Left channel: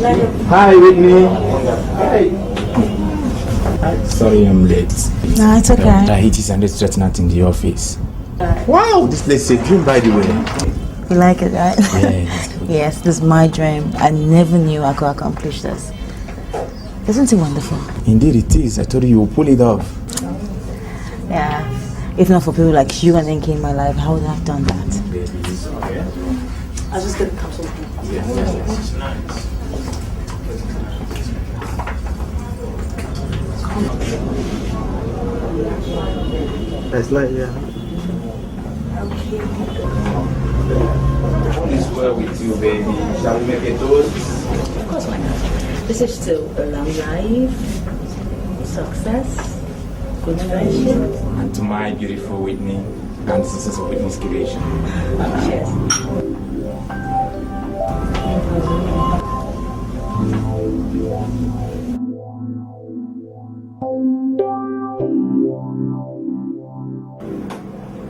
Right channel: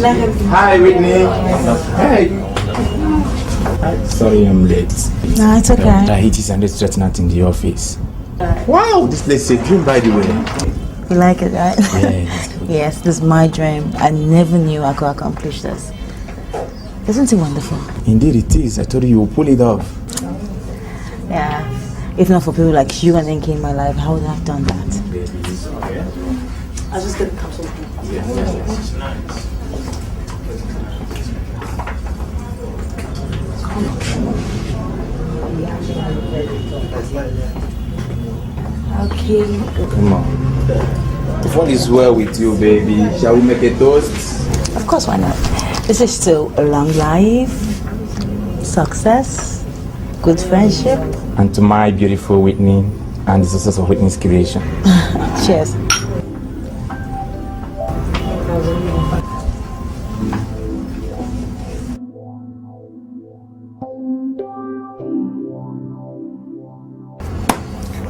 Hi, Whitney. Hey. Sorry I'm late. No, it's okay. The heat is under threatened in the office. Wow, this place is a dream, by the way. You like it, right? Yeah. Yes, this is my dream. I never knew I could accomplish this. Isn't it wonderful? Indeed it is. I told you will pull it off. Yeah. If not for people like you and Enki in my life, I would have done that. I was just gonna come to Yes. That's not yet. Okay. Come on. What is well with you, baby? Shall we make a toast? Of course, why not? This is still a long life, success, good friendship. And to my beautiful Whitney and the success of Whitney's creation. Cheers.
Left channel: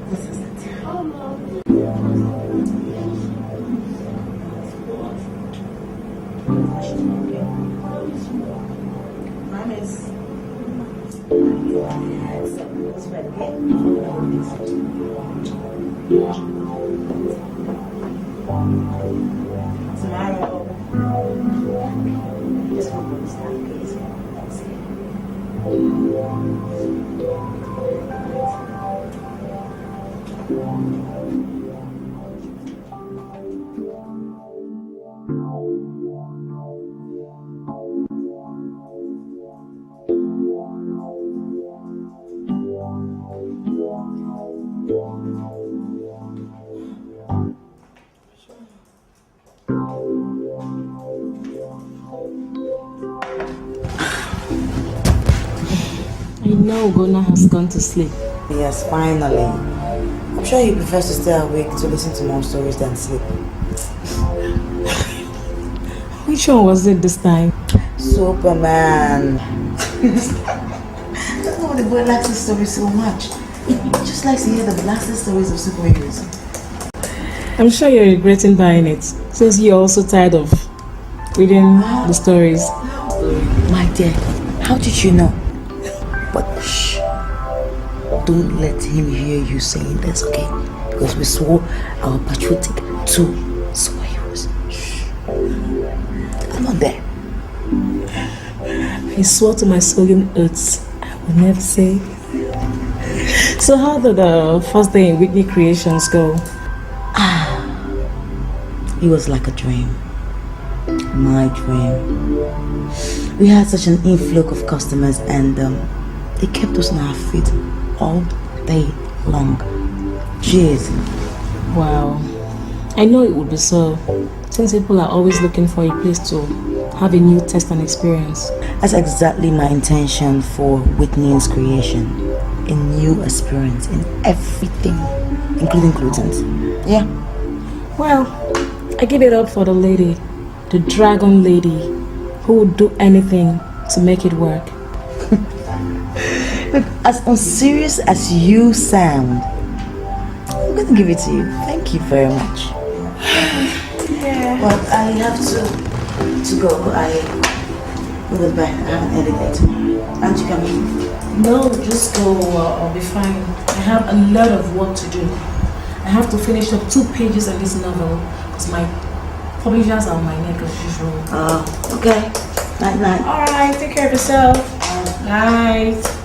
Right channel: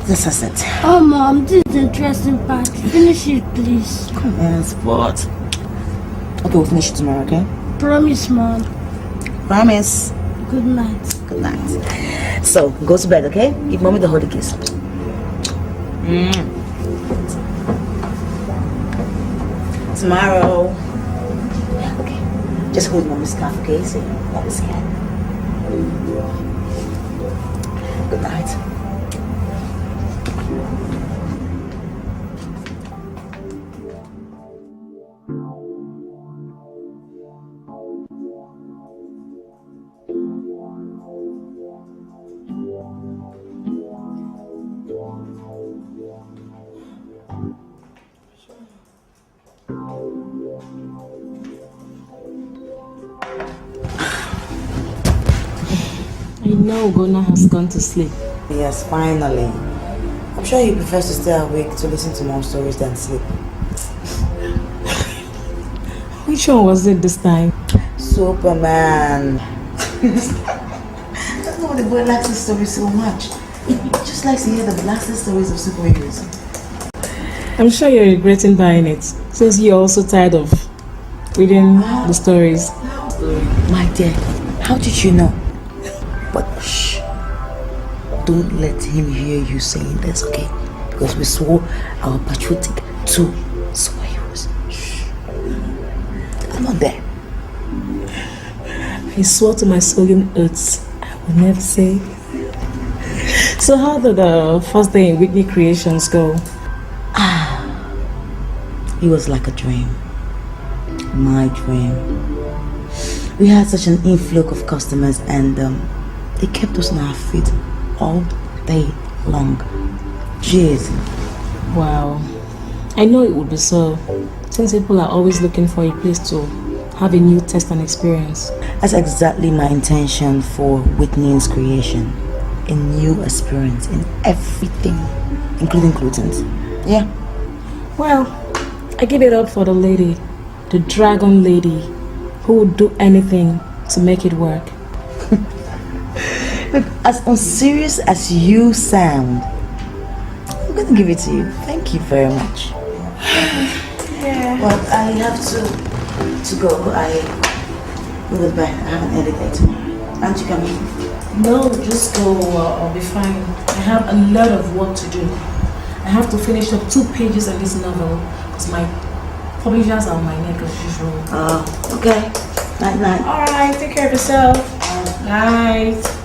This is it. Oh, Mom, this is the dressing part. Finish it, please. Yes, but... Okay, we'll finish it tomorrow, okay? Promise, Mom. Promise. Good night. Good night. So, go to bed, okay? Give Mommy the holy kiss. Tomorrow. Okay. Just hold Mommy's scarf, okay? So, Mommy's scared. Good night. I know Gona has gone to sleep. Yes, finally. I'm sure he prefers to stay awake to listen to more stories than sleep. Which one was it this time? Superman. I don't know why the boy likes this story so much. He just likes to hear the blasted stories of superheroes. I'm sure you're regretting buying it, since you're also tired of reading the stories. My dear, how did you know? But shh, don't let him hear you saying this, okay? Because we swore our patriotic to superheroes. Shh. I'm not there. I swore to my solemn oaths I will never say. So how did the first day in Whitney Creations go? It was like a dream. My dream. We had such an influx of customers and they kept us on our feet all day long. Jeez. Wow. I know it would be so, since people are always looking for a place to have a new taste and experience. That's exactly my intention for Whitney's creation. A new experience in everything, including gluten. Yeah. Well, I give it up for the lady, the dragon lady, who would do anything to make it work. Look, as unserious as you sound, I'm gonna give it to you. Thank you very much. Yeah. Well, I have to go. I will be back. I have an edit day tomorrow. Aren't you coming? No, just go. I'll be fine. I have a lot of work to do. I have to finish up 2 pages of this novel because my publishers are on my neck as usual. Okay. Night, night. Alright, take care of yourself. Night.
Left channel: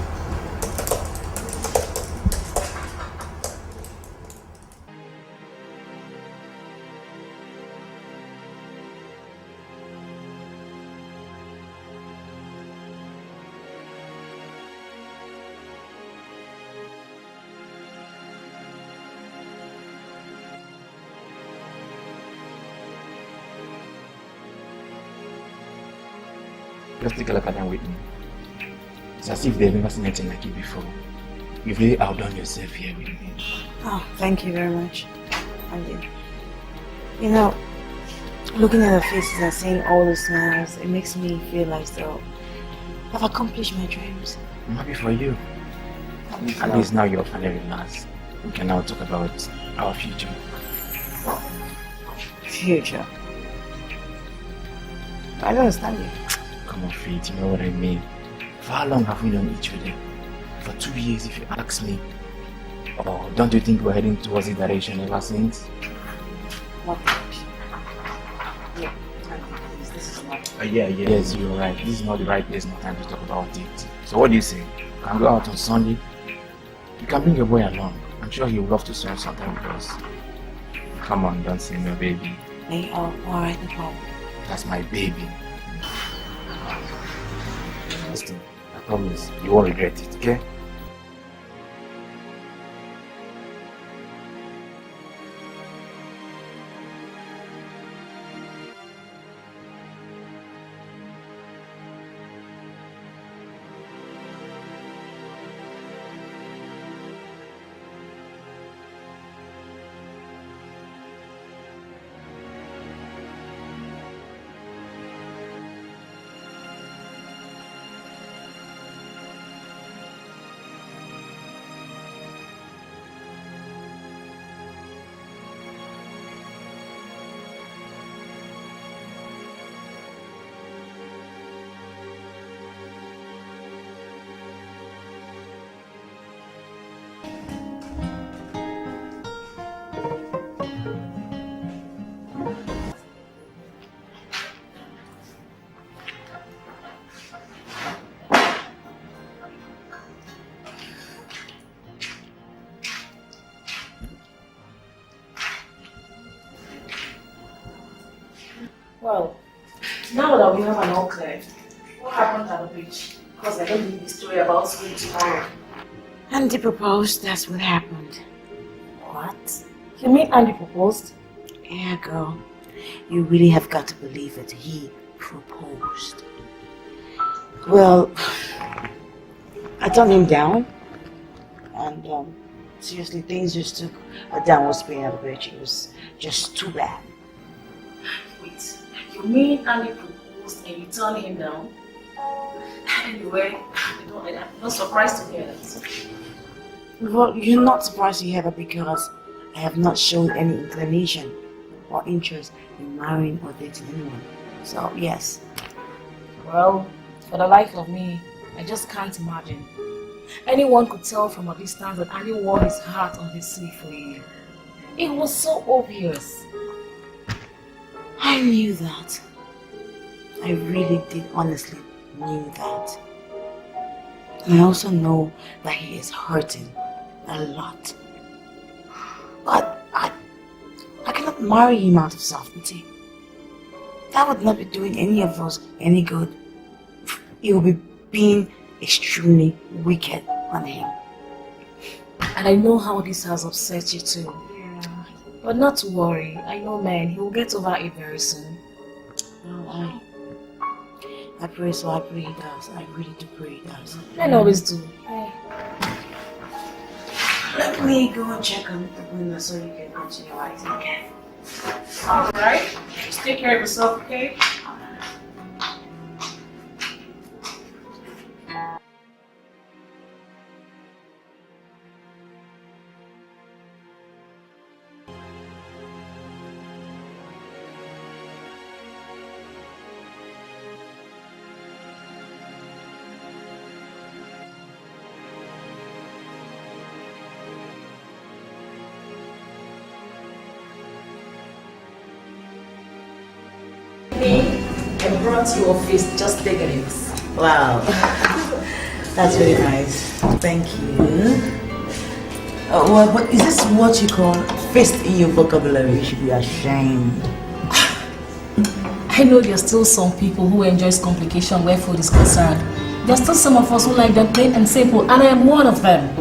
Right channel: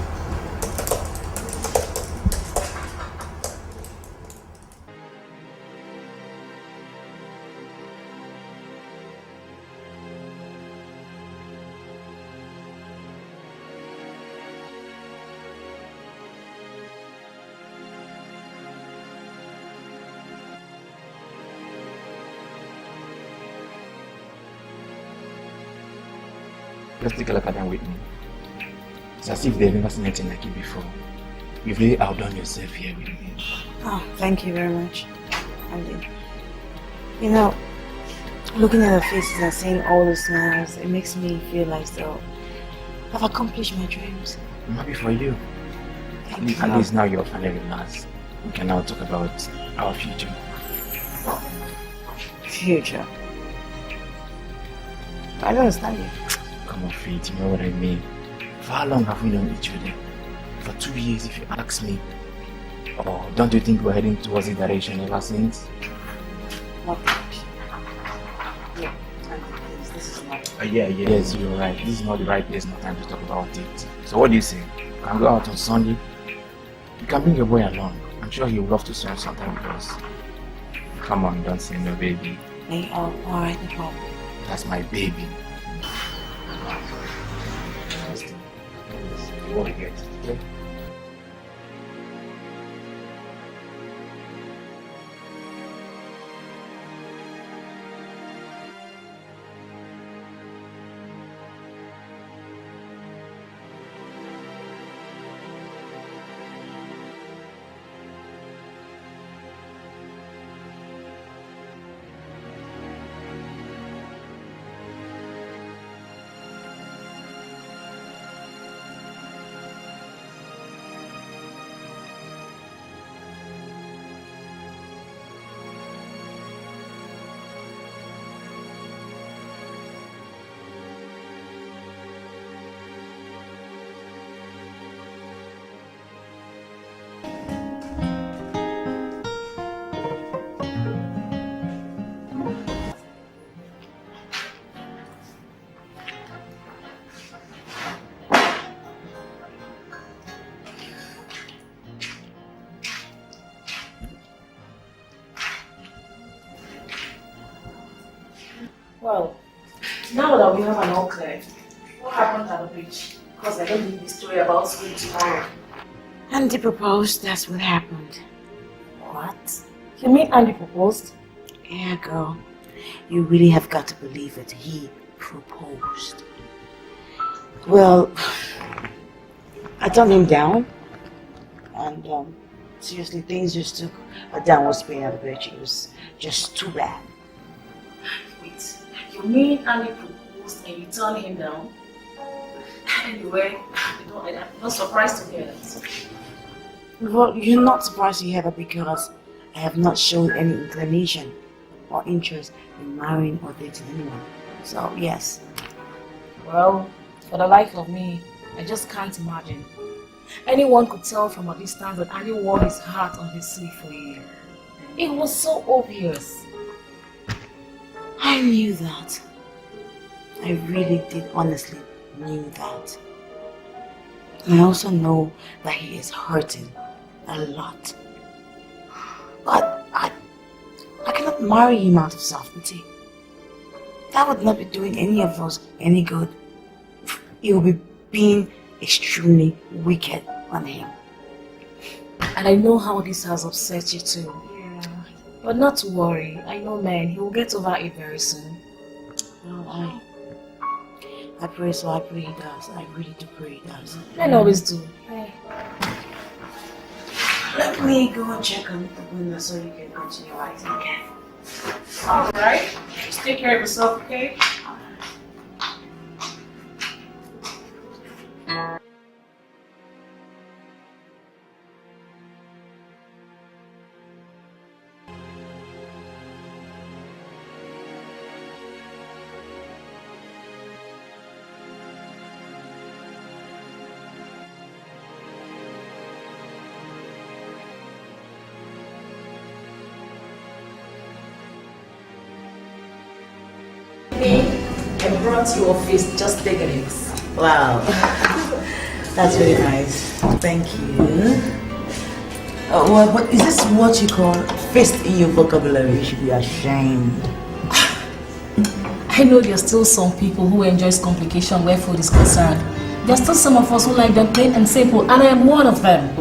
Just take a look at them, Whitney. It's as if they've never seen anything like it before. You've really outdone yourself here, Whitney. Oh, thank you very much. Andy. You know, looking at their faces and seeing all the smiles, it makes me feel like so I've accomplished my dreams. I'm happy for you. At least now you're finally relaxed. We can now talk about our future. Future. I don't understand you. Come on, Faith, you know what I mean. For how long have we known each other? For 2 years, if you ask me. Or don't you think we're heading towards the direction ever since? What? Yeah, please, this is not. Yes, you're right. This is not the right place, no time to talk about it. So what do you say? Can we go out on Sunday? You can bring your boy along. I'm sure he would love to spend some time with us. Come on, don't say no, baby. Hey, alright, no problem. That's my baby. I promise, you won't regret it, okay? Well, now that we have an all clear, what happened at the beach? Because I don't believe the story about school tomorrow. Andy proposed, that's what happened. What? You mean Andy proposed? Yeah, girl. You really have got to believe it. He proposed. Well, I turned him down. And seriously, things just took a downward spin at the beach. It was just too bad. Wait, you mean Andy proposed and you turned him down? Anyway, I'm not surprised to hear that. Well, you're not surprised to hear that because I have not shown any inclination or interest in marrying or dating anyone. So, yes. Well, for the life of me, I just can't imagine. Anyone could tell from a distance that Andy wore his heart on his sleeve for you. It was so obvious. I knew that. I really did honestly knew that. I also know that he is hurting a lot. But I cannot marry him out of self-pity. That would not be doing any of us any good. It would be being extremely wicked on him. And I know how this has upset you too. Yeah. But not to worry, I know man, he will get over it very soon. Well, I pray so, I pray he does. I really do pray he does. Men always do. Let me go and check on the window so you can continue writing, okay? Alright, just take care of yourself, okay? I brought you a feast, just take it. Wow. That's very nice. Thank you. Well, but is this what you call fist in your vocabulary? You should be ashamed. I know there's still some people who enjoys complication where food is concerned. There's still some of us who like them plain and simple, and I am one of them.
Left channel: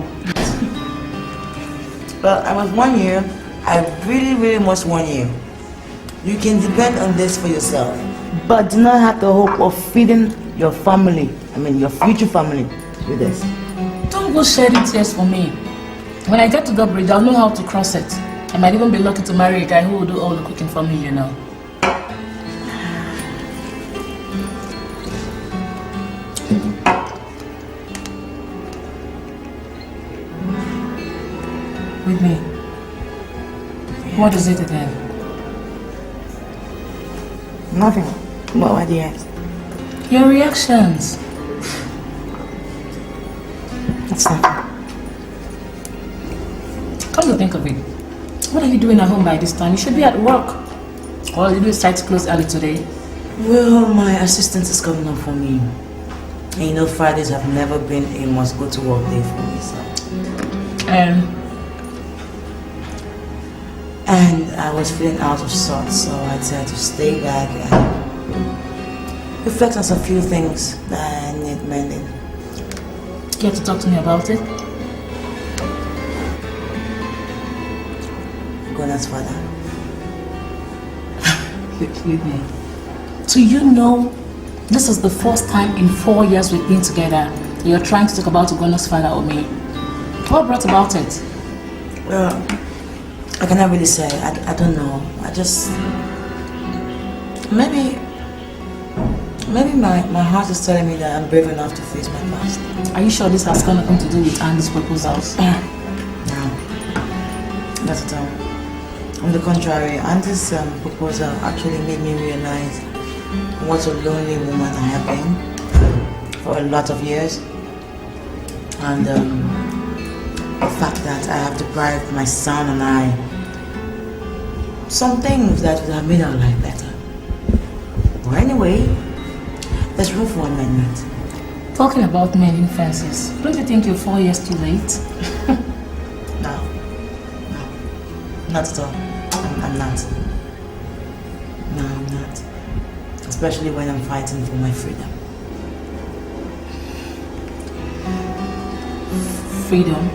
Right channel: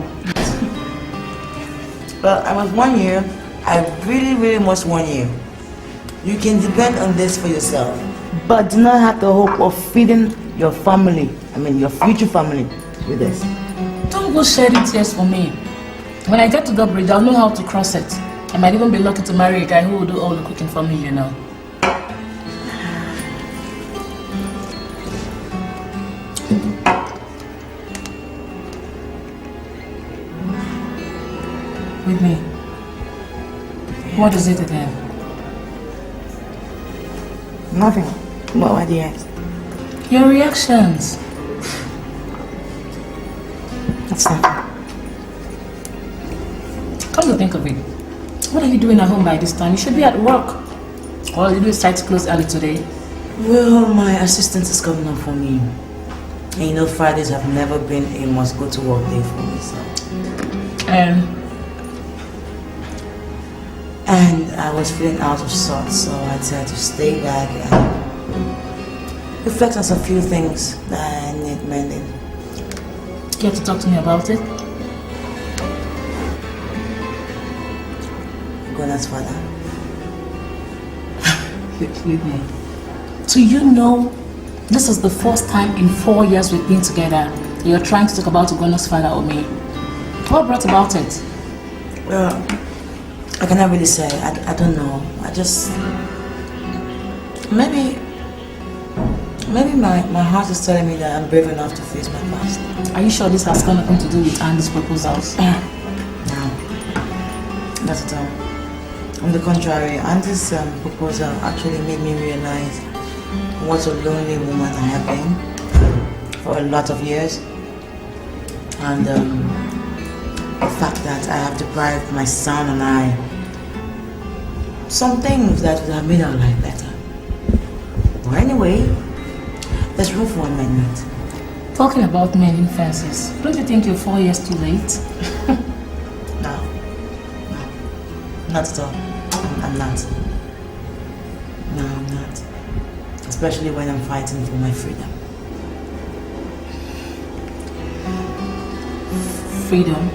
But I must warn you, I really must warn you. You can depend on this for yourself. But do not have the hope of feeding your family, your future family, with this. Don't go shedding tears for me. When I get to the bridge, I'll know how to cross it. I might even be lucky to marry a guy who will do all the cooking for me, you know. With me. What is it again? Nothing. Why do you ask? Your reactions. That's nothing. Come to think of it, what are you doing at home by this time? You should be at work. Or you decide to close early today? Well, my assistant is coming up for me. And you know, Fridays have never been a must go to work day for me, so. And I was feeling out of sorts, so I decided to stay back and reflect on some few things that I need mending. Care to talk to me about it? Gona's father. Whitney. Do you know this is the first time in 4 years we've been together you're trying to talk about Ugona's father or me? What brought about it? Well, I cannot really say. I don't know. I just... Maybe my heart is telling me that I'm brave enough to face my past. Are you sure this has got nothing to do with Andy's proposals? No. Not at all. On the contrary, Andy's proposal actually made me realize what a lonely woman I have been for a lot of years. And the fact that I have deprived my son and I some things that would have made our life better. Well, anyway, there's room for amendment. Talking about mending fences, don't you think you're 4 years too late? No, not at all. I'm not. No, I'm not. Especially when I'm fighting for my freedom. Freedom?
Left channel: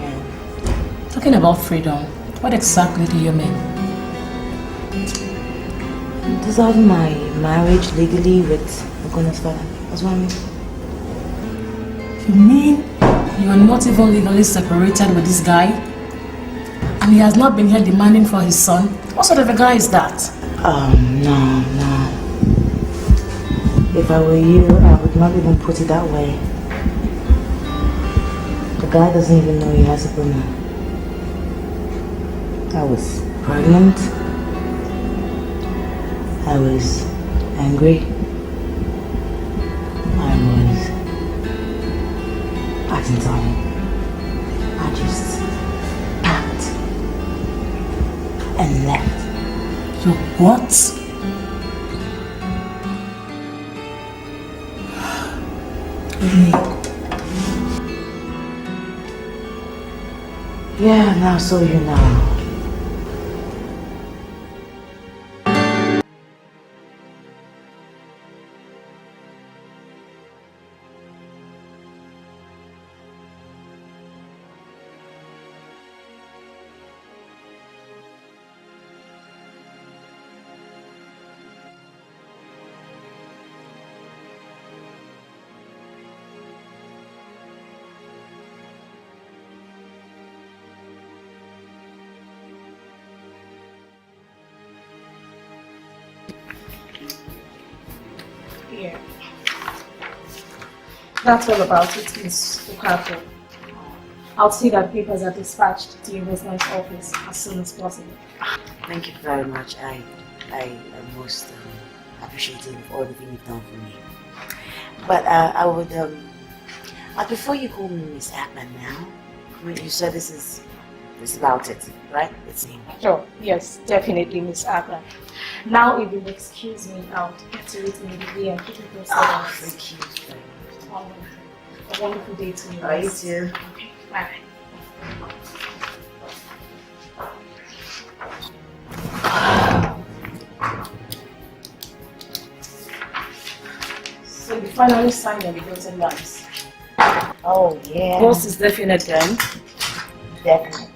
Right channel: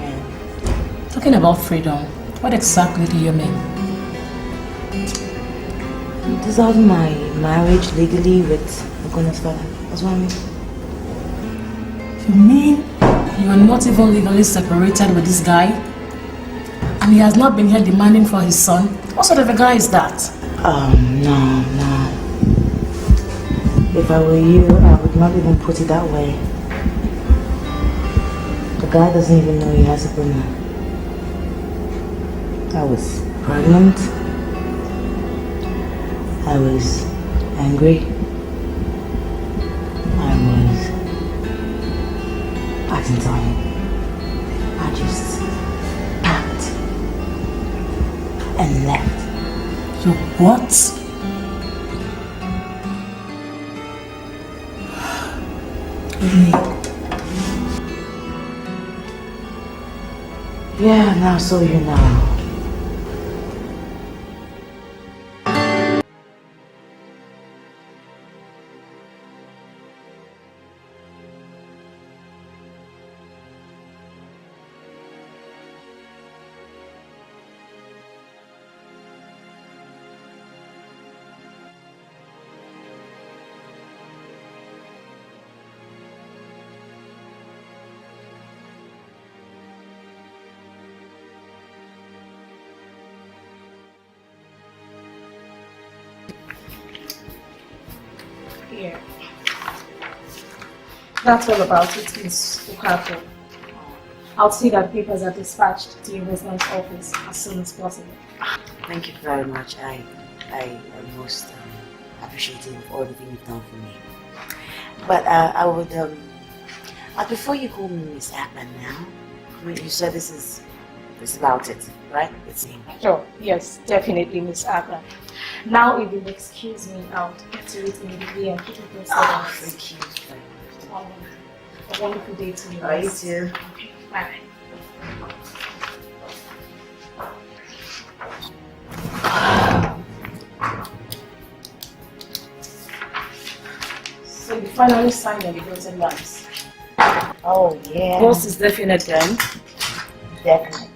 Yeah. Talking about freedom, what exactly do you mean? Dissolving my marriage legally with Ogona's father. That's what I mean. You mean you are not even legally separated with this guy? And he has not been here demanding for his son? What sort of a guy is that? No. If I were you, I would not even put it that way. The guy doesn't even know he has a woman. I was pregnant. I was angry. I was acting time. I just packed and left. You what? Yeah, now so you know. Yeah. That's all about it, Miss Okafor. I'll see that papers are dispatched to your husband's office as soon as possible. Thank you very much. I am most appreciative of everything you've done for me. But I would I prefer you call me Miss Atman now. I mean, you said this is about it, right? It's me. Sure, yes, definitely, Miss Abba. Now, if you'll excuse me, I'll get to it immediately and keep it posted. Oh, thank you very much. A wonderful day to you. All right, you too. Okay, bye. So you finally signed on the dotted lines. Oh, yeah. Boss is definite then. Definite.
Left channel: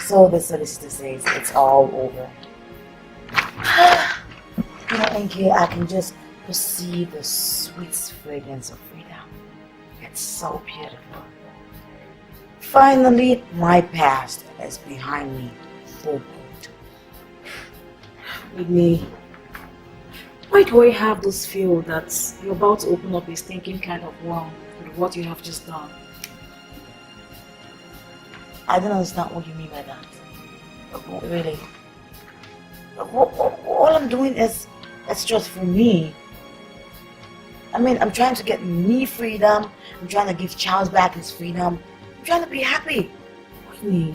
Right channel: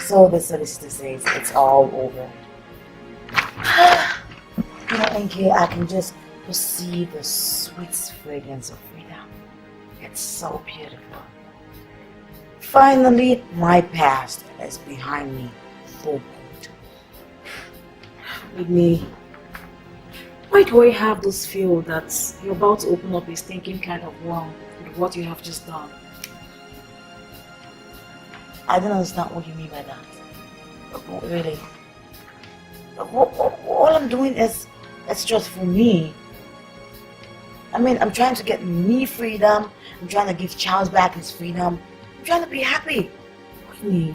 So the solicitor says it's all over. You know, NK, I can just perceive the sweet fragrance of freedom. It's so beautiful. Finally, my past is behind me for good. Whitney, why do I have this feel that you're about to open up a stinking kind of worm with what you have just done? I don't understand what you mean by that. Really. All I'm doing is That's just for me. I mean, I'm trying to get me freedom. I'm trying to give Charles back his freedom. I'm trying to be happy. Whitney,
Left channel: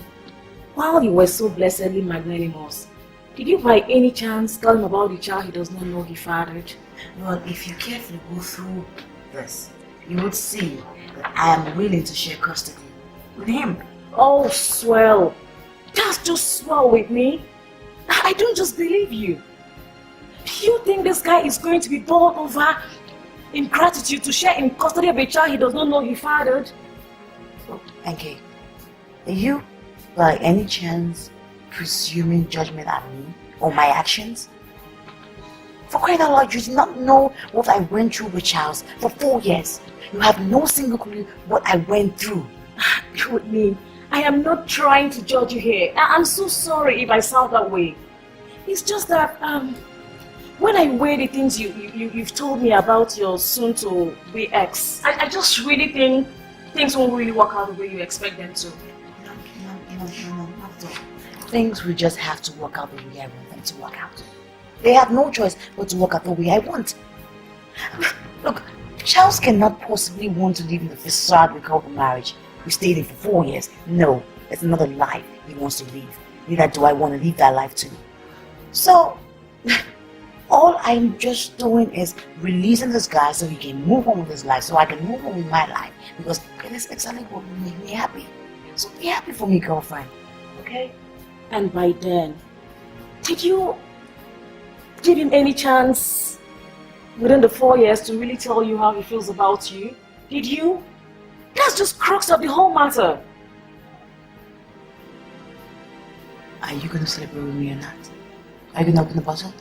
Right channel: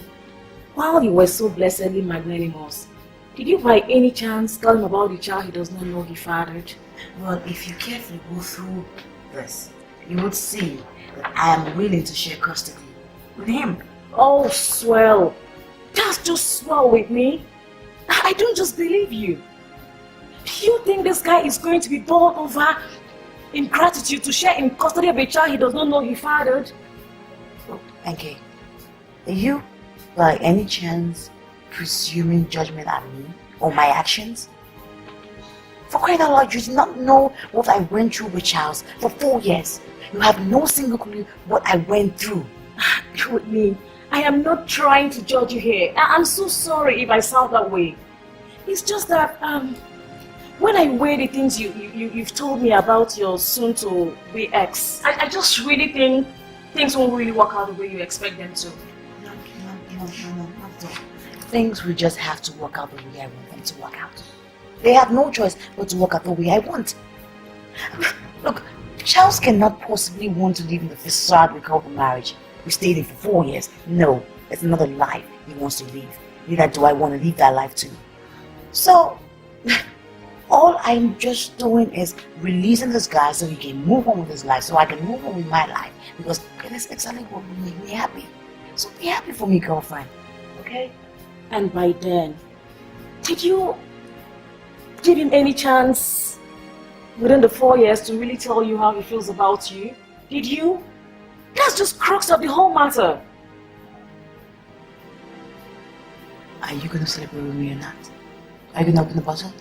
while you were so blessedly magnanimous, did you by any chance tell him about the child he does not know he fathered? Well, if you carefully go through this, you would see that I am willing to share custody with him. Oh, swell. That's just swell with me. I don't just believe you. You think this guy is going to be bowled over in gratitude to share in custody of a child he does not know he fathered? Okay, are you, by any chance, presuming judgment on me or my actions? For crying out loud, you did not know what I went through with Charles for 4 years. You have no single clue what I went through. Whitney, I am not trying to judge you here. I'm so sorry if I sound that way. It's just that when I weigh the things you've told me about your soon-to-be ex, I just really think things won't really work out the way you expect them to. No, not at all. Things will just have to work out the way I want them to work out. They have no choice but to work out the way I want. Look, Charles cannot possibly want to live in the facade we call the marriage. We stayed in for 4 years. No, it's another life he wants to live. Neither do I want to live that life too. So, all I'm just doing is releasing this guy so he can move on with his life, so I can move on with my life. Because it is exactly what will make me happy. So be happy for me, girlfriend. Okay? And by then, did you give him any chance within the 4 years to really tell you how he feels about you? Did you? That's just crux of the whole matter. Are you gonna celebrate with me or not? Are you gonna open the bottle?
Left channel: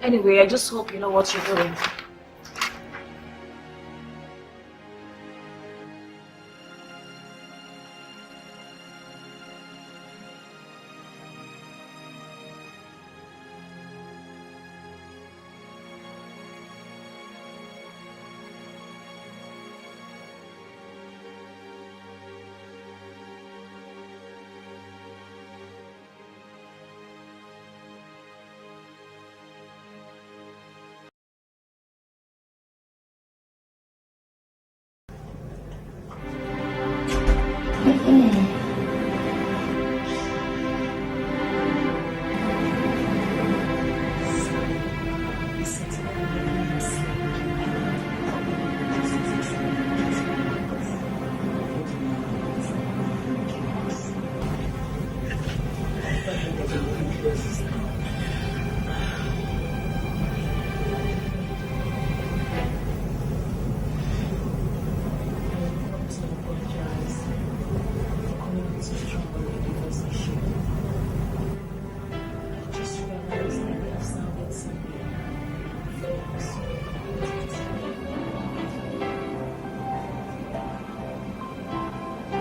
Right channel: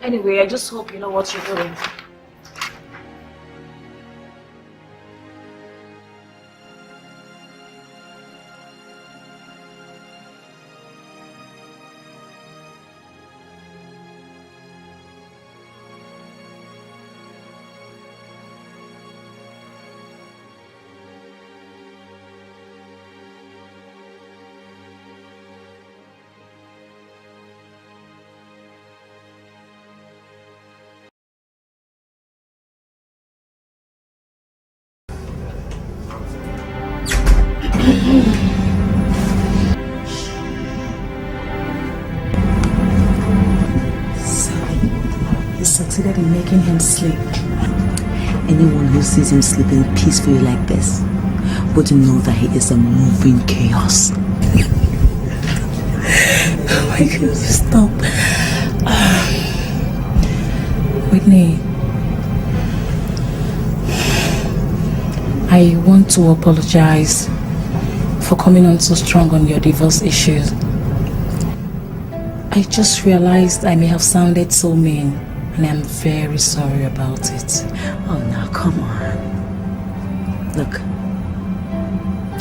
Anyway, I just hope you know what you're doing. He succeeded in making him sleep. Anyone who sees him sleeping peacefully like this would know that he is a moving chaos. Oh my God, stop. Whitney, I want to apologize for coming on so strong on your divorce issues. I just realized I may have sounded so mean, and I'm very sorry about it. Oh no, come on. Look,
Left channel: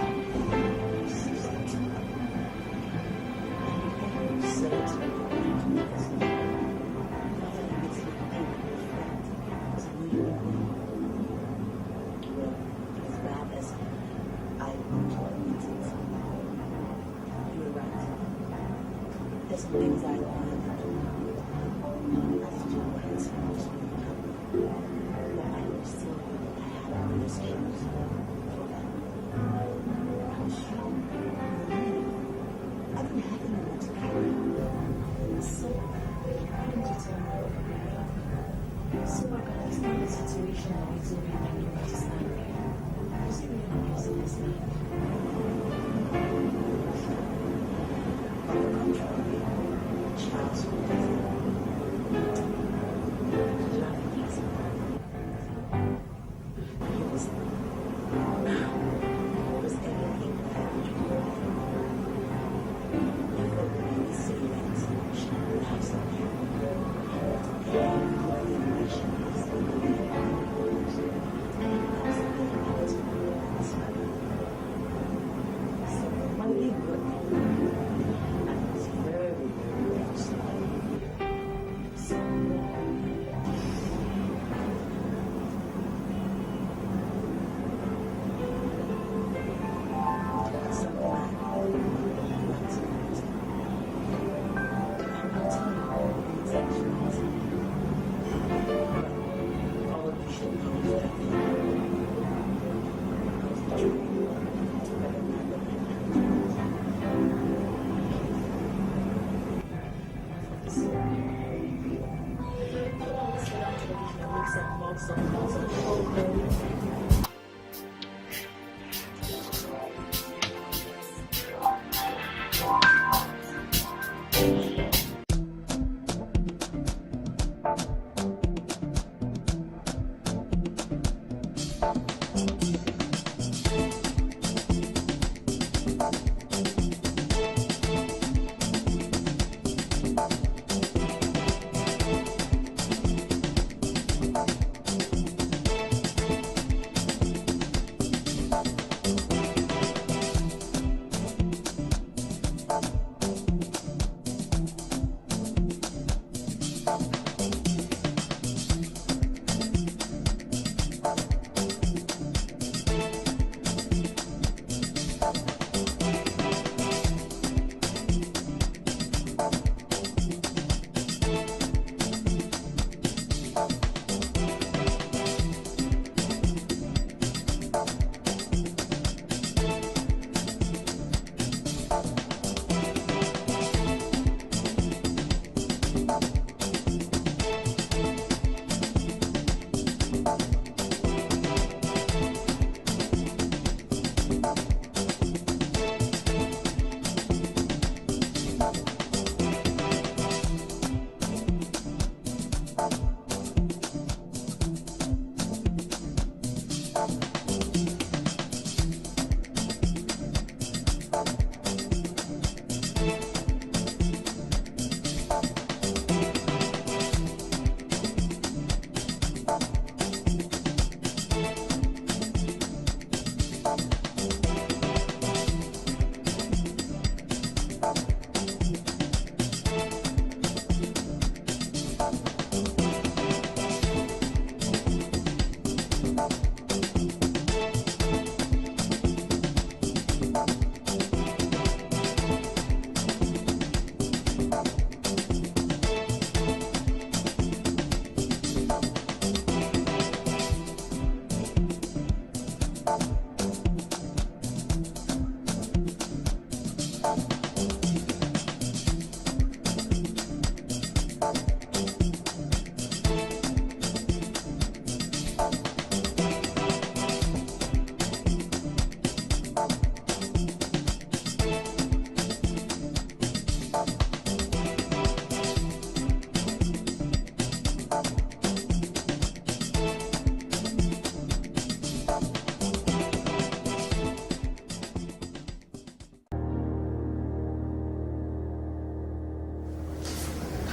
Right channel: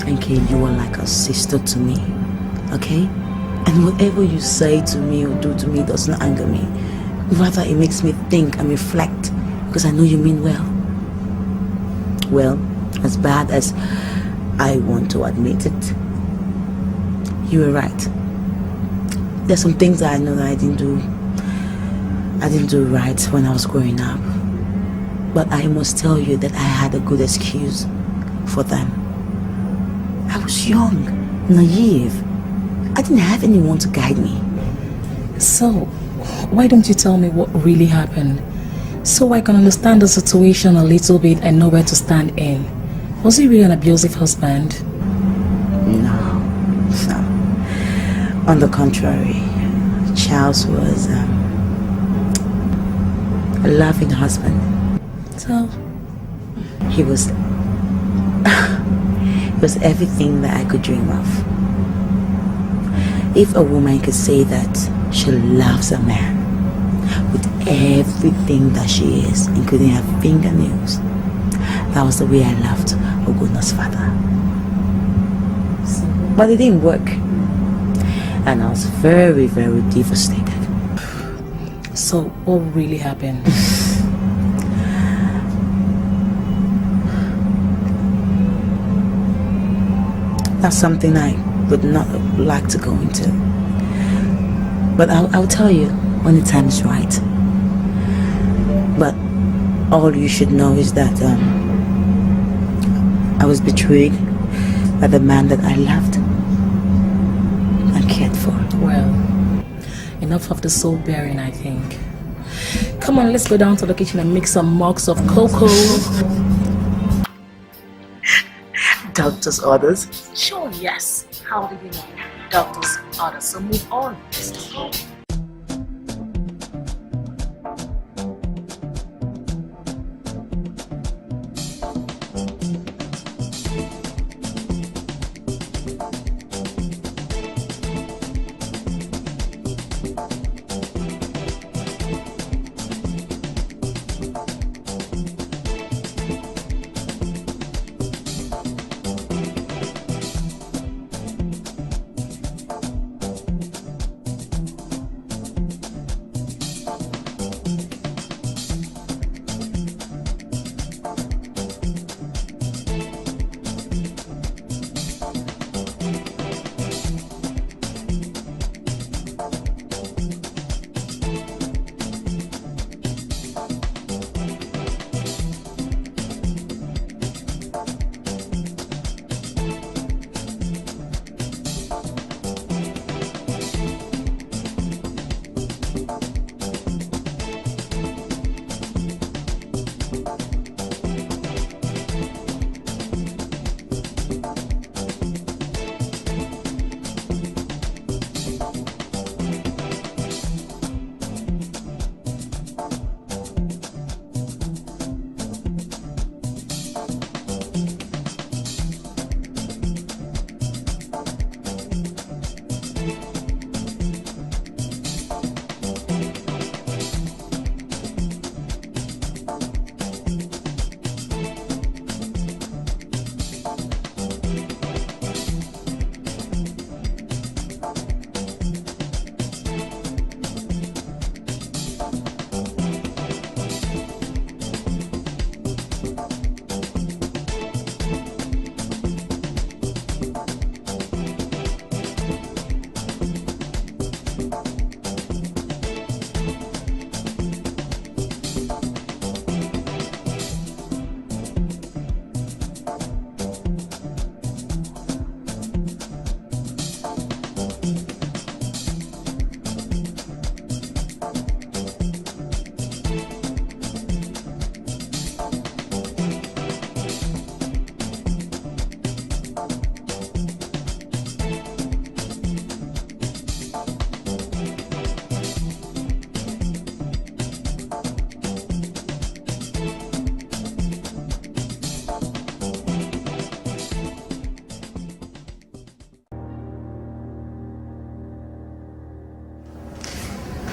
okay, you are like a sister to me, okay? And whatever you say to me or do to me does not anger me. Rather, it makes me think and reflect, because I know you mean well. Well, as bad as I want to admit it, you were right. There's some things that I know that I didn't do right when I was growing up. But I must tell you that I had a good excuse for them. I was young, naive. I didn't have anyone to guide me. So, why don't you tell me what really happened? So I can understand the situation a little bit and know where to stand in. Was he really an abusive husband? No. On the contrary, Charles was a loving husband. So? He was everything that I could dream of. If a woman could say that she loves a man with everything that she is, including her fingernails, that was the way I loved Oguna's father. But it didn't work. And I was very, very devastated. So what really happened? That's something I would not like to go into. But I'll tell you when the time is right. But all you should know is that I was betrayed by the man that I loved and cared for. Well, enough of the soul bearing, I think. Come on, let's go down to the kitchen and make some mugs of cocoa. Doctor's orders? Sure, yes. How do we know? Doctor's orders. So move on. Let's go.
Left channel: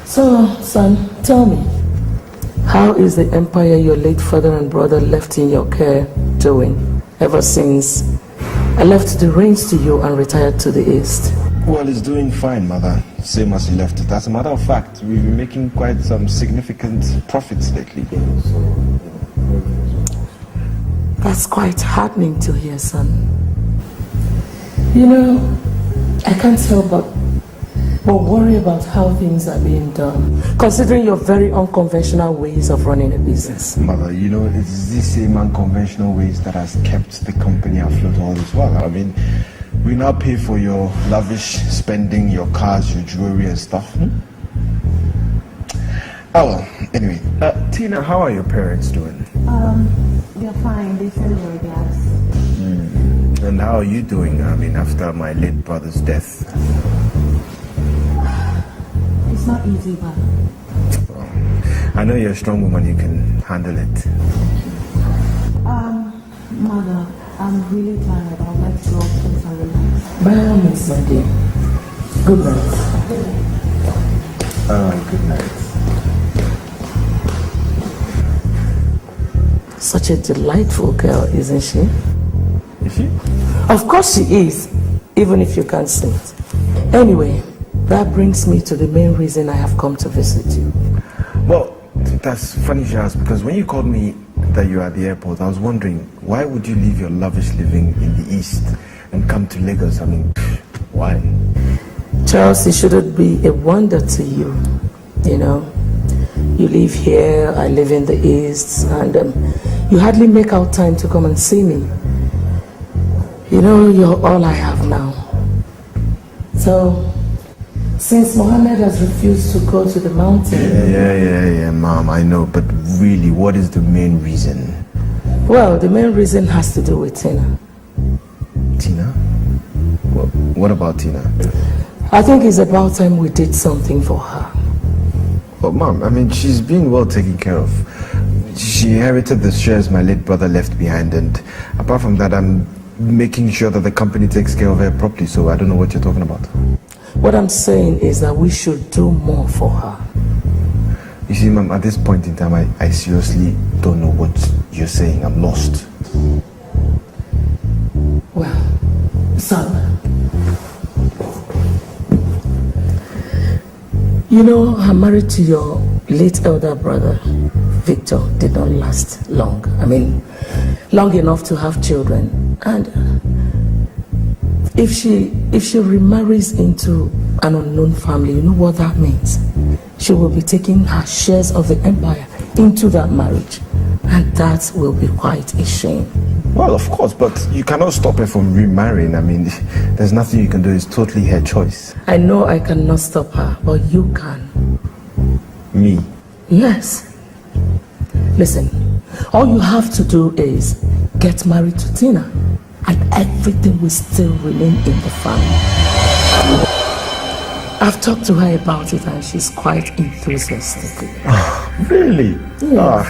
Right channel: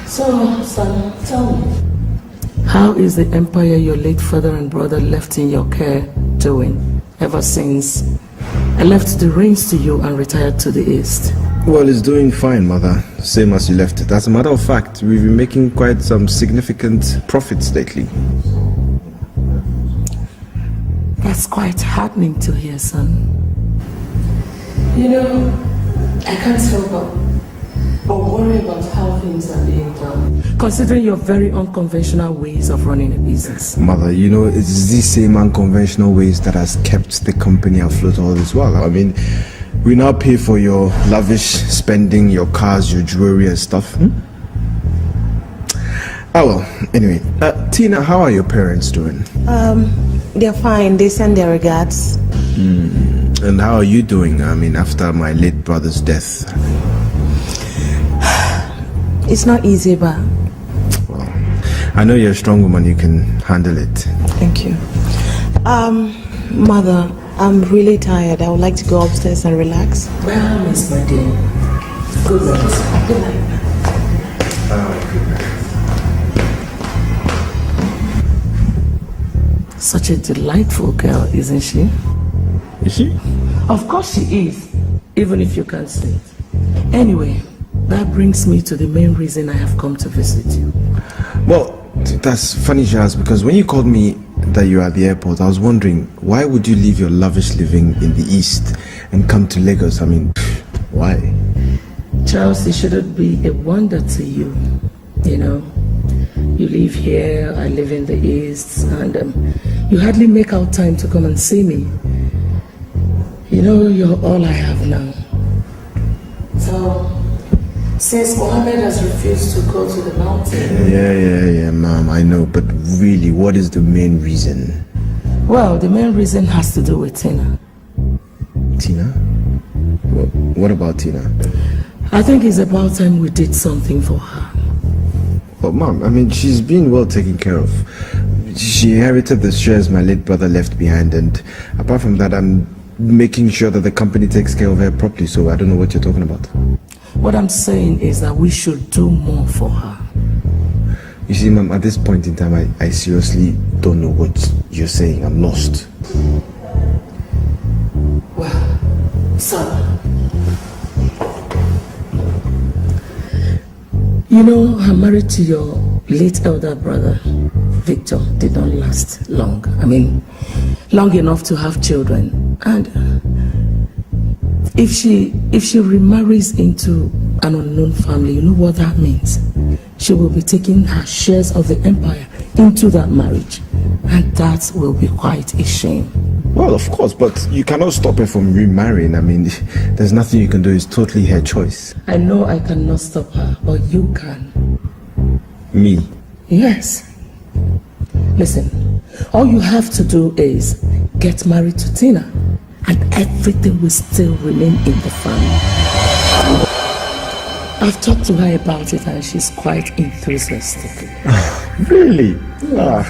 So, son, tell me, how is the empire your late father and brother left in your care doing ever since I left the reins to you and retired to the east? Well, it's doing fine, mother. Same as you left it. As a matter of fact, we've been making quite some significant profits lately. That's quite heartening to hear, son. You know, I can't help but worry about how things are being done, considering your very unconventional ways of running a business. Mother, you know, it's these same unconventional ways that has kept the company afloat all this while. I mean, we now pay for your lavish spending, your cars, your jewelry and stuff. Oh well, anyway. Tina, how are your parents doing? They're fine. They send their regards. And how are you doing, I mean, after my late brother's death? It's not easy, but... Well, I know you're a strong woman. You can handle it. Thank you. Mother, I'm really tired. I would like to go upstairs and relax. By all means, my dear. Good night. Good night. Alright, good night. Such a delightful girl, isn't she? Is she? Of course she is, even if you can't see it. Anyway, that brings me to the main reason I have come to visit you. Well, that's funny, Jazz, because when you called me that you were at the airport, I was wondering, why would you leave your lavish living in the East and come to Lagos? I mean, why? Charles, it shouldn't be a wonder to you, you know. you live here, I live in the East, and you hardly make out time to come and see me. You know, you're all I have now. So, since Mohammed has refused to go to the mountain... Yeah, Mom, I know, but really, what is the main reason? Well, the main reason has to do with Tina. Tina? What about Tina? I think it's about time we did something for her. But Mom, I mean, she's been well taken care of. She inherited the shares my late brother left behind, and apart from that, I'm making sure that the company takes care of her properly, so I don't know what you're talking about. What I'm saying is that we should do more for her. You see, Mom, at this point in time, I seriously don't know what you're saying. I'm lost. Well, son, you know, her marriage to your late elder brother, Victor, did not last long. I mean, long enough to have children. And if she remarries into an unknown family, you know what that means? She will be taking her shares of the empire into that marriage. And that will be quite a shame. Well, of course, but you cannot stop her from remarrying. I mean, there's nothing you can do. It's totally her choice. I know I cannot stop her, but you can. Me? Yes. Listen, all you have to do is get married to Tina, and everything will still remain in the family. I've talked to her about it, and she's quite enthusiastic. Really? Yes.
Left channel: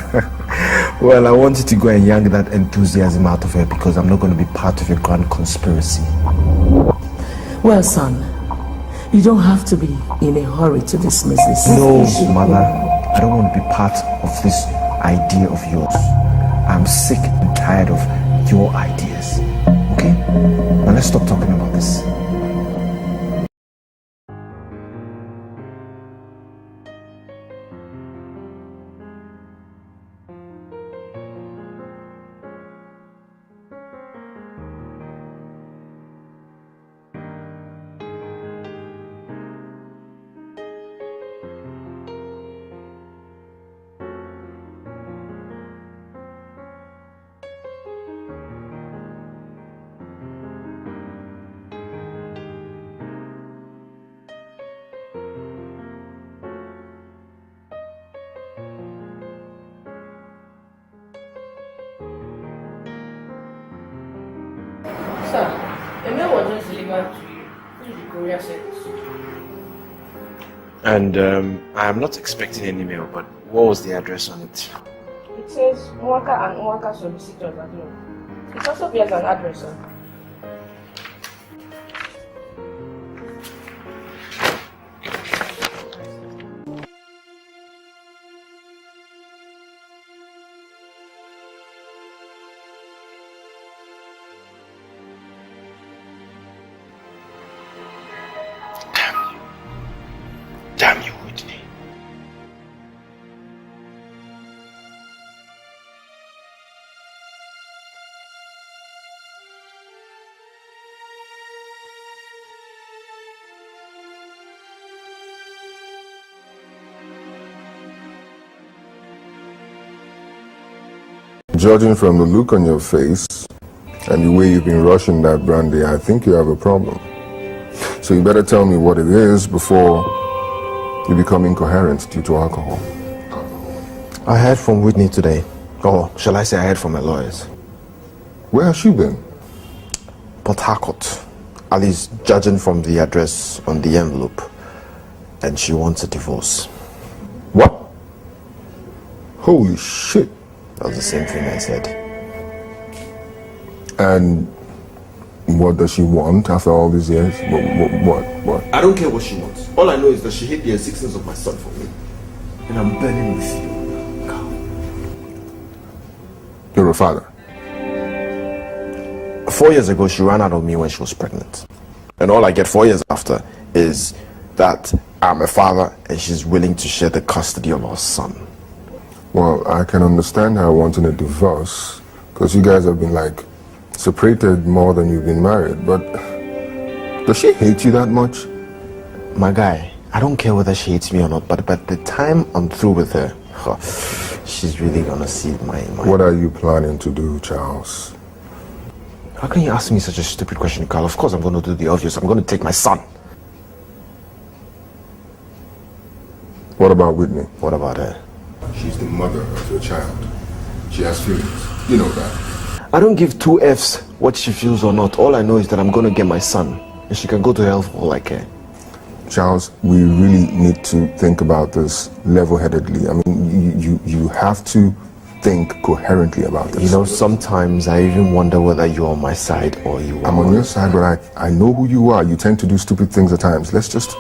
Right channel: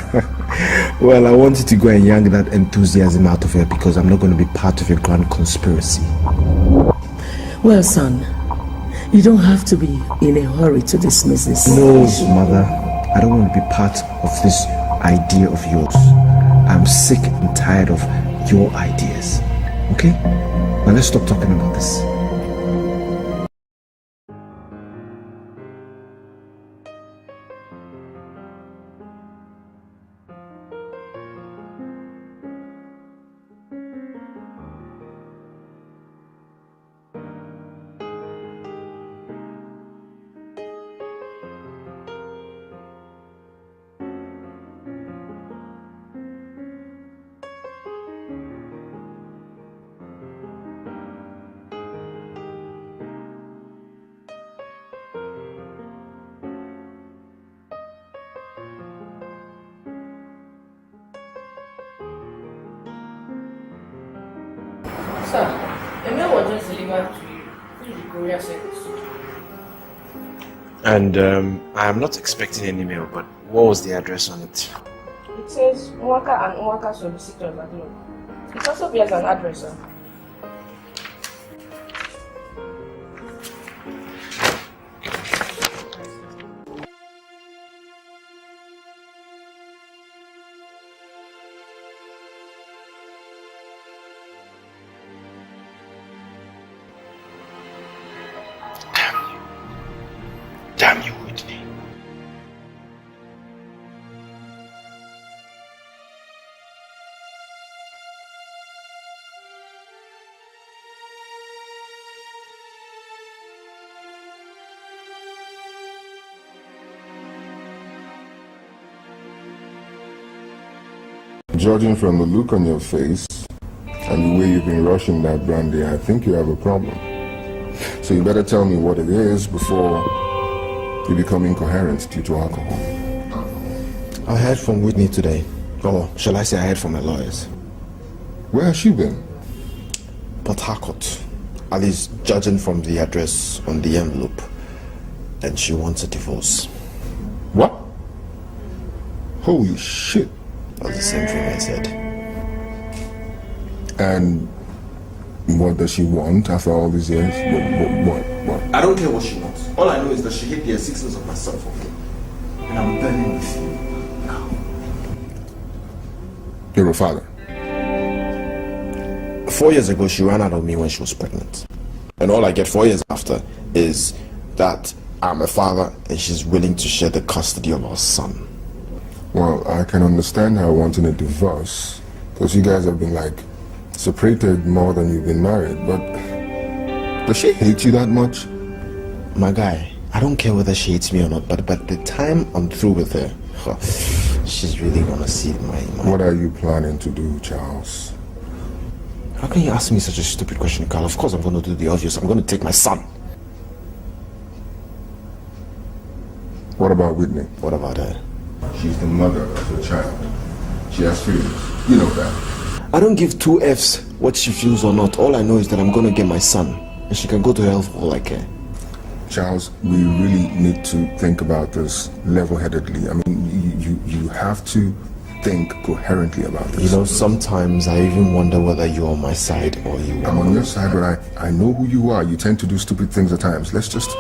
Well, I wanted to go and yank that enthusiasm out of her because I'm not going to be part of a grand conspiracy. Well, son, you don't have to be in a hurry to dismiss this. No, Mother. I don't want to be part of this idea of yours. I'm sick and tired of your ideas. Okay? Now let's stop talking about this. Sir, the mail was just delivered to you through the courier service. And I am not expecting any mail, but what was the address on it? It says Nwaka and Nwaka solicitors at home. It also bears an address, sir. Damn you, Whitney. Judging from the look on your face and the way you've been rushing that brandy, I think you have a problem. So you better tell me what it is before you become incoherent due to alcohol. I heard from Whitney today. Or shall I say I heard from her lawyers. Where has she been? Port Harcourt. At least judging from the address on the envelope. And she wants a divorce. What? Holy shit. That's the same thing I said. And what does she want after all these years? What? I don't care what she wants. All I know is that she hid the existence of my son for me. And I'm burning with you. You're a father. 4 years ago, she ran out of me when she was pregnant. And all I get 4 years after is that I'm a father and she's willing to share the custody of our son. Well, I can understand her wanting a divorce, because you guys have been, like, separated more than you've been married, but does she hate you that much? My guy, I don't care whether she hates me or not, but by the time I'm through with her, She's really gonna see my... What are you planning to do, Charles? How can you ask me such a stupid question, Carl? Of course I'm gonna do the obvious. I'm gonna take my son. What about Whitney? What about her? She's the mother of your child. She has feelings. You know that. I don't give two F's what she feels or not. All I know is that I'm gonna get my son. And she can go to hell for all I care. Charles, we really need to think about this level-headedly. I mean, you have to think coherently about this. You know, sometimes I even wonder whether you're on my side or you are. I'm on your side, but I know who you are. You tend to do stupid things at times. Let's just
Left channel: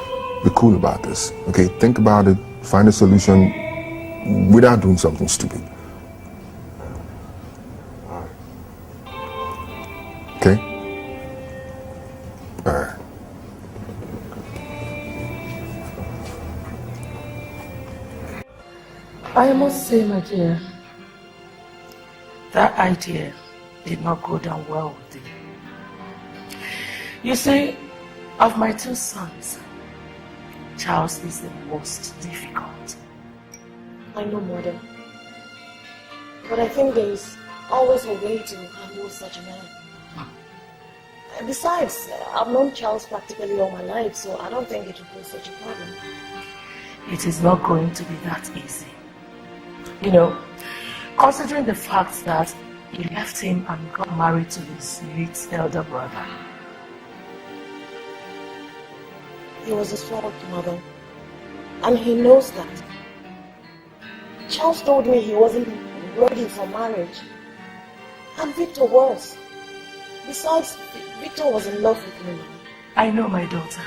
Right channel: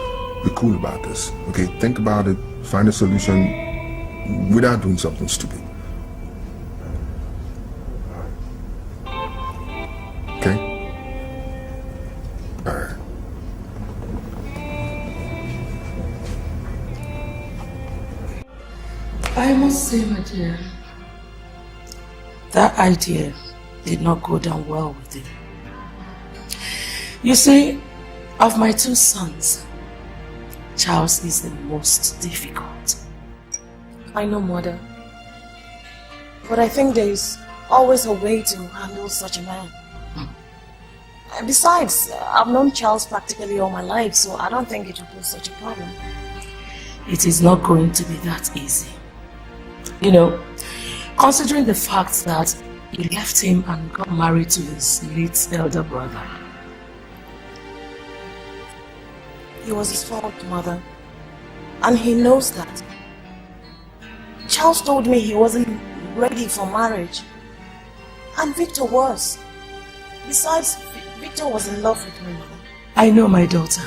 be cool about this, okay? Think about it, find a solution without doing something stupid. Okay? All right. I must say, my dear, that idea did not go down well with him. You see, of my two sons, Charles is the most difficult. I know, Mother. But I think there's always a way to handle such a man. Besides, I've known Charles practically all my life, so I don't think it will be such a problem. It is not going to be that easy. You know, considering the fact that he left him and got married to his late elder brother. It was his fault, Mother. And he knows that. Charles told me he wasn't ready for marriage. And Victor was. Besides, Victor was in love with me. I know, my daughter.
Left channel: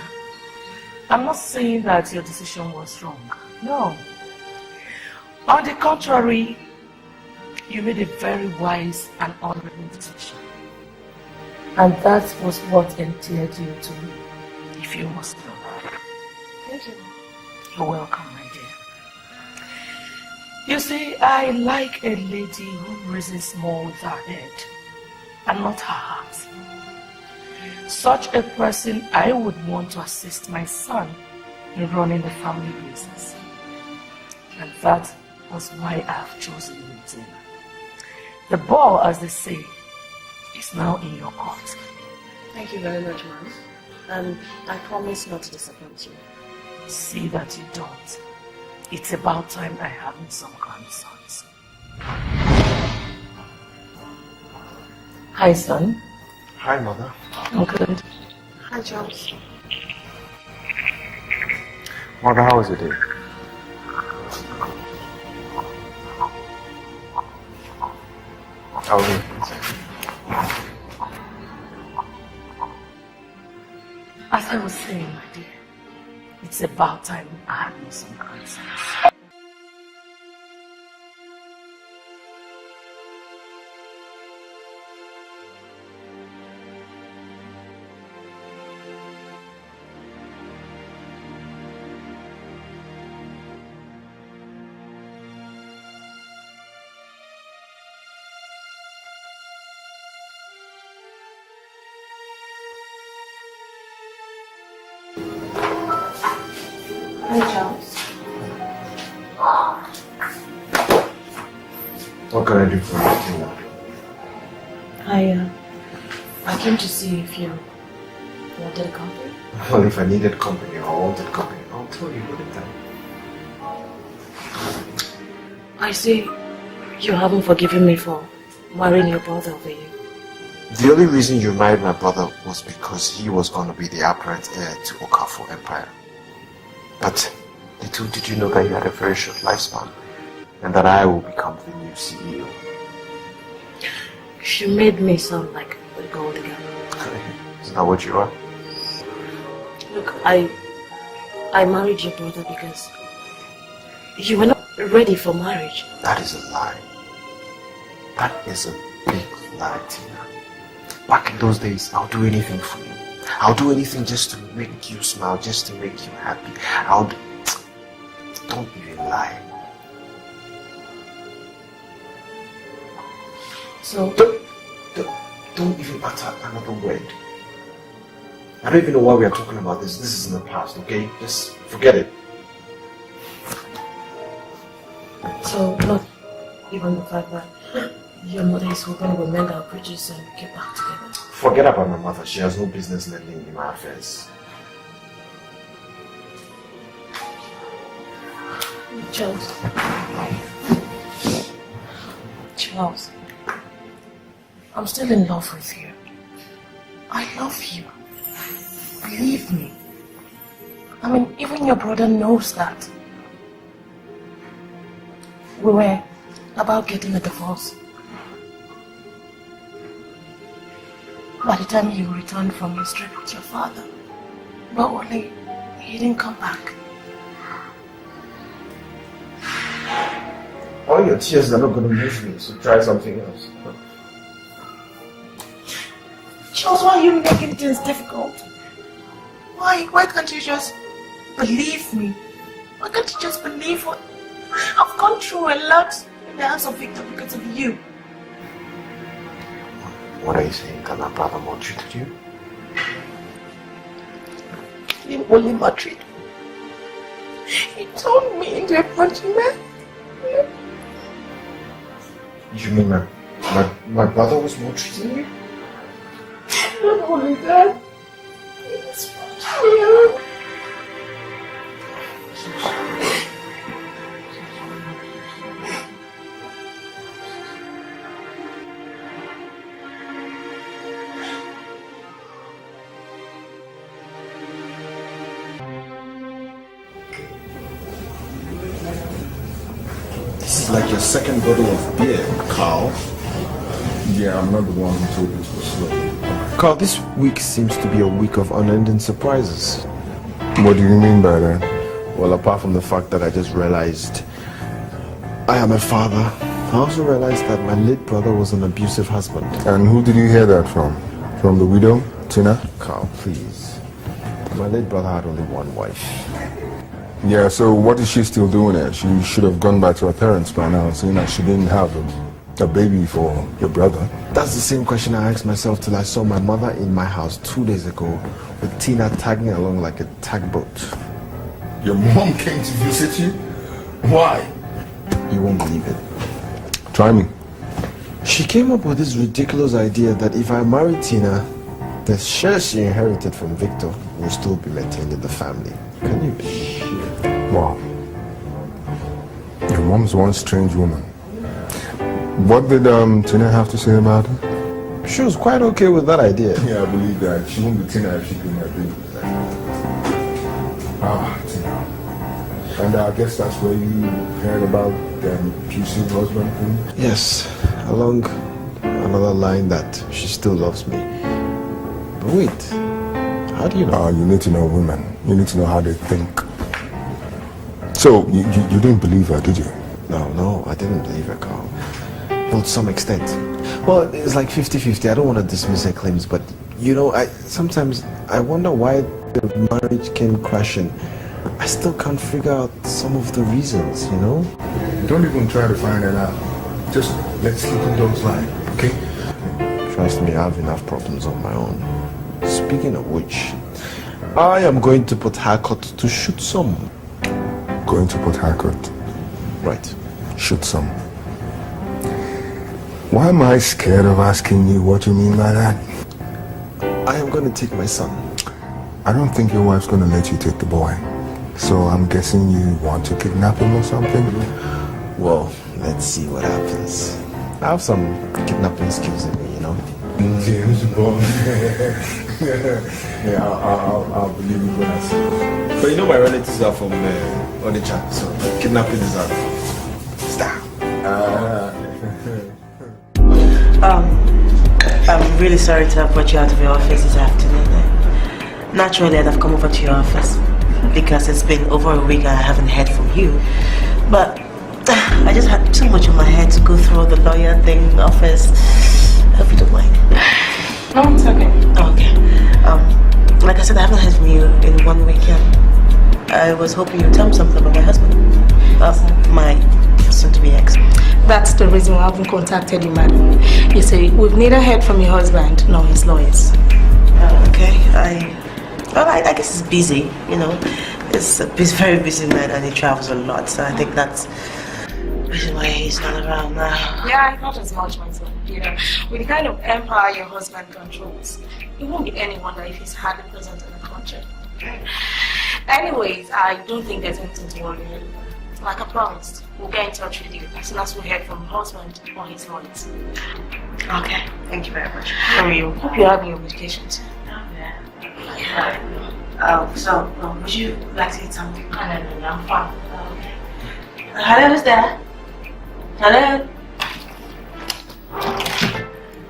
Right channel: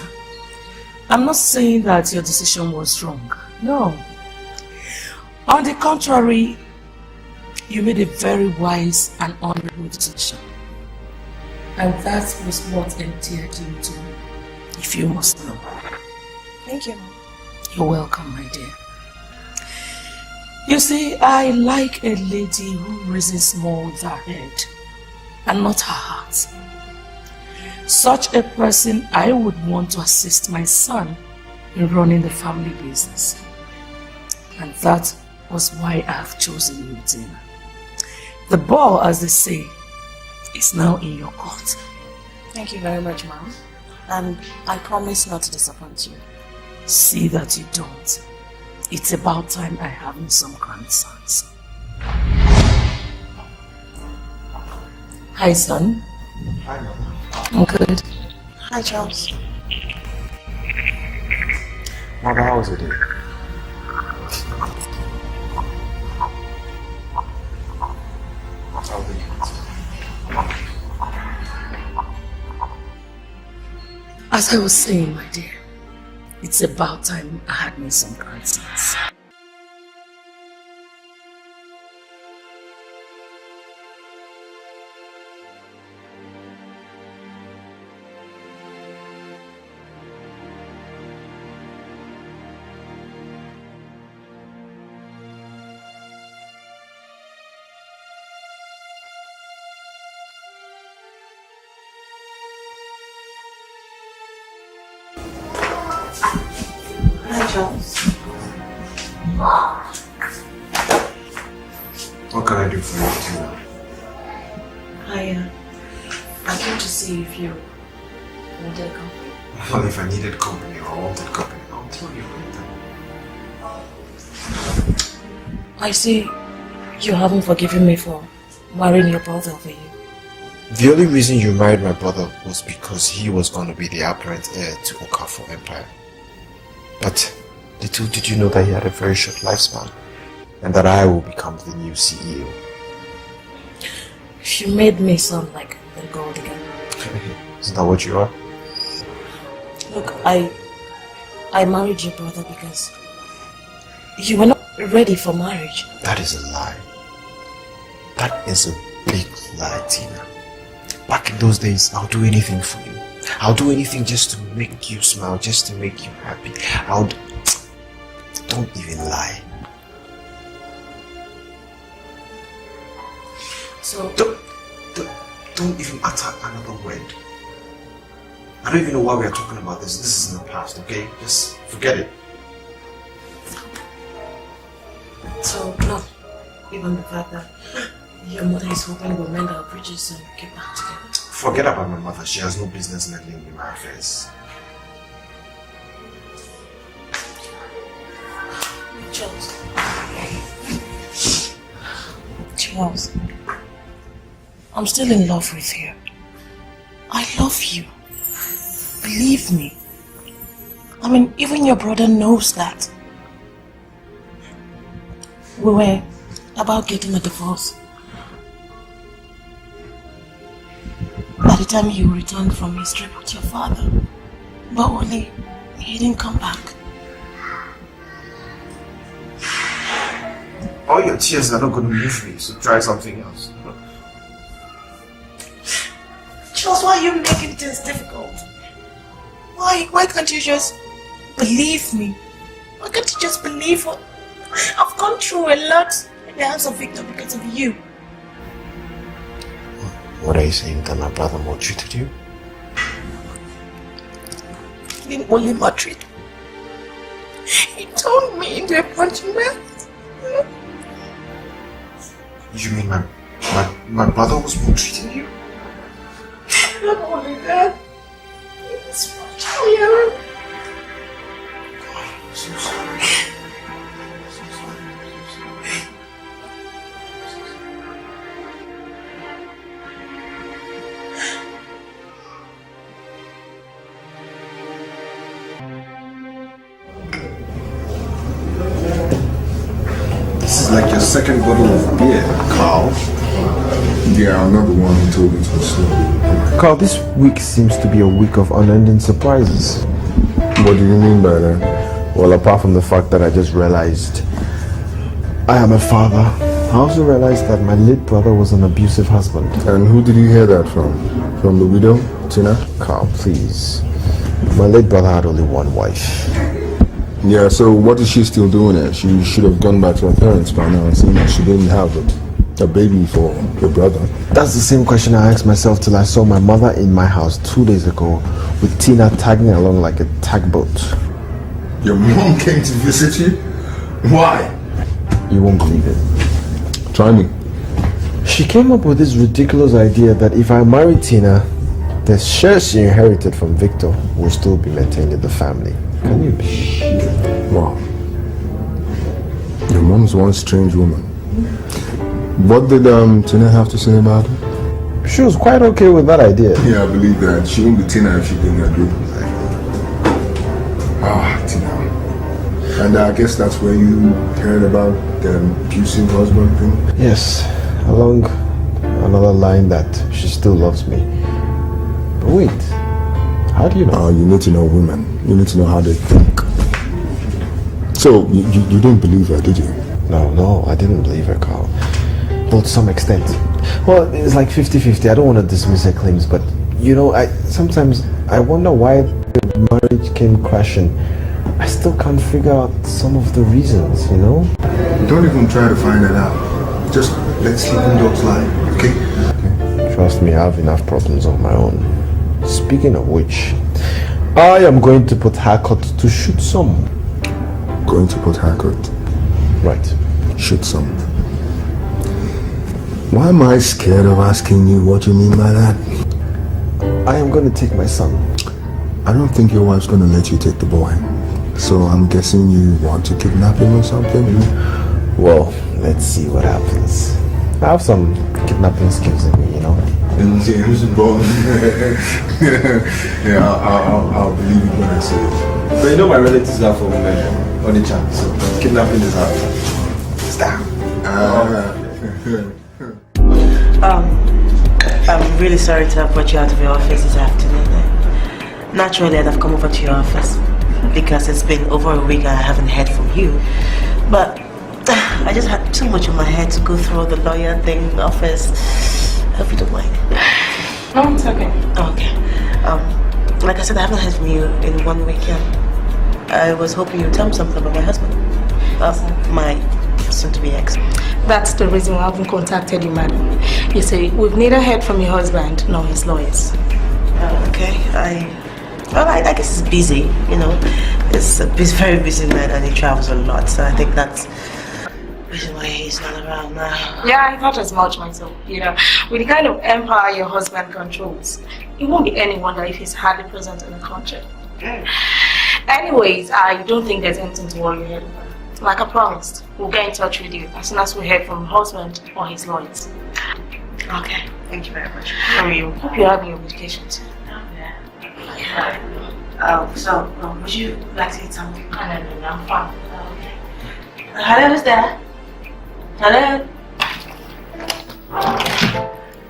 I'm not saying that your decision was wrong. No. On the contrary, you made a very wise and honorable decision. And that was what endeared you to me, if you must know. Thank you. You're welcome, my dear. You see, I like a lady who reasons more with her head and not her heart. Such a person I would want to assist my son in running the family business. And that was why I have chosen you, Tina. The ball, as they say, is now in your court. Thank you very much, Mom. And I promise not to disappoint you. See that you don't. It's about time I have some grandsons. Hi, son. Hi, Mother. I'm good. Hi, Charles. Mother, how was it? How was it? As I was saying, my dear, it's about time I had me some grandsons. Hi, Charles. What can I do for you, Tina? I came to see if you wanted to come. Well, if I needed company or wanted company, I'll tell you what it done. I see you haven't forgiven me for marrying your brother over you. The only reason you married my brother was because he was going to be the apparent heir to Okafor Empire. But little did you know that he had a very short lifespan and that I will become the new CEO. You made me sound like the gold digger. Is that what you are? Look, I married your brother because you were not ready for marriage. That is a lie. That is a big lie, Tina. Back in those days, I'll do anything for you. I'll do anything just to make you smile, just to make you happy. Don't even lie. So Don't even utter another word. I don't even know why we are talking about this. This is in the past, okay? Just forget it. So, not even the fact that your mother is hoping we'll mend our bridges and get back together. Forget about my mother. She has no business meddling in my affairs. Charles. Charles. I'm still in love with you. I love you. Believe me. I mean, even your brother knows that. We were about getting a divorce. By the time you returned from his trip with your father, but Wally, he didn't come back. All your tears are not going to move me, so try something else. Charles, why are you making things difficult? Why can't you just believe me? Why can't you just believe what I've gone through a lot in the hands of Victor because of you? What are you saying that my brother maltreated you? He didn't only maltreat me. He turned me into a punching bag. You mean my brother was maltreating you? Not only that, he was punching me out. This is like your second bottle of beer, Carl. Yeah, I'm not the one who told you to slow. Carl, this week seems to be a week of unending surprises. What do you mean by that? Well, apart from the fact that I just realized I am a father, I also realized that my late brother was an abusive husband. And who did you hear that from? From the widow, Tina? Carl, please. My late brother had only one wife. Yeah, so what is she still doing there? She should have gone back to her parents by now and seen that she didn't have a baby for your brother. That's the same question I asked myself till I saw my mother in my house 2 days ago with Tina tagging along like a tugboat. Your mom came to visit you? Why? You won't believe it. Try me. She came up with this ridiculous idea that if I marry Tina, the shares she inherited from Victor will still be maintained in the family. Can you? Wow. Your mom's one strange woman. What did Tina have to say about it? She was quite okay with that idea. Yeah, I believe that. She won't be Tina if she didn't agree with that. Ah, Tina. And I guess that's where you heard about the abusive husband thing? Yes, along another line that she still loves me. But wait, how do you know? You need to know women. You need to know how they think. So, you didn't believe her, did you? No, I didn't believe her, Carl. Well, to some extent. Well, it's like 50-50. I don't want to dismiss her claims, but, you know, sometimes I wonder why the marriage came crashing. I still can't figure out some of the reasons, you know? Don't even try to find it out. Just let sleeping dogs lie, okay? Trust me, I have enough problems of my own. Speaking of which, I am going to put haircut to shoot some. Going to put haircut? Right. Shoot some. Why am I scared of asking you what you mean by that? I am going to take my son. I don't think your wife's going to let you take the boy. So I'm guessing you want to kidnap him or something? Well, let's see what happens. I have some kidnapping skills in me, you know? James Bond. Yeah, I'll believe it when I say it. But you know my relatives are from Onitsha, so kidnapping is out. Stop. I'm really sorry to have brought you out of your office this afternoon. Naturally, I'd have come over to your office because it's been over a week and I haven't heard from you. But I just had too much on my head to go through all the lawyer thing, office. I hope you don't mind. No, it's okay. Okay. Like I said, I haven't heard from you in 1 week yet. I was hoping you'd tell me something about my husband. My soon-to-be ex. That's the reason why I haven't contacted you, madam. You see, we've neither heard from your husband nor his lawyers. Okay, I guess he's busy, you know. He's a very busy man and he travels a lot, so I think that's Which is why he's not around now. Yeah, I thought as much myself. You know, with the kind of empire your husband controls, it won't be any wonder if he's hardly present in the country. Anyways, I don't think there's anything to worry about. Like I promised, we'll get in touch with you as soon as we hear from your husband or his lawyers. Okay, thank you very much. Hope you're having your vacation too. So, would you like to eat something? No, I'm fine. Okay. Hello, who's there? Hello?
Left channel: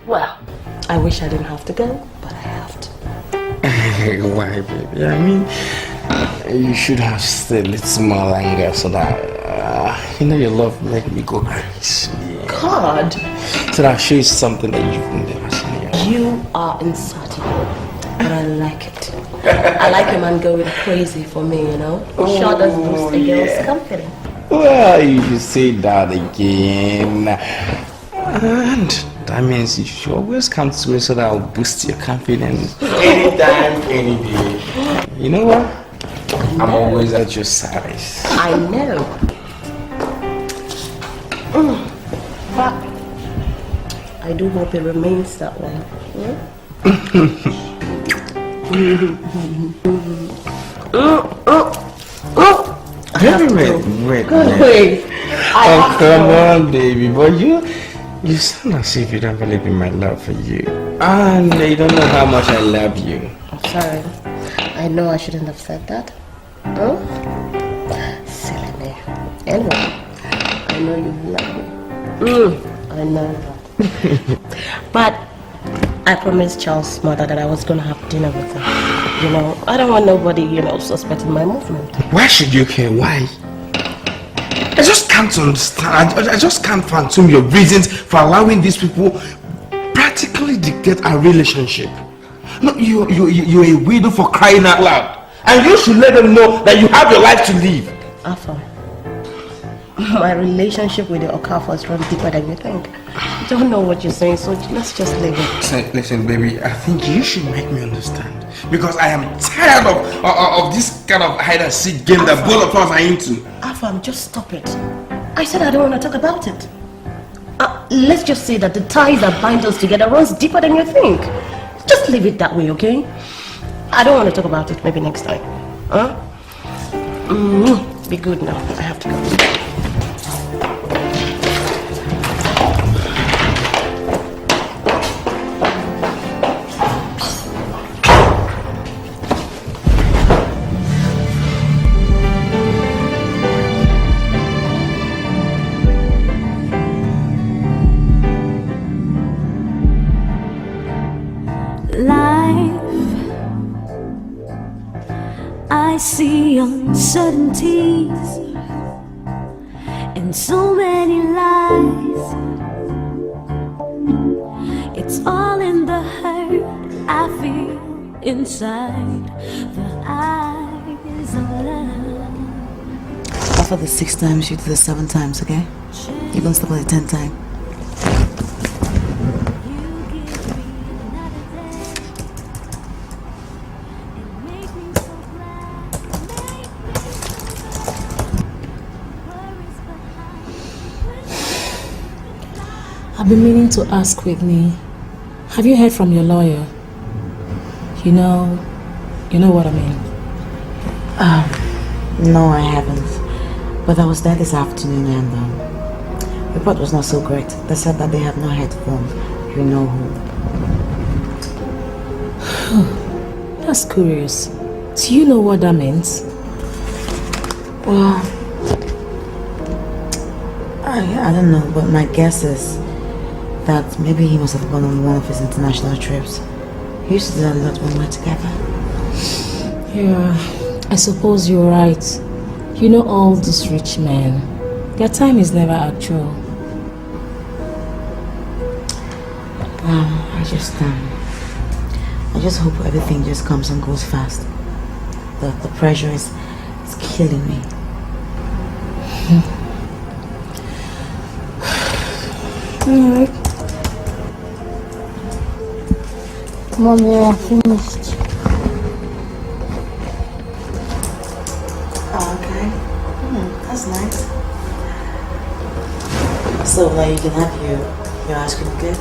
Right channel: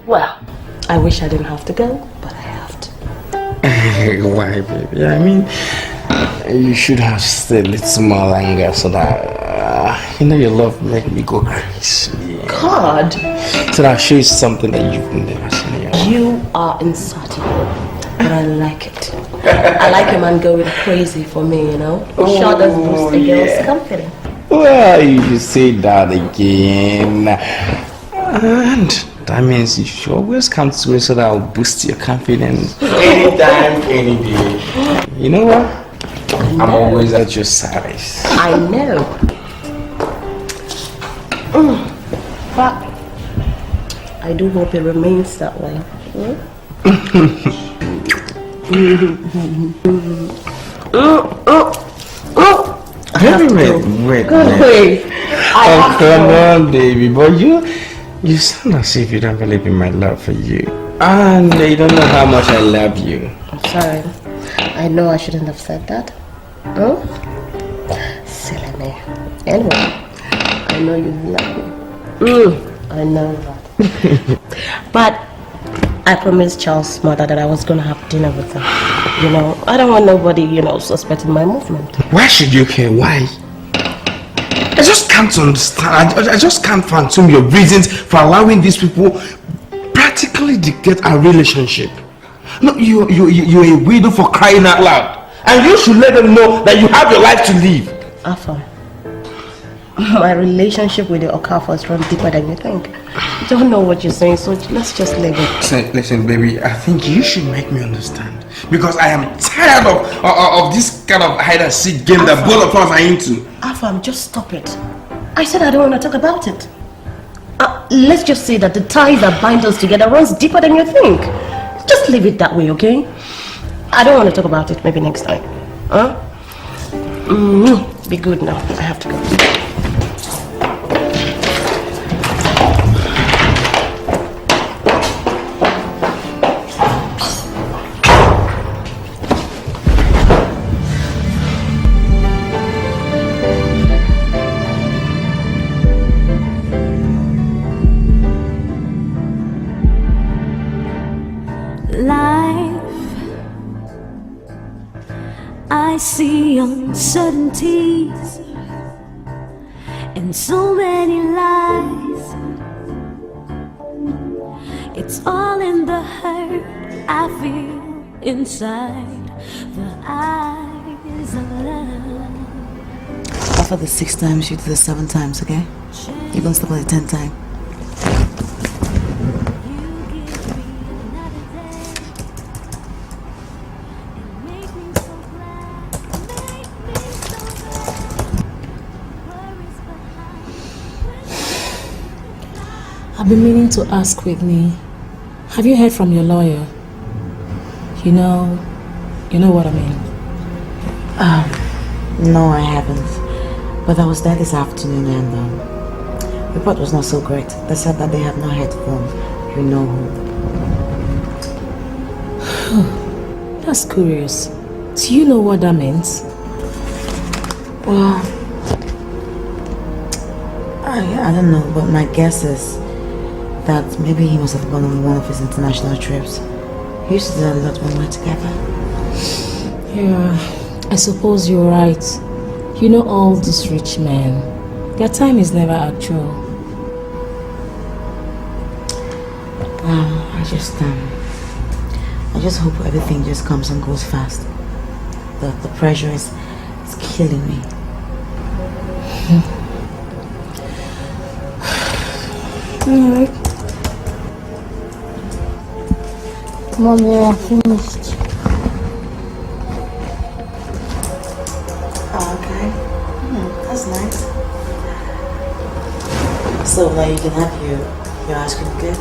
Well, I wish I didn't have to go, but I have to. Why, baby? I mean, you should have stayed a little more longer so that, your love make me go crazy. God! So that I'll show you something that you've never seen yet. You are insatiable, but I like it. I like a man going crazy for me, Sure does boost a girl's confidence. Well, you say that again. And that means you should always come to me so that I'll boost your confidence. Anytime, any day. You know what? I'm always at your service. I know. But I do hope it remains that way. Wait. Oh, come on, baby. But you sound as if you don't believe in my love for you. And you don't know how much I love you. I'm sorry. I know I shouldn't have said that. Oh? Silly me. Anyway, I know you love me. I know that. But I promised Charles' mother that I was going to have dinner with her. I don't want nobody, suspecting my movement. Why should you care? Why? I just can't understand. I just can't fathom your reasons for allowing these people practically dictate our relationship. No, you're a widow for crying out loud. And you should let them know that you have your life to live. Afam, my relationship with the Okafors runs deeper than you think. I don't know what you're saying, so let's just leave it. Listen, baby, I think you should make me understand. Because I am tired of this kind of hide-and-seek game that both of us are into. Afam, just stop it. I said I don't want to talk about it. Let's just say that the ties that bind us together runs deeper than you think. Just leave it that way, okay? I don't want to talk about it. Maybe next time. Huh? Be good now. I have to go. I see uncertainties and so many lies. It's all in the hurt I feel inside the eyes of love. After the 6 times, you do the 7 times, okay? You're gonna stop at the 10th time. I've been meaning to ask Whitney, have you heard from your lawyer? You know what I mean. No, I haven't. But I was there this afternoon and the report was not so great. They said that they have not heard from you know who. That's curious. Do you know what that means? Well, I don't know, but my guess is that maybe he must have gone on one of his international trips. He used to do a lot when we were together. Yeah, I suppose you're right. You know all these rich men, their time is never actual. I just hope everything just comes and goes fast. The pressure is killing me. Alright. Mommy, I finished. Oh, okay. That's nice. So now you can have your ice cream, okay?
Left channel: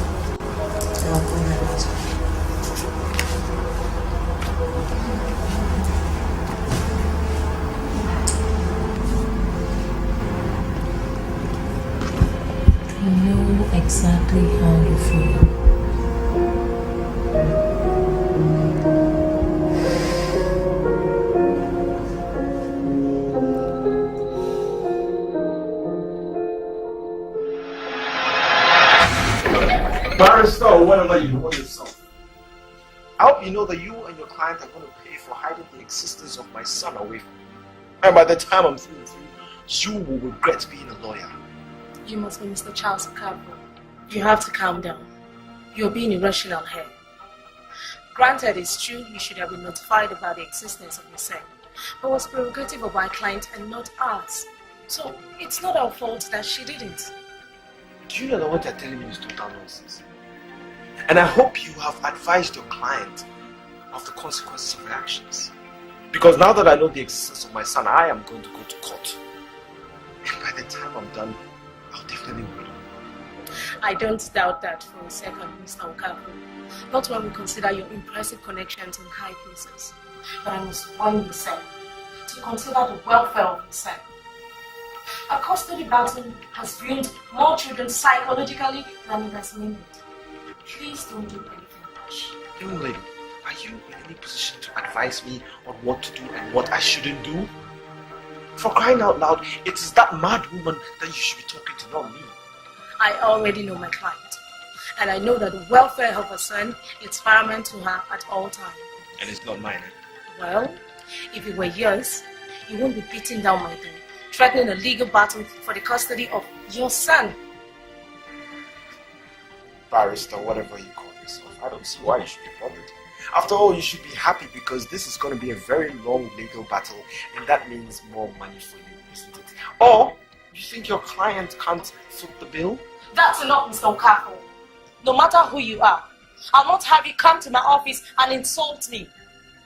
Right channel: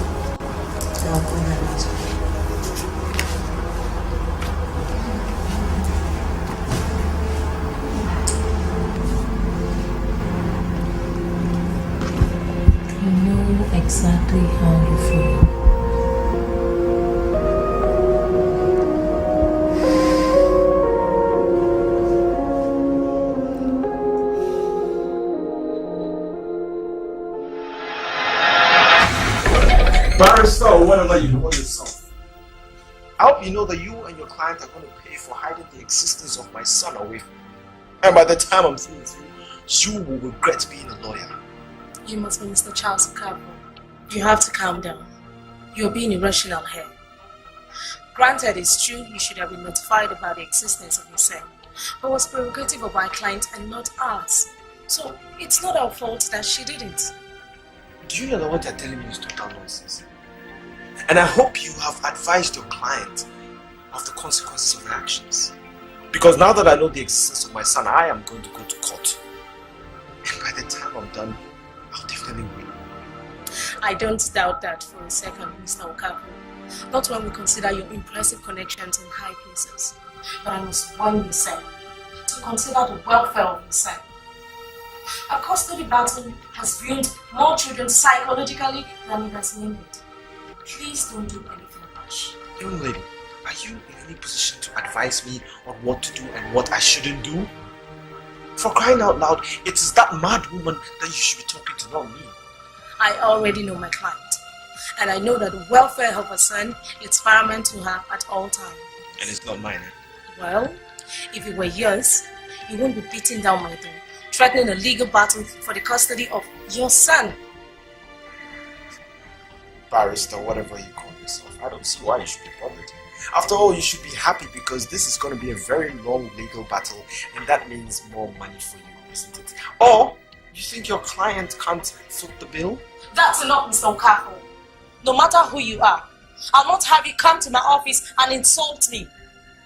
I'll go and have ice cream. I know exactly how you feel. Barrister, or whatever you call yourself. I hope you know that you and your client are going to pay for hiding the existence of my son away from you. And by the time I'm through with you, you will regret being a lawyer. You must be Mr. Charles Okafor. You have to calm down. You're being irrational here. Granted, it's true you should have been notified about the existence of your son, but it was prerogative of our client and not ours. So it's not our fault that she didn't. Do you know that what you're telling me is total nonsense? And I hope you have advised your client of the consequences of your actions. Because now that I know the existence of my son, I am going to go to court. And by the time I'm done, I'll definitely win. I don't doubt that for a second, Mr. Okafor. Not when we consider your impressive connections in high places. But I must warn you, sir, to consider the welfare of your son. A custody battle has ruined more children psychologically than it has mended. Please don't do anything rash. Young lady, are you in any position to advise me on what to do and what I shouldn't do? For crying out loud, it is that mad woman that you should be talking to, not me. I already know my client. And I know that the welfare of her son is paramount to her at all times. And it's not mine, eh? Well, if it were yours, you won't be beating down my door, threatening a legal battle for the custody of your son. Barrister, whatever you call yourself, I don't see why you should be bothered. After all, you should be happy because this is going to be a very long legal battle and that means more money for you, isn't it? Or, you think your client can't foot the bill? That's enough, Mr. Okafor. No matter who you are, I'll not have you come to my office and insult me.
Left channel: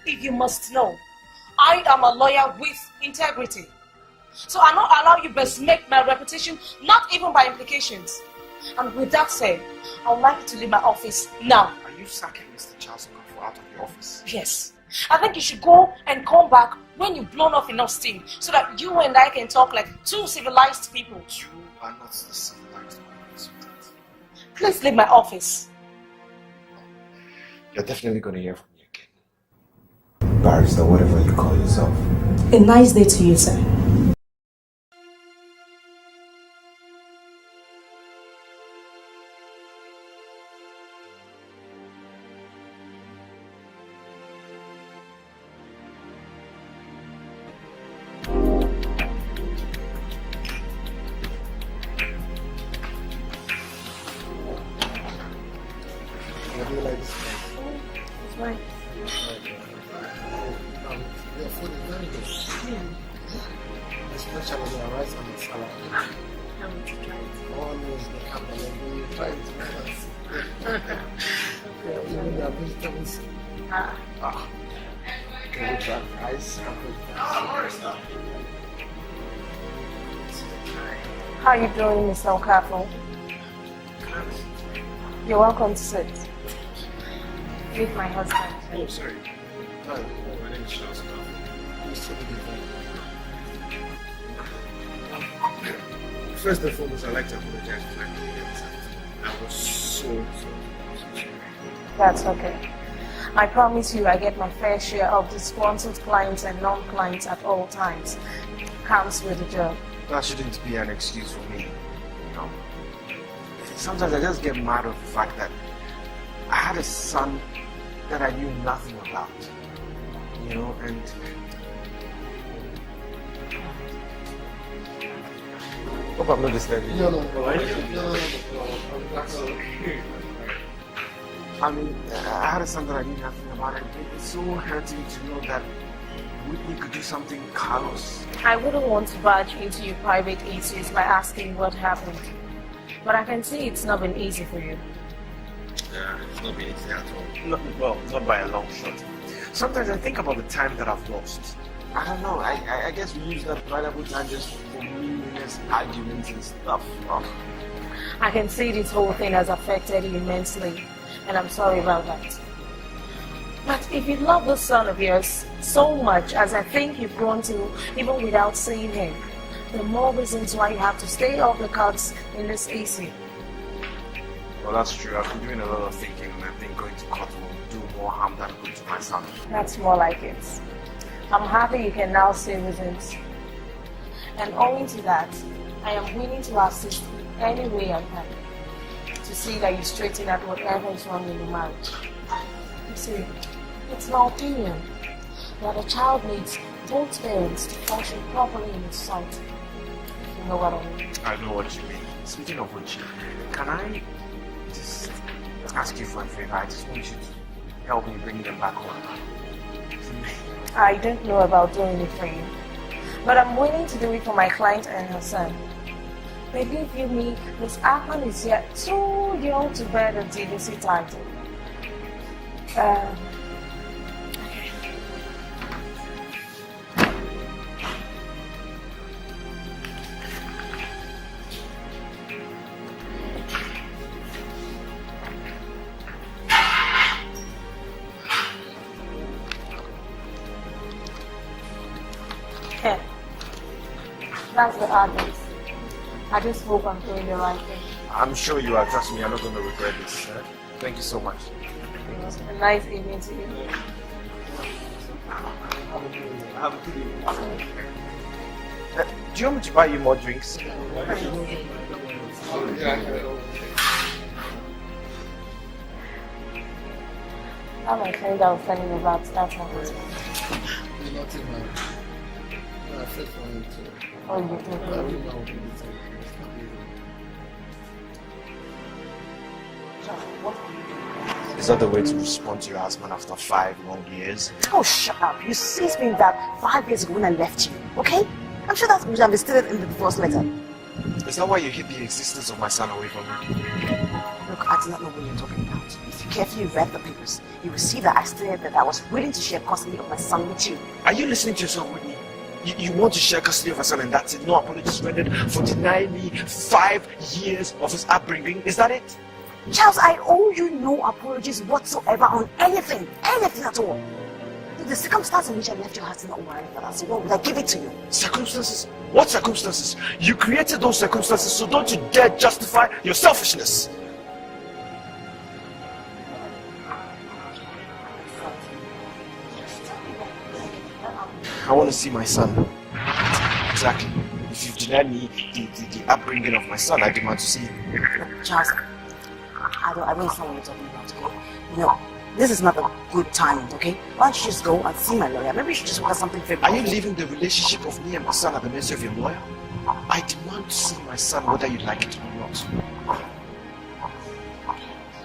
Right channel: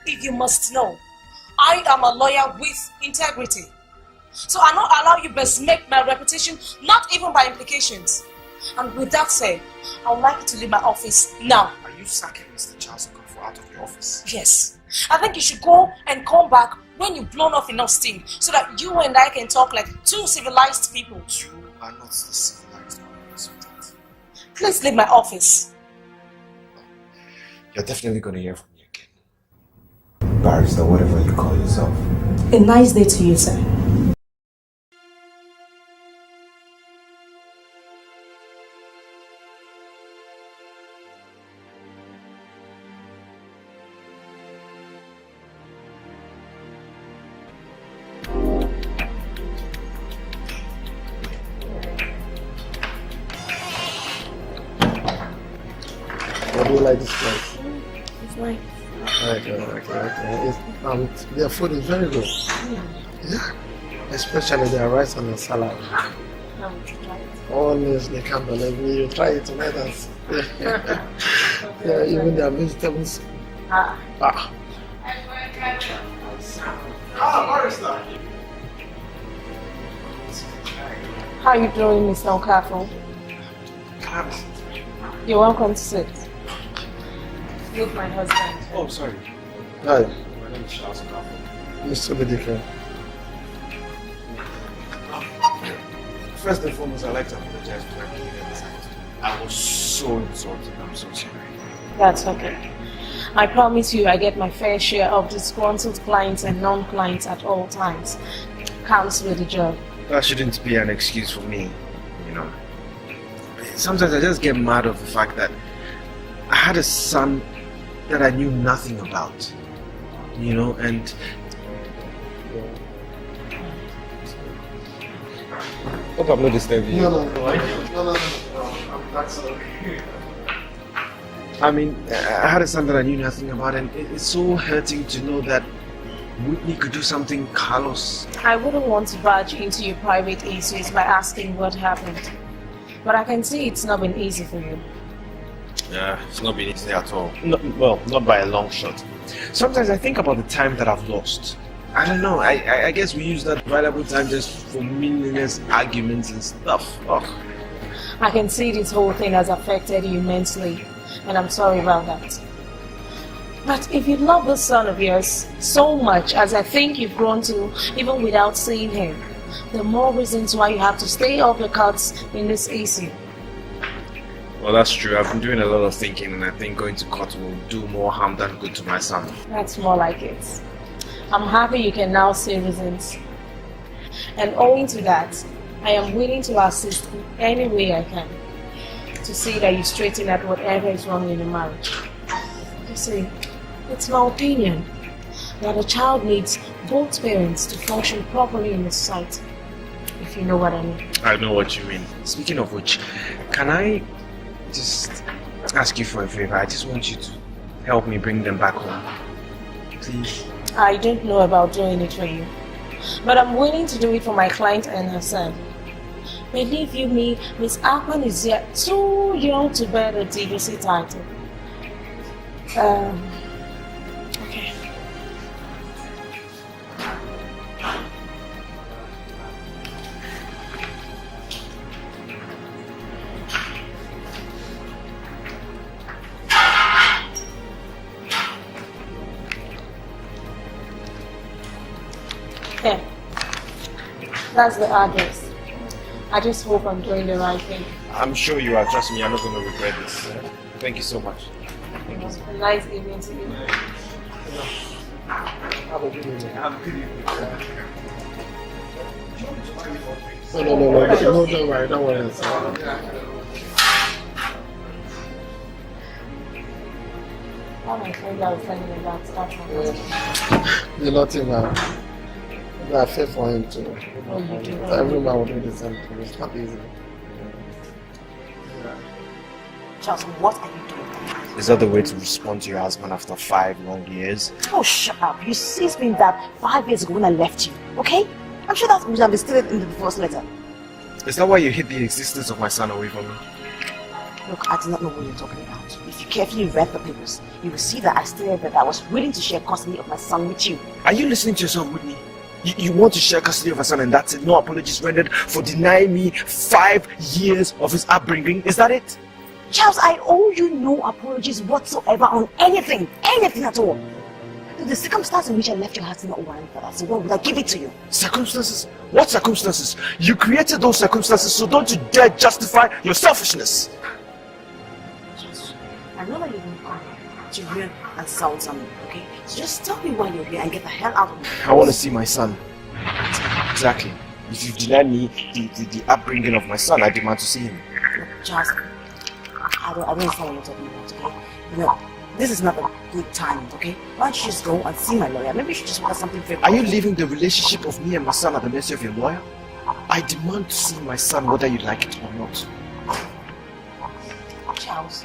If you must know, I am a lawyer with integrity. So I'll not allow you besmirch my reputation, not even by implications. And with that said, I would like you to leave my office now. Are you sacking Mr. Charles Okafor out of your office? Yes. I think you should go and come back when you've blown off enough steam so that you and I can talk like two civilized people. You are not the civilized one, sweetheart. Please leave my office. You're definitely going to hear from me again. Barrister, whatever you call yourself. A nice day to you, sir. Their food is very good. Yeah. Especially their rice and the salad. Always they can't believe me. You try it with us. Yeah, even their vegetables. Ah. Can you try rice? Barrister. How are you doing, Mr. Okafor? You're welcome to sit. Meet my husband. Oh, sorry. Hi. My name is Charles Okafor. Used to be different. First and foremost, I'd like to apologize for everything. I was so insulted. I'm so sorry. That's okay. I promise you I get my fair share of disgruntled clients and non-clients at all times. Comes with the job. That shouldn't be an excuse for me, you know. Sometimes I just get mad of the fact that I had a son that I knew nothing about, you know, and hope I'm not disturbing you. No. That's okay. I mean, I had a son that I knew nothing about, and it's so hurting to know that Whitney could do something Carlos. I wouldn't want to barge into your private issues by asking what happened. But I can see it's not been easy for you. Yeah, it's not been easy at all. Well, not by a long shot. Sometimes I think about the time that I've lost. I don't know, I guess we use that valuable time just for meaningless arguments and stuff. Oh. I can see this whole thing has affected you immensely, and I'm sorry about that. But if you love the son of yours so much as I think you've grown to, even without seeing him, the more reasons why you have to stay off the cards in this issue. Well, that's true. I've been doing a lot of thinking, and I think going to court will do more harm than good to my son. That's more like it. I'm happy you can now see reasons. And owing to that, I am willing to assist any way I can to see that you straighten out whatever is wrong in the marriage. You see, it's my opinion that the child needs both parents to function properly in the society, if you know what I mean. I know what you mean. Speaking of which, can I just ask you for a favor? I just want you to help me bring them back home. Please. I don't know about doing it for you, but I'm willing to do it for my client and her son. Believe you me, Miss Akman is yet too young to bear the DVC title. Yeah, that's the address. I just hope I'm doing the right thing. I'm sure you are. Trust me, I'm not going to regret this. Thank you so much. It was a nice evening to you. Have a good evening. Have a good evening. Do you want me to buy you more drinks? No, don't worry. Don't worry. How my friend I was telling you about that one. You're not even. I feel for him too. Every man will do the same thing. It's not easy. Charles, what are you doing? Is that the way to respond to your husband after 5 long years? Oh, shut up. You see, it's been that 5 years ago when I left you, okay? I'm sure that's because I've stated in the first letter. Is that why you hid the existence of my son away from me? Look, I do not know what you're talking about. If you carefully read the papers, you will see that I stated that I was willing to share custody of my son with you. Are you listening to yourself, Whitney? You want to share custody of your son and that's it? No apologies rendered for denying me 5 years of his upbringing? Is that it? Charles, I owe you no apologies whatsoever on anything at all. The circumstance in which I left your house did not warrant that, so why would I give it to you? Circumstances? What circumstances? You created those circumstances, so don't you dare justify your selfishness. I know that you want to hear and sound something, okay? So just tell me why you're here and get the hell out of here. I want to see my son. Exactly. If you deny me the upbringing of my son, I demand to see him. Charles, I don't understand what you're talking about. No, this is not a good time, okay? Why don't you just go and see my lawyer? Maybe you should just work something very Are you leaving the relationship of me and my son at the mercy of your lawyer? I demand to see my son whether you like it or not. Charles,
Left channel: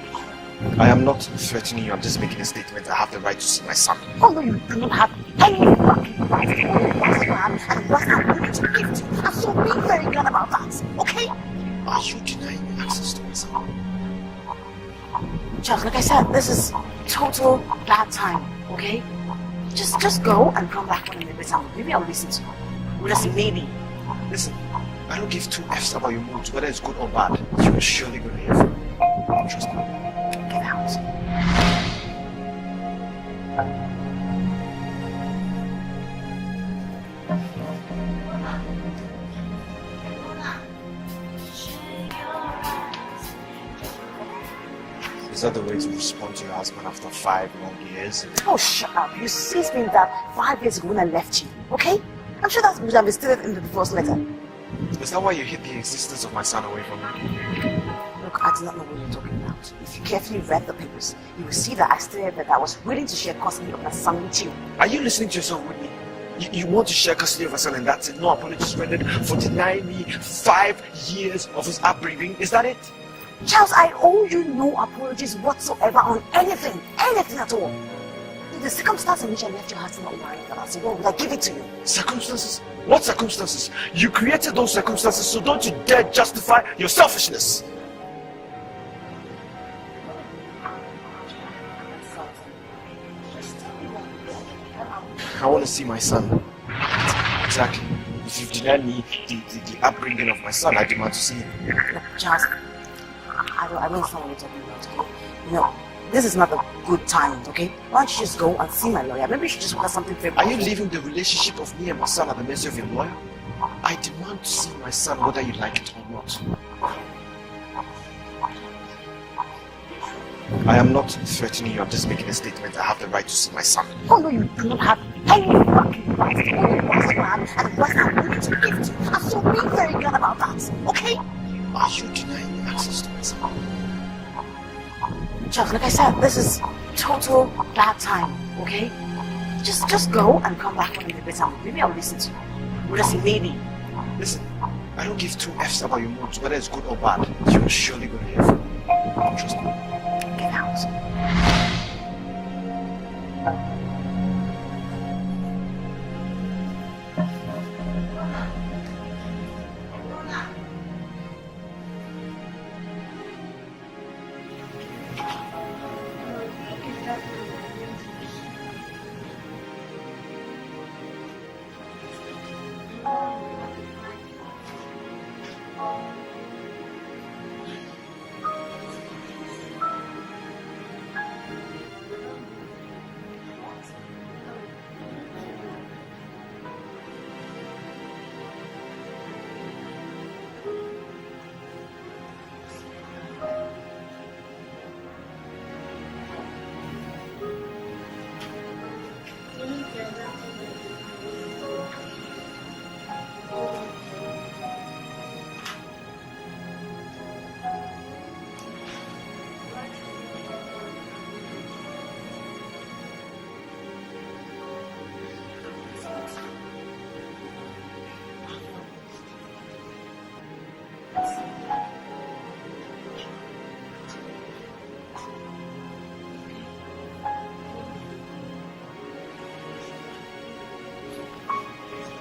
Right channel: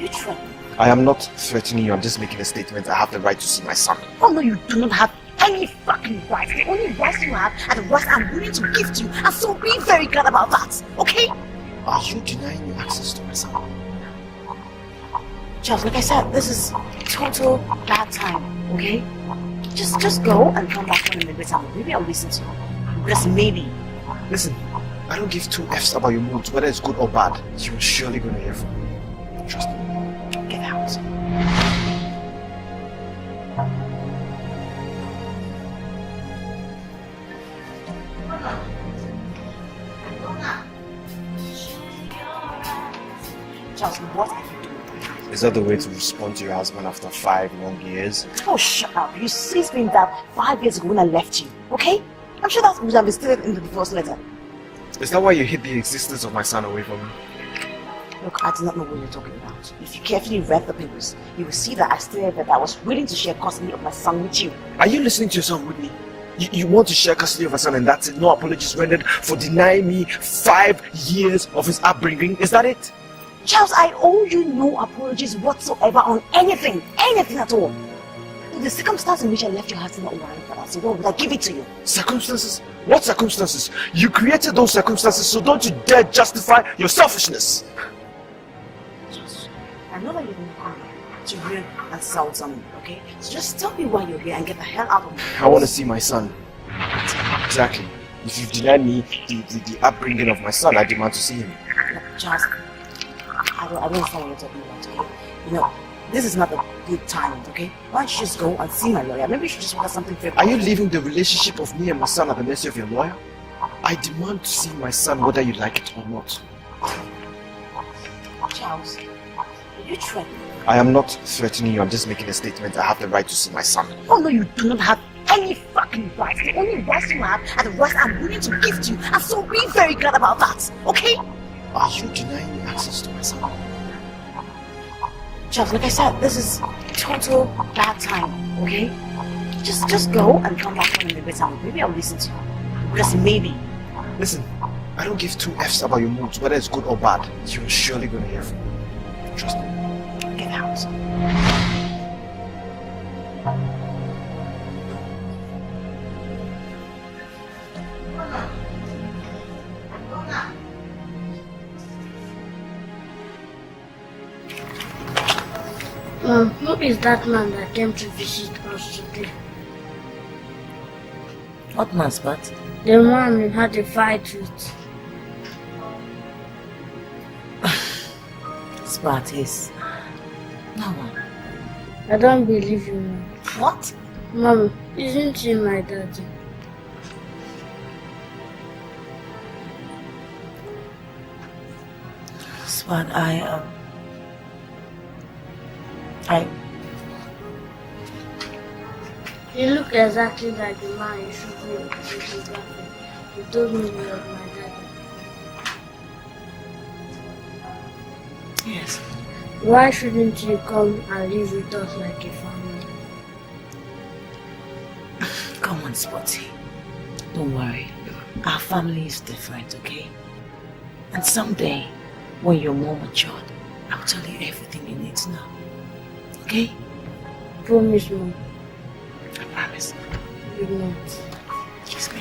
you try. I am not threatening you, I'm just making a statement. I have the right to see my son. Oh no, you do not have any fucking right. All you have what I'm willing to give to you. And so be very glad about that, okay? Are you denying me access to my son? Charles, like I said, this is total bad time, okay? Just go and come back to me later. Maybe I'll listen to you. But that's a maybe. Listen, I don't give 2 F's about your mood, whether it's good or bad. You're surely gonna hear from me. Trust me. Get out. Charles, what? Is that the way to respond to your husband after 5 long years? Oh, shut up. You see, it's been that 5 years ago when I left you, okay? I'm sure that's because I've stated in the first letter. Is that why you hid the existence of my son away from me? Look, I do not know what you're talking about. If you carefully read the papers, you will see that I stated that I was willing to share custody of my son with you. Are you listening to yourself, Whitney? You want to share custody of my son and that's it? No apologies rendered for denying me 5 years of his upbringing? Is that it? Charles, I owe you no apologies whatsoever on anything at all. The circumstance in which I left your house did not warrant that, so why would I give it to you? Circumstances? What circumstances? You created those circumstances, so don't you dare justify your selfishness. I know that you want to hear and sound something, okay? So just tell me why you're here and get the hell out of here. I want to see my son. Exactly. If you deny me the upbringing of my son, I demand to see him. Charles, I don't understand what you're talking about, okay? No, this is not a good time, okay? Why don't you just go and see my lawyer? Maybe you should just order something very Are you leaving the relationship of me and my son at the mercy of your lawyer? I demand to see my son whether you like it or not. Charles, you threatening? I am not threatening you, I'm just making a statement. I have the right to see my son. Oh no, you do not have any fucking right. The only right you have and what I'm willing to give to you. And so be very glad about that, okay? Are you denying me access to my son? Charles, like I said, this is total bad time, okay? Just go and come back with me better. Maybe I'll listen to you. Just maybe. Listen, I don't give two F's about your moods, whether it's good or bad. You're surely going to hear from me. Trust me. Get out. Who is that man that came to visit us today? What man, Spot? The man we had a fight with. Spot, yes. No. I don't believe you, Mom. What? Mom, isn't he my daddy? Spot, You look exactly like the man you should be. You told me you were my daddy. Yes. Why shouldn't you come and live with us like a family? Come on, Spotty. Don't worry. Our family is different, okay? And someday, when you're more mature, I'll tell you everything you need to know. Okay? Promise me. I promise. Good night. Kiss me.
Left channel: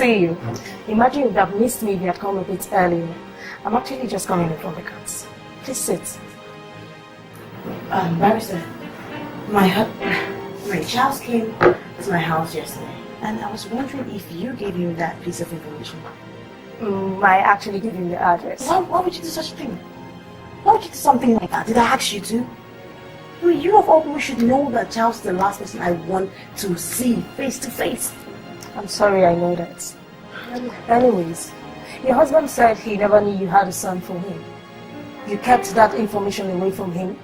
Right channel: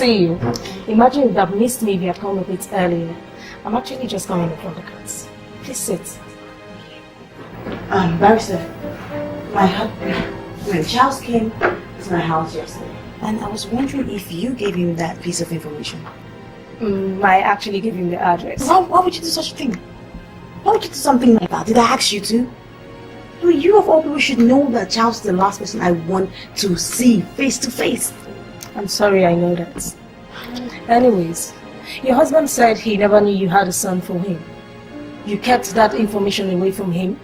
You. Imagine you would have missed me if you had come a bit earlier. I'm actually just coming from the courts. Please sit. Barrister, when Charles came to my house yesterday, and I was wondering if you gave him that piece of information. I actually gave him the address. Why would you do such a thing? Why would you do something like that? Did I ask you to? Well, you of all people should know that Charles is the last person I want to see face to face. I'm sorry, I know that. Anyways, your husband said he never knew you had a son for him. You kept that information away from him.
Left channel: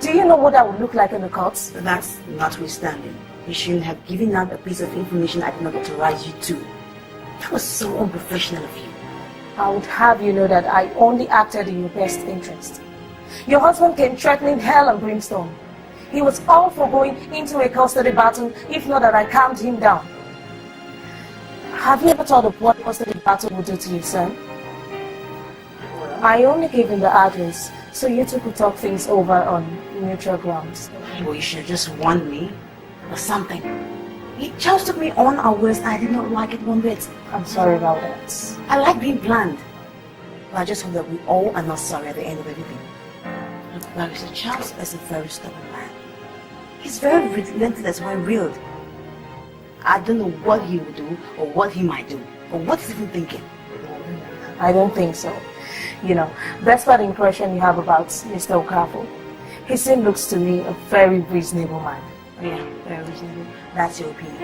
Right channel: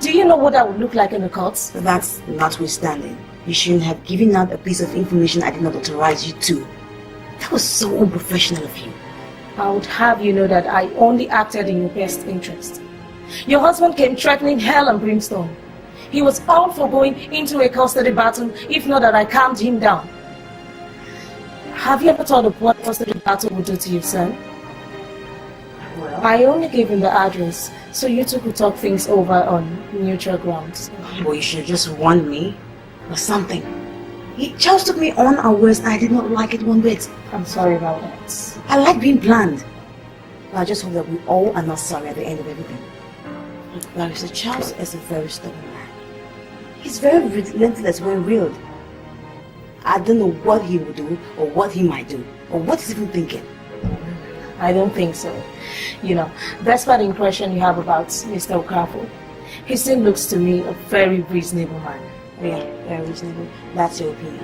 Do you know what that would look like in the courts? That's notwithstanding. You shouldn't have given out a piece of information I did not authorize you to. That was so unprofessional of you. I would have you know that I only acted in your best interest. Your husband came threatening hell and brimstone. He was powerful going into a custody battle if not that I calmed him down. Have you ever thought of what custody battle would do to you, son? Well, I only gave him the address so you two could talk things over on neutral grounds. Well, you should have just warned me or something. He just took me on our words and I did not like it one bit. I'm sorry about that. I like being bland. But I just hope that we all are not sorry at the end of everything. Barrister Charles is a very stubborn man. He's very relentless when real. I don't know what he will do or what he might do or what he's even thinking. I don't think so. You know, despite the impression you have about Mr. Okafor, he still looks to me a very reasonable man. Yeah, very reasonable. That's your opinion.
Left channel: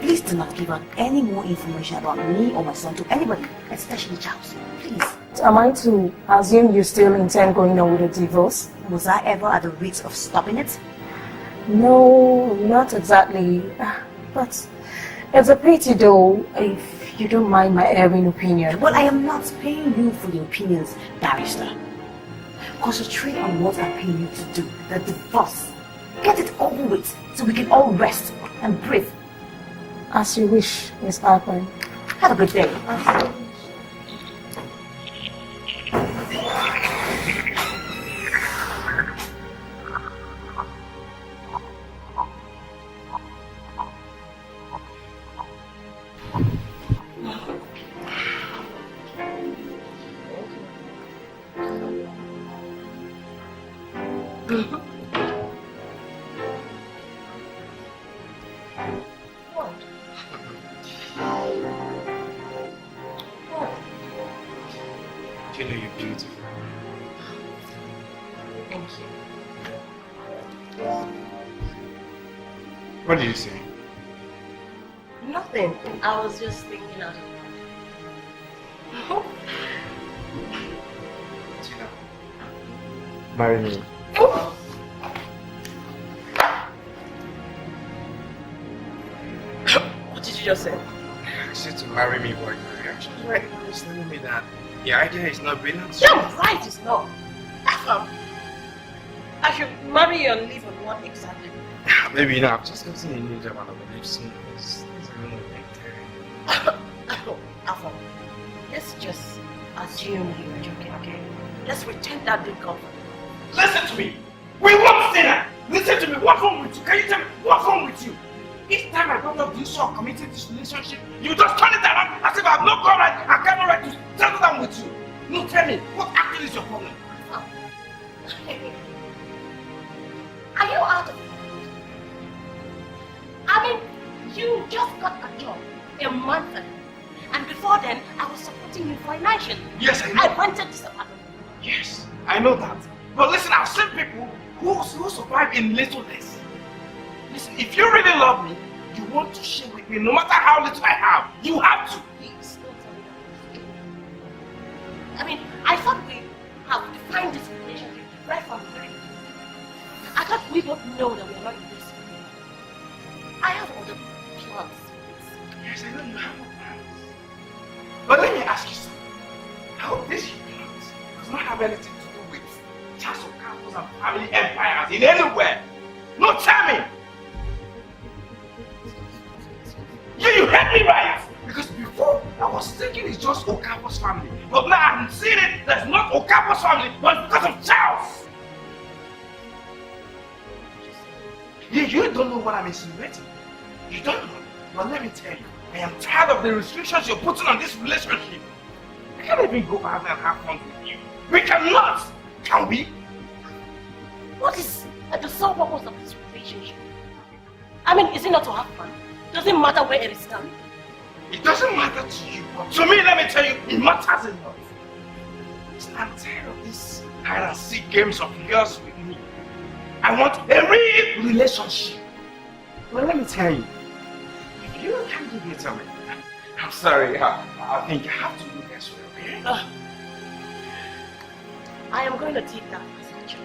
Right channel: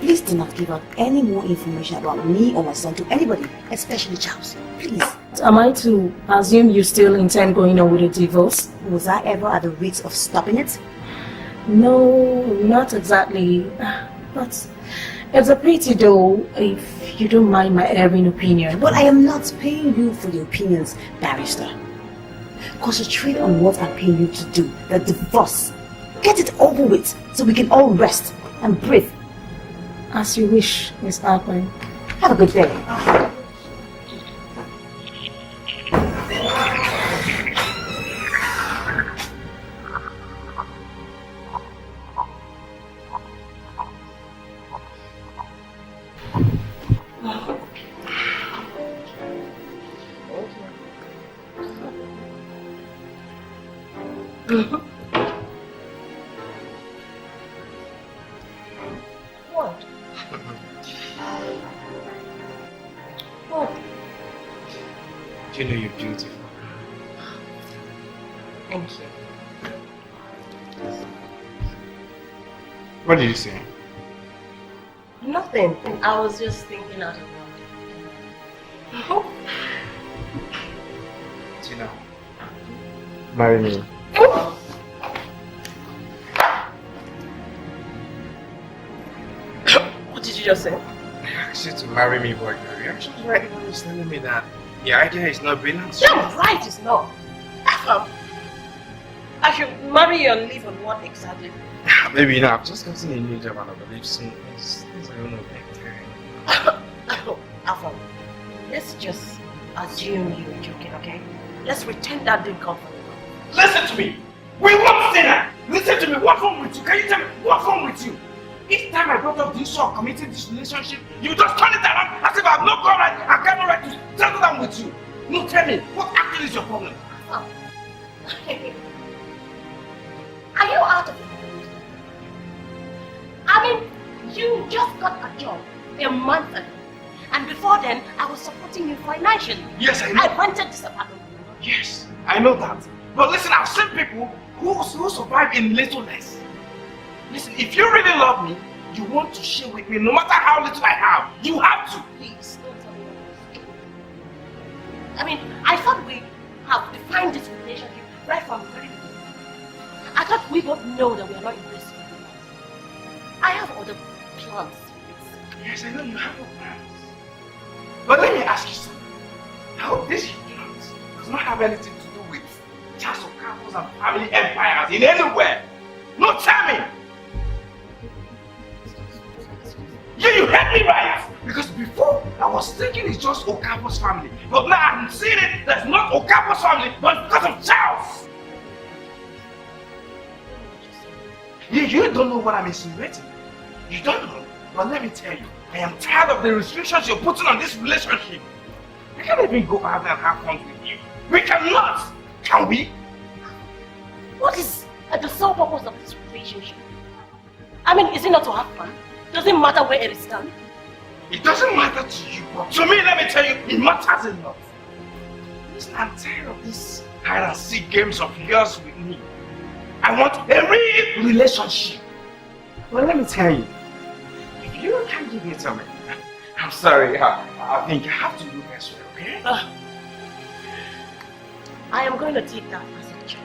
Please do not give out any more information about me or my son to anybody, especially Charles. Please. Am I to assume you still intend going on with the divorce? Was I ever at the risk of stopping it? No, not exactly. But It's a pity though, if you don't mind my airing opinion. But I am not paying you for the opinions, barrister. Concentrate on what I pay you to do, the divorce. Get it over with so we can all rest and breathe. As you wish, Miss Alpine. Have a good day. What? What? You know you're beautiful. Thank you. What did you say? Nothing. I was just thinking out loud. Tina, marry me. What did you just say? I asked you to marry me, but your reaction right now is telling me that the idea is not brilliant. You're right, it's not. I should marry you and live on what exactly? Maybe not. I'm just getting a new job and I believe soon. Things are going to take time. Afam, let's just assume you were joking, okay? Let's pretend that didn't come from you. Listen to me! We won't say that! Listen to me! What's wrong with you? Can you tell me what's wrong with you? Each time I brought up the issue of committing this relationship, you just turn it around as if I have no right and got no right to settle down with you. No, tell me, what actually is your problem? Oh. Are you out of it? I mean, you just got a job a month ago. And before then, I was supporting you financially. Yes, I know. I rented this apartment. Yes, I know that. But listen, I've seen people who survive in littleness. Listen, if you really love me, you want to share with me no matter how little I have. You have to. Please, don't tell me that. I mean, I thought we have defined this relationship right from the very beginning. I thought we both know that we are not in this. I have other plans for this. Yes, I know you have no plans. But let me ask you something. How this plans does not have anything to do with just Okafors and family empires in anywhere. No, tell me. Yeah, you heard me right. Because before I was thinking it's just Okafor's family, but now I'm seeing it. That's not Okafor's family, but because of Charles. You don't know what I'm insinuating. You don't know. But let me tell you, I am tired of the restrictions you're putting on this relationship. I can't even go out there and have fun with you. We cannot! Can we? What is the sole purpose of this relationship? I mean, is it not to have fun? Does it matter where it is done? It doesn't matter to you, but to me, let me tell you, it matters a lot. Listen, I'm tired of these hide and seek games of yours with me. I want a real relationship. Well, let me tell you, if you can't give it to me, I'm sorry, I think you have to look elsewhere, okay? I am going to take that as a joke.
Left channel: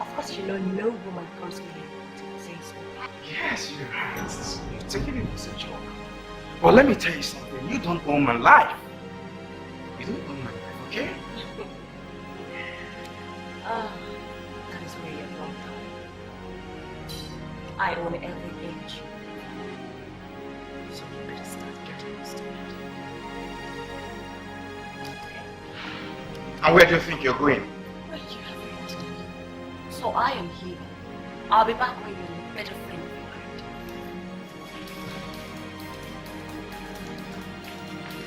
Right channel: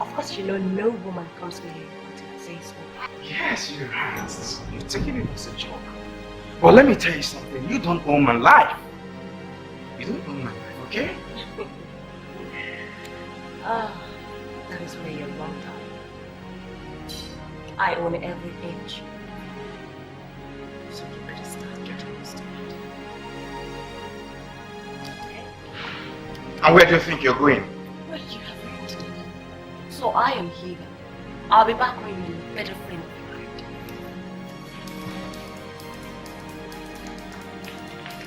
Of course, you know no woman comes to you until it says so. Yes, you're right. You're taking it as a joke. But let me tell you something, you don't own my life. You don't own my life, okay? That is where you're wrong, I own every inch. So you better start getting used to it. Okay? And where do you think you're going? Well, you have rented it. So I am here. I'll be back when you're a better friend of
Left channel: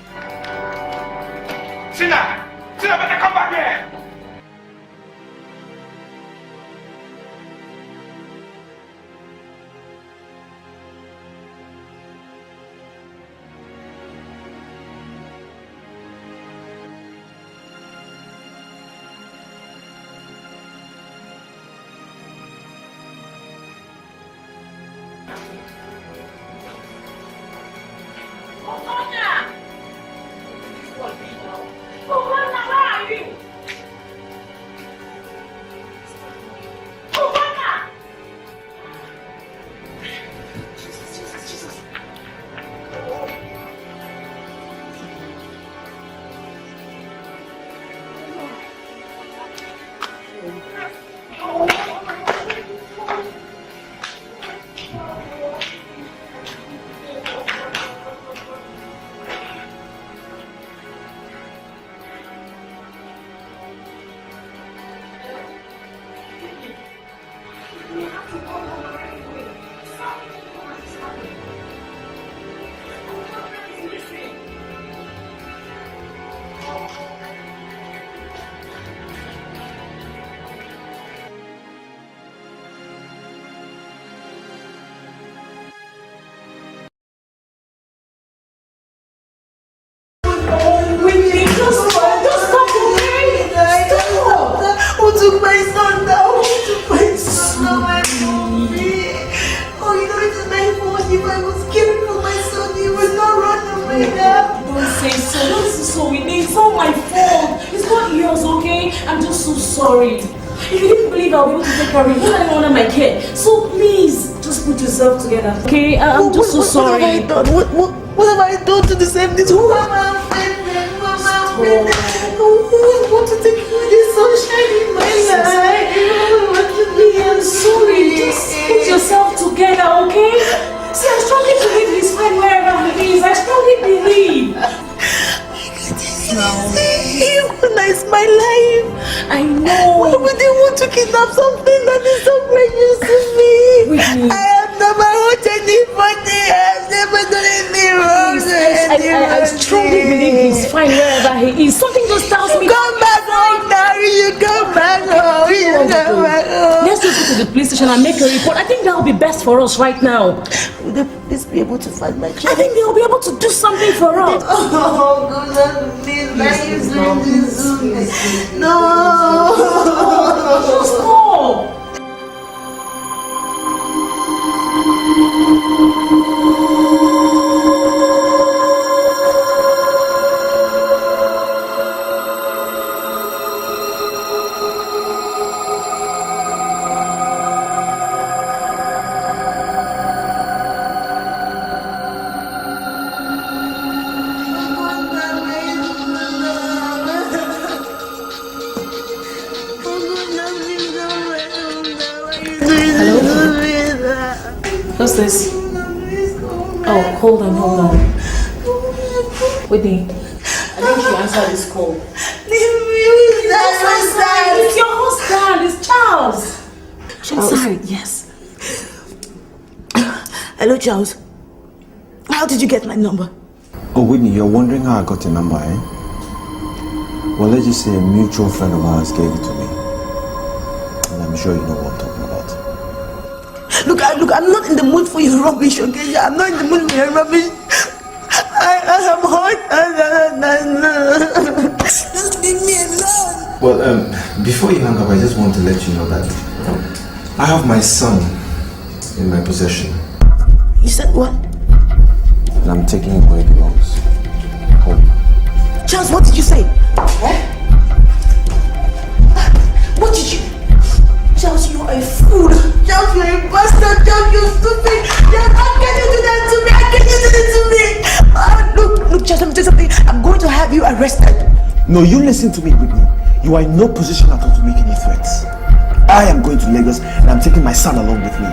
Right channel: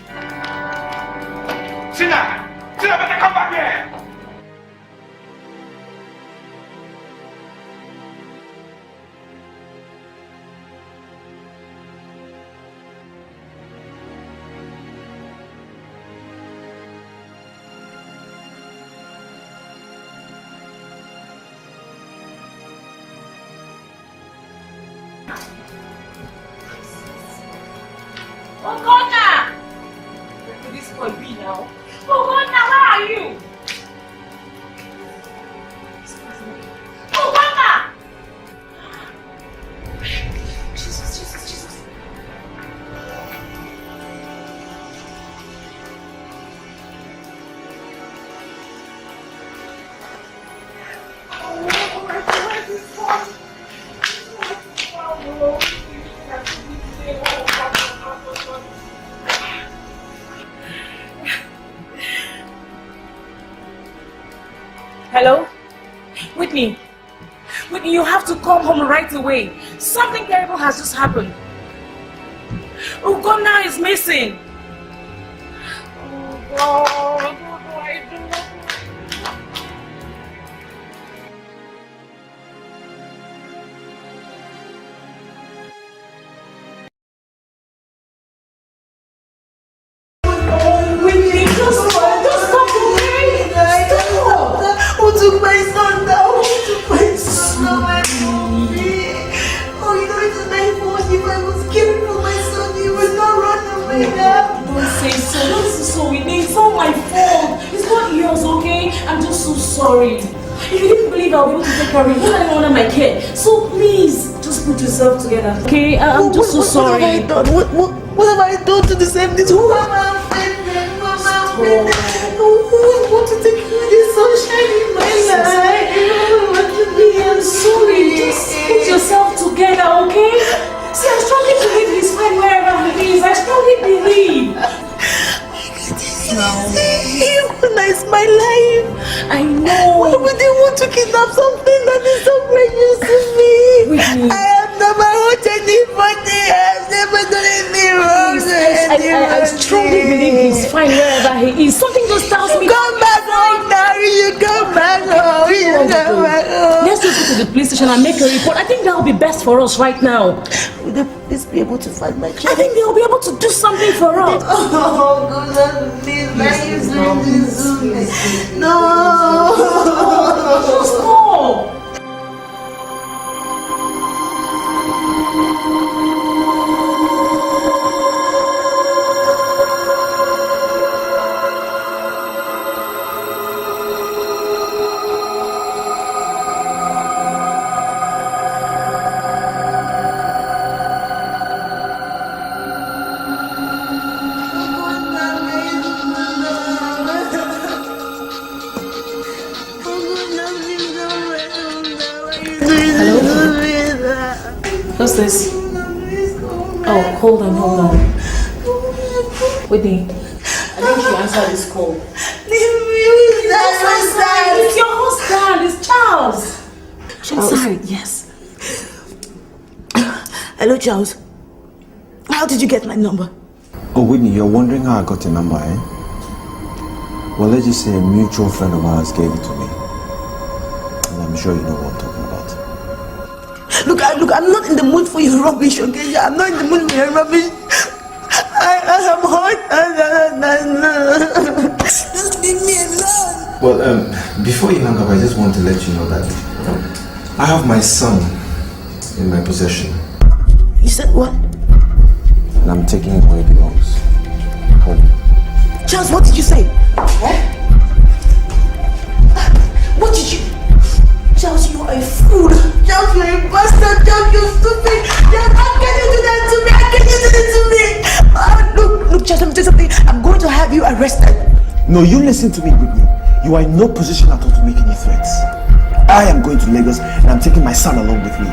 mine. Tina! Tina, better come back here! Hello? Whitney, you have to come home right away. Something terrible has just happened. Ugonna is missing. Oh, God. Who took my son down? Who took my son away from me? Oh, you know it's my fault. If I was caring for my son, he would not run away now. Don't say so. Don't say so, Whitney. It's not my fault. It's not yours, okay? I'm just so sorry. If you didn't believe I'll be able to take care of you, I don't want my care. So please, just put yourself together, okay? I'm just so sorry. What have I done? What have I done to deserve this? Who am I offended? Who am I offended? Who is going to take away the sunshine in my life? I'm sorry. Just put yourself together, okay? See, I strongly believe he's fine wherever he is. I strongly believe. It's my life. I know. Why would they want to kidnap something that is so precious to me? Whitney. I have never hurt anybody. I have never done anything wrong. I strongly believe he's fine wherever he is. Something just tells me. Come back home now. You come back home. You come back home. Let's just go to the police station and make a report. I think that will be best for us right now. Will the police be able to find my child? I think they'll be able to do something for us. Oh, goodness, please. No. Just go. What's this? Oh, hold on. Whitney, I think you answered this call. It's your husband, it's Charles. Sorry, yes. Hello, Charles. How did you get my number? Oh, Whitney, you're wondering how I got your number, eh? Well, let's just say a mutual friend of ours gave it to me. And I'm sure you know what I'm talking about. Look, I'm not in the mood for your rubbish, okay? I'm not in the mood for your rubbish. I am hurt. Just leave me alone. Well, before you hang up, I just want to let you know that I have my son in my possession. You said what? And I'm taking him where he belongs. Home. Charles, what did you say? What did you... Charles, you are a fool. Charles, you're a bastard. Charles, you're stupid. Charles, how can you do that to me? How can you do that to me? Look, Charles, let me tell you something. I'm going to have you arrested. No, you listen to me, Whitney. You are in no position at all to make any threats. I am going to Lagos and I'm taking my son along with me.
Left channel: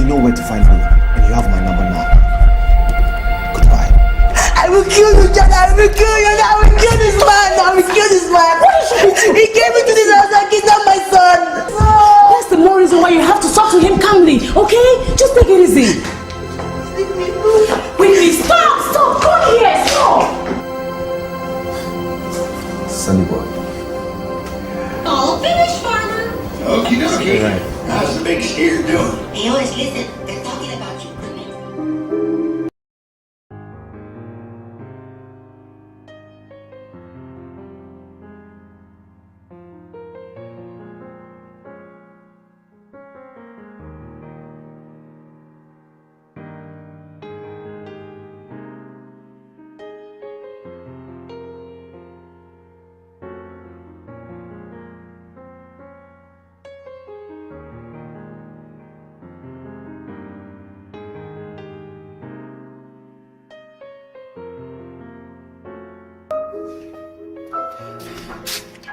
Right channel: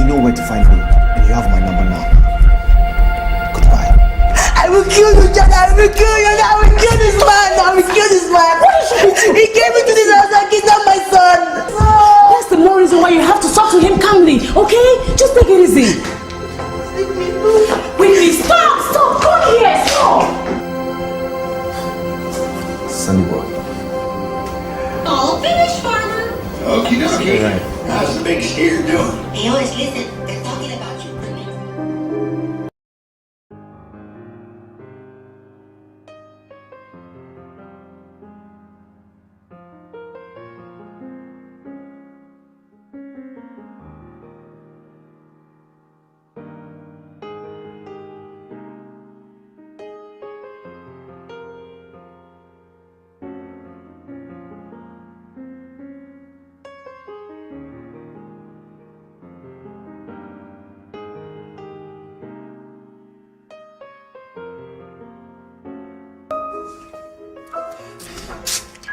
You know where to find me and you have my number now. Goodbye. I will kill you, Charles. I will kill you. I will kill this man. He came into this house and kidnapped my son. That's the more reason why you have to talk to him calmly, okay? Just take it easy. Whitney, stop! Come here, stop! Sunny boy. All finished, Father. Okie dokie. Right. How's the big steer doing? Hey, Otis, listen. They're talking about you.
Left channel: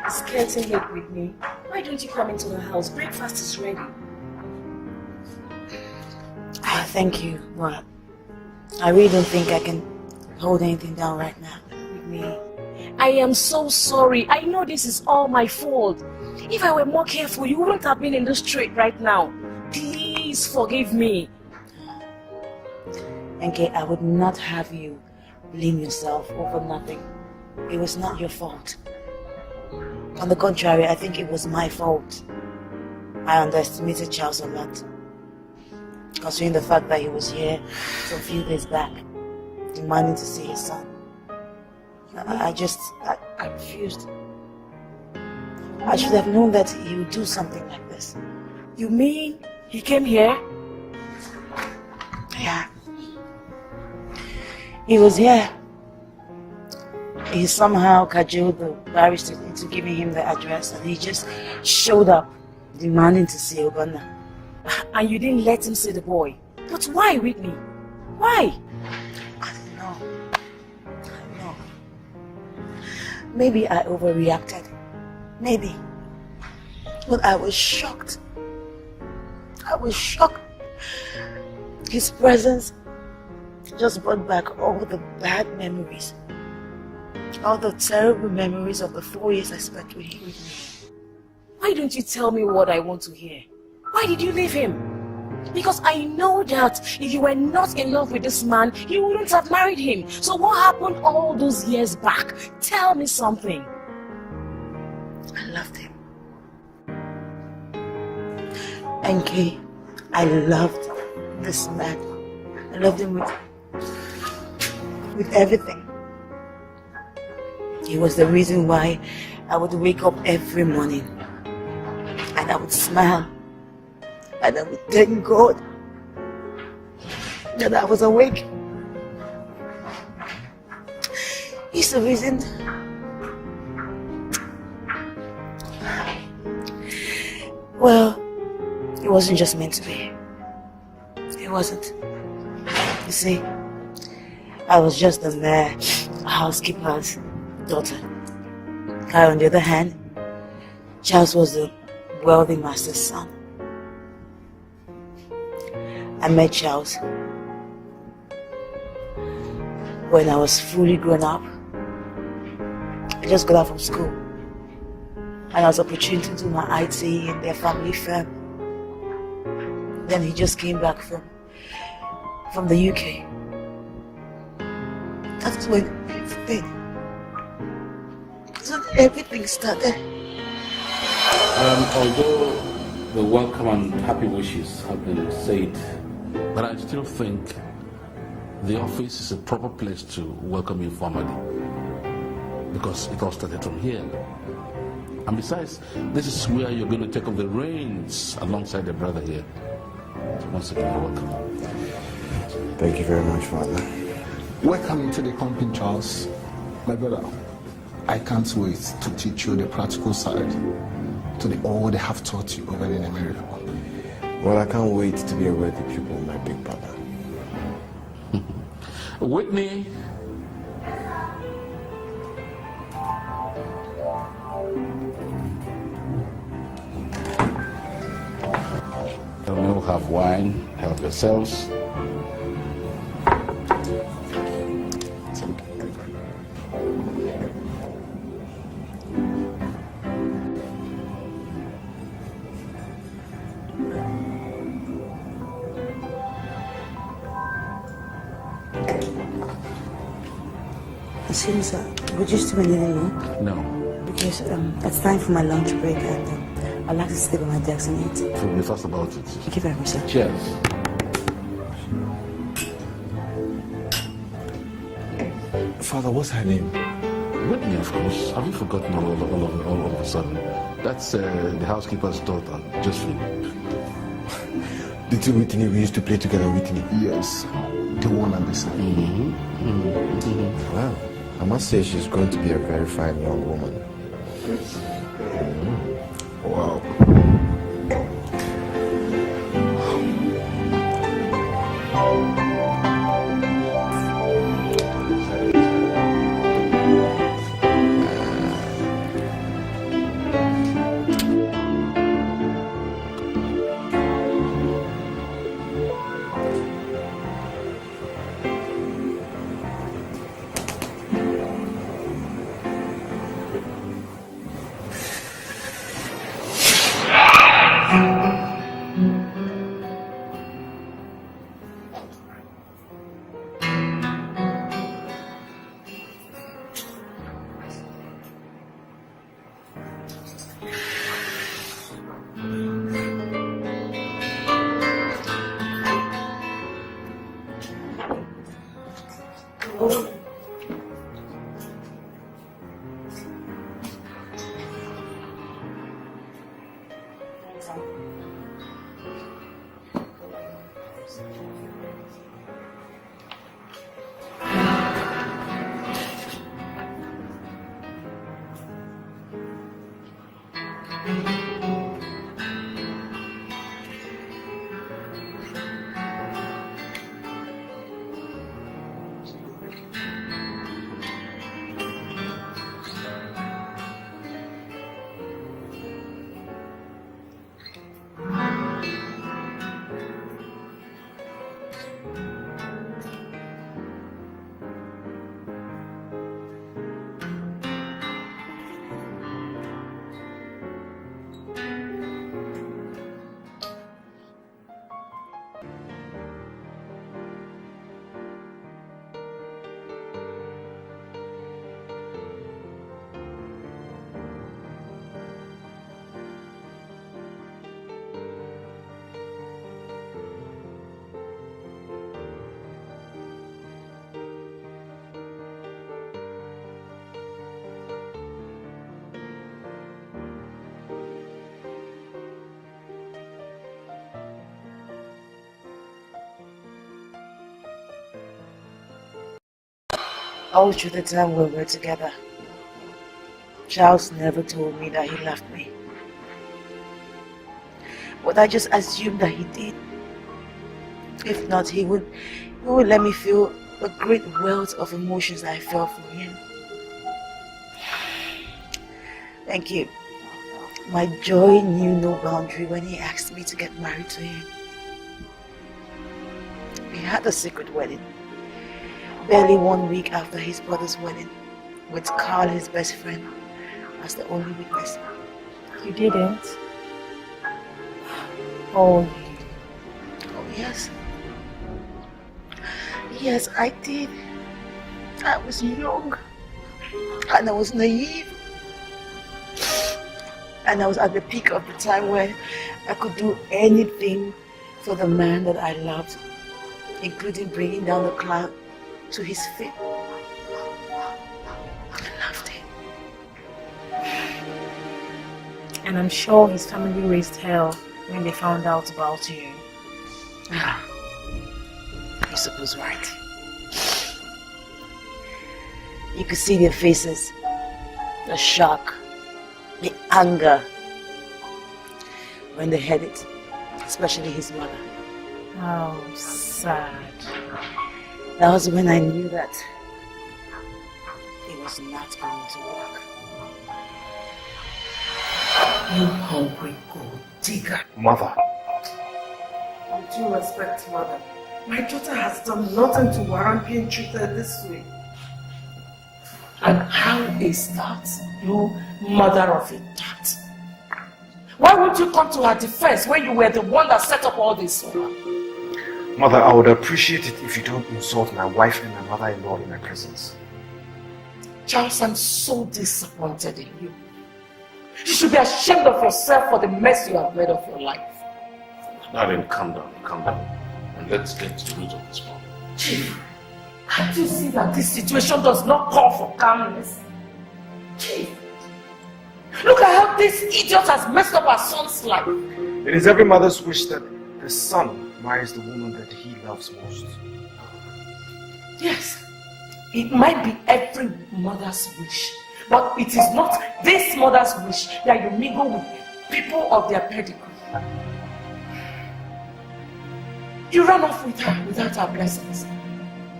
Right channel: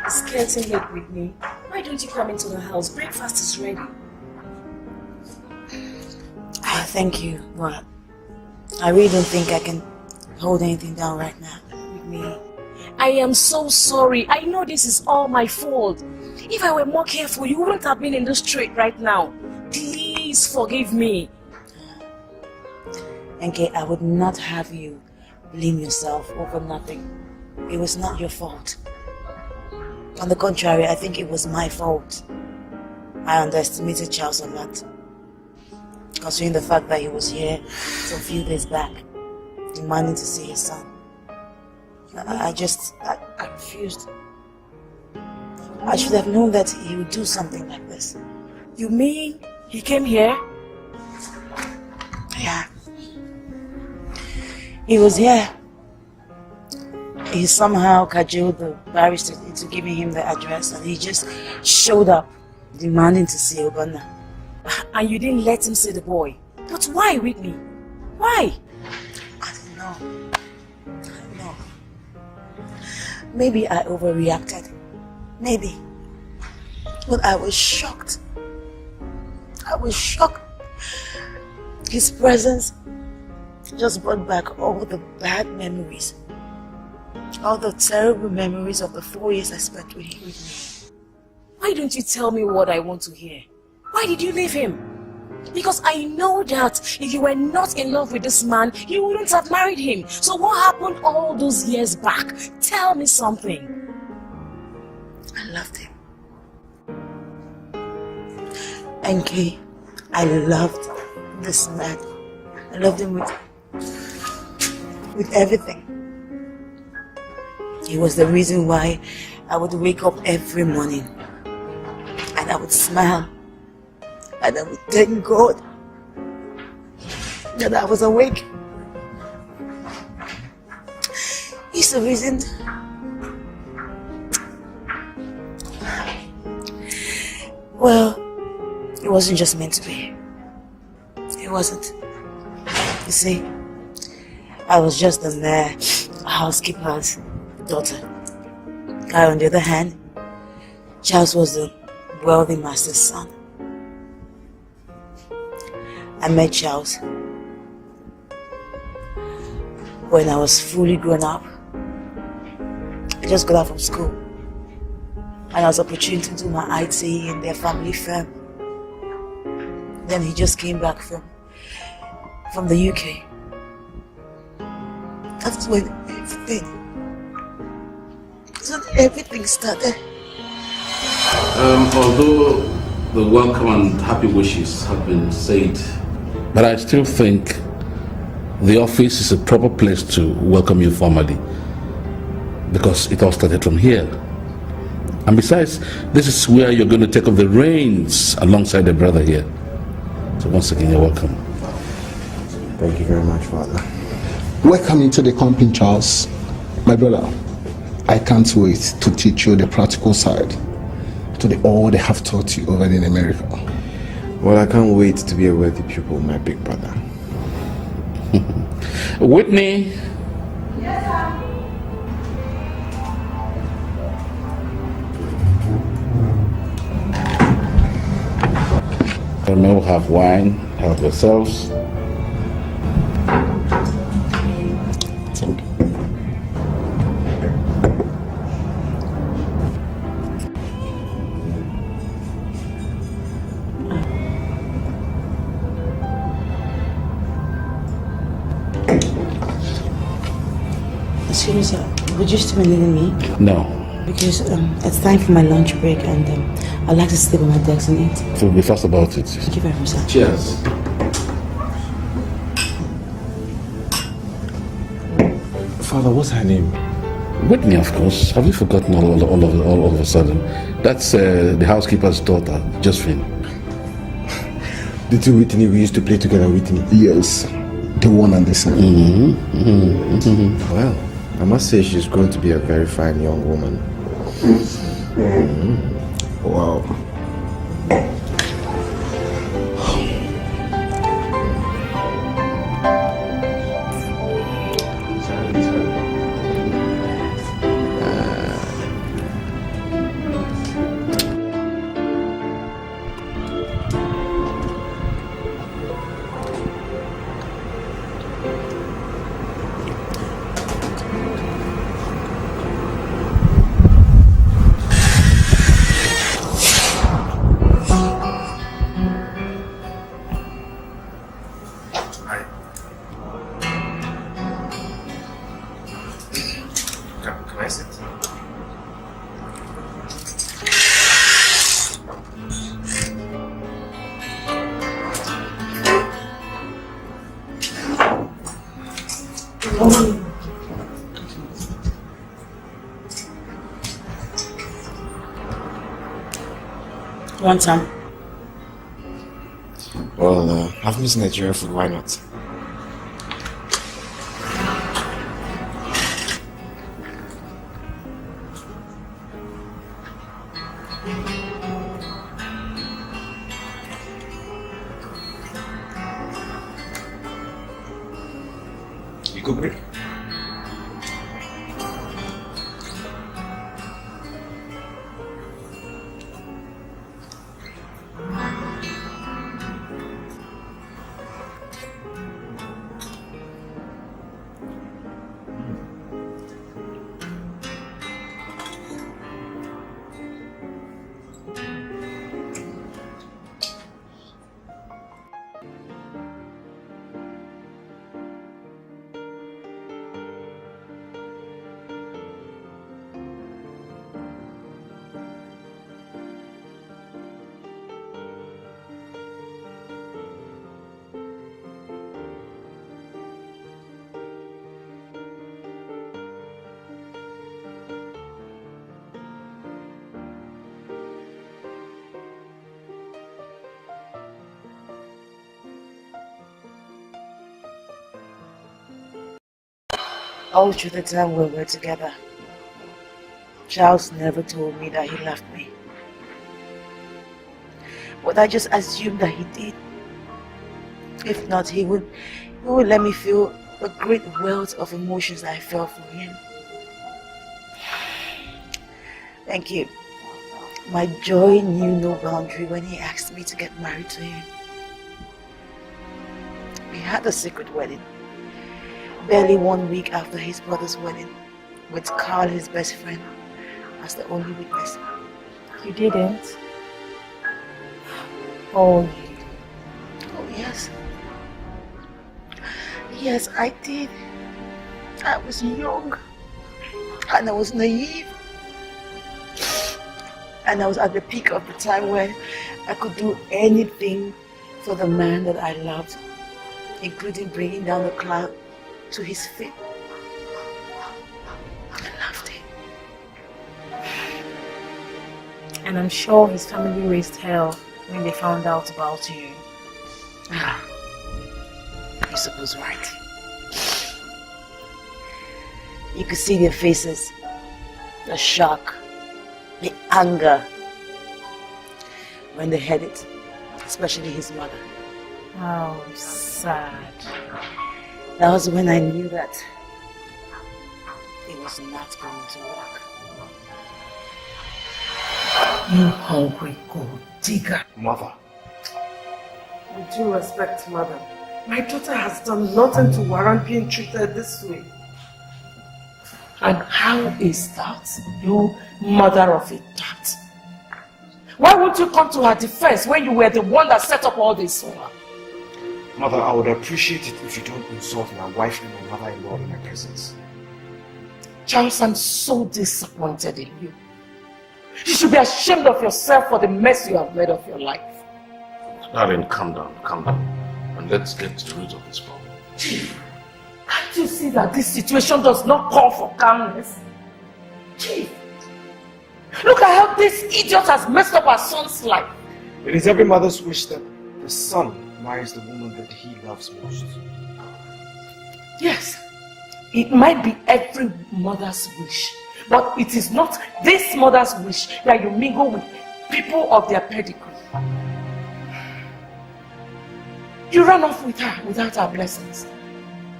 It's getting late, Whitney. Why don't you come into the house? Breakfast is ready. Thank you, but I really don't think I can hold anything down right now. Whitney, I am so sorry. I know this is all my fault. If I were more careful, you wouldn't have been in the street right now. Please forgive me. Okay, I would not have you blame yourself over nothing. It was not your fault. On the contrary, I think it was my fault. I underestimated Charles a lot. Considering the fact that he was here a few days back, demanding to see his son. I refused. I should have known that he would do something like this. You mean he came here? Yeah. He was here. He somehow cajoled the barrister into giving him the address, and he just showed up, demanding to see Ogonna. And you didn't let him see the boy. But why, Whitney? Why? I don't know. Maybe I overreacted. Maybe. But I was shocked. His presence just brought back all the bad memories. All the terrible memories of the 4 years I spent with him. Why don't you tell me what I want to hear? Why did you leave him? Because I know that if you were not in love with this man, you wouldn't have married him. So what happened all those years back? Tell me something. I loved him. NK, I loved this man. I loved him with everything. He was the reason why I would wake up every morning and I would smile and I would thank God that I was awake. He's the reason. Well, it wasn't just meant to be. It wasn't. You see, I was just the mere housekeeper's daughter. On the other hand, Charles was the wealthy master's son. I met Charles when I was fully grown up. I just got out from school and I was opportunity to do my IT in their family firm. Then he just came back from the UK. That's when everything started. Although the welcome and happy wishes have been said, but I still think the office is a proper place to welcome you formally, because it all started from here. And besides, this is where you're going to take up the reins alongside the brother here. So once again, you're welcome. Thank you very much, Father. Welcome into the company, Charles. My brother, I can't wait to teach you the practical side to all they have taught you over there in America. Well, I can't wait to be a wealthy pupil, my big brother. Whitney. Yes, sir. We'll have wine, help yourselves. Seriously, would you still be leaving me? No. Because it's time for my lunch break and I'd like to sleep on my desk and eat. So be fast about it. Thank you very much, sir. Cheers. Father, what's her name? Whitney, of course. Have you forgotten all of a sudden? That's the housekeeper's daughter, Josephine. The two Whitney we used to play together, Whitney? Yes, the one on the side. Well, I must say she's going to be a very fine young woman. Wow. Want some? Well, I've missed Nigerian food, why not? You go break. All through the time we were together, Charles never told me that he loved me. But I just assumed that he did. If not, he would let me feel the great wealth of emotions I felt for him. Thank you. My joy knew no boundary when he asked me to get married to him. We had a secret wedding. Barely 1 week after his brother's wedding, with Carl, his best friend, as the only witness. You didn't? Oh, yes. Yes, I did. I was young, and I was naive. And I was at the peak of the time where I could do anything for the man that I loved, including bringing down the Clout to his feet. I loved him. And I'm sure his family raised hell when they found out about you. You're supposed right. You could see their faces, the shock, the anger when they heard it, especially his mother. How sad. That was when I knew that it was not going to work. You hungry gold digger. Mother. With due respect, mother, my daughter has done nothing to warrant being treated this way. And how is that, you mother of a tat? Why won't you come to her defense when you were the one that set up all this? Mother, I would appreciate it if you don't insult my wife and my mother-in-law in my presence. Charles, I'm so disappointed in you. You should be ashamed of yourself for the mess you have made of your life. Darling, calm down, and let's get to the root of this problem. Chief, can't you see that this situation does not call for calmness? Chief, look at how this idiot has messed up our son's life. It is every mother's wish that the son marries the woman that he loves most. Yes, it might be every mother's wish, but it is not this mother's wish that you mingle with people of their pedigree. You run off with her without our blessings,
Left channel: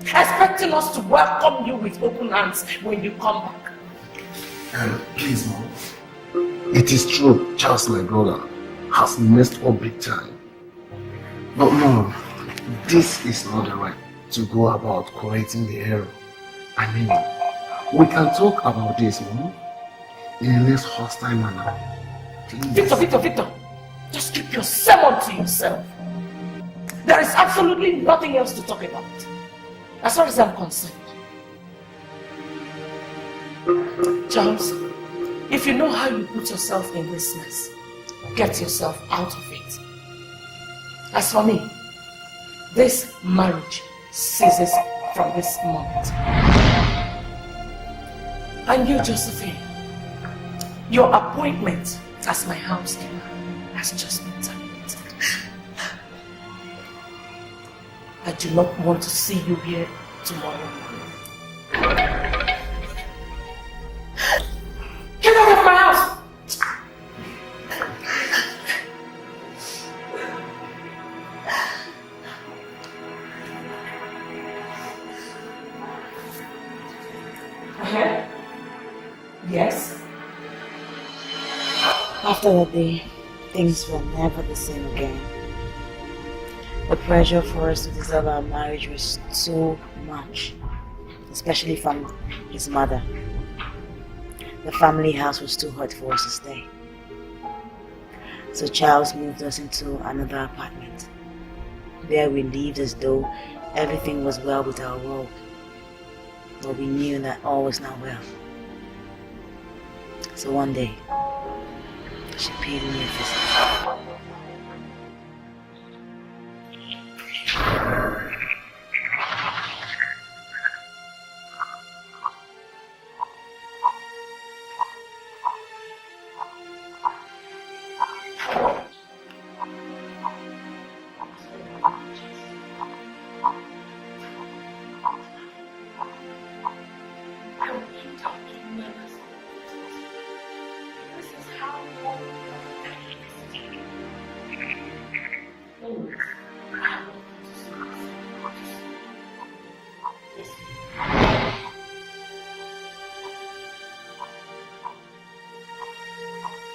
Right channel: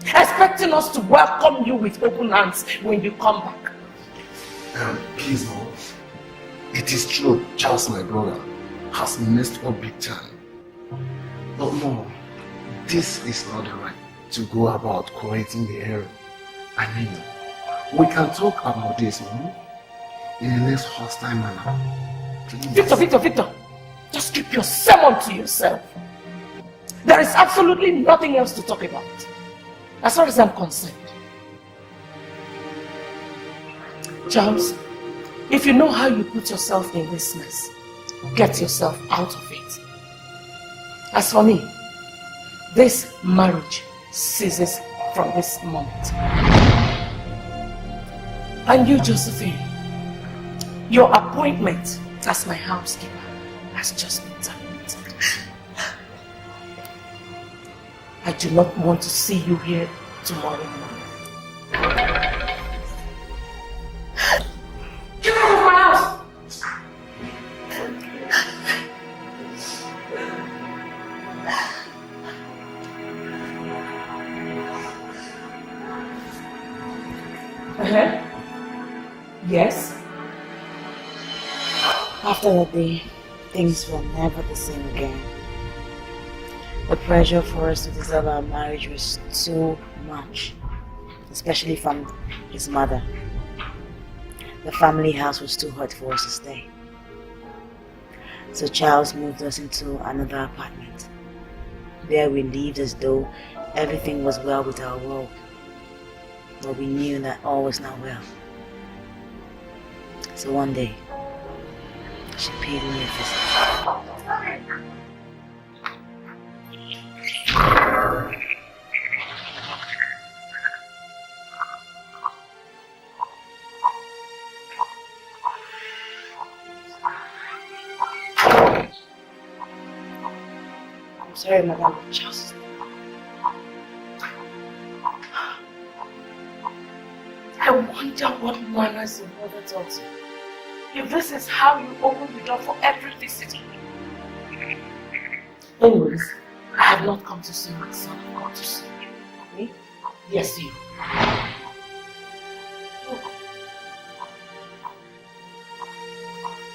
expecting us to welcome you with open hands when you come back. Please, Mom. It is true, Charles, my brother, has messed up big time. But Mom, this is not the right to go about correcting the error. I mean, we can talk about this, Mom, in a less hostile manner. Please. Victor, just keep your sermon to yourself. There is absolutely nothing else to talk about, as far as I'm concerned. Charles, if you know how you put yourself in this mess, get yourself out of it. As for me, this marriage ceases from this moment. And you, Josephine, your appointment as my housekeeper has just been terminated. I do not want to see you here tomorrow morning. Get out of my house! Yes? After that day, things were never the same again. The pressure for us to dissolve our marriage was too much, especially from his mother. The family house was too hot for us to stay. So Charles moved us into another apartment. There we lived as though everything was well with our world. But we knew that all was not well. So one day, she paid me a visit. Sorry, Madam, just. I wonder what manners your mother taught you. If this is how you open the door for every visitor. Anyways, I have not come to see my son. I've come to see you. Me? Yes, you.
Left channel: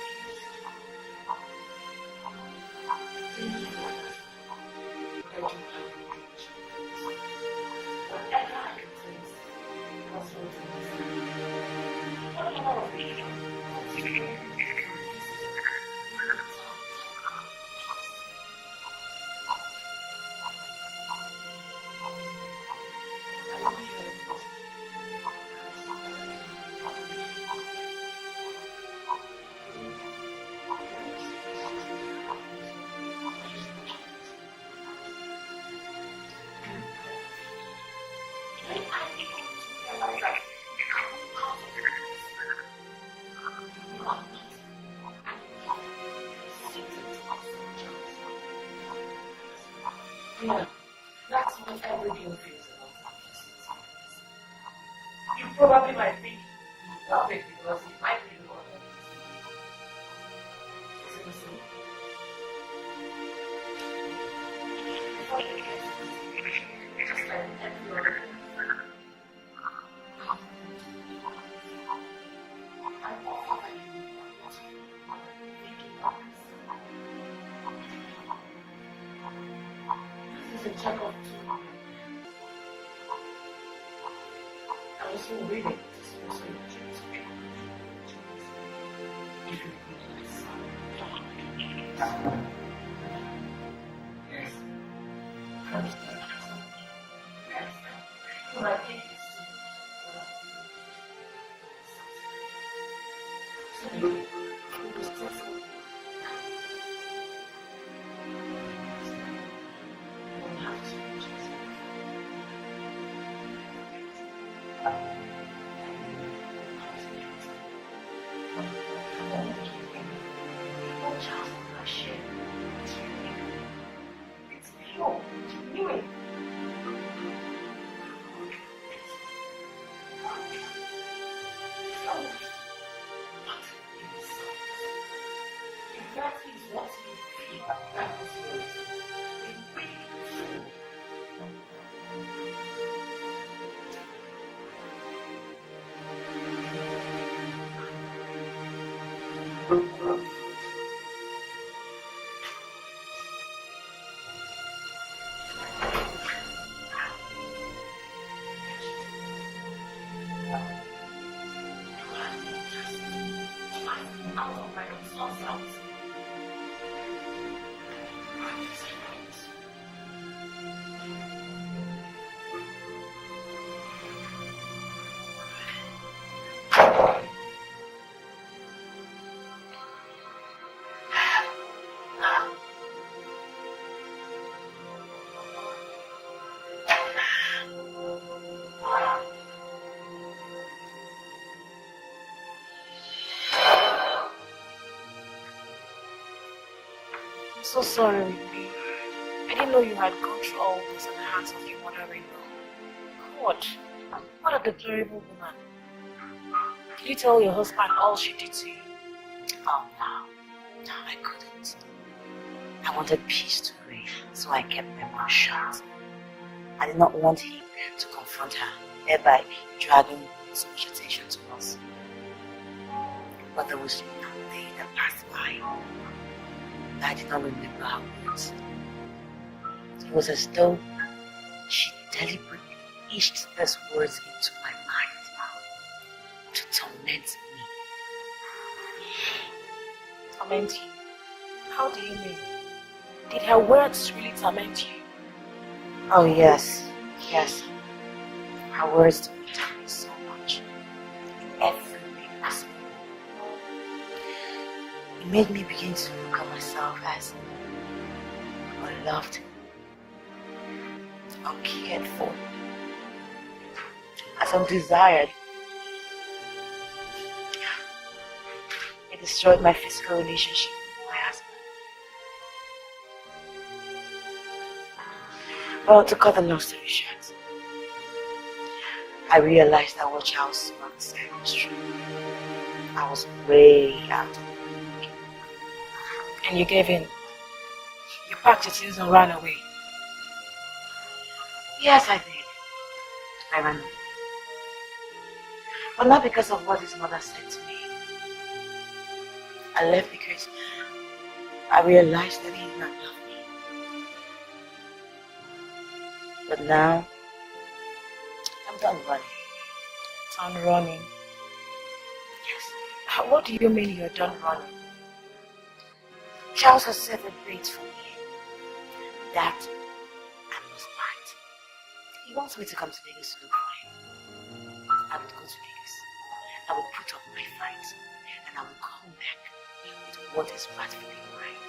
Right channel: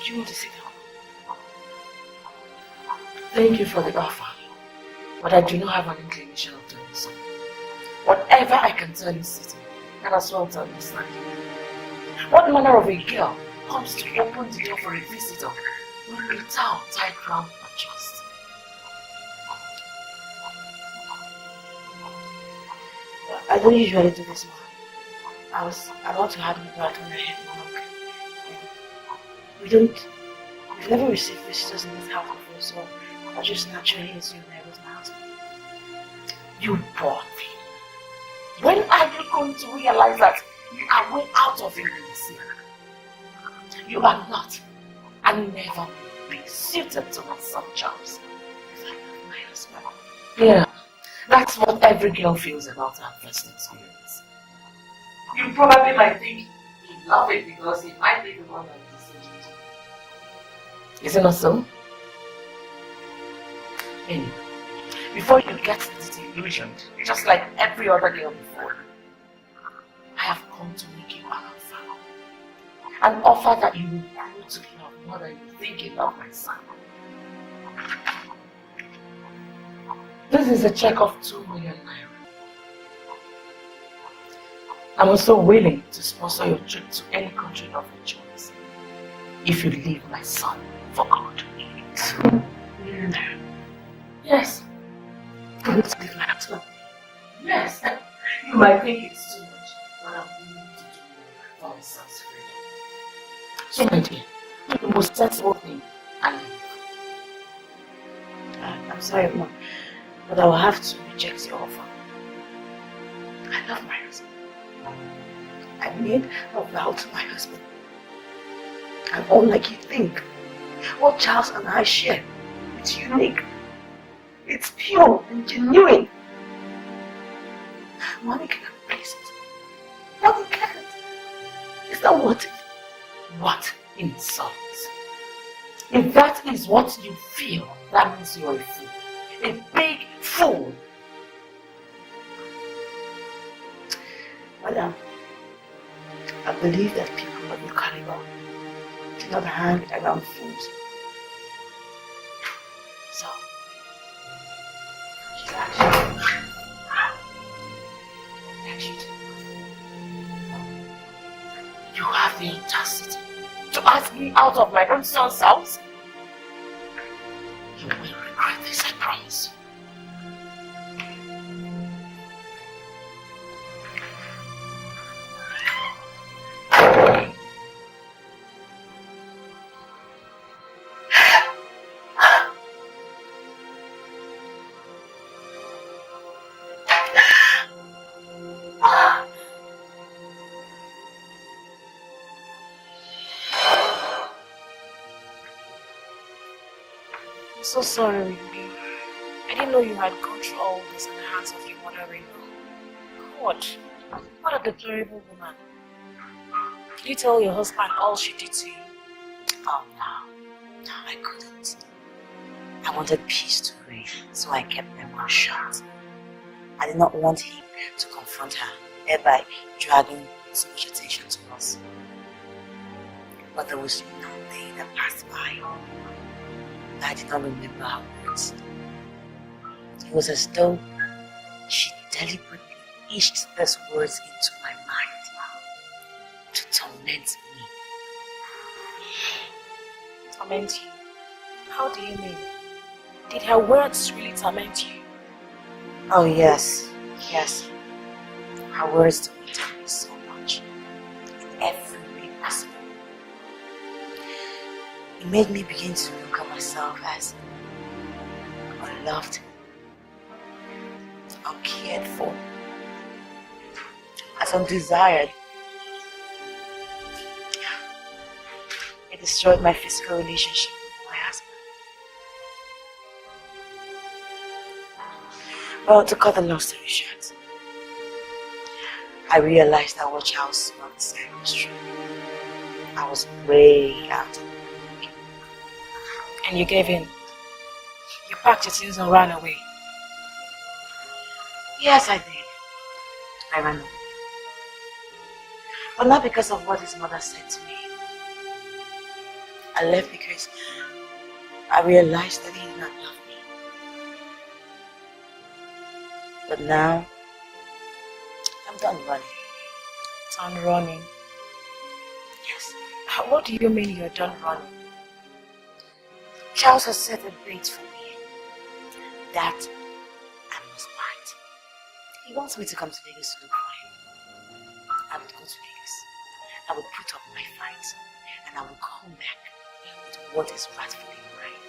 Do you want to sit down? Thank you for the offer, but I do not have an inclination of doing so. Whatever I can tell you, City, and as well tell you, Snacky. What manner of a girl comes to open the door for a visitor without tight ground of trust? I don't usually do this, I was about to have you back on the head. We've never received visitors in this house before, so I just naturally assumed I was my husband. You poor thing. When are you going to realize that you are way out of your place? You are not, and never be suited to my son Charles. My husband. Yeah, that's what every girl feels about her first experience. You probably might think you love it because it might be the one that is it. Is it not so? Anyway, before you get disillusioned, just like every other girl before, I have come to make you an offer. An offer that you will want to love more than you think you love my son. This is a check of 2 million naira. I'm also willing to sponsor your trip to any country of your choice if you leave my son for God. Yes. I will leave my husband. Yes. You might think it's too much, but I'm willing to do it for my son's freedom. So my dear, the most sensible thing and I'm sorry, Mom, but I will have to reject your offer. I love my husband. I made a vow to my husband. And unlike you think, what Charles and I share, it's unique. It's pure and genuine. Money can replace it. Money can't. Is that what? What insults? If that is what you feel, that means you're a fool. A big fool. Madam, I believe that people of the caliber do not hang around fools. So, you have the audacity to ask me out of my own son's house? You will regret this, I promise. so sorry with me. I didn't know you had gone through all this in the hands of your mother-in-law. God, what a deplorable woman. Did you tell your husband all she did to you? Oh no, I couldn't. I wanted peace to reign, so I kept my mouth shut. I did not want him to confront her, thereby dragging so much attention to us. But there was no day that passed by that I did not remember her words. It was as though she deliberately etched those words into my mind to torment me. Torment you? How do you mean? Did her words really torment you? Oh yes, yes. Her words tormented me so much, in every way possible. It made me begin to look at myself as unloved, uncared for, as undesired. It destroyed my physical relationship with my husband. Well, to cut the long story short, I realized that what Charles Smart said was true. I was way out of the league. And you gave in? You packed your things and ran away? Yes, I did. I ran away. But not because of what his mother said to me. I left because I realized that he did not love me. But now, I'm done running. Done running? Yes. What do you mean you're done running? Charles has set a bait for me. That I must bite. He wants me to come to Vegas to look for him. I would go to Vegas. I would put up my fight. And I will come back with what is rightfully mine.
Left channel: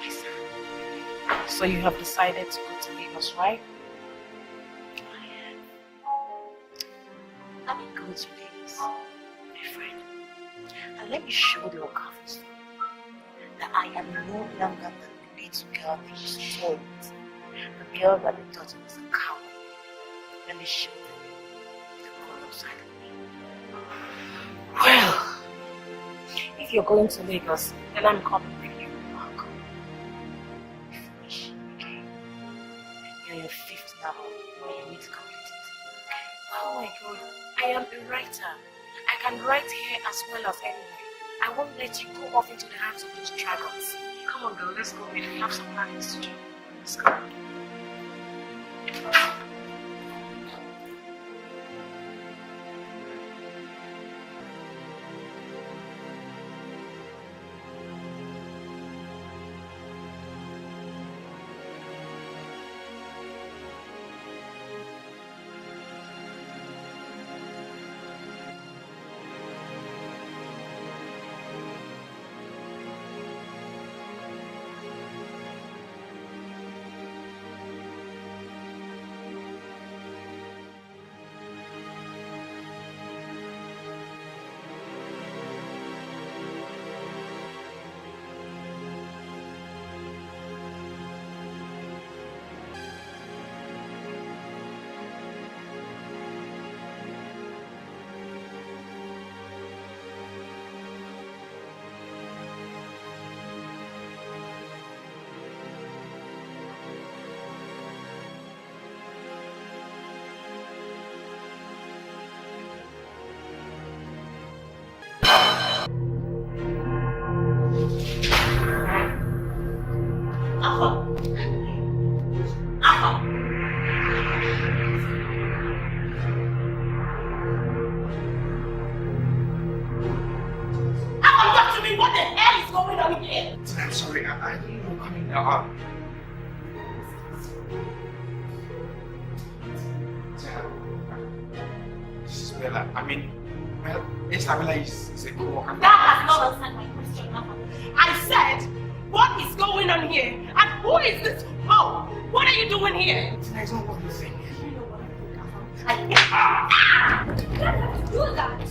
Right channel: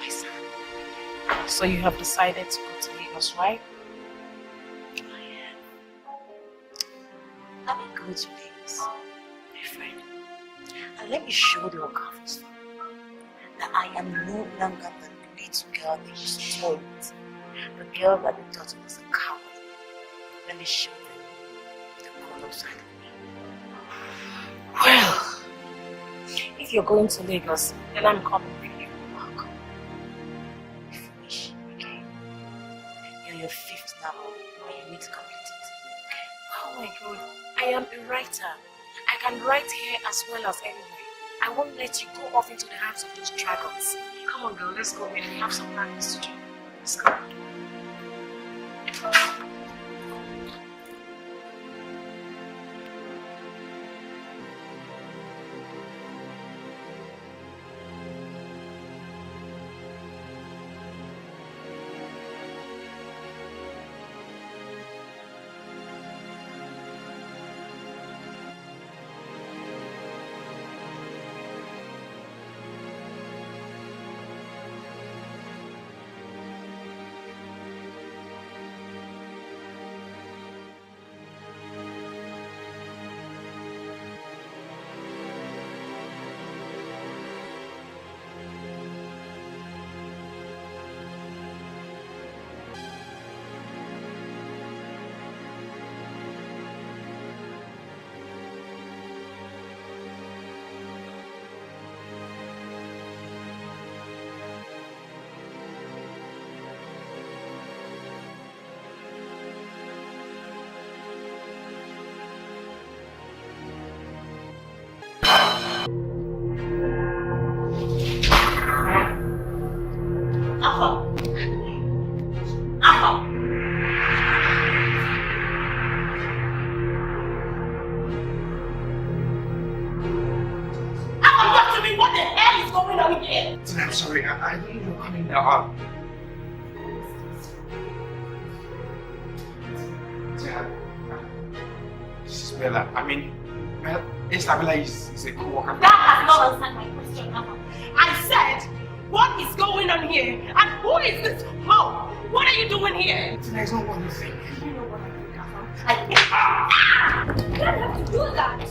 My son. So you have decided to go to Lagos, right? I am. Let me go to Vegas, my friend. And let me show the Okafors that I am no longer the little girl they used to toy with. The girl that they thought was a coward. Let me show them the color side of me. Well, if you're going to Lagos, then I'm coming with you. Welcome. Finish, okay? You're your 5th novel, and you need to complete it, okay? Oh my God, I am a writer. I can write here as well as anywhere. I won't let you go off into the hands of those dragons. Come on girl, let's go. We have some practice to do. Let's go. I'm sorry, I didn't know you were coming now. This is Bella. I mean, Isabella is a co-worker. That has not answered my question, Papa. I said, what is going on here? And who is this hoe? What are you doing here? Tina, it's not what you think. You know what I think, Papa. You don't have to do that.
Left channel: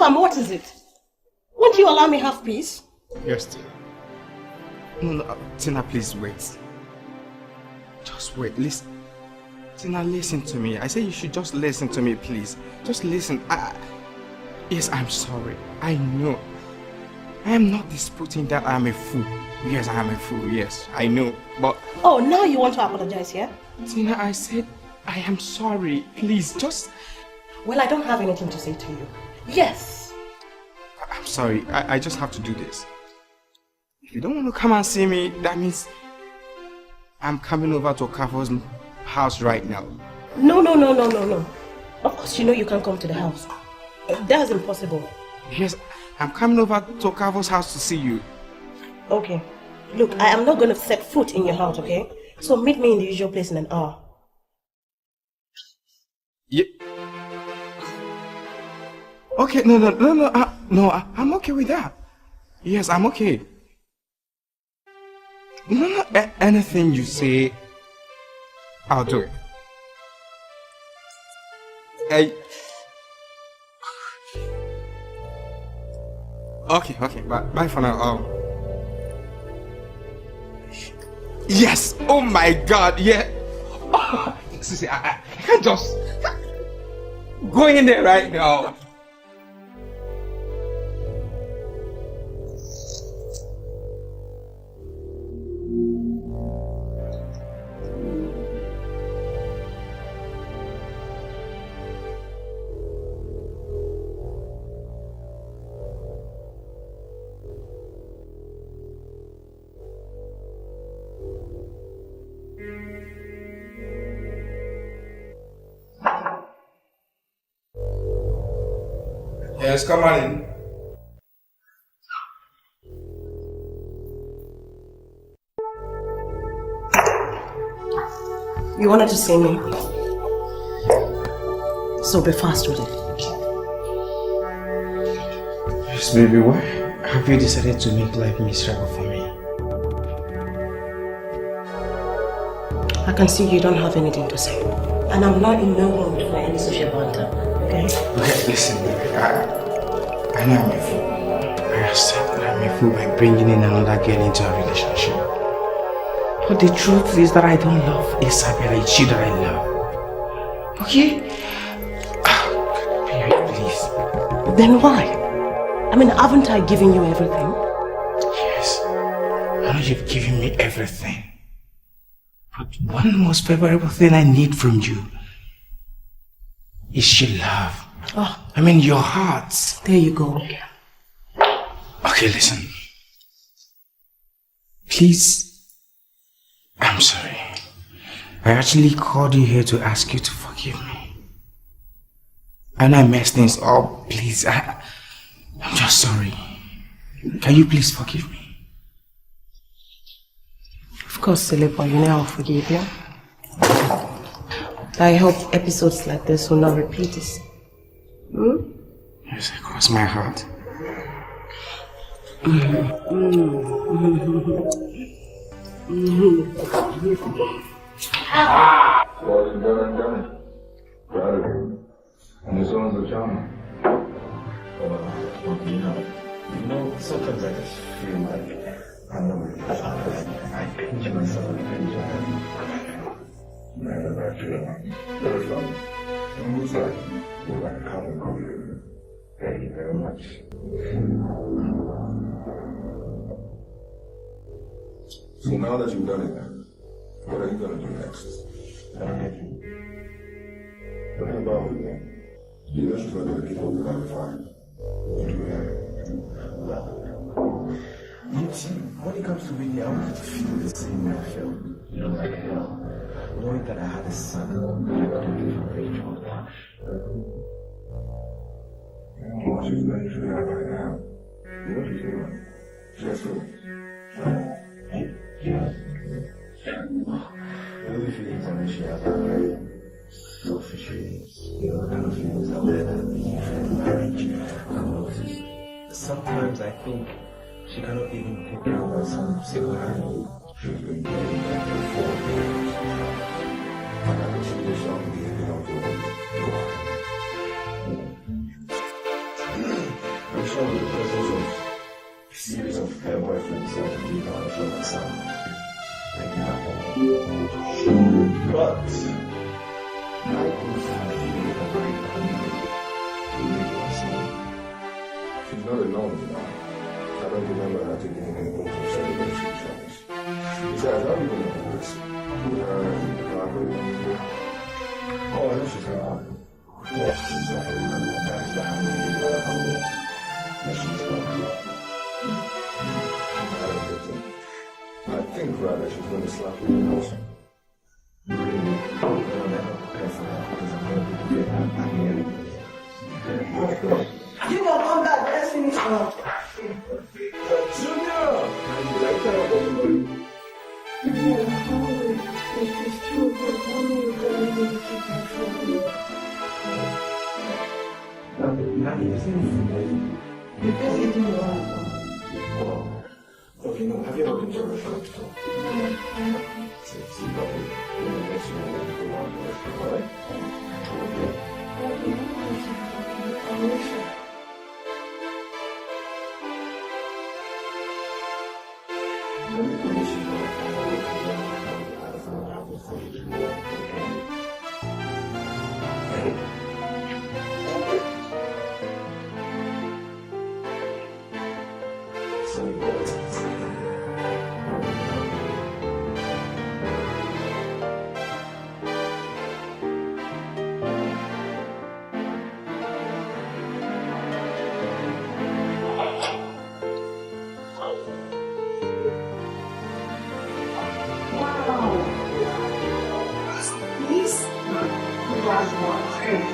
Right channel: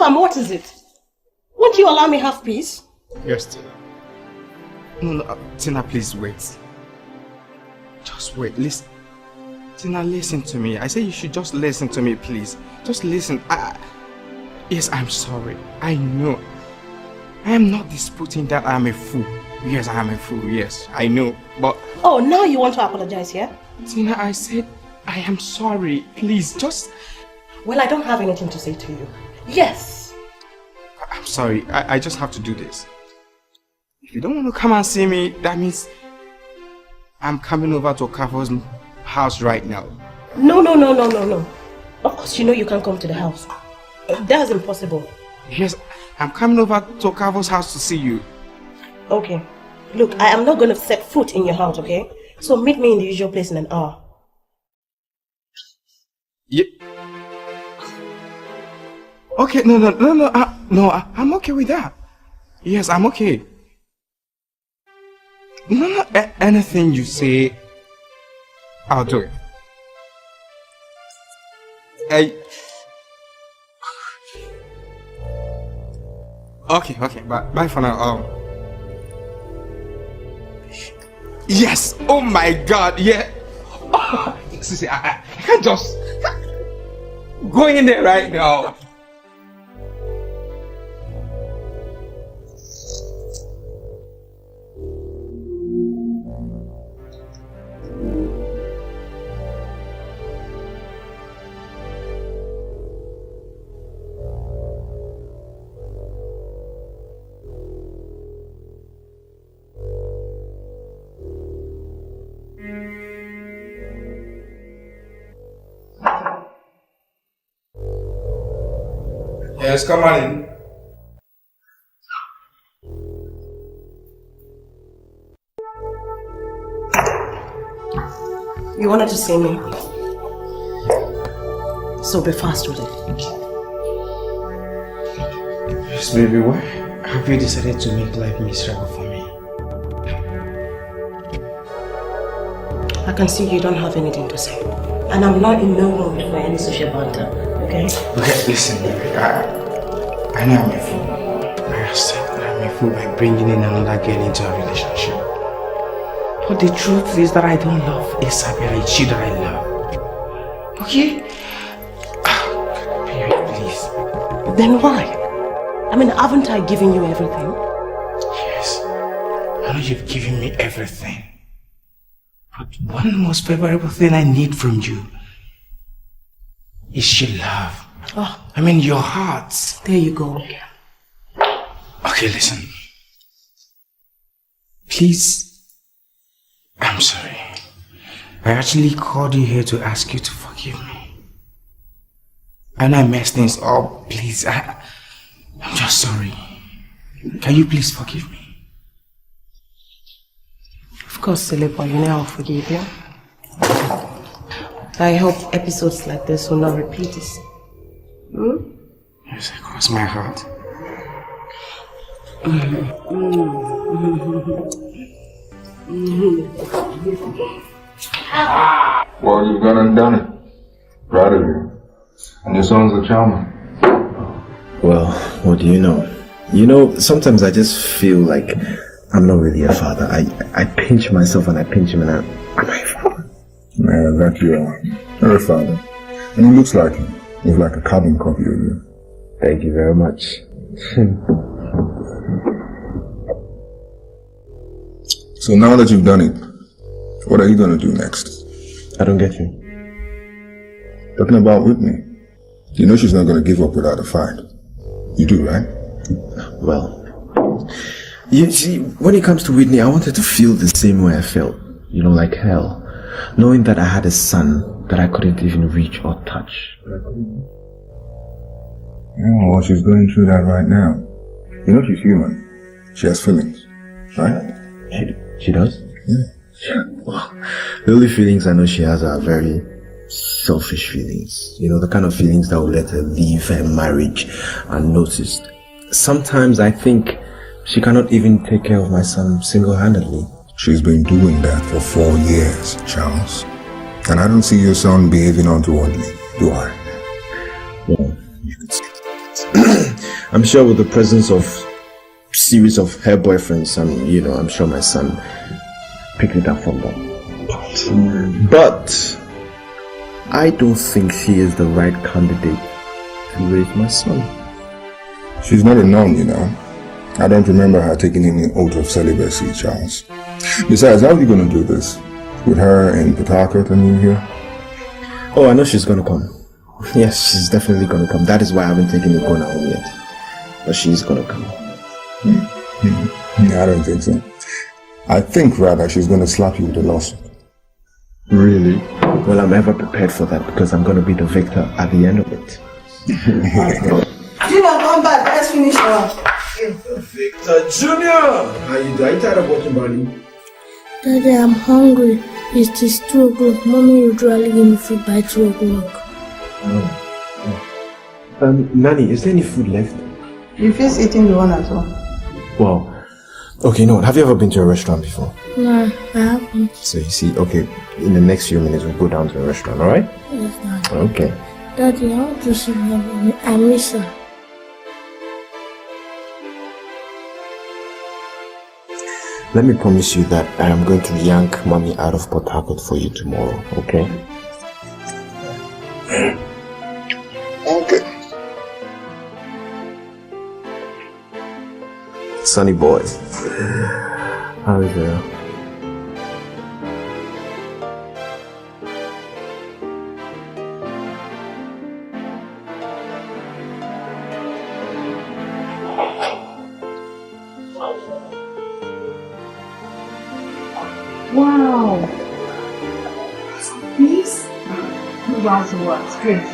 Alpha, what is it? Won't you allow me have peace? Yes, Tina. No, Tina, please wait. Just wait. Listen. Tina, listen to me. I say you should just listen to me, please. Just listen. Yes, I'm sorry. I know. I am not disputing that I am a fool. Yes, I am a fool. Yes, I know. But... Oh, now you want to apologize, yeah? Tina, I said I am sorry. Please, just... Well, I don't have anything to say to you. Yes. I'm sorry. I just have to do this. If you don't want to come and see me, that means I'm coming over to Okafor's house right now. No. Of course, you know you can't come to the house. That's impossible. Yes, I'm coming over to Okafor's house to see you. Okay. Look, I am not going to set foot in your house, okay? So meet me in the usual place in an hour. Yeah. Okay, no, I'm okay with that. Yes, I'm okay. No, anything you say, I'll do it. Okay, bye for now. Yes, oh my God, yeah. Oh, see, I can't just go in there right now. Yes, come on in. You wanted to see me? So be fast with it. Yes, baby, why have you decided to make life miserable for me? I can see you don't have anything to say. And I'm not in no mood for any social banter, okay? Okay, listen, baby, I know I'm a fool. I accept that I'm a fool by bringing in another girl into a relationship. But the truth is that I don't love Isabella, it's you that I love. Okay? Baby, please. Then why? I mean, haven't I given you everything? Yes, I know you've given me everything. But one most favorable thing I need from you is your love. Oh. I mean, your heart. There you go. Okay, listen. Please. I'm sorry. I actually called you here to ask you to forgive me. And I messed things up. Please, I'm just sorry. Can you please forgive me? Of course, silly boy, you know I'll forgive you. I hope episodes like this will not repeat this. Yes, I cross my heart. Well, you've gone and done it. Proud of you. And your sons are charming. Well, what do you know? You know, sometimes I just feel like I'm not really a father. I pinch myself and I pinch him and am I a father? Yeah, that you are. You're a father. And he looks like him. He's like a carbon copy of you. Thank you very much. So now that you've done it, what are you going to do next? I don't get you. Talking about Whitney. You know she's not going to give up without a fight. You do, right? Well, you see, when it comes to Whitney, I wanted to feel the same way I felt. You know, like hell. Knowing that I had a son that I couldn't even reach or touch. Yeah, well, she's going through that right now. You know she's human. She has feelings, right? She does? Yeah. Well, the only feelings I know she has are very selfish feelings. You know, the kind of feelings that would let her leave her marriage unnoticed. Sometimes I think she cannot even take care of my son single-handedly. She's been doing that for 4 years, Charles. And I don't see your son behaving untowardly, do I? Yeah. I'm sure with the presence of series of her boyfriends, I'm sure my son picked it up from them. But I don't think she is the right candidate to raise my son. She's not a nun, you know. I don't remember her taking any oath of celibacy, Charles. Besides, how are you going to do this? With her in Port Harcourt and you here? Oh, I know she's going to come. Yes, she's definitely going to come. That is why I haven't taken the corner home yet. But she's going to come. I don't think so. I think rather she's going to slap you with a lawsuit. Really? Well, I'm ever prepared for that because I'm going to be the victor at the end of it. Junior, come back. Let's finish now. Junior! Are you tired of walking, buddy? Daddy, I'm hungry. It's just 2 o'clock. Mommy usually give me food by 2 o'clock. Nanny, is there any food left? You first eating the one at home. Wow. Okay, no. Have you ever been to a restaurant before? No, I haven't. So you see, okay, in the next few minutes we'll go down to the restaurant, alright? Yes, Daddy. Okay. Daddy, I want to see Mommy. I miss her. Let me promise you that I am going to yank Mommy out of Port Harcourt for you tomorrow, okay? Okay. Sunny boy. How is it? Wow. This was great.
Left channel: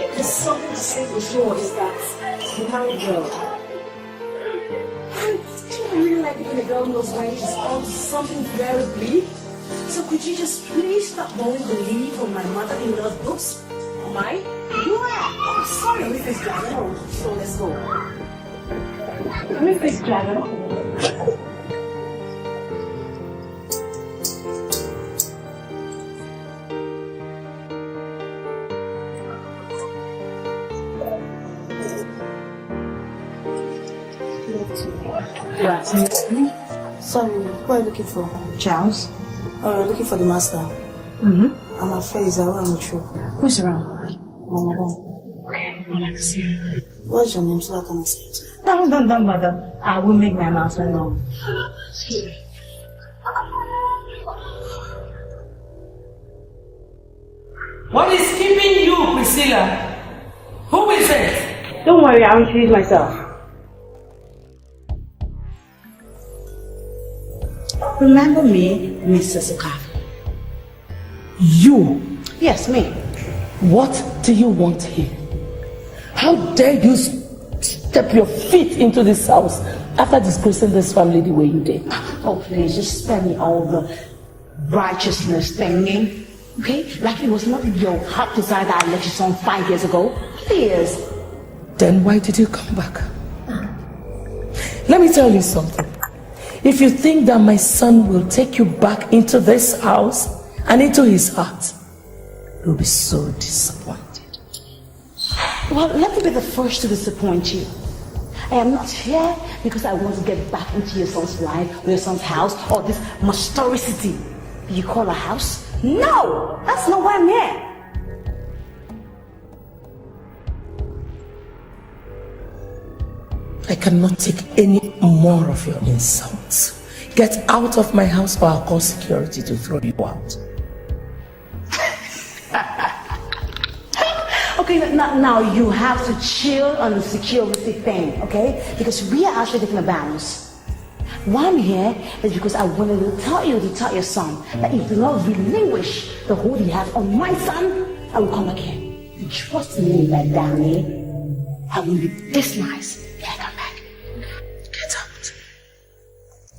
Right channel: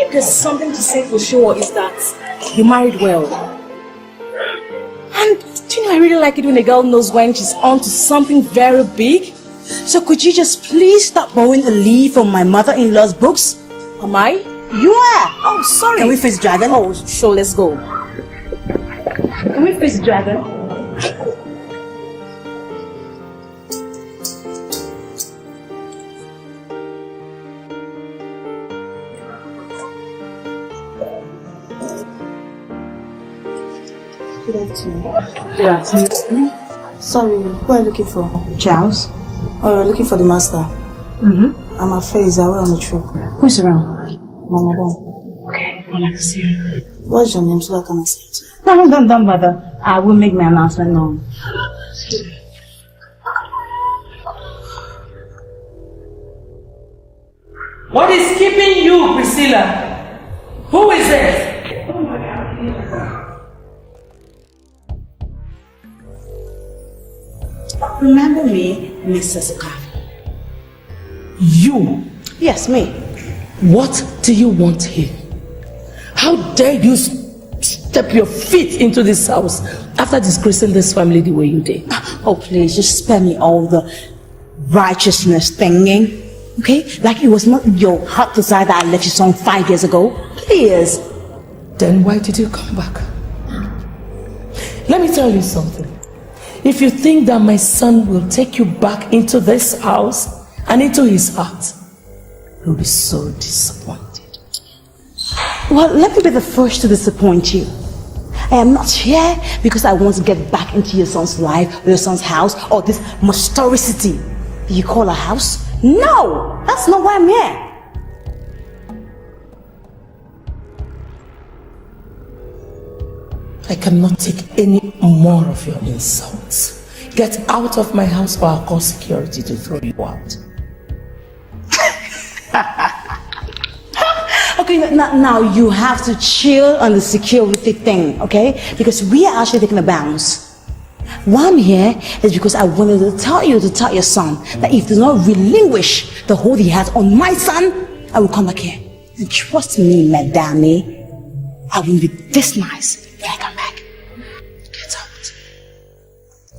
If there's something to say for sure is that he married well. And I really like it when a girl knows when she's on to something very big. So could you just please stop borrowing the leaf from my mother-in-law's books? Am I? You are. Oh, sorry. Can we face dragon? Oh, sure, let's go. Can we face dragon? Good afternoon. Good afternoon. Sorry, who are you looking for? Charles? Oh, you're looking for the master. Mm-hmm. I'm afraid he's away on the trip. Who's around? Mama. Okay, I'd like to see you. What's your name so I can say it? No, don't bother. I will make my announcement known. What is keeping you, Priscilla? Who is it? Don't worry, I'll introduce myself. Remember me, Mrs. Okafor? You? Yes, me. What do you want here? How dare you step your feet into this house after disgracing this family the way you did? Oh, please, just spare me all the righteousness thinking, okay? Like it was not your heart desire that I left you some 5 years ago. Please. Then why did you come back? Let me tell you something. If you think that my son will take you back into this house and into his heart, you'll be so disappointed. Well, let me be the first to disappoint you. I am not here because I want to get back into your son's life or your son's house or this monstrosity you call a house. No, that's not why I'm here. I cannot take any more of your insults. Get out of my house or I'll call security to throw you out. Okay, now you have to chill on the security thing, okay? Because we are actually taking a bounce. Why I'm here is because I wanted to tell your son that if he does not relinquish the hold he has on my son, I will come back here. And trust me, madame, I will be this nice when I come back. Get out.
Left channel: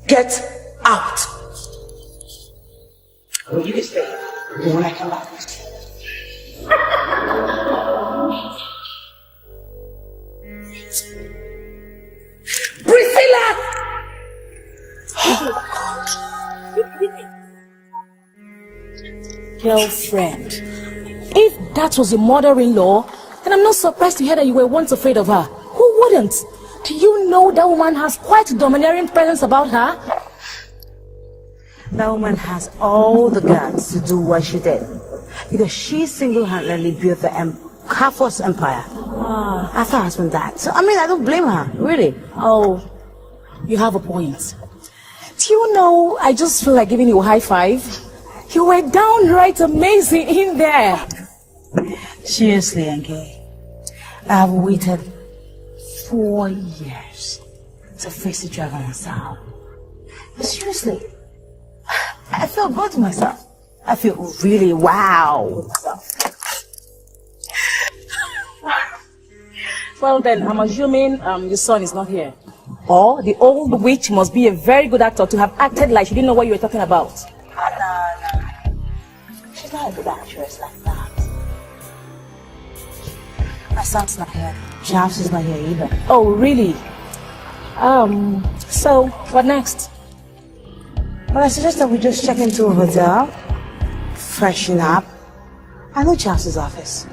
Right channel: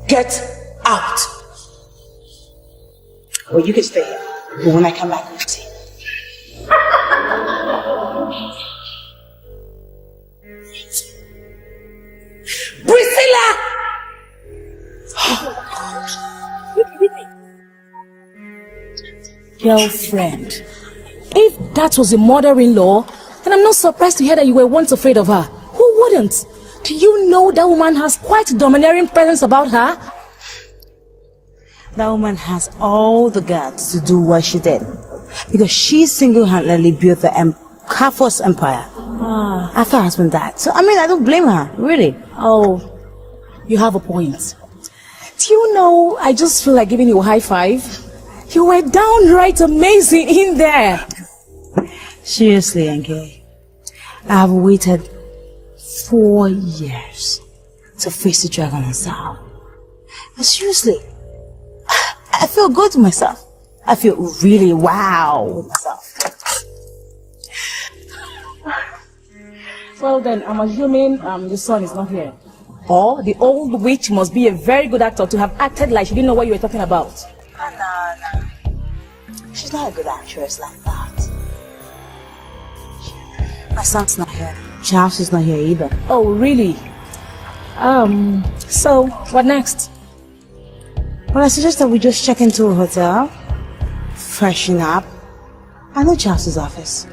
Get out. Or you can stay here. But when I come back, I'll see. Priscilla! Girlfriend. If that was your mother-in-law, then I'm not surprised to hear that you were once afraid of her. Who wouldn't? Do you know that woman has quite a domineering presence about her? That woman has all the guts to do what she did. Because she single-handedly built the Okafors empire. After her husband died. So, I don't blame her, really. Oh, you have a point. Do you know, I just feel like giving you a high five. You were downright amazing in there. Seriously, Enke. I've waited 4 years to face the dragon myself. Seriously, I feel good to myself. I feel really wow. Well then, I'm assuming your son is not here. Or the old witch must be a very good actor to have acted like she didn't know what you were talking about. No. She's not a good actress like that. My son's not here. Charles is not here either. Oh, really? So, what next? Well, I suggest that we just check into a hotel, freshen up. I know Charles' office.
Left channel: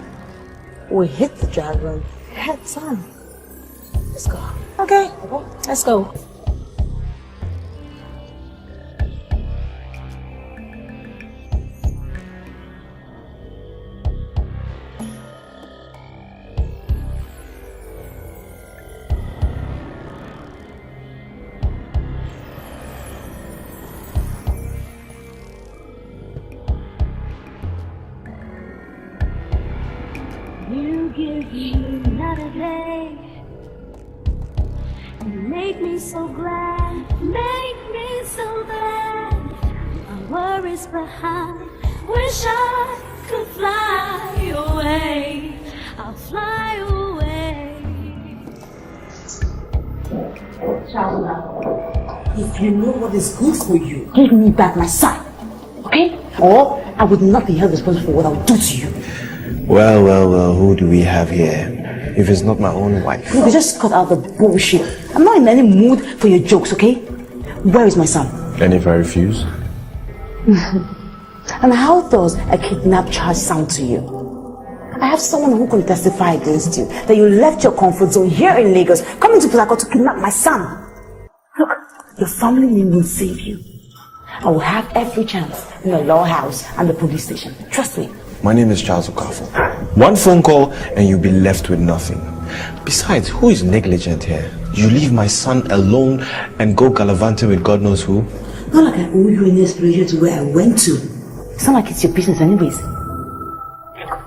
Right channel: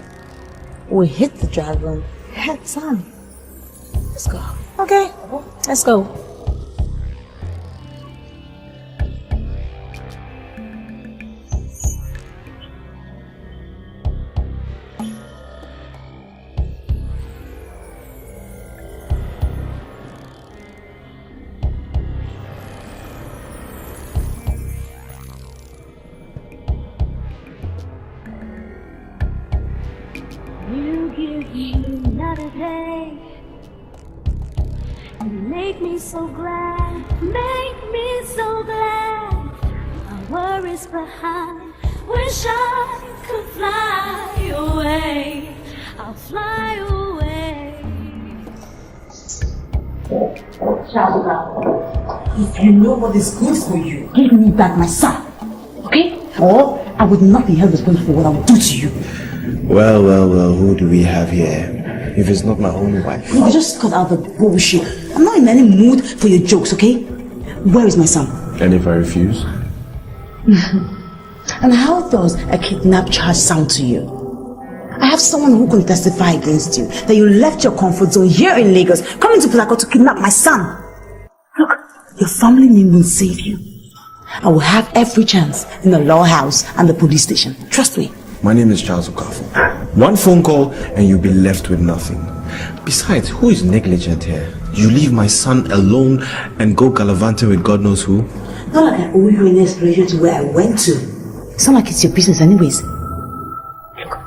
We hit the dragon. Head on. Let's go. Okay, let's go. You give me another day. You make me so glad, make me so glad. My worries behind, wish I could fly away. I'll fly away. If you know what is good for you, give me back my son. Okay? Or I would not be held responsible for what I'll do to you. Well, who do we have here? If it's not my own wife. You just cut out the bullshit. I'm not in any mood for your jokes, okay? Where is my son? And if I refuse? And how does a kidnap charge sound to you? I have someone who can testify against you that you left your comfort zone here in Lagos, coming to Port Harcourt to kidnap my son. Look, your family name will save you. I will have every chance in the law house and the police station. Trust me. My name is Charles Okafor. One phone call and you'll be left with nothing. Besides, who is negligent here? You leave my son alone and go gallivanting with God knows who? Not like I owe you any explanation to where I went to. It's not like it's your business anyways.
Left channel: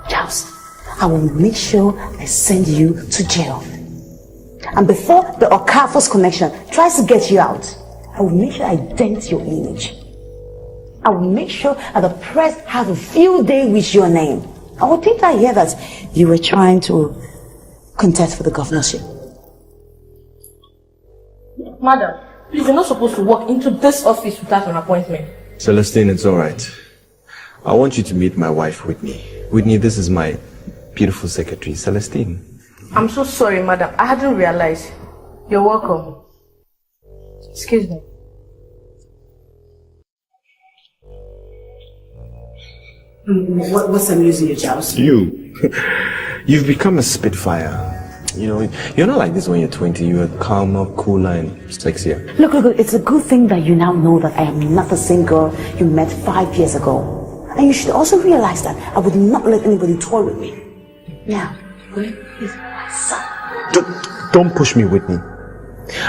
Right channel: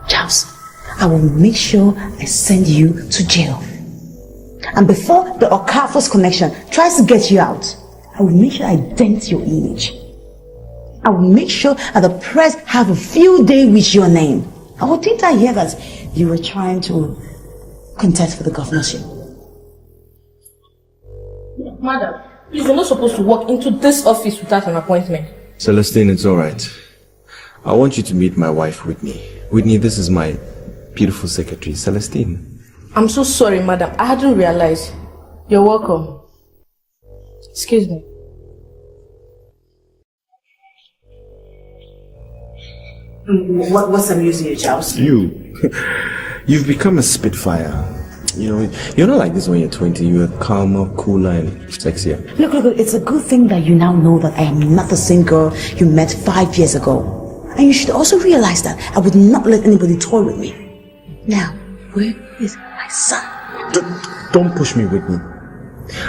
Charles, I will make sure I send you to jail. And before the Okafors connection tries to get you out, I will make sure I dent your image. I will make sure that the press have a field day with your name. I will think I hear that you were trying to contest for the governorship. Madam, please, you're not supposed to walk into this office without an appointment. Celestine, it's alright. I want you to meet my wife, Whitney. Whitney, this is my beautiful secretary, Celestine. I'm so sorry, madam. I hadn't realized. You're welcome. Excuse me. What's amusing you, Charles? You've become a spitfire. You know, you're not like this when you're 20. You're calmer, cooler, and sexier. Look, it's a good thing that you now know that I am not the same girl you met 5 years ago. And you should also realize that I would not let anybody toy with me. Now, where is my son? Don't push me, Whitney.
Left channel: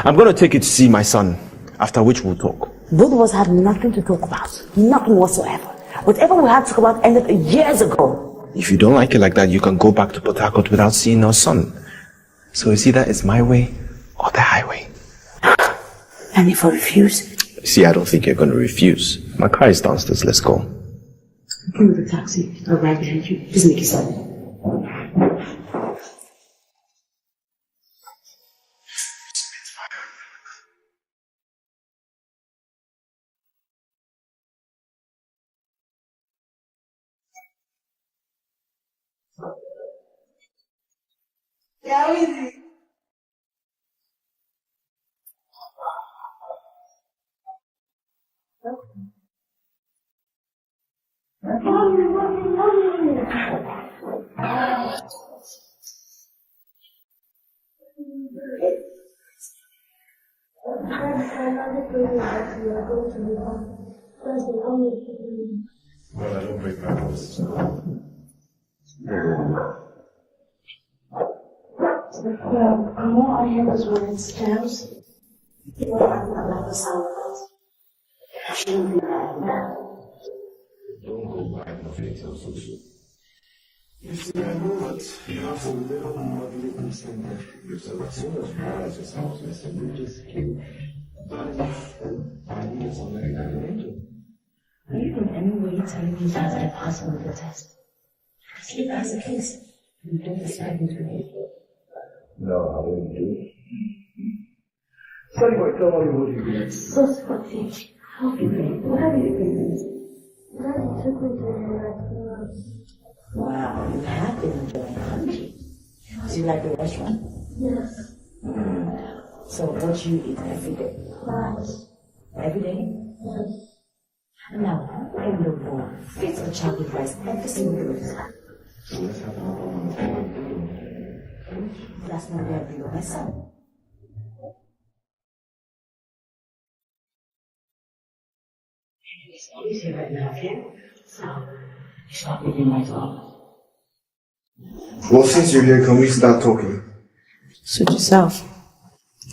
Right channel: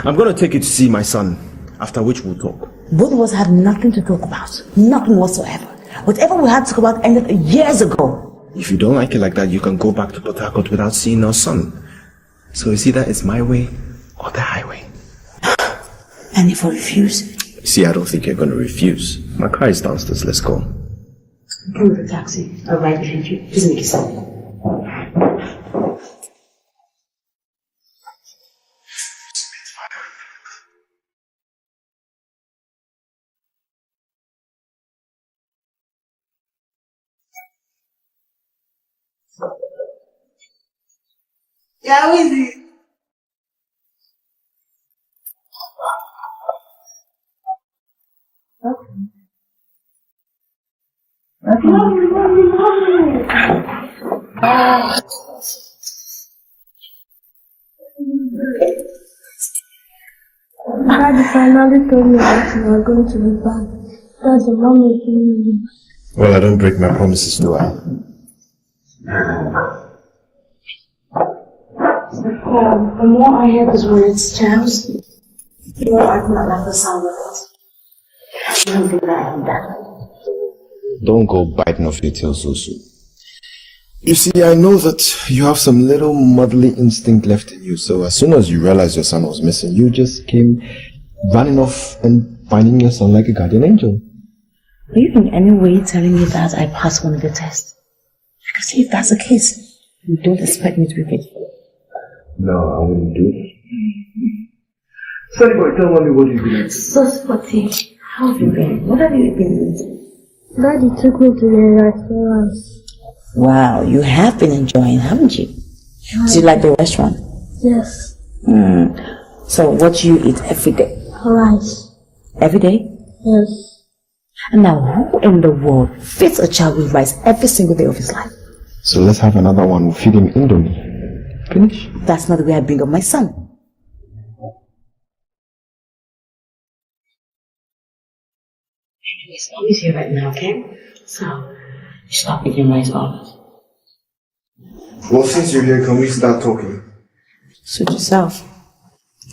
I'm gonna take you to see my son, after which we'll talk. Both of us had nothing to talk about. Nothing whatsoever. Whatever we had to talk about ended years ago. If you don't like it like that, you can go back to Port Harcourt without seeing our son. So you see, that is my way or the highway. And if I refuse? See, I don't think you're gonna refuse. My car is downstairs, let's go. Come with the taxi. I'll ride behind you. Just make yourself. Yeah, how is it? Daddy finally told me that you were going to be back. That's the mom making me. Well, I don't break my promises, do I? The more I hear those words, Charles, the more I do not like the sound of it. I shouldn't be like that. Don't go biting off your tail so soon. You see, I know that you have some little motherly instinct left in you, so as soon as you realized your son was missing, you just came running off and finding your son like a guardian angel. Are you in any way telling me that I passed one of the tests? Because if that's the case, you don't expect me to repeat it. No, I wouldn't do it. Sorry, boy, tell me what you did. So sporty. How have you been? What have you been doing? Daddy took me to the restaurant. Wow, you have been enjoying, haven't you? Do you like the restaurant? Yes. So what do you eat every day? Rice. Every day? Yes. And now who in the world feeds a child with rice every single day of his life? So let's have another one. Feed him Indomie. Finish? That's not the way I bring up my son. Anyways, Mommy's here right now, okay? So, stop eating rice off. Well, since you're here, can we start talking? Suit yourself.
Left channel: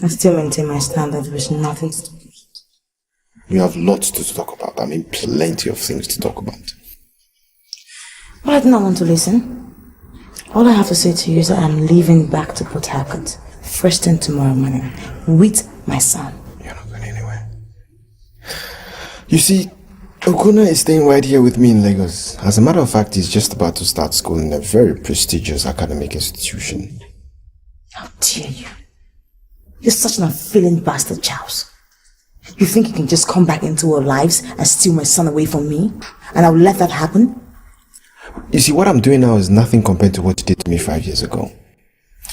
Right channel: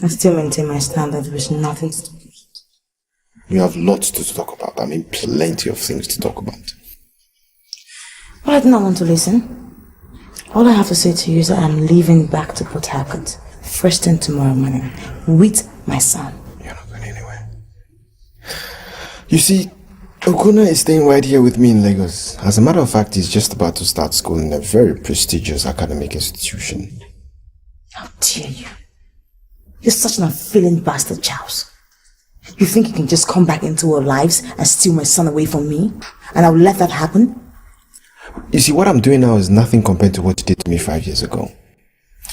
I still maintain my stand that there is nothing to talk about. You have lots to talk about. I mean, plenty of things to talk about. But I do not want to listen. All I have to say to you is that I'm leaving back to Port Harcourt first thing tomorrow morning with my son. You're not going anywhere. You see, Okuna is staying right here with me in Lagos. As a matter of fact, he's just about to start school in a very prestigious academic institution. How dare you? You're such an unfeeling bastard, Charles. You think you can just come back into our lives and steal my son away from me? And I'll let that happen? You see, what I'm doing now is nothing compared to what you did to me 5 years ago.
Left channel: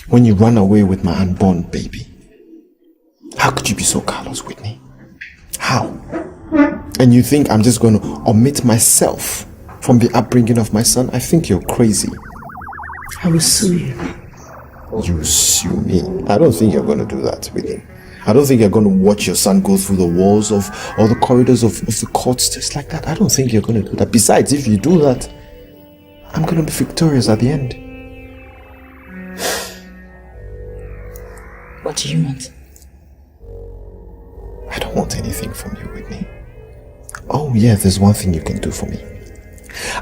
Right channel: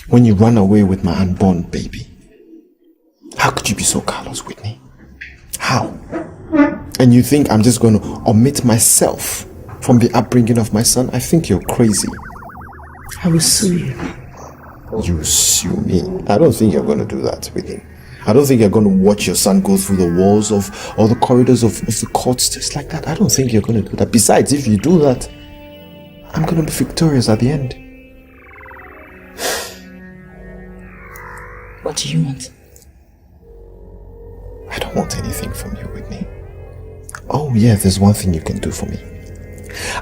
When you ran away with my unborn baby. How could you be so callous, Whitney? How? And you think I'm just going to omit myself from the upbringing of my son? I think you're crazy. I will sue you. You sue me? I don't think you're going to do that, Whitney. I don't think you're going to watch your son go through the walls of or the corridors of the courts just like that. I don't think you're going to do that. Besides, if you do that, I'm going to be victorious at the end. What do you want? I don't want anything from you, Whitney. Oh yeah, there's one thing you can do for me.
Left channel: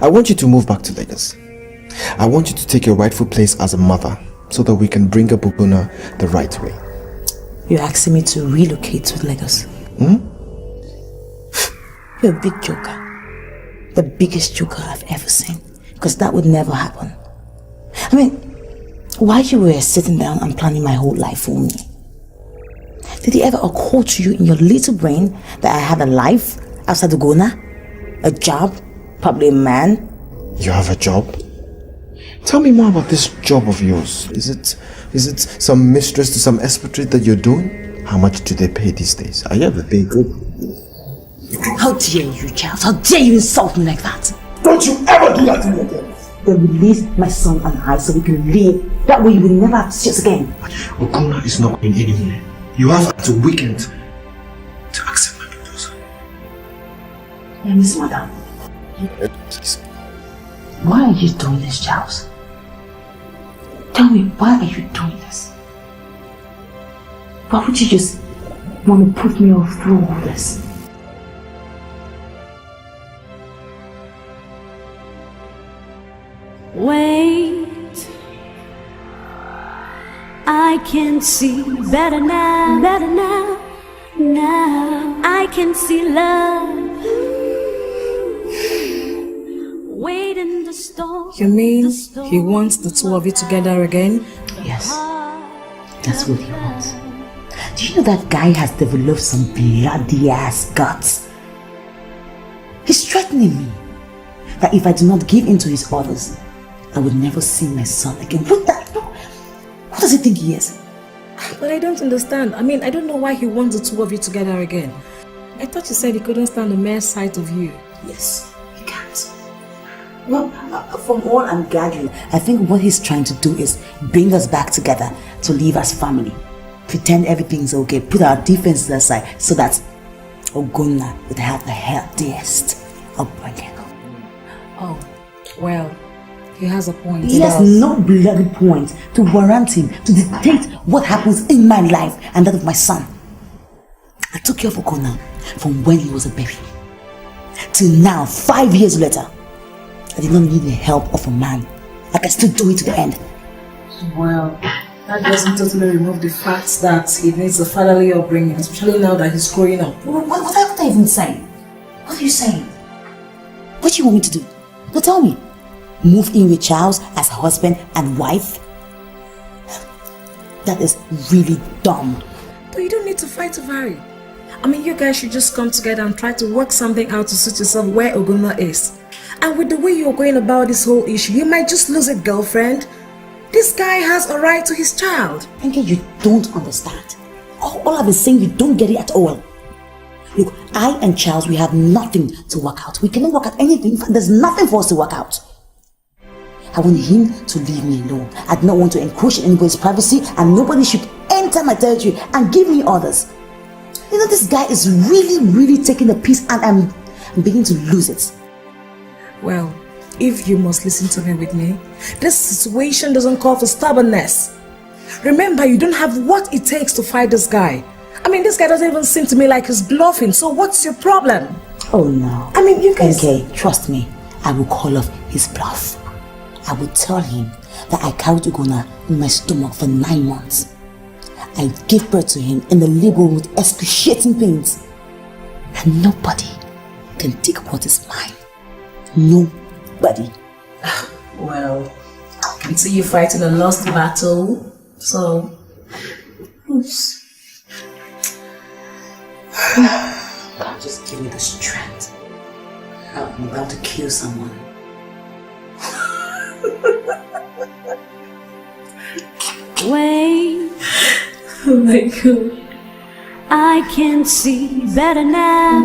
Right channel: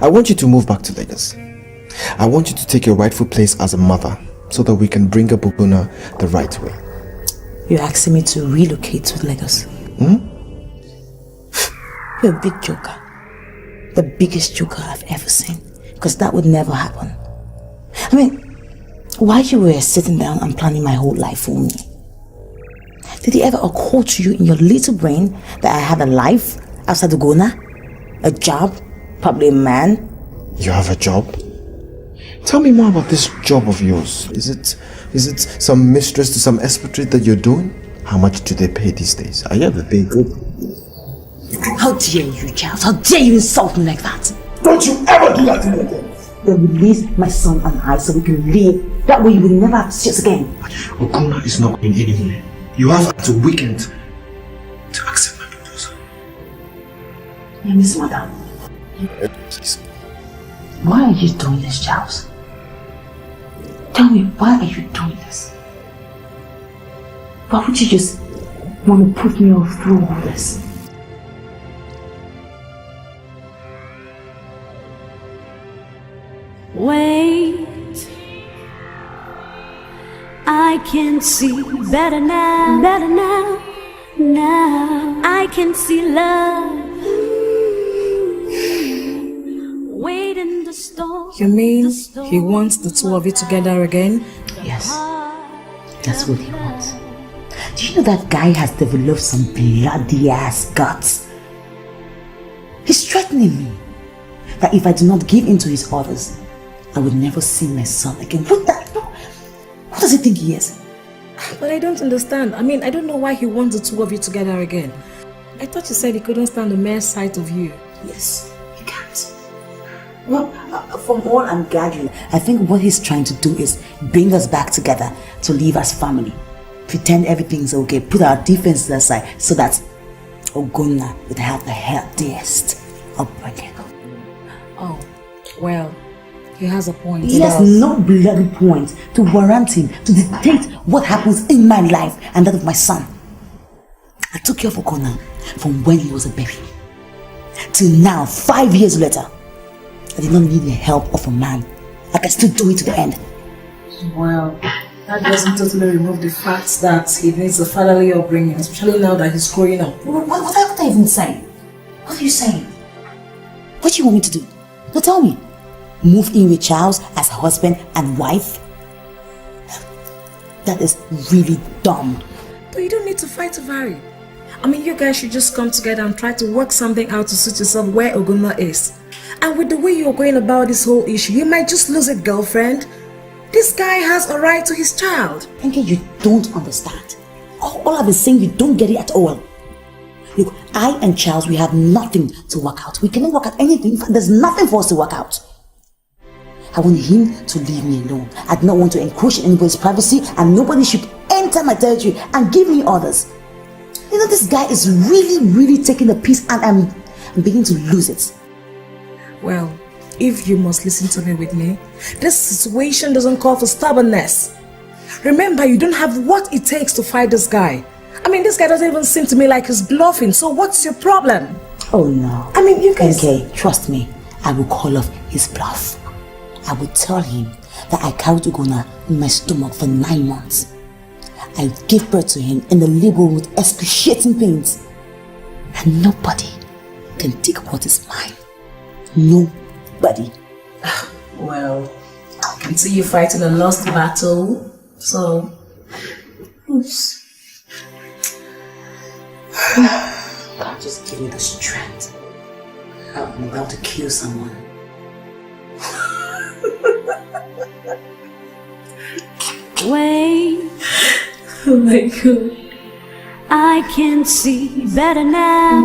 I want you to move back to Lagos. I want you to take your rightful place as a mother so that we can bring up Oguna the right way. You're asking me to relocate to Lagos? You're a big joker. The biggest joker I've ever seen. Because that would never happen. I mean, while you were sitting down and planning my whole life for me, did it ever occur to you in your little brain that I had a life outside Oguna? A job? Probably a man? You have a job? Tell me more about this job of yours. Is it some mistress to some expatriate that you're doing? How much do they pay these days? Are you ever paying good? How dare you, Charles? How dare you insult me like that? Don't you ever do that to me again! Then release my son and I so we can leave. That way you will never have to see us again. Oguna is not going anywhere. You have until weekend to accept my proposal. Yeah, Miss Madam. Why are you doing this, Charles? Tell me, why are you doing this? Why would you just want to put me off through all this? Wait, I can see better now, now I can see love. Wait in the storm. You mean he wants the two of you together again? Yes, that's what he wants. Do you know that guy has developed some bloody ass guts? He's threatening me that if I do not give in to his orders, I would never see my son again. What does he think he is? But I don't understand. I mean, I don't know why he wants the two of you together again. I thought you said he couldn't stand the mere sight of you. Yes, he can't. Well, from all I'm gathering, I think what he's trying to do is bring us back together to live as family. Pretend everything's okay, put our differences aside so that Oguna would have the healthiest upbringing. Oh, well, he has a point. He has no bloody point to warrant him to dictate what happens in my life and that of my son. I took care of Oguna from when he was a baby till now, 5 years later. I did not need the help of a man. I can still do it to the end. Well, that doesn't totally remove the fact that he needs a fatherly upbringing, especially now that he's growing up. What are you even saying? What are you saying? What do you want me to do? Now tell me. Move in with Charles as husband and wife? That is really dumb. But you don't need to fight over it. I mean, you guys should just come together and try to work something out to suit yourself where Oguna is. And with the way you're going about this whole issue, you might just lose a girlfriend. This guy has a right to his child. Enke, you don't understand. All I've been saying, you don't get it at all. Look, I and Charles, we have nothing to work out. We cannot work out anything. In fact, there's nothing for us to work out. I want him to leave me alone. I do not want to encroach in anybody's privacy, and nobody should enter my territory and give me orders. You know, this guy is really taking a piece, and I'm beginning to lose it. Well, if you must listen to me, Whitney, this situation doesn't call for stubbornness. Remember, you don't have what it takes to fight this guy. I mean, this guy doesn't even seem to me like he's bluffing, so what's your problem? Oh no. I mean, you guys... Okay, trust me, I will call off his bluff. I will tell him that I carried Oguna in my stomach for 9 months. I gave birth to him in the labor room with excruciating pains. And nobody can take what is mine. Nobody. Well, I can see you fighting a lost battle, so... Oops. God, just give me the strength. I'm about to kill someone. Wait. Oh my God. I can see better now,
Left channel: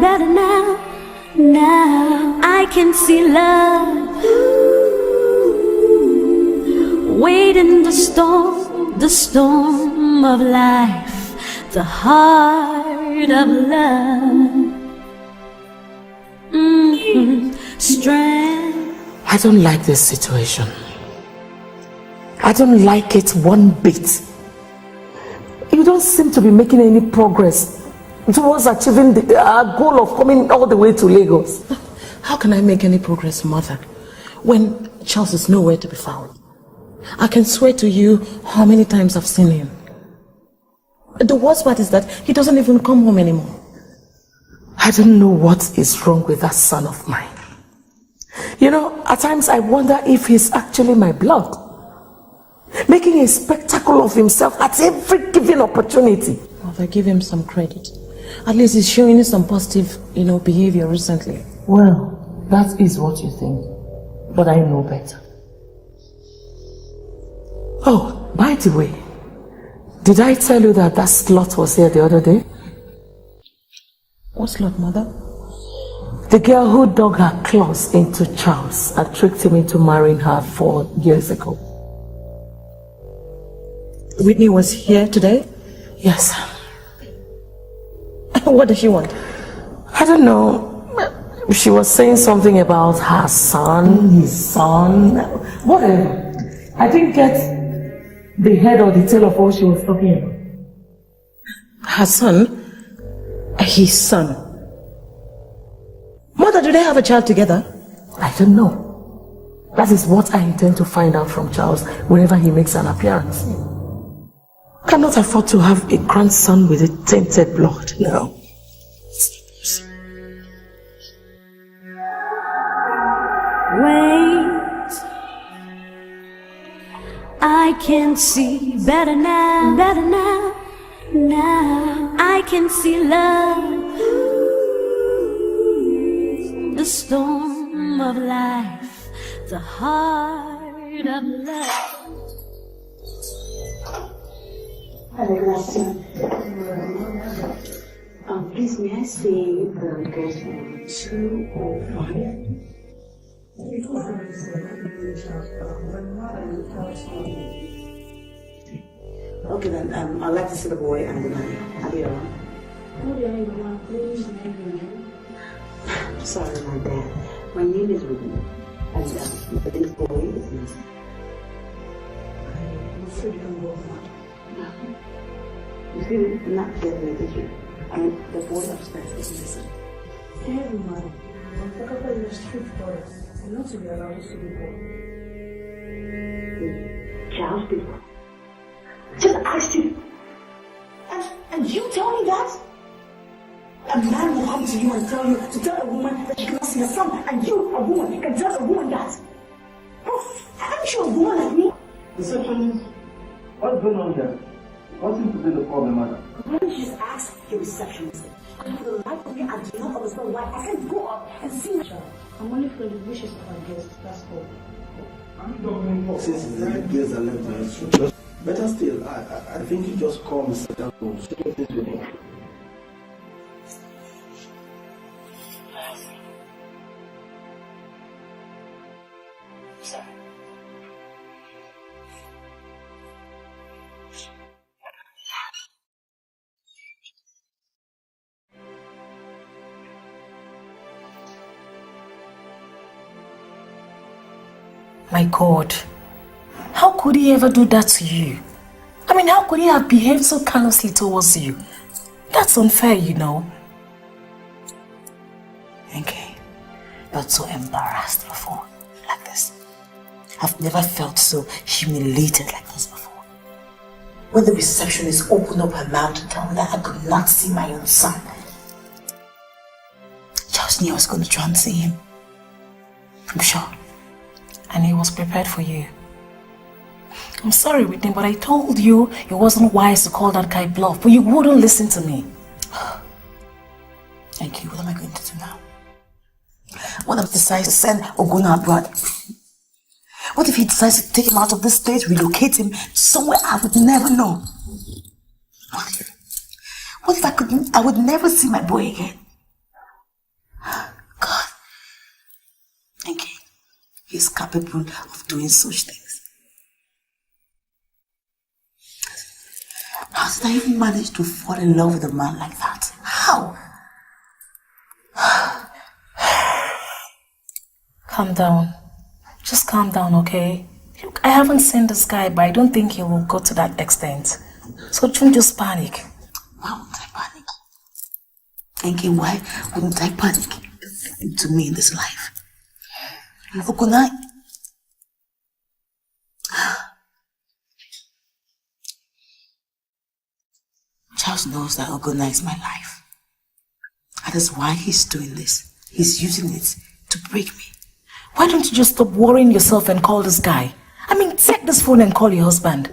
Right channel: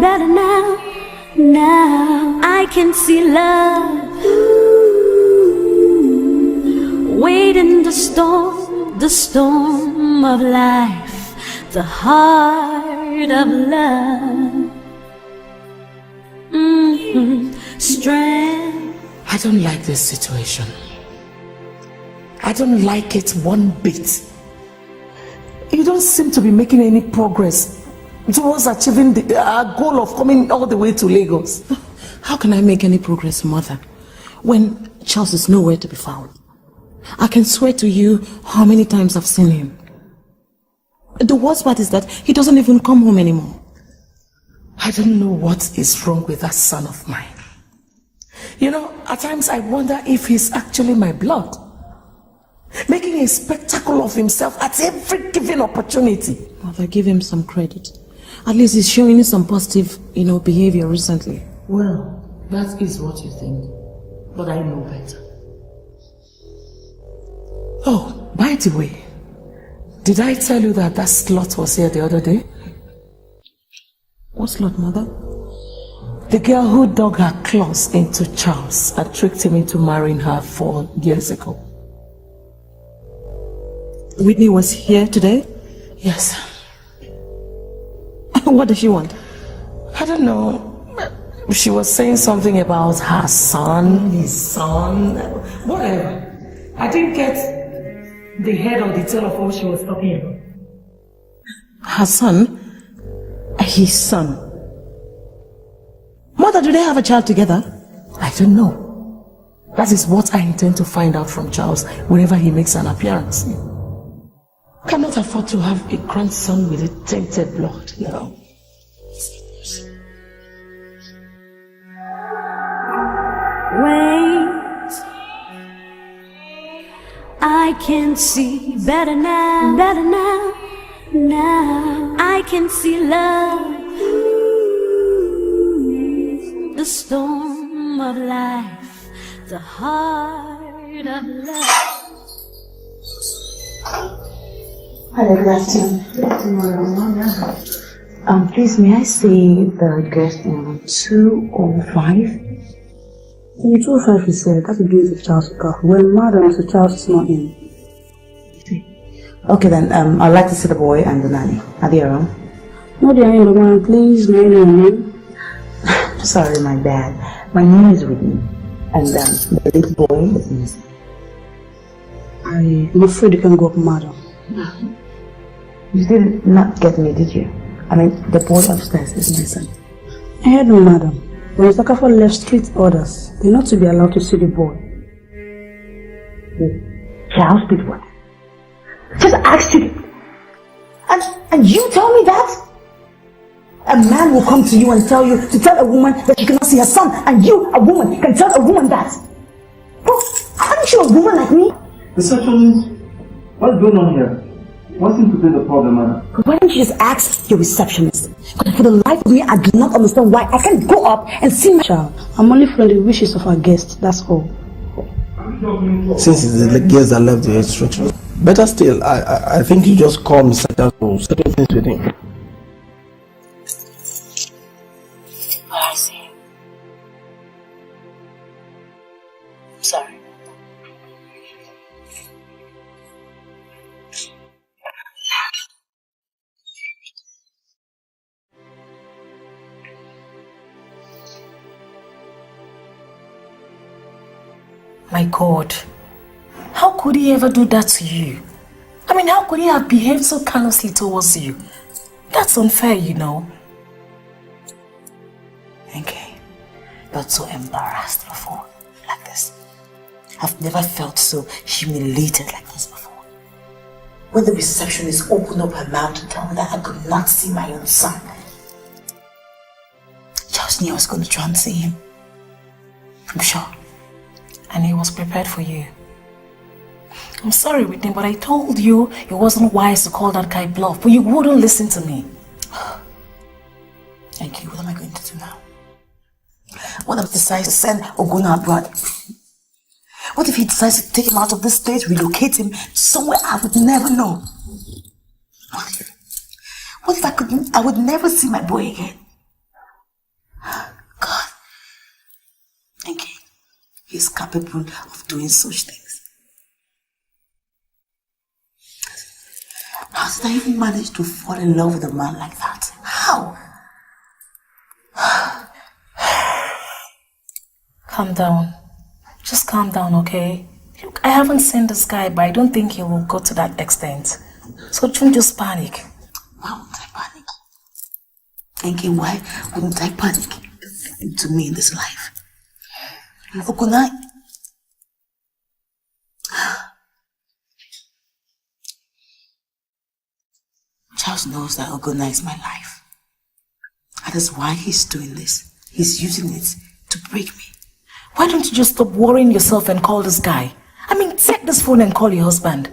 now I can see love. Wait in the storm of life, the heart of love. Strength. I don't like this situation. I don't like it one bit. You don't seem to be making any progress towards achieving our goal of coming all the way to Lagos. How can I make any progress, Mother, when Charles is nowhere to be found? I can swear to you how many times I've seen him. The worst part is that he doesn't even come home anymore. I don't know what is wrong with that son of mine. You know, at times I wonder if he's actually my blood, making a spectacle of himself at every given opportunity. Mother, give him some credit. At least he's showing you some positive, behavior recently. Well, that is what you think, but I know better. Oh, by the way, did I tell you that slut was here the other day? What slut, Mother? The girl who dug her claws into Charles and tricked him into marrying her 4 years ago. Whitney was here today? Yes. What does she want? I don't know. She was saying something about her son, his son, whatever. I didn't get the head or the tail of what she was talking about. Her son? His son? Mother, do they have a child together? I don't know. That is what I intend to find out from Charles whenever he makes an appearance. I cannot afford to have a grandson with a tainted blood, no. Wait, I can see better now, now I can see love. The storm of life, the heart of love. Hello, good afternoon. Please, may I see the address on 205? 205 is that to do with Charles Okafor. Well, madam, Mr. Charles is not in. Okay then, I'd like to see the boy and the nanny. Are they around? No, they are in, but madam, please, may I know your name? Sorry, my bad. My name is Whitney, and the little boy is missing. I'm afraid you can go up, madam. You did not get me, did you? I mean, the boy upstairs is missing. I heard no, madam. When Mr. Okafor left strict orders, they're not to be allowed to see the boy. Charles did what? Just asked you. And you tell me that? A man will come to you and tell you to tell a woman that she cannot see her son, and you, a woman, can tell a woman that. Bro, aren't you a woman like me? Receptionist, what's going on here? What seems to be the problem, madam? Why don't you just ask your receptionist? Because for the life of me, I do not understand why I can't go up and see my child. I'm only following the wishes of our guests, that's all. Since it's the guests that left the instructions, better still, I think you just call Mr. Charles to settle things with him. I see. I'm sorry. My God, how could he ever do that to you? I mean, how could he have behaved so callously towards you? That's unfair, you know. Okay, not so embarrassed before, like this. I've never felt so humiliated like this before. When the receptionist opened up her mouth to tell me that I could not see my own son, Charles knew I was going to try and see him. I'm sure. And he was prepared for you. I'm sorry, Whitney, but I told you it wasn't wise to call that guy bluff, but you wouldn't listen to me. Thank you. What am I going to do now? What if he decides to send Oguna abroad? What if he decides to take him out of this state, relocate him somewhere I would never know? What if I would never see my boy again? God. Thank you. He's capable of doing such things. How did I even manage to fall in love with a man like that? How? Calm down. Just calm down, okay? Look, I haven't seen this guy, but I don't think he will go to that extent. So don't just panic. Why wouldn't I panic? Thinking, why wouldn't I panic? To me in this life. Okunai. Charles knows that Okunai is my life. That is why he's doing this. He's using it to break me. Why don't you just stop worrying yourself and call this guy? I mean, take this phone and call your husband.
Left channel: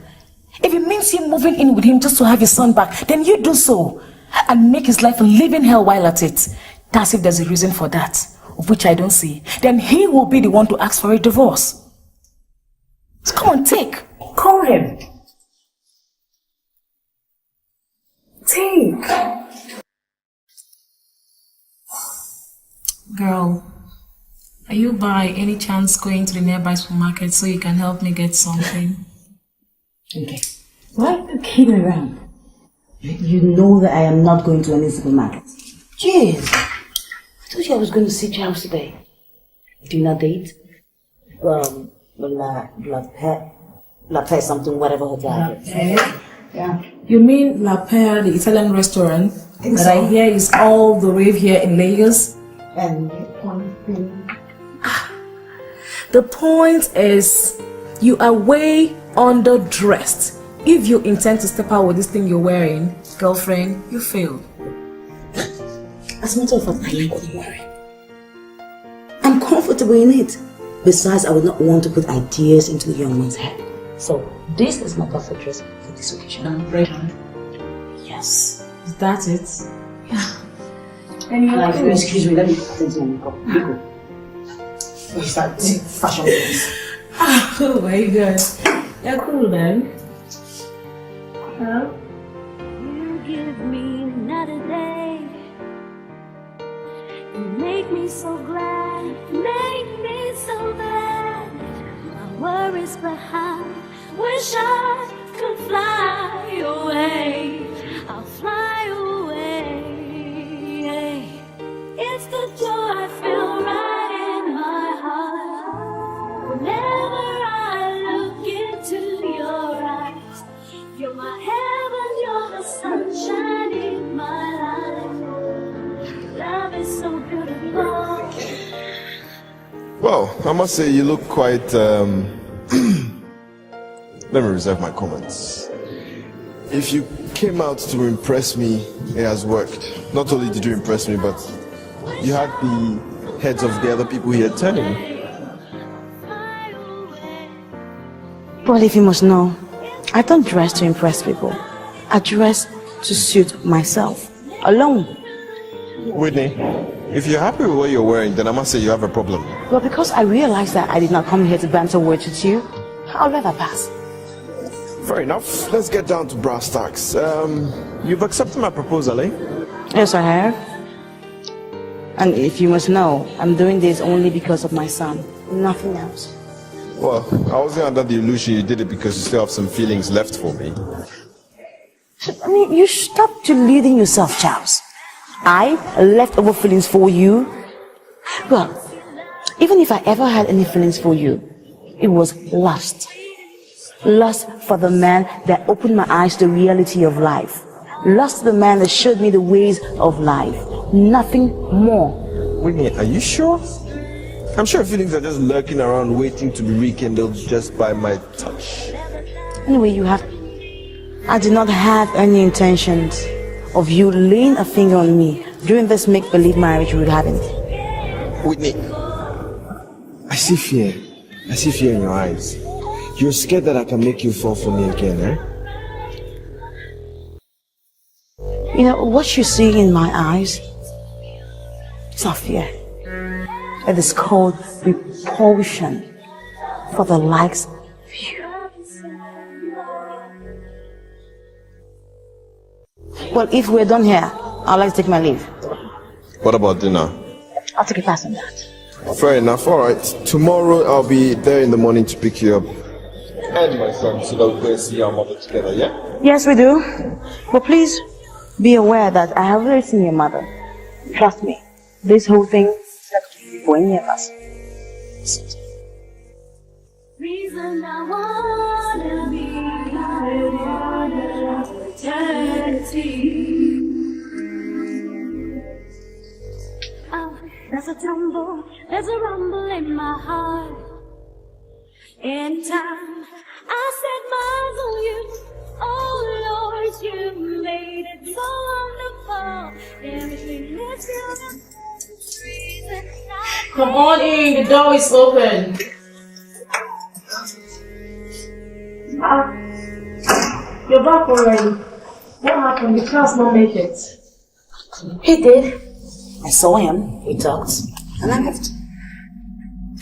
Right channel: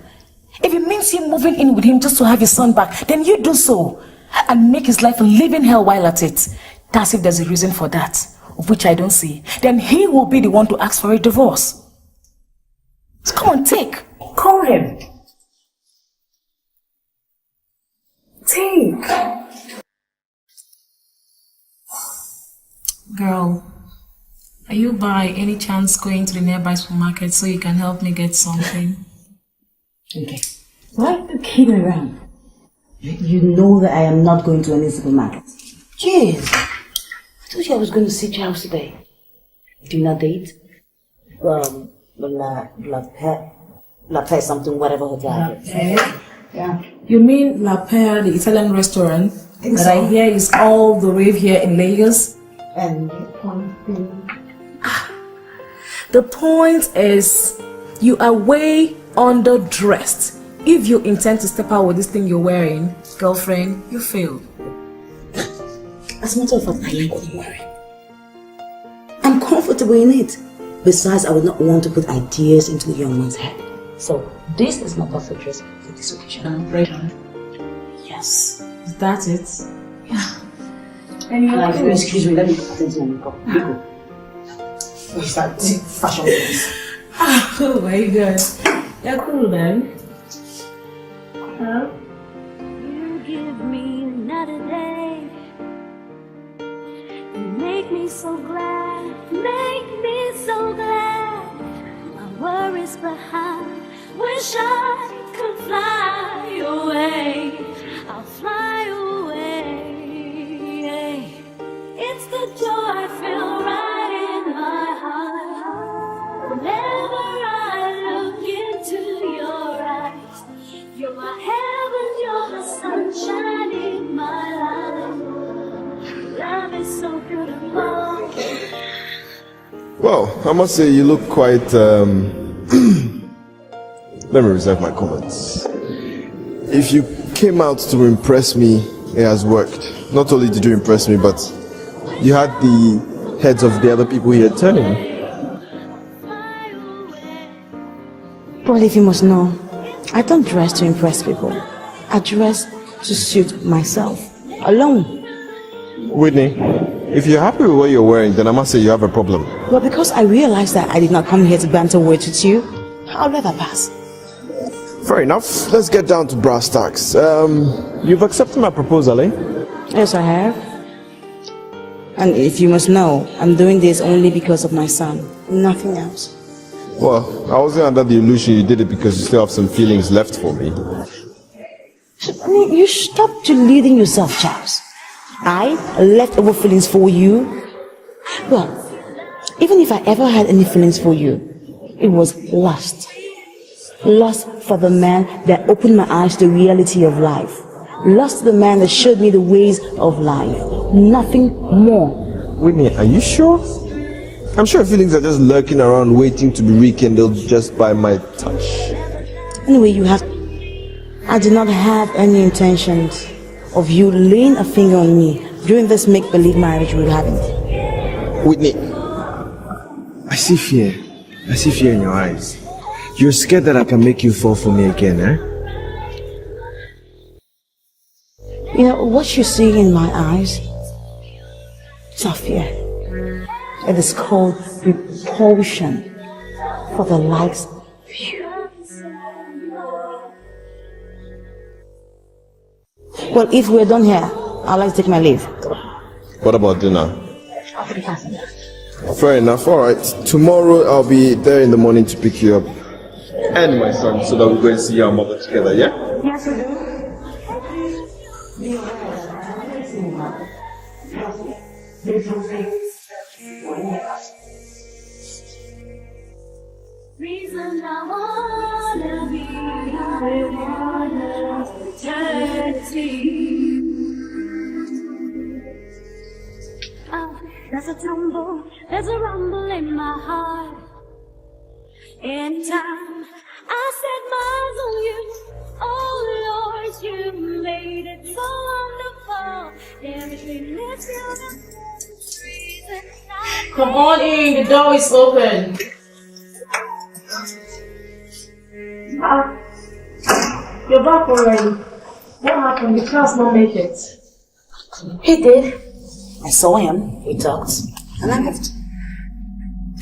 If it means you moving in with him just to have your son back, then you do so. And make his life a living hell while at it. That's if there's a reason for that, of which I don't see. Then he will be the one to ask for a divorce. So come on, take. Call him. Take. Girl, are you by any chance going to the nearby supermarket so you can help me get something? Okay. Why are you kidding around? You know that I am not going to any supermarket. Jeez. I told you I was going to see Charles today. Dinner date? La Paix something, whatever hotel. Yeah. You mean La Paix, the Italian restaurant that so. I hear is all the rave here in Lagos? And Poin. The point is, you are way underdressed. If you intend to step out with this thing you're wearing, girlfriend, you failed. As a matter of fact, I like what I'm wearing. I'm comfortable in it. Besides, I would not want to put ideas into the young man's head. So, this is my perfect dress for this occasion. Right. Yes. Is that it? Yeah. And you're excuse me, let me attend to my makeup. Go. We start fashion things. Oh my god. You're cool then. Huh? You give me another day. You make me so glad. Make me so glad. My worries behind. Wish I could fly away. I'll fly away. It's the joy I feel right in my heart. Whenever I look into your eyes, you're my heaven, you're the sunshine in my life. Love is so beautiful. Well, I must say you look quite, let me reserve my comments. If you came out to impress me, it has worked. Not only did you impress me, but you had the heads of the other people here turning. But if you must know, I don't dress to impress people. I dress to suit myself, alone. Whitney, if you're happy with what you're wearing, then I must say you have a problem. Well, because I realized that I did not come here to banter words with you, I'll let that pass. Fair enough. Let's get down to brass tacks. You've accepted my proposal, eh? Yes, I have. And if you must know, I'm doing this only because of my son. Nothing else. Well, I wasn't under the illusion you did it because you still have some feelings left for me. I mean, you stop deluding yourself, Charles. I left over feelings for you. Well, even if I ever had any feelings for you, it was lust. Lust for the man that opened my eyes to the reality of life. Lust for the man that showed me the ways of life. Nothing more. Whitney, are you sure? I'm sure feelings are just lurking around waiting to be rekindled just by my touch. Anyway, I did not have any intentions of you laying a finger on me during this make-believe marriage we had. Whitney, I see fear. I see fear in your eyes. You're scared that I can make you fall for me again, eh? You know, what you see in my eyes Sophia, it is called repulsion for the likes of you. Well, if we're done here, I'd like to take my leave. What about dinner? I'll take a pass on that. Fair enough. All right. Tomorrow I'll be there in the morning to pick you up. And my son, so that we go and see our mother together, yeah? Yes, we do. But please be aware that I have already seen your mother. Trust me, this whole thing is for any of us. Reason I wanna be with eternity. Oh, there's a tumble, there's a rumble in my heart. Anytime I set eyes on you, oh Lord, you made it so wonderful. Everything is beautiful. Come on in, the door is open. You're back already. What happened? The class not make it. He did. I saw him, we talked, and I left.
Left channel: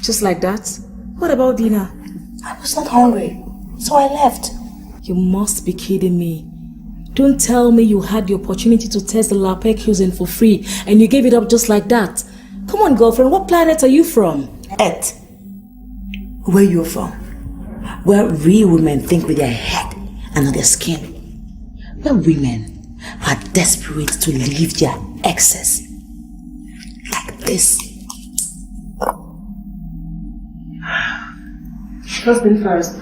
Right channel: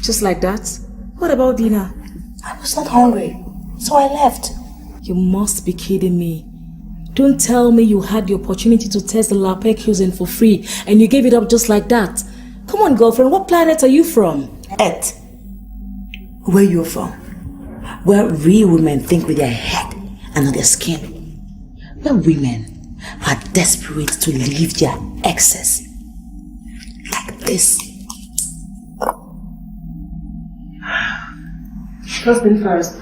Just like that? What about dinner? I was not hungry, so I left. You must be kidding me. Don't tell me you had the opportunity to test the LAPEC cuisine for free and you gave it up just like that. Come on, girlfriend, what planet are you from? Earth. Where you from? Where real women think with their head and not their skin. Where women are desperate to leave their exes. Like this. First thing first,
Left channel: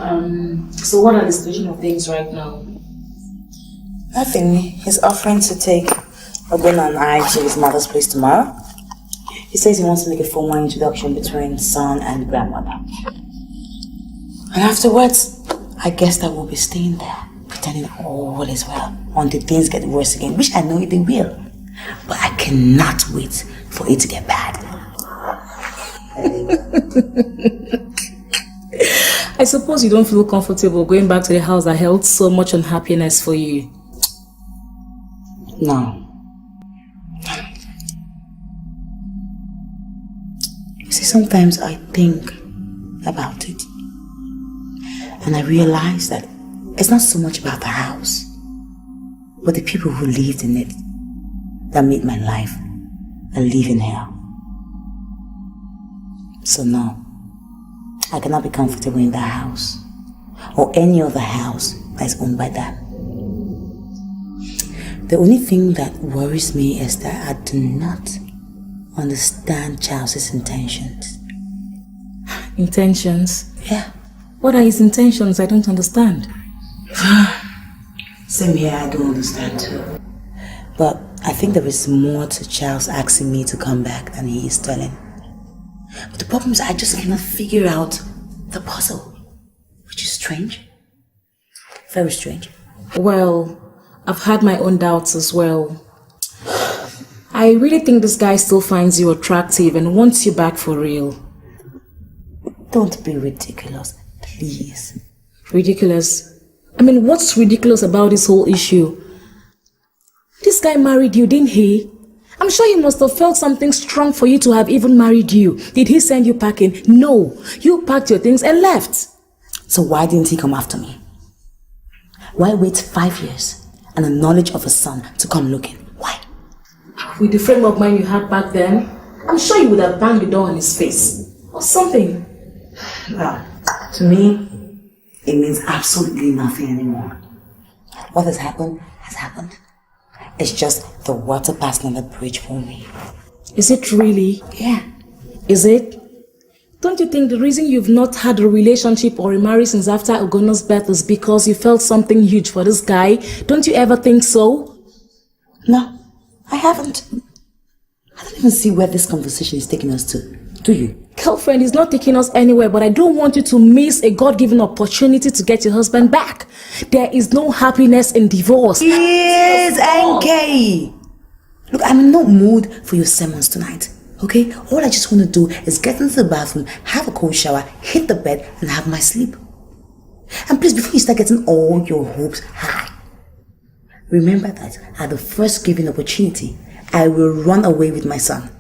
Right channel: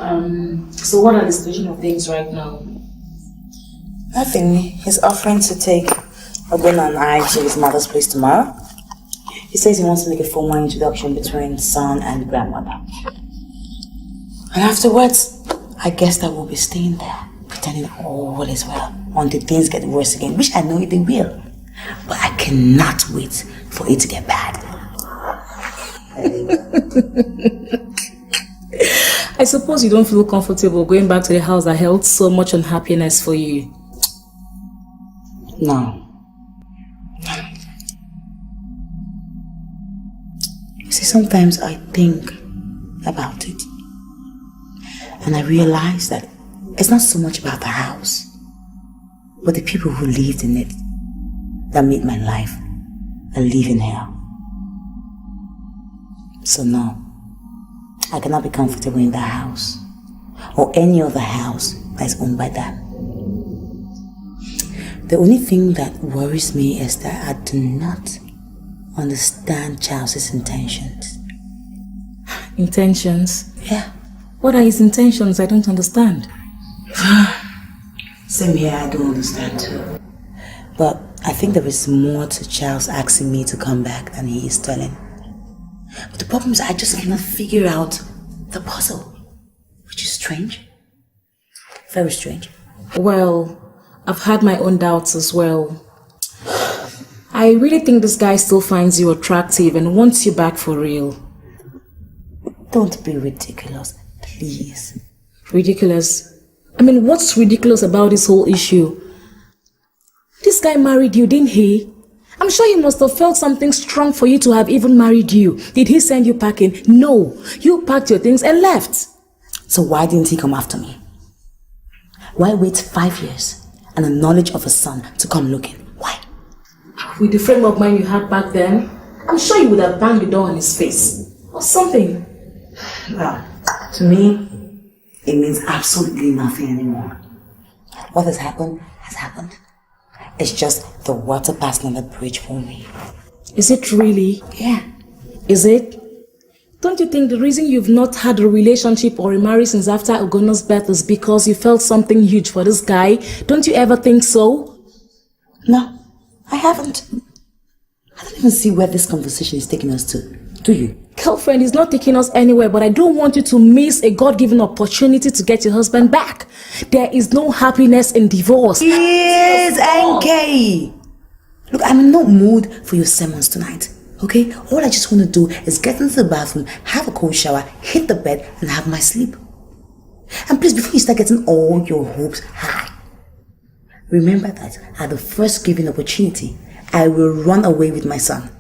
so what are the situation of things right now? Nothing. He's offering to take Ogbonna and I to his mother's place tomorrow. He says he wants to make a formal introduction between son and grandmother. And afterwards, I guess that we'll be staying there, pretending all is well, until things get worse again, which I know they will. But I cannot wait for it to get bad. I suppose you don't feel comfortable going back to the house that held so much unhappiness for you. No. You see, sometimes I think about it. And I realize that it's not so much about the house, but the people who lived in it that made my life a living hell. So no, I cannot be comfortable in that house or any other house that is owned by them. The only thing that worries me is that I do not understand Charles's intentions. Intentions? Yeah. What are his intentions? I don't understand. Same here, I don't understand too. But I think there is more to Charles asking me to come back than he is telling. But the problem is I just cannot figure out the puzzle, which is strange. Very strange. Well, I've had my own doubts as well. I really think this guy still finds you attractive and wants you back for real. Don't be ridiculous, please. Ridiculous? I mean, what's ridiculous about this whole issue? This guy married you, didn't he? I'm sure he must have felt something strong for you to have even married you. Did he send you packing? No. You packed your things and left. So why didn't he come after me? Why wait 5 years and the knowledge of a son to come looking? Why? With the frame of mind you had back then, I'm sure you would have banged the door on his face. Or something. Well, to me, it means absolutely nothing anymore. What has happened has happened. It's just the water passing on the bridge for me. Is it really? Yeah. Is it? Don't you think the reason you've not had a relationship or a marriage since after Ogonna's birth is because you felt something huge for this guy? Don't you ever think so? No, I haven't. I don't even see where this conversation is taking us to. Do you? Girlfriend, it's not taking us anywhere, but I don't want you to miss a God-given opportunity to get your husband back. There is no happiness in divorce. Yes, NK. Look, I'm in no mood for your sermons tonight. Okay? All I just want to do is get into the bathroom, have a cold shower, hit the bed, and have my sleep. And please, before you start getting all your hopes high, remember that at the first given opportunity, I will run away with my son.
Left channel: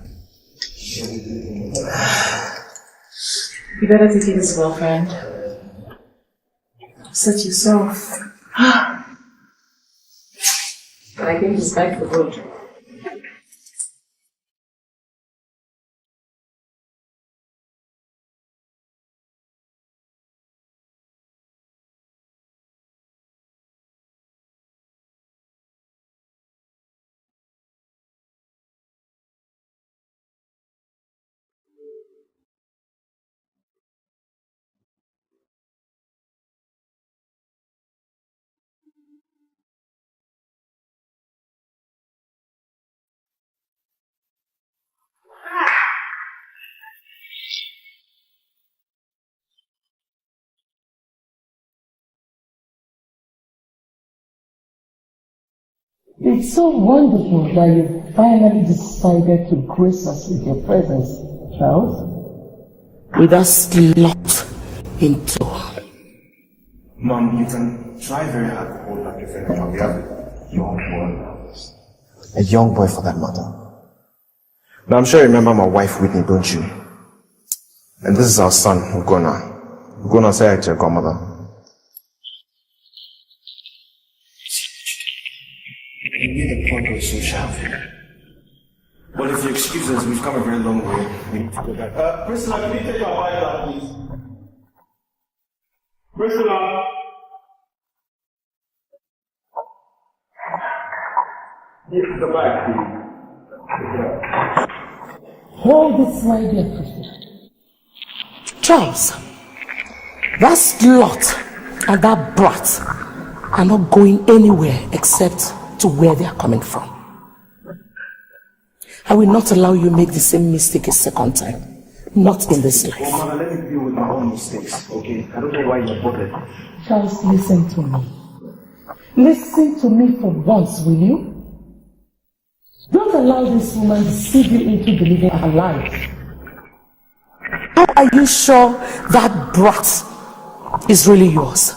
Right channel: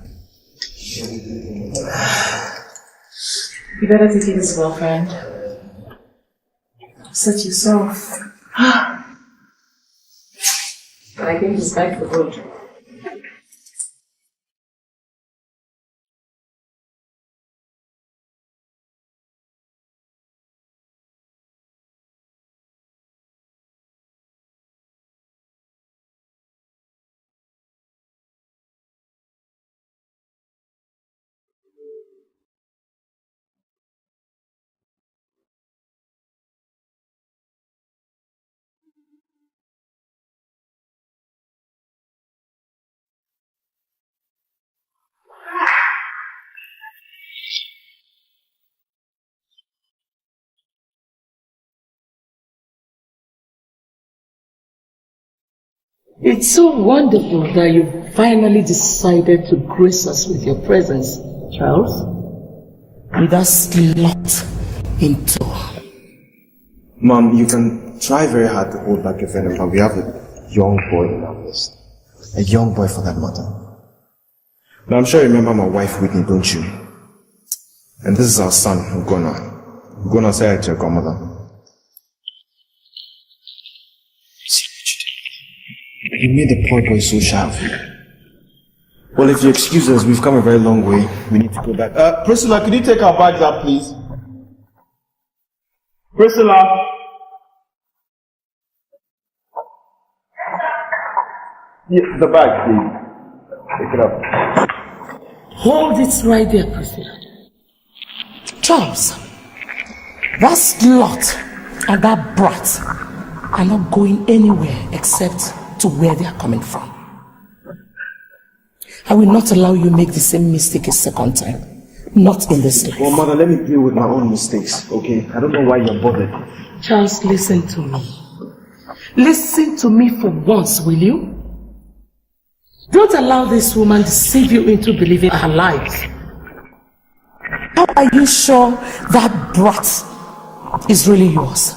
You better take it as well, friend. Such yourself. But I think it's back for good. It's so wonderful that you finally decided to grace us with your presence, Charles. With that slot in tow. Mom, you can try very hard to hold back your venom, but we have a young boy in our midst. A young boy for that matter. But I'm sure you remember my wife Whitney, don't you? And this is our son, Ugona. Ugona say I check our mother. You made the poor boy so sharp. Well, if you excuse us, we've come a very long way. We need to go back. Priscilla, could you take our bags up, please? Priscilla! Yes, the bag, please. Take it up. Hold it right there, Priscilla. Charles, that slut and that brat are not going anywhere except to where they are coming from. I will not allow you make the same mistake a second time. Not in this life. Well, Mother, let me deal with my own mistakes, okay? I don't know why you're bothered. Charles, listen to me. Listen to me for once, will you? Don't allow this woman to deceive you into believing her lies. Are you sure that brat is really yours?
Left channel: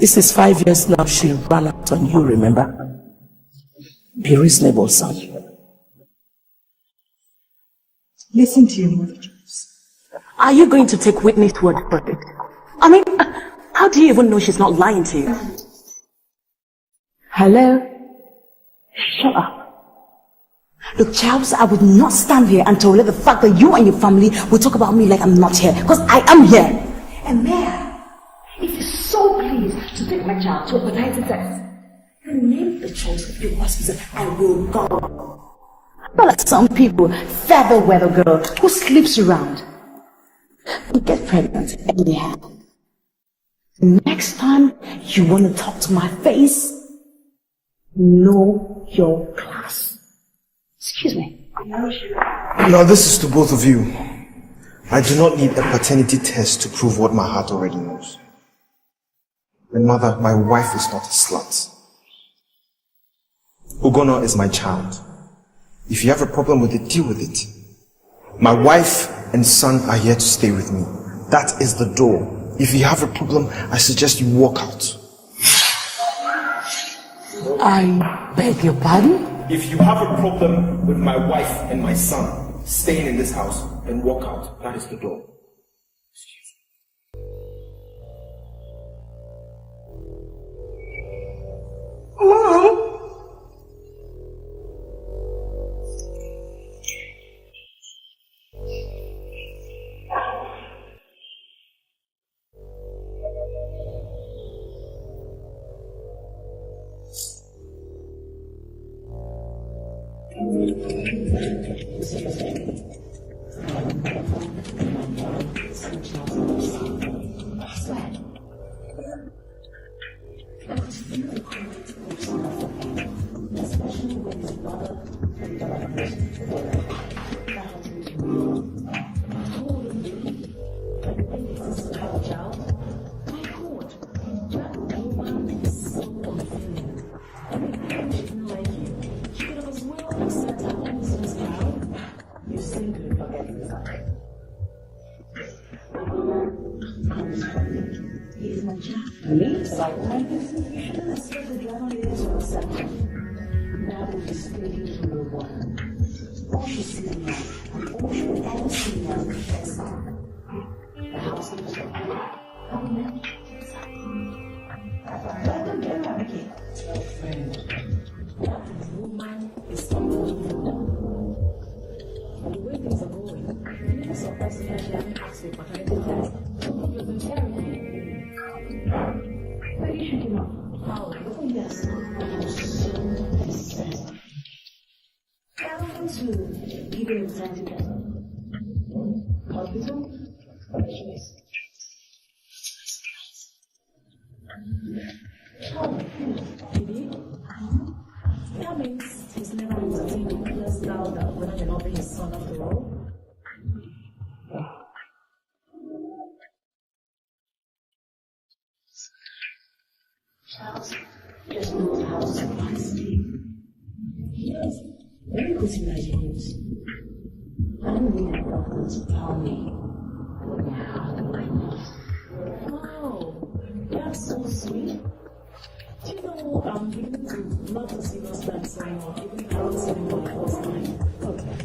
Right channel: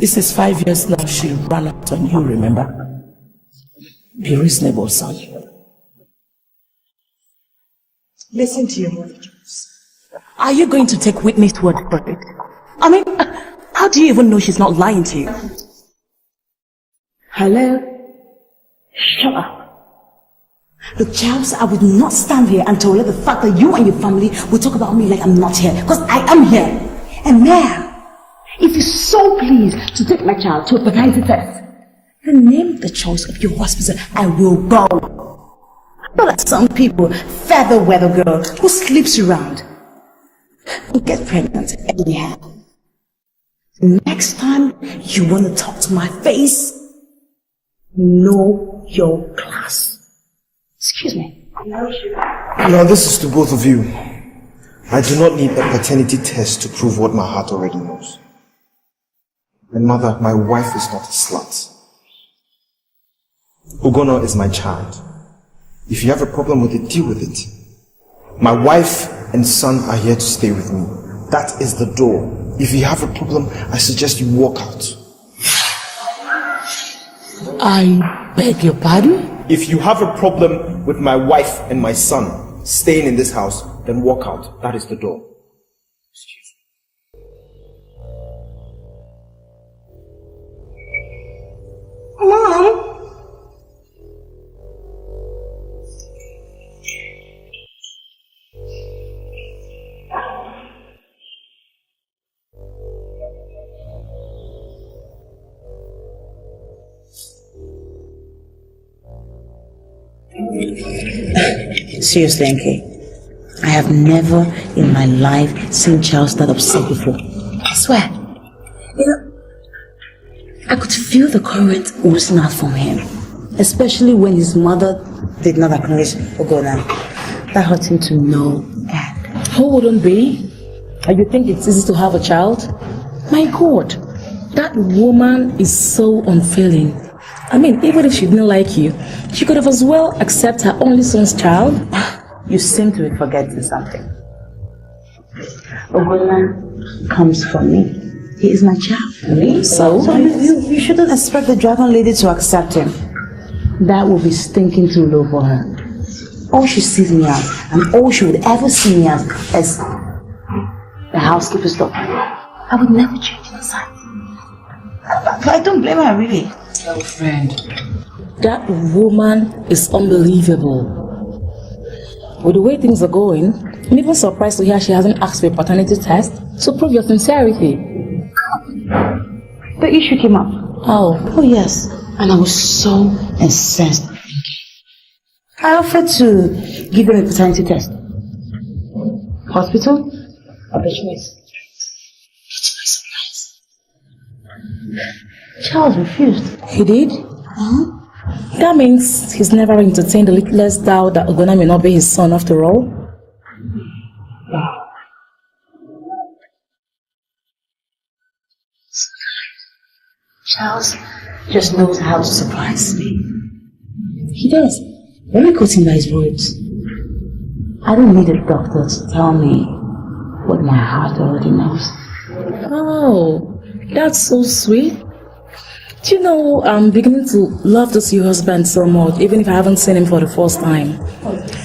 This is 5 years now she ran out on you, remember? Be reasonable, son. Listen to your mother, Charles. Are you going to take Whitney's word for it? I mean, how do you even know she's not lying to you? Hello? Shut up. Look, Charles, I will not stand here and tolerate the fact that you and your family will talk about me like I'm not here. Because I am here. And now, if you're so pleased to take my child to a paternity test, then name the choice of your hospital. I will go. Not like some people, feather weather girl who sleeps around. You get pregnant anyhow. Next time you want to talk to my face, know your class. Excuse me. Now this is to both of you. I do not need a paternity test to prove what my heart already knows. And now that my wife is not a slut. Ugona is my child. If you have a problem with it, deal with it. My wife and son are here to stay with me. That is the door. If you have a problem, I suggest you walk out. I beg your pardon? If you have a problem with my wife and my son staying in this house, then walk out. That is the door. Excuse me. Hello? Seriously, Enke, I have never in my life seen Charles that upset before. I swear. You know, I could feel the current oozing out from him, especially when his mother did not acknowledge Ugona. That hurt him to no end. Who wouldn't be? And you think it's easy to have a child? My God, that woman is so unfeeling. I mean, even if she didn't like you, she could have as well accepted her only son's child. You seem to be forgetting something. Ugona comes from me. He is my child. Really? So you shouldn't expect the dragon lady to accept him. That will be stinking too low for her. all she sees me as, and all she would ever see me as, is the housekeeper's daughter. I would never change inside. But I don't blame her, really. Girlfriend, that woman is unbelievable. With the way things are going, I'm even surprised to hear she hasn't asked for a paternity test to prove your sincerity. The issue came up. Oh. Oh, yes. And I was so incensed. I offered to give her a paternity test. Hospital? Or the choice? Charles refused. He did? That means he's never entertained the littlest doubt that Ogona may not be his son after all. Charles just knows how to surprise me. He does. Let me quote him by his words. I don't need a doctor to tell me what my heart already knows. Oh, that's so sweet. Do you know, I'm beginning to love to see your husband so much, even if I haven't seen him for the first time.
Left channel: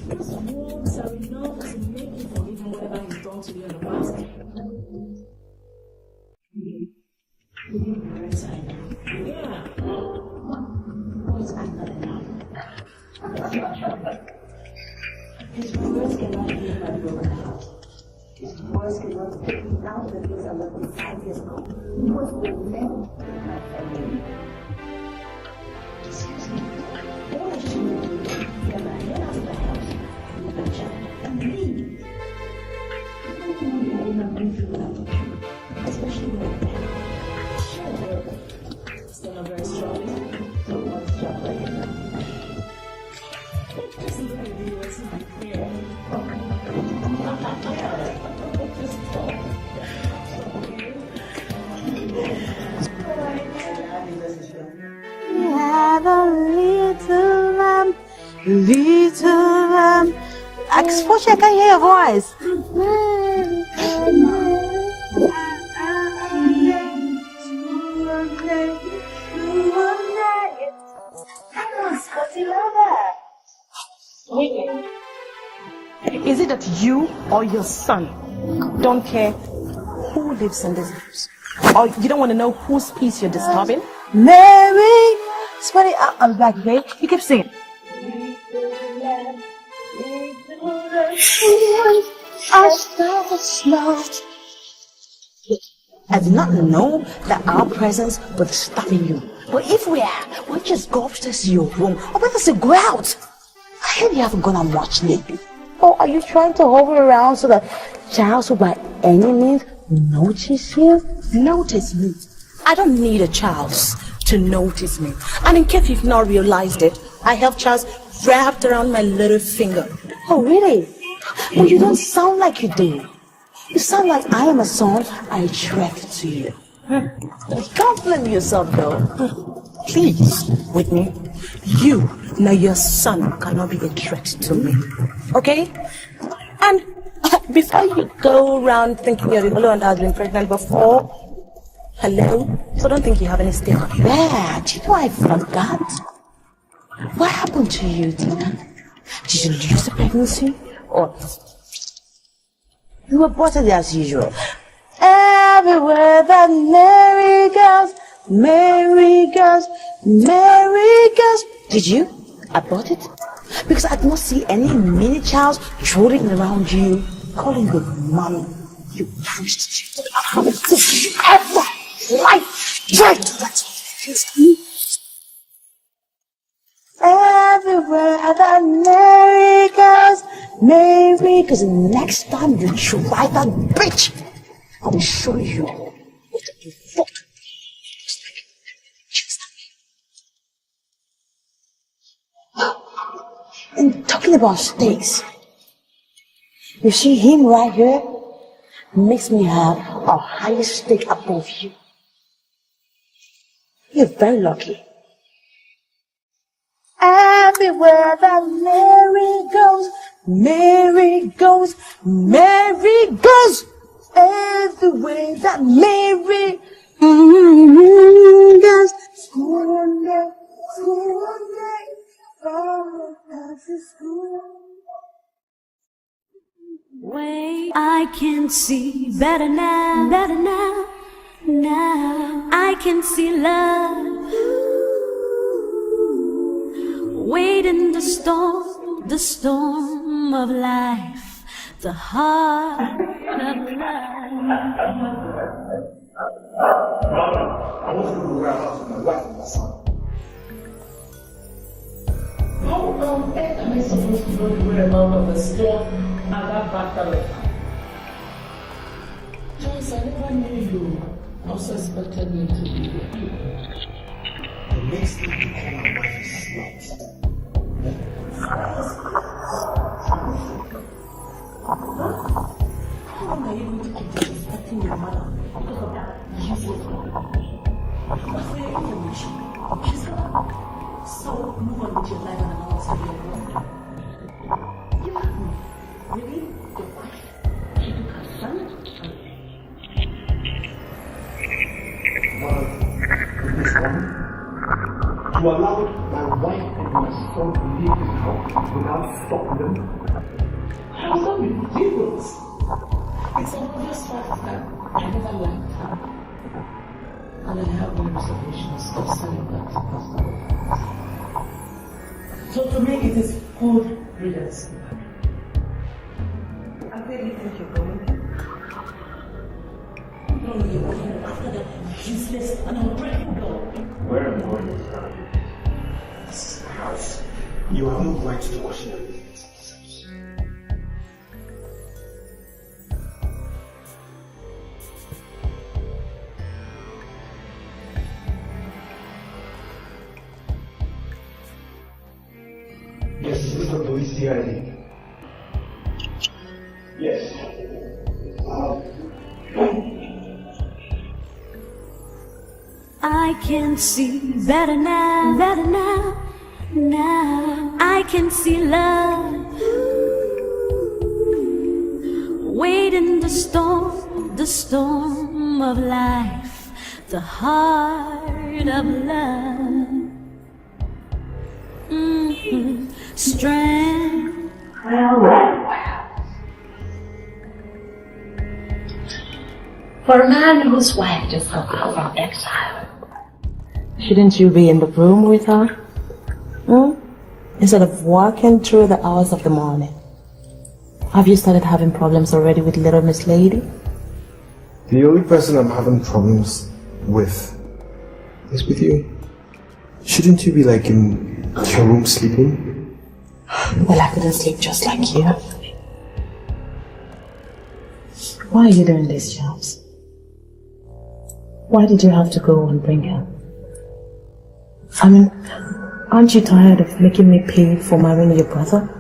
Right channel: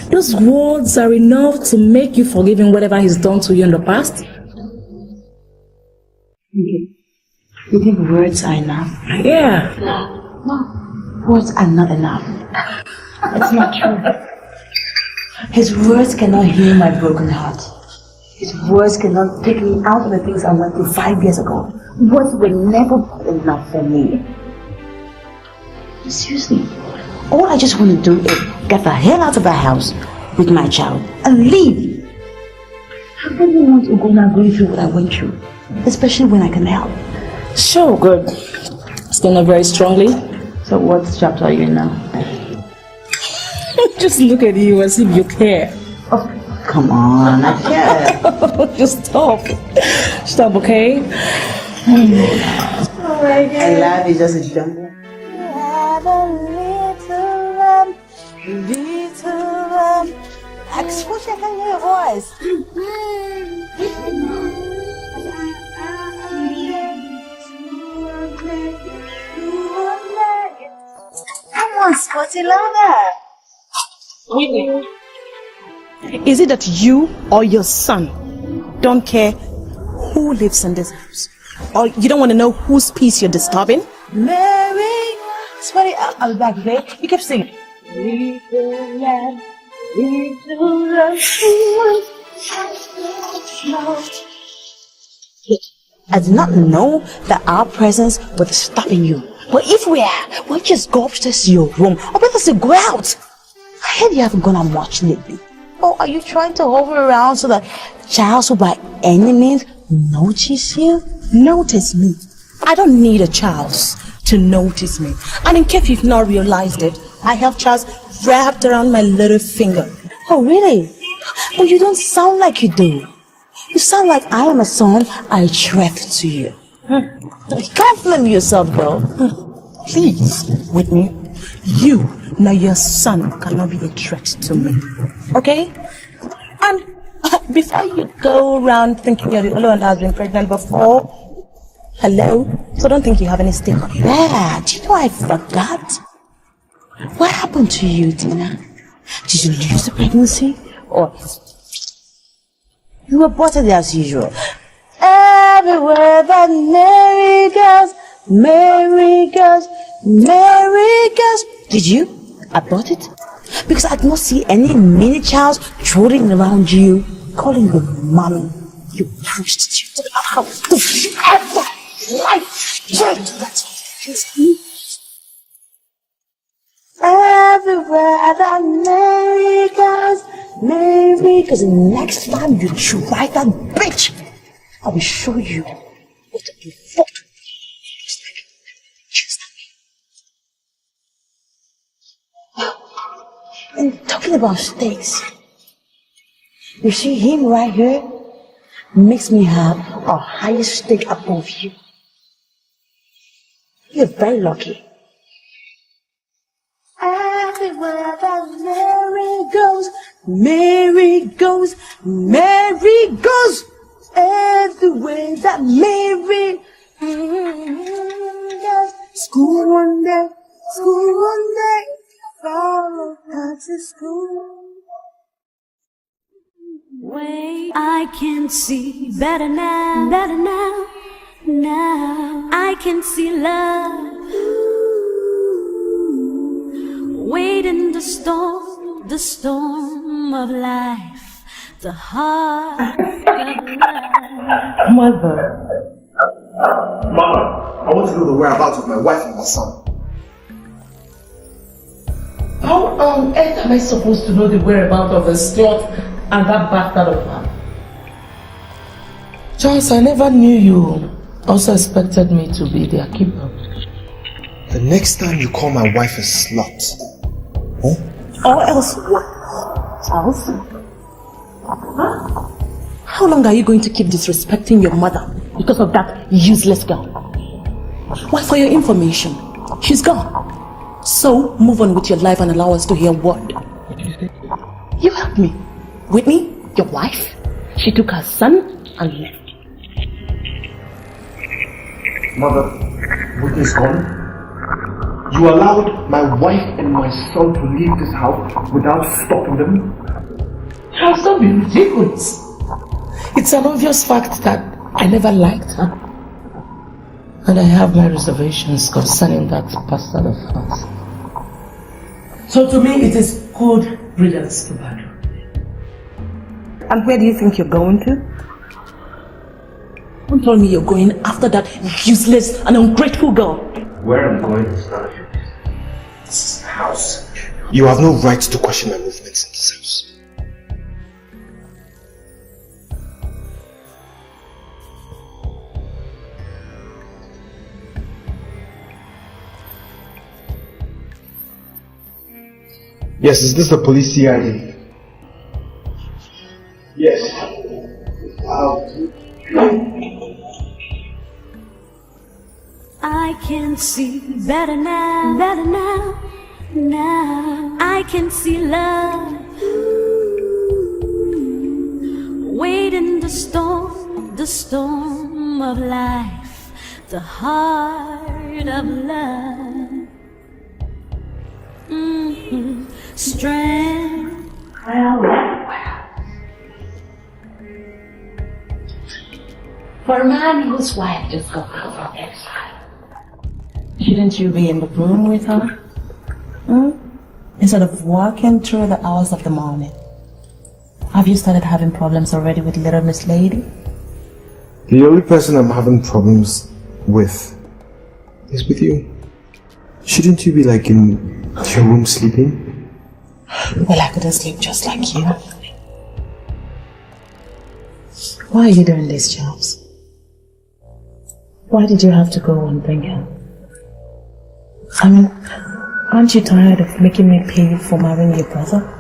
Those words are enough to make you forgive him whatever he's done to you in the past. You think words are enough? Yeah. No, words are not enough. It's not true. His words cannot heal my broken heart. His words cannot take me out of the things I went through 5 years ago. Words were never enough for me. Seriously, all I just want to do is get the hell out of the house with my child and leave. How can you want to go now going through what I went through? Especially when I can help. Sure, good. Still not very strongly. So what chapter are you in now? Just look at you as if you care. Oh, come on, I care. Just stop. Stop, okay? Oh my God. I love you, just a jungle. You have a little lamb. Unfortunately, I can't hear your voice. Come on, Scotty, louder. Whitney, is it that you or your son don't care who lives in this house? Or you don't want to know whose peace you're disturbing? Mary, Scotty, I'll be back, okay? You keep singing. Little lamb, I smell. I did not know that our presence was stopping you. But if we are, we'll just go upstairs to your room. Or better say, go out. I heard you haven't gone and watched lately. Or are you trying to hover around so that Charles will by any means notice you? Notice me? I don't need a Charles to notice me. And in case you've not realized it, I have Charles wrapped around my little finger. Oh, really? Well, you don't sound like you do. You sound like I am a son I attract to you. Can't blame yourself, though. Please, Whitney, you nor your son cannot be a threat to me. Okay? And before you go around thinking your little one has been pregnant before, hello? So don't think you have any stake on you. Yeah, do you know I forgot? What happened to you, Tina? Did you lose pregnancy? Or you aborted as usual? Everywhere that Mary goes, Mary goes, Mary goes. Did you abort it? Because I do not see any mini Charles trotting around you, calling you mommy. You prostitute. Ever life. Everywhere that Mary goes, Mary, because next time you try that bitch, I will show you what you fought. And talking about stakes, you see him right here makes me have a higher stake above you. You're very lucky. everywhere that Mary goes, Mary goes, Mary goes. Everywhere that Mary goes. School one day, oh, back to school. Wait, I can see better now, now I can see love. Wait in the storm of life, the heart of love. Mother. Mother, I want to know the whereabouts of my wife and my son. How on earth am I supposed to know the whereabouts of the slut and that bastard of her? Charles, I never knew you also expected me to be their keeper. The next time you call my wife a slut, Or else what? Charles? How long are you going to keep disrespecting your mother because of that useless girl? Well, for your information, she's gone. So move on with your life and allow us to hear what. You heard me. Whitney, your wife, she took her son and left. Mother, Whitney's gone. You allowed my wife and my son to leave this house without stopping them? How so be ridiculous? It's an obvious fact that I never liked her. And I have my reservations concerning that bastard of hers. So to me, it is good riddance to bad. And where do you think you're going to? Don't tell me you're going after that useless and ungrateful girl. Where I'm going is none of your business. This is the house. You have no right to question my movements in this house. Yes, is this the police CIA? Yes. I can see better now, now I can see love. Wait in the storm of life, the heart of love. Strength. For a man whose wife just got out from exile, shouldn't you be in the room with her? Instead of walking through the hours of the morning. Have you started having problems already with little Miss Lady? The only person I'm having problems with is with you. Shouldn't you be like in your room sleeping? Well, I couldn't sleep just like you. Why are you doing this, Charles? Why did you have to go and bring her? I mean, aren't you tired of making me pay for marrying your brother?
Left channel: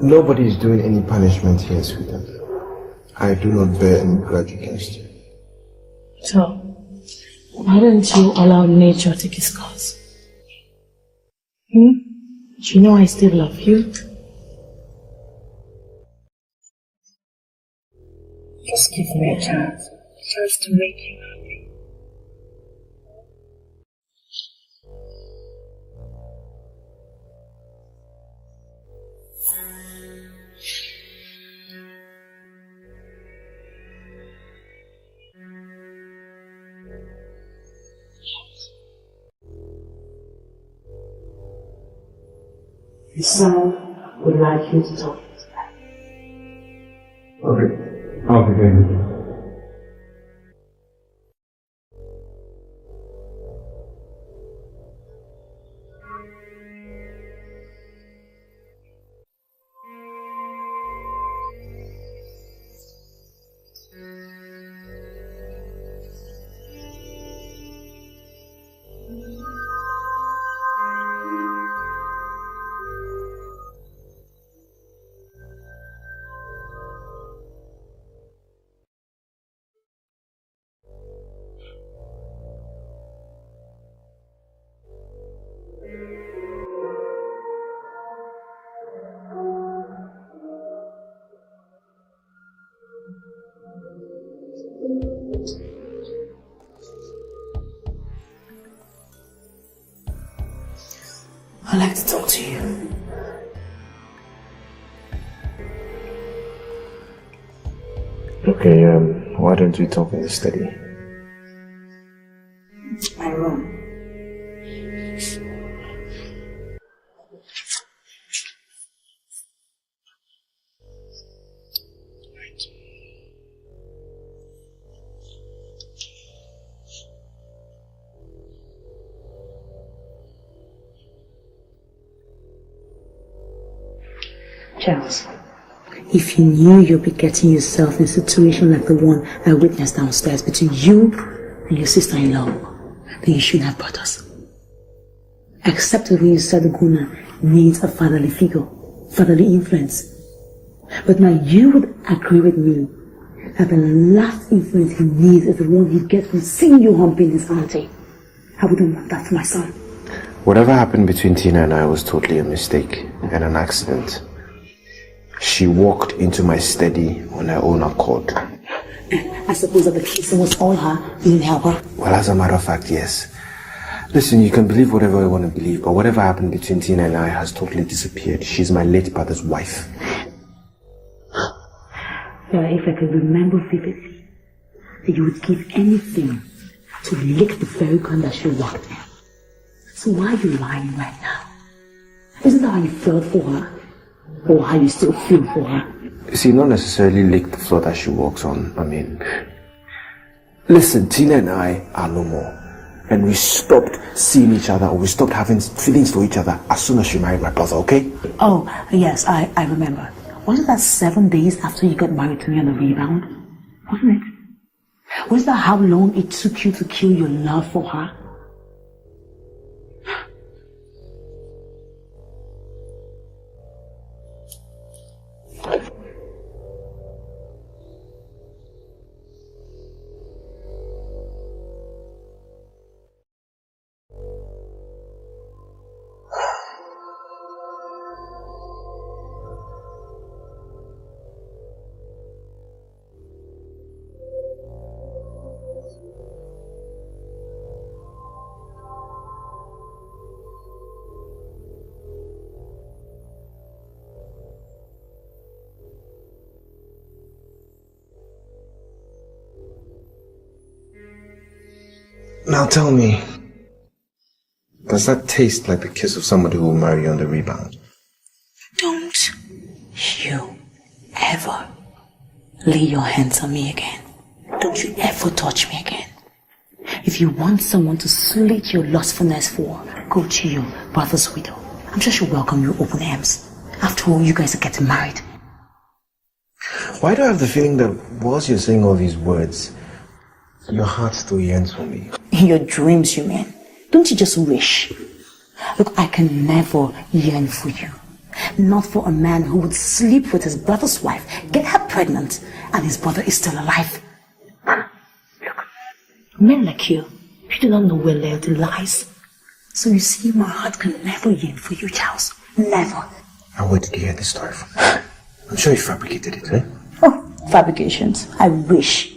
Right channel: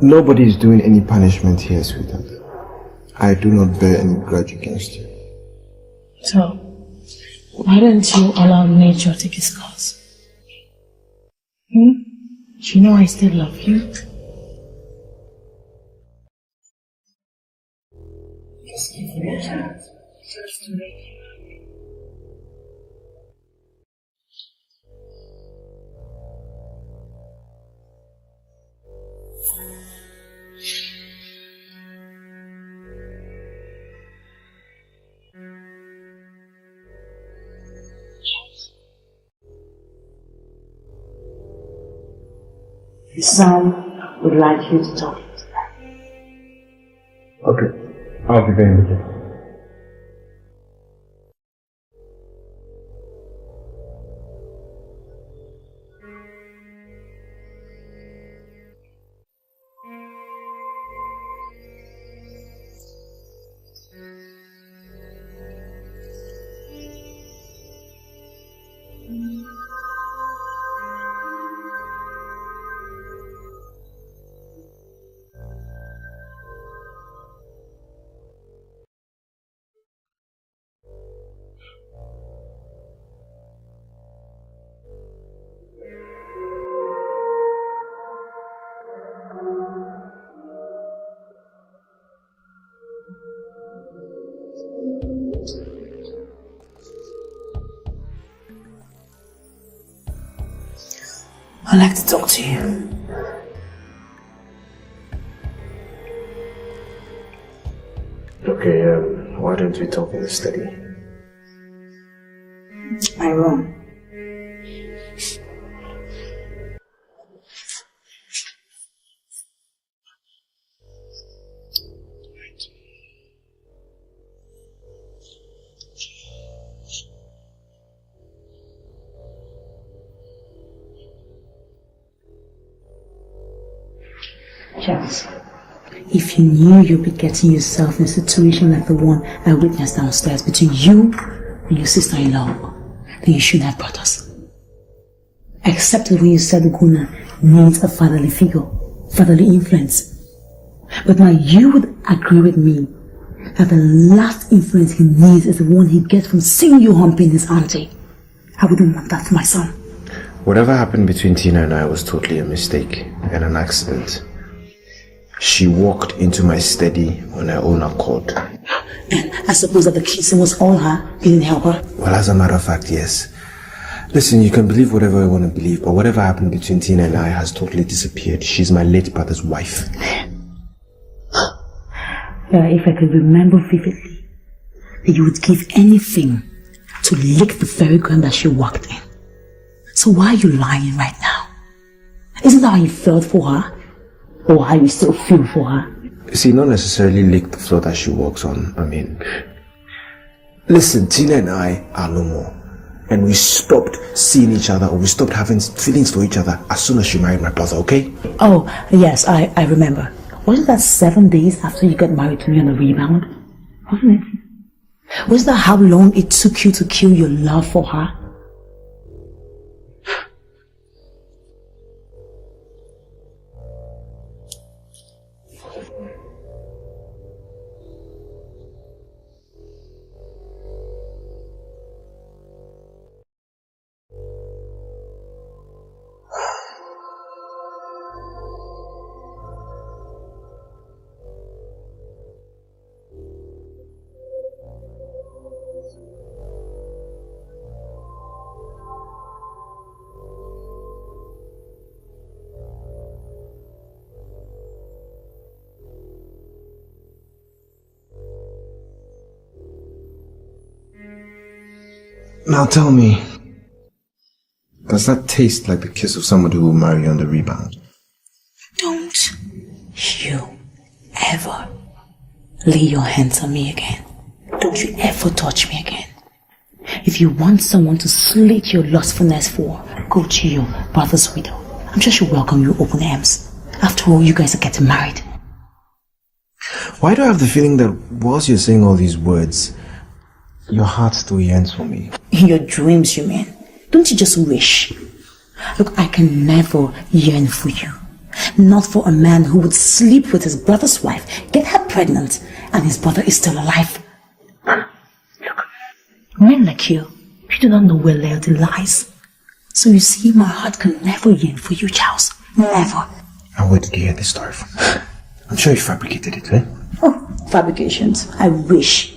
Nobody is doing any punishment here, sweetheart. I do not bear any grudge against you. So, why don't you allow nature to take its course? You know I still love you. Just give me a chance. Just to make you happy. His son would like you to talk to them. Okay, I'll be going with you. I'd like to talk to you. Okay, why don't we talk in steady? I wrong. Charles, if you knew you'd be getting yourself in a situation like the one I witnessed downstairs between you and your sister-in-law, then you should have brought us. I accepted when you said Guna needs a fatherly figure, fatherly influence. But now you would agree with me that the last influence he needs is the one he gets from seeing you humping his auntie. I wouldn't want that for my son. Whatever happened between Tina and I was totally a mistake and an accident. She walked into my study on her own accord. And I suppose that the kissing was all her, you didn't help her? Well, as a matter of fact, yes. Listen, you can believe whatever I want to believe, but whatever happened between Tina and I has totally disappeared. She's my late brother's wife. If I could remember vividly that you would give anything to lick the very ground that she walked in. So why are you lying right now? Isn't that how you felt for her? Or how you still feel for her? See, not necessarily lick the floor that she walks on. I mean, listen, Tina and I are no more. And we stopped seeing each other, or we stopped having feelings for each other as soon as she married my brother, okay? Oh, yes, I remember. Wasn't that 7 days after you got married to me on the rebound? Wasn't it? Was that how long it took you to kill your love for her? Now tell me, does that taste like the kiss of somebody who will marry you on the rebound? Don't you ever lay your hands on me again. Don't you ever touch me again. If you want someone to slate your lustfulness for, go to your brother's widow. I'm sure she'll welcome you open arms. After all, you guys are getting married. Why do I have the feeling that whilst you're saying all these words, your heart still yearns for me? In your dreams, you mean? Don't you just wish? Look, I can never yearn for you. Not for a man who would sleep with his brother's wife, get her pregnant, and his brother is still alive. Look, men like you do not know where loyalty lies. So you see, my heart can never yearn for you, Charles. Never. And where did you hear this story from? I'm sure you fabricated it, eh? Oh, fabrications. I wish.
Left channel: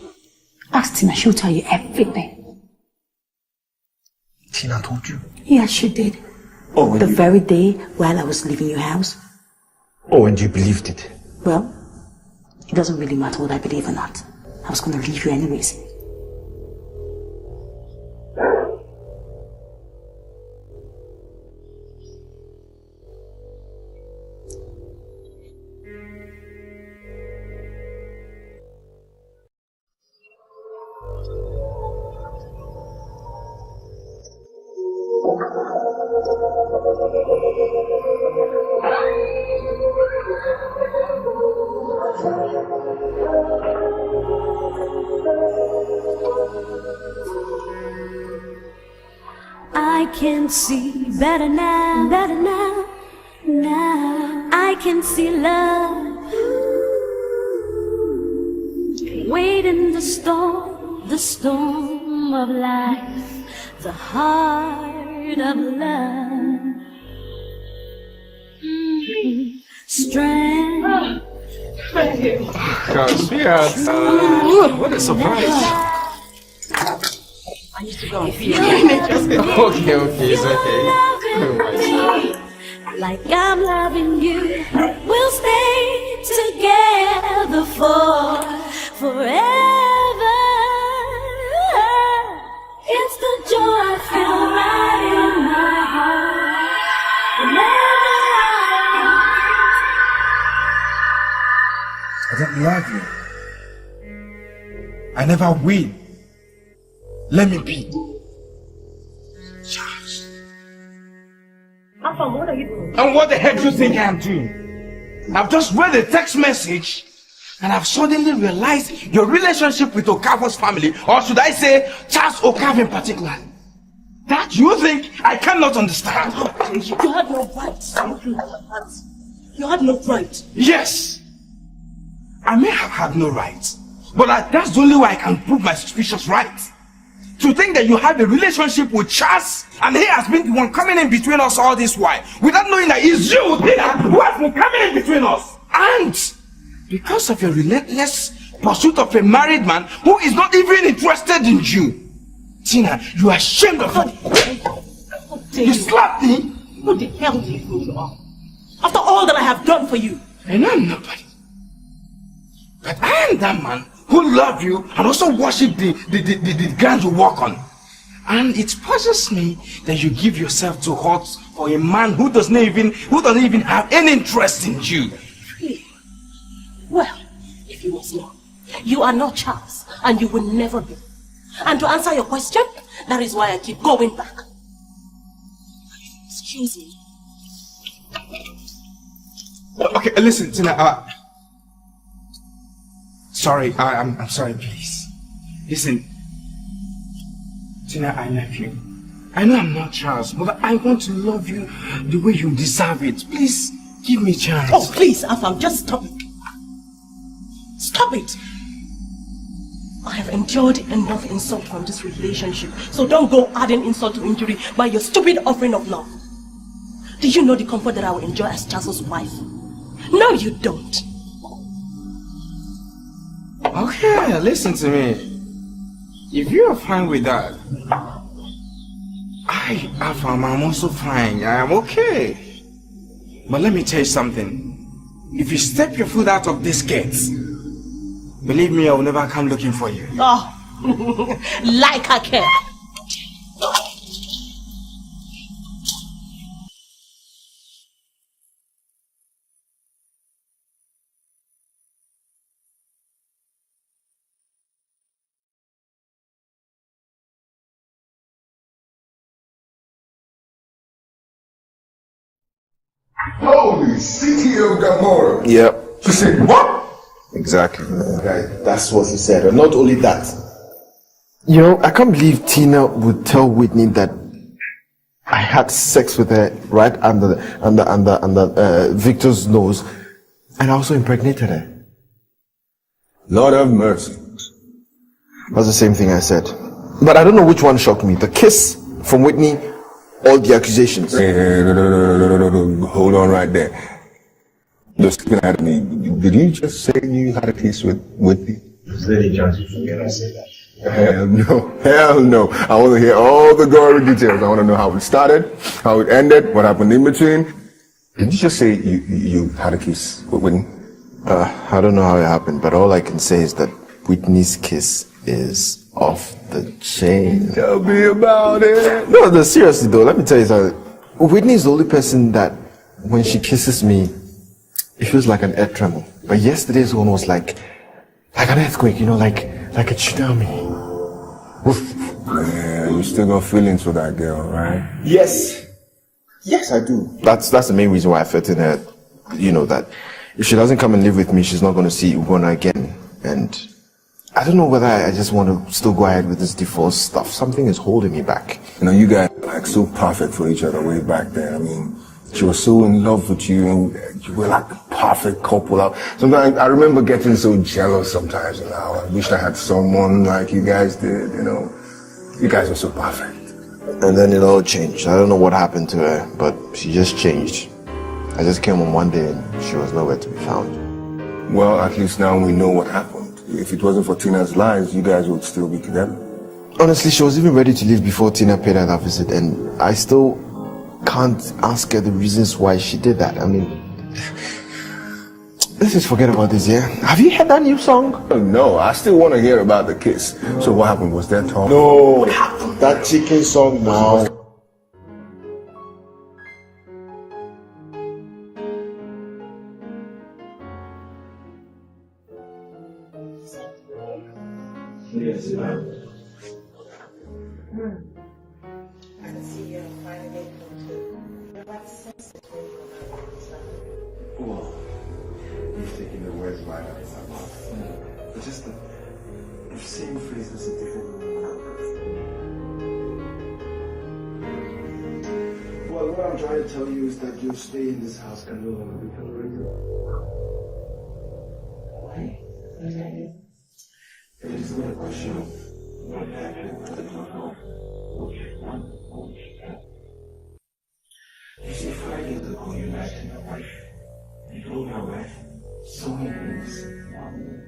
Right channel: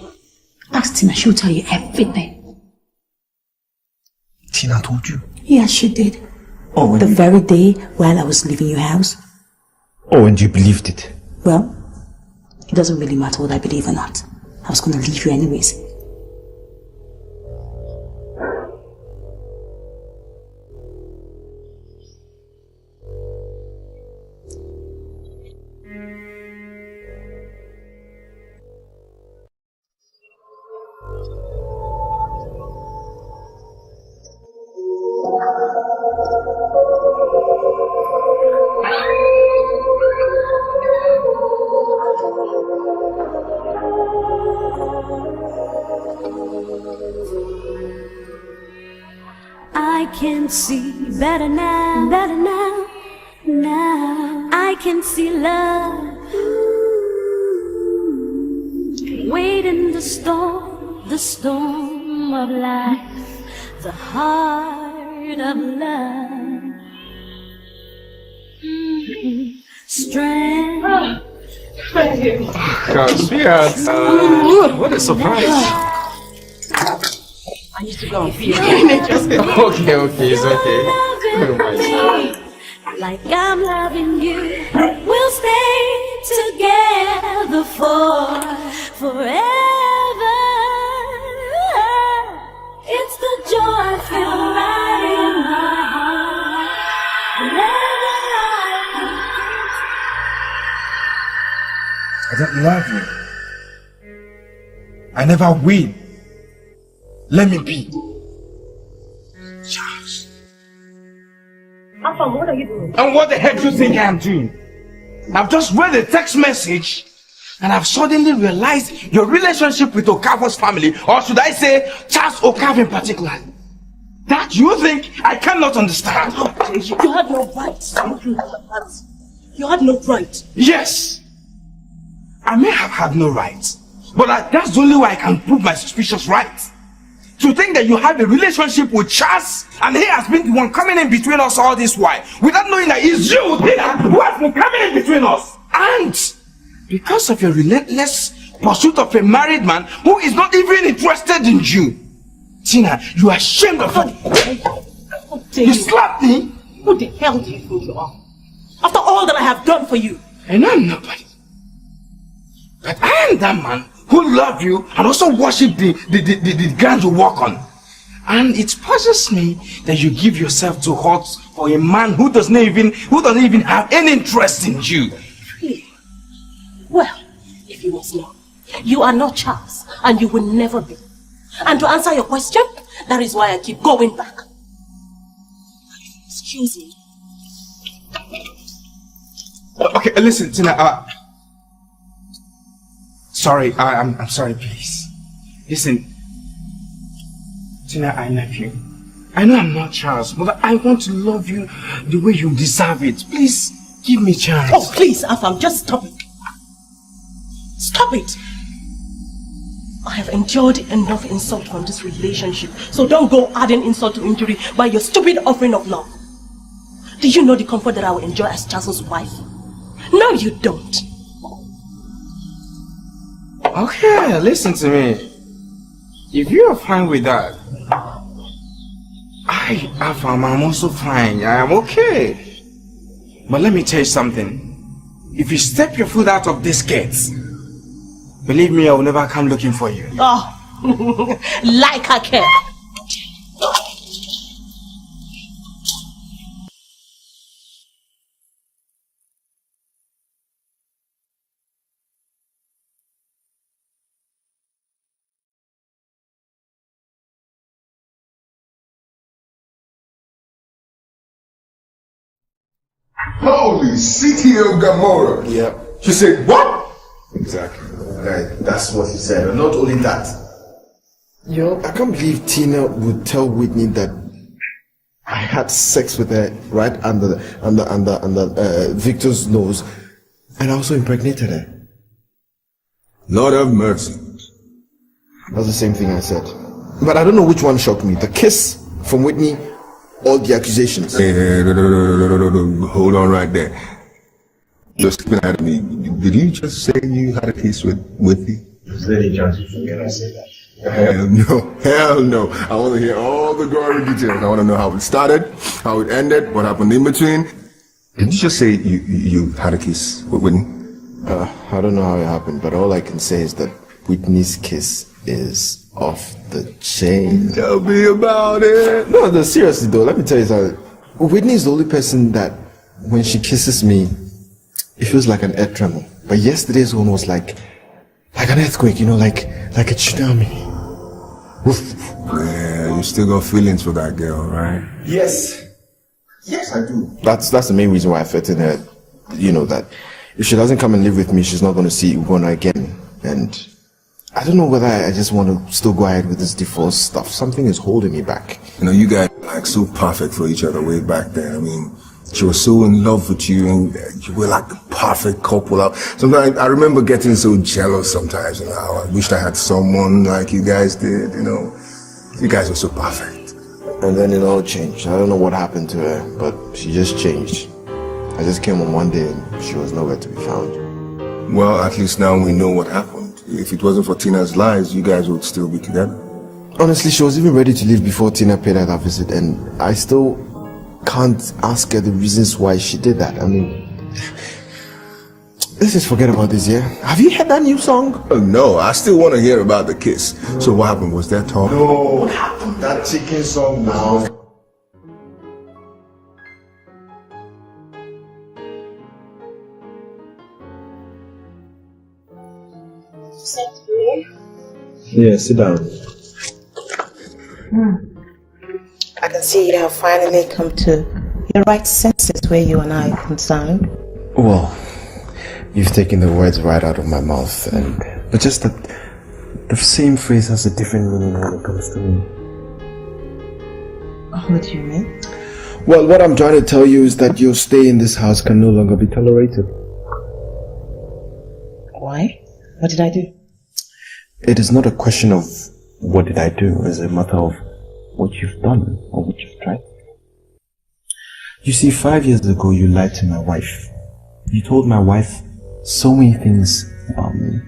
Ask Tina, she'll tell you everything. Tina told you? Yeah, she did. Oh, the very day while I was leaving your house. Oh, and you believed it? Well, it doesn't really matter what I believe or not. I was going to leave you anyways. I can see better now, now I can see love. Wait in the storm of life, the heart of love. Strength. Thank you. God, sweetheart, what a surprise. I need to go and feel Okay, it's okay. Oh my God. Like I'm loving you, we'll stay together forever. It's the joy I feel right in my heart. Whenever I don't love you. I never will. Let me be. Charles. Alpha, what are you doing? And what the heck do you think I'm doing? I've just read a text message and I've suddenly realized your relationship with Okafor's family, or should I say Charles Okafor in particular. That you think I cannot understand. You had no right to do that. You had no right. Yes. I may have had no right, but that's the only way I can prove my suspicions right. To think that you have a relationship with Charles and he has been the one coming in between us all this while, without knowing that it's you, Tina, who has been coming in between us. And because of your relentless pursuit of a married man who is not even interested in you, Tina, you are ashamed of it. You slapped me. Who the hell do you think you are? After all that I have done for you. And I'm nobody. But I am that man who love you and also worship the ground you walk on. And it puzzles me that you give yourself to hurt for a man who doesn't even have any interest in you. Really? Well, if you must know, you are not Charles, and you will never be. And to answer your question, that is why I keep going back. Excuse me. Okay, listen, Tina. Sorry, I'm sorry, please. Listen, Tina, I love you. I know I'm not Charles, but I want to love you the way you deserve it. Please, give me a chance. Oh, please, Afam, just stop it. Stop it. I have endured enough insult from this relationship, so don't go adding insult to injury by your stupid offering of love. Do you know the comfort that I will enjoy as Charles' wife? No, you don't. Okay, listen to me. If you are fine with that, I'm also fine. I am okay. But let me tell you something. If you step your foot out of this gate, believe me, I will never come looking for you. Oh, like I care. Holy city of Gomorrah. Yep. She said, what? Exactly. That's what he said. And not only that, you know, I can't believe Tina would tell Whitney that I had sex with her right under Victor's nose, and I also impregnated her. Lord have mercy. That's the same thing I said. But I don't know which one shocked me, the kiss from Whitney or the accusations. Hey, hold on right there. Listen at me. Did you just say you had a kiss with Whitney? Is there any chance you forget I said that? Hell no. Hell no. I want to hear all the gory details. I want to know how it started, how it ended, what happened in between. Did you just say you had a kiss with Whitney? I don't know how it happened, but all I can say is that Whitney's kiss is off the chain. Tell me about it. No, seriously though, let me tell you something. Whitney is the only person that, when she kisses me, it feels like an earth tremble. But yesterday is almost like an earthquake, you know, like a tsunami. Man, you still got feelings for that girl, right? Yes. Yes, I do. That's the main reason why I felt that, you know, that if she doesn't come and live with me, she's not going to see Ugona again. And I don't know whether I just want to still go ahead with this divorce stuff. Something is holding me back. You know, you guys were like so perfect for each other way back there. I mean, she was so in love with you, and you were like the perfect couple. Sometimes I remember getting so jealous sometimes, you know. I wished I had someone like you guys did, you know. You guys were so perfect. And then it all changed. I don't know what happened to her, but she just changed. I just came home one day and she was nowhere to be found. Well, at least now we know what happened. If it wasn't for Tina's lies, you guys would still be together. Honestly, she was even ready to leave before Tina paid her that visit, and I still can't ask her the reasons why she did that. I mean, Let's just forget about this, yeah? Have you heard that new song? No, I still want to hear about the kiss. So what happened? Was that talk? No, that chicken song now. Yeah, sit down. I can see you have finally come to your right senses where you and I are concerned. Well, you've taken the words right out of my mouth, but just that the same phrase has a different meaning when it comes to me. What do you mean? Well, what I'm trying to tell you is that your stay in this house can no longer be tolerated. Why? What did I do? It is not a question of what did I do, it's a matter of what you've done or what you've tried. You see, 5 years ago you lied to my wife. You told my wife so many things about me.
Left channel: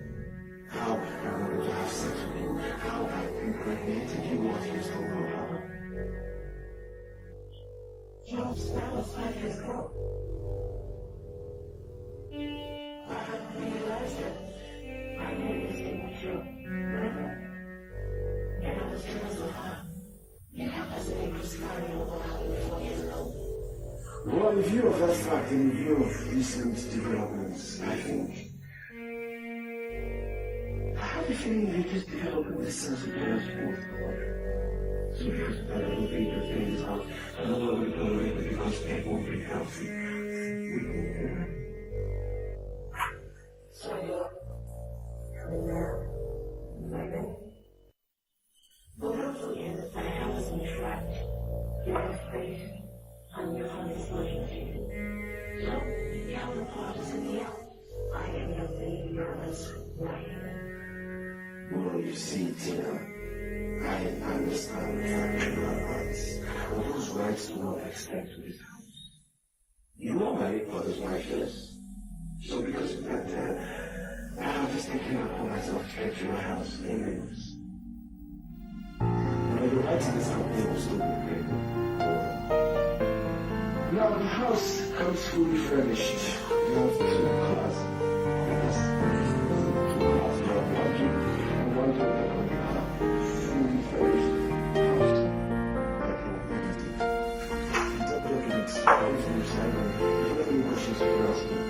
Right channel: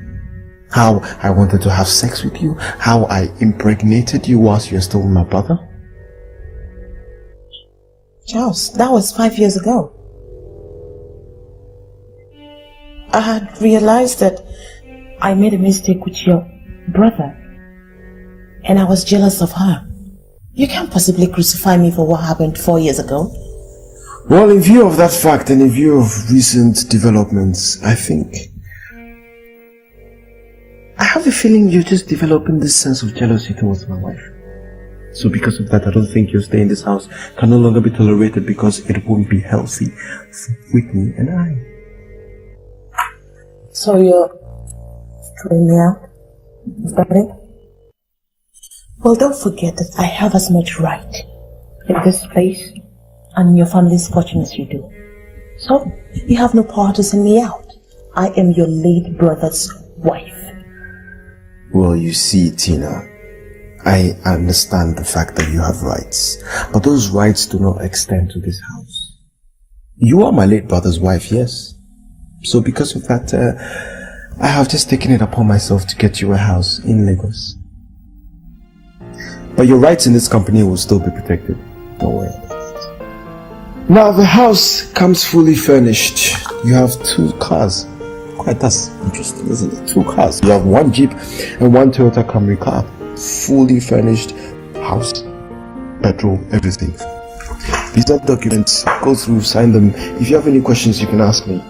How I wanted to have sex with you, how I impregnated you whilst you were still with my brother. Charles, that was 5 years ago. I had realized that I made a mistake with your brother, and I was jealous of her. You can't possibly crucify me for what happened 4 years ago. Well, in view of that fact and in view of recent developments, I have a feeling you're just developing this sense of jealousy towards my wife. So because of that, I don't think your stay in this house can no longer be tolerated because it won't be healthy for Whitney and I. So you're throwing me out? Is that it? Well, don't forget that I have as much right in this place and in your family's fortune as you do. So, you have no power to send me out. I am your late brother's wife. Well, you see, Tina, I understand the fact that you have rights, but those rights do not extend to this house. You are my late brother's wife, yes. So because of that, I have just taken it upon myself to get you a house in Lagos. But your rights in this company will still be protected. Don't worry about it. Now the house comes fully furnished. You have 2 cars. Quite that's interesting, isn't it? 2 cars. You have 1 Jeep and 1 Toyota Camry car. Fully furnished house, petrol, everything. These are documents. Go through, sign them. If you have any questions, you can ask me.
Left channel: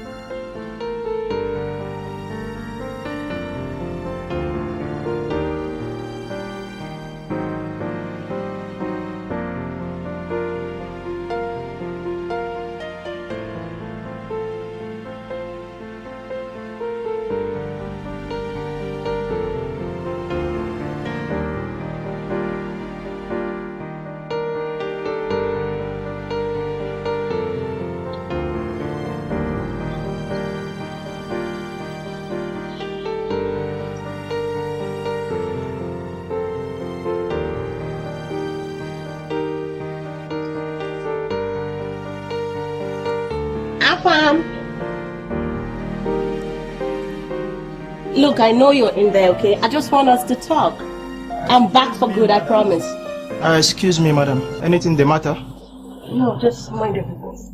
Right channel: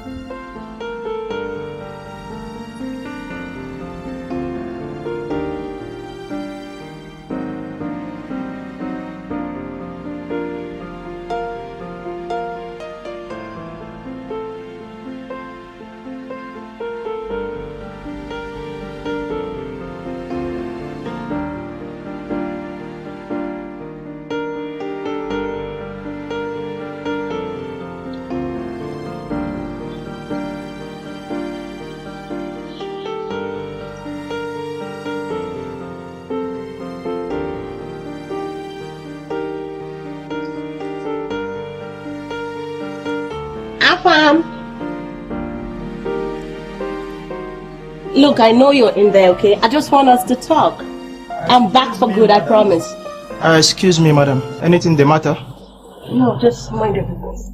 Look, I know you're in there, okay? I just want us to talk. I'm back for good, I promise. Excuse me, madam. Anything the matter? No, just mind your business.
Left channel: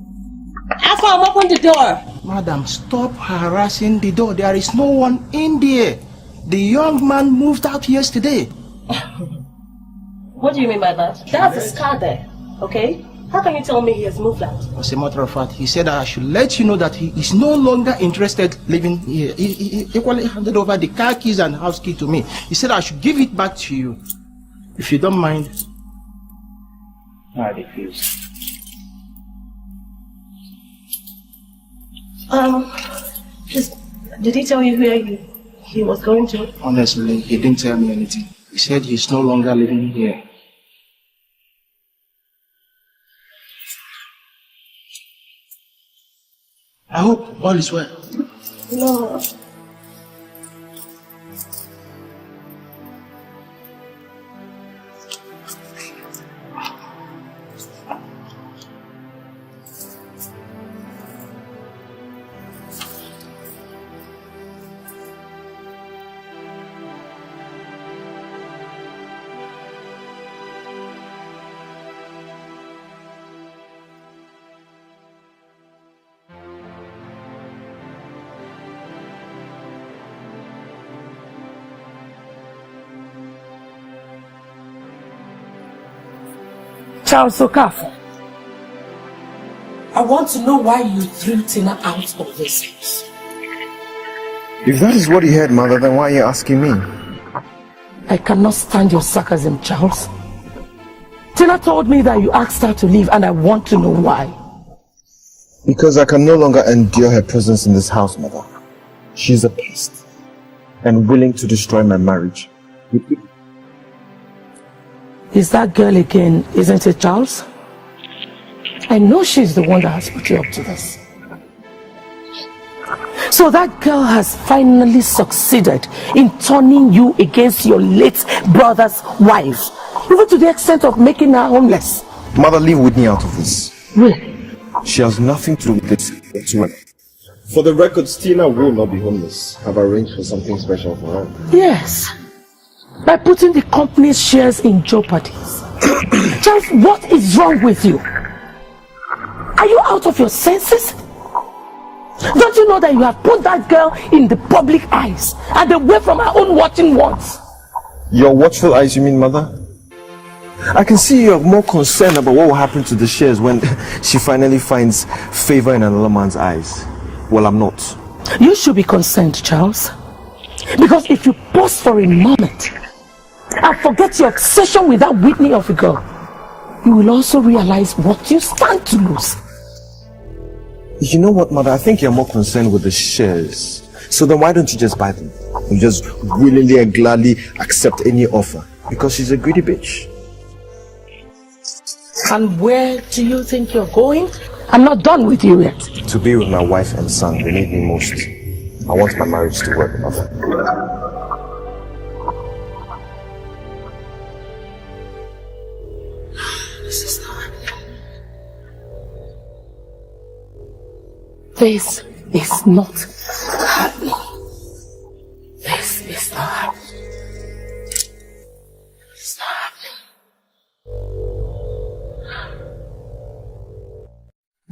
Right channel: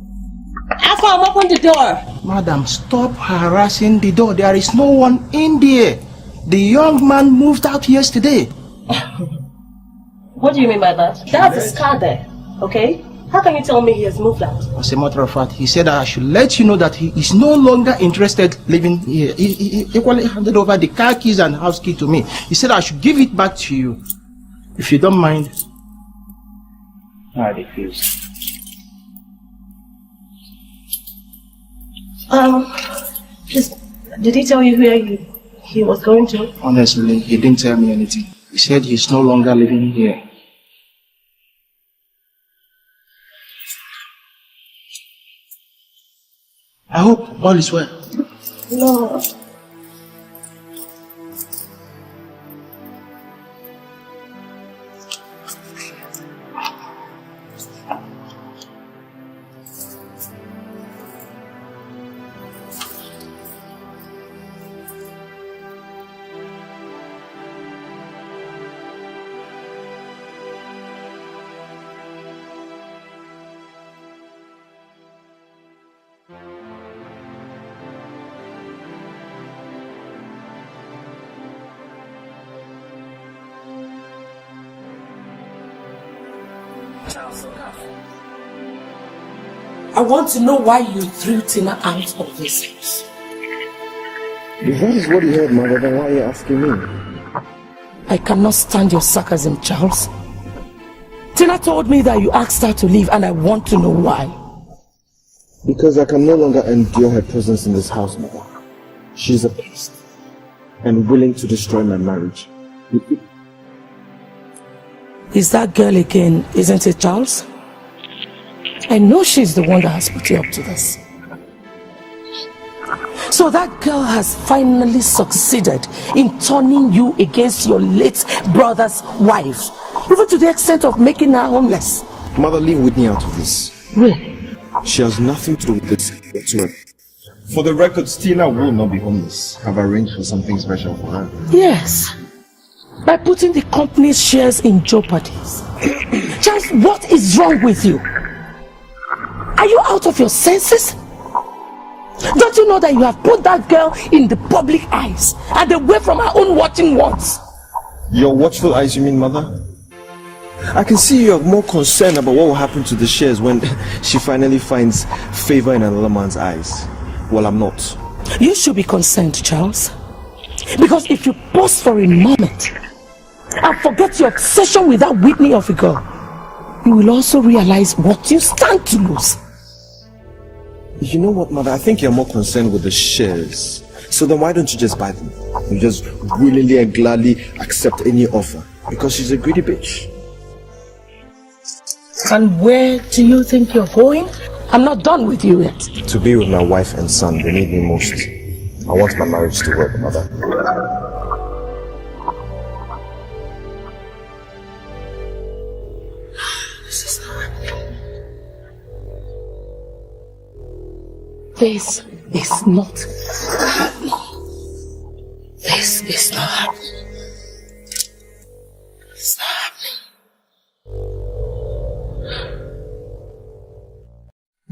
Afam, open the door! Madam, stop harassing the door. There is no one in there. The young man moved out yesterday. What do you mean by that? That's a scar there, okay? How can you tell me he has moved out? As a matter of fact, he said that I should let you know that he is no longer interested living here. He equally handed over the car keys and house key to me. He said I should give it back to you. If you don't mind. I refuse. Just, did he tell you where he was going to? Honestly, he didn't tell me anything. He said he's no longer living here. I hope all is well. No. Charles Okafor, I want to know why you threw Tina out of this house. If that is what he heard, Mother, then why are you asking me? I cannot stand your sarcasm, Charles. Tina told me that you asked her to leave, and I want to know why. Because I can no longer endure her presence in this house, Mother. She's a beast and willing to destroy my marriage. Is that girl again, isn't it, Charles? I know she's the one that has put you up to this. So that girl has finally succeeded in turning you against your late brother's wife, even to the extent of making her homeless. Mother, leave Whitney out of this. Really? She has nothing to do with this. For the record, Tina will not be homeless. I've arranged for something special for her. Yes. By putting the company's shares in jeopardy. Charles, what is wrong with you? Are you out of your senses? Don't you know that you have put that girl in the public eyes and away from her own watching ones? Your watchful eyes, you mean, Mother? I can see you are more concerned about what will happen to the shares when she finally finds favor in another man's eyes. Well, I'm not. You should be concerned, Charles. Because if you pause for a moment and forget your obsession with that Whitney of a girl, you will also realize what you stand to lose. You know what, Mother? I think you're more concerned with the shares. So then why don't you just buy them? You just willingly and gladly accept any offer. Because she's a greedy bitch. And where do you think you're going? I'm not done with you yet. To be with my wife and son, they need me most. I want my marriage to work, Mother. This is not happening. This is not happening. This is not happening. It's not happening.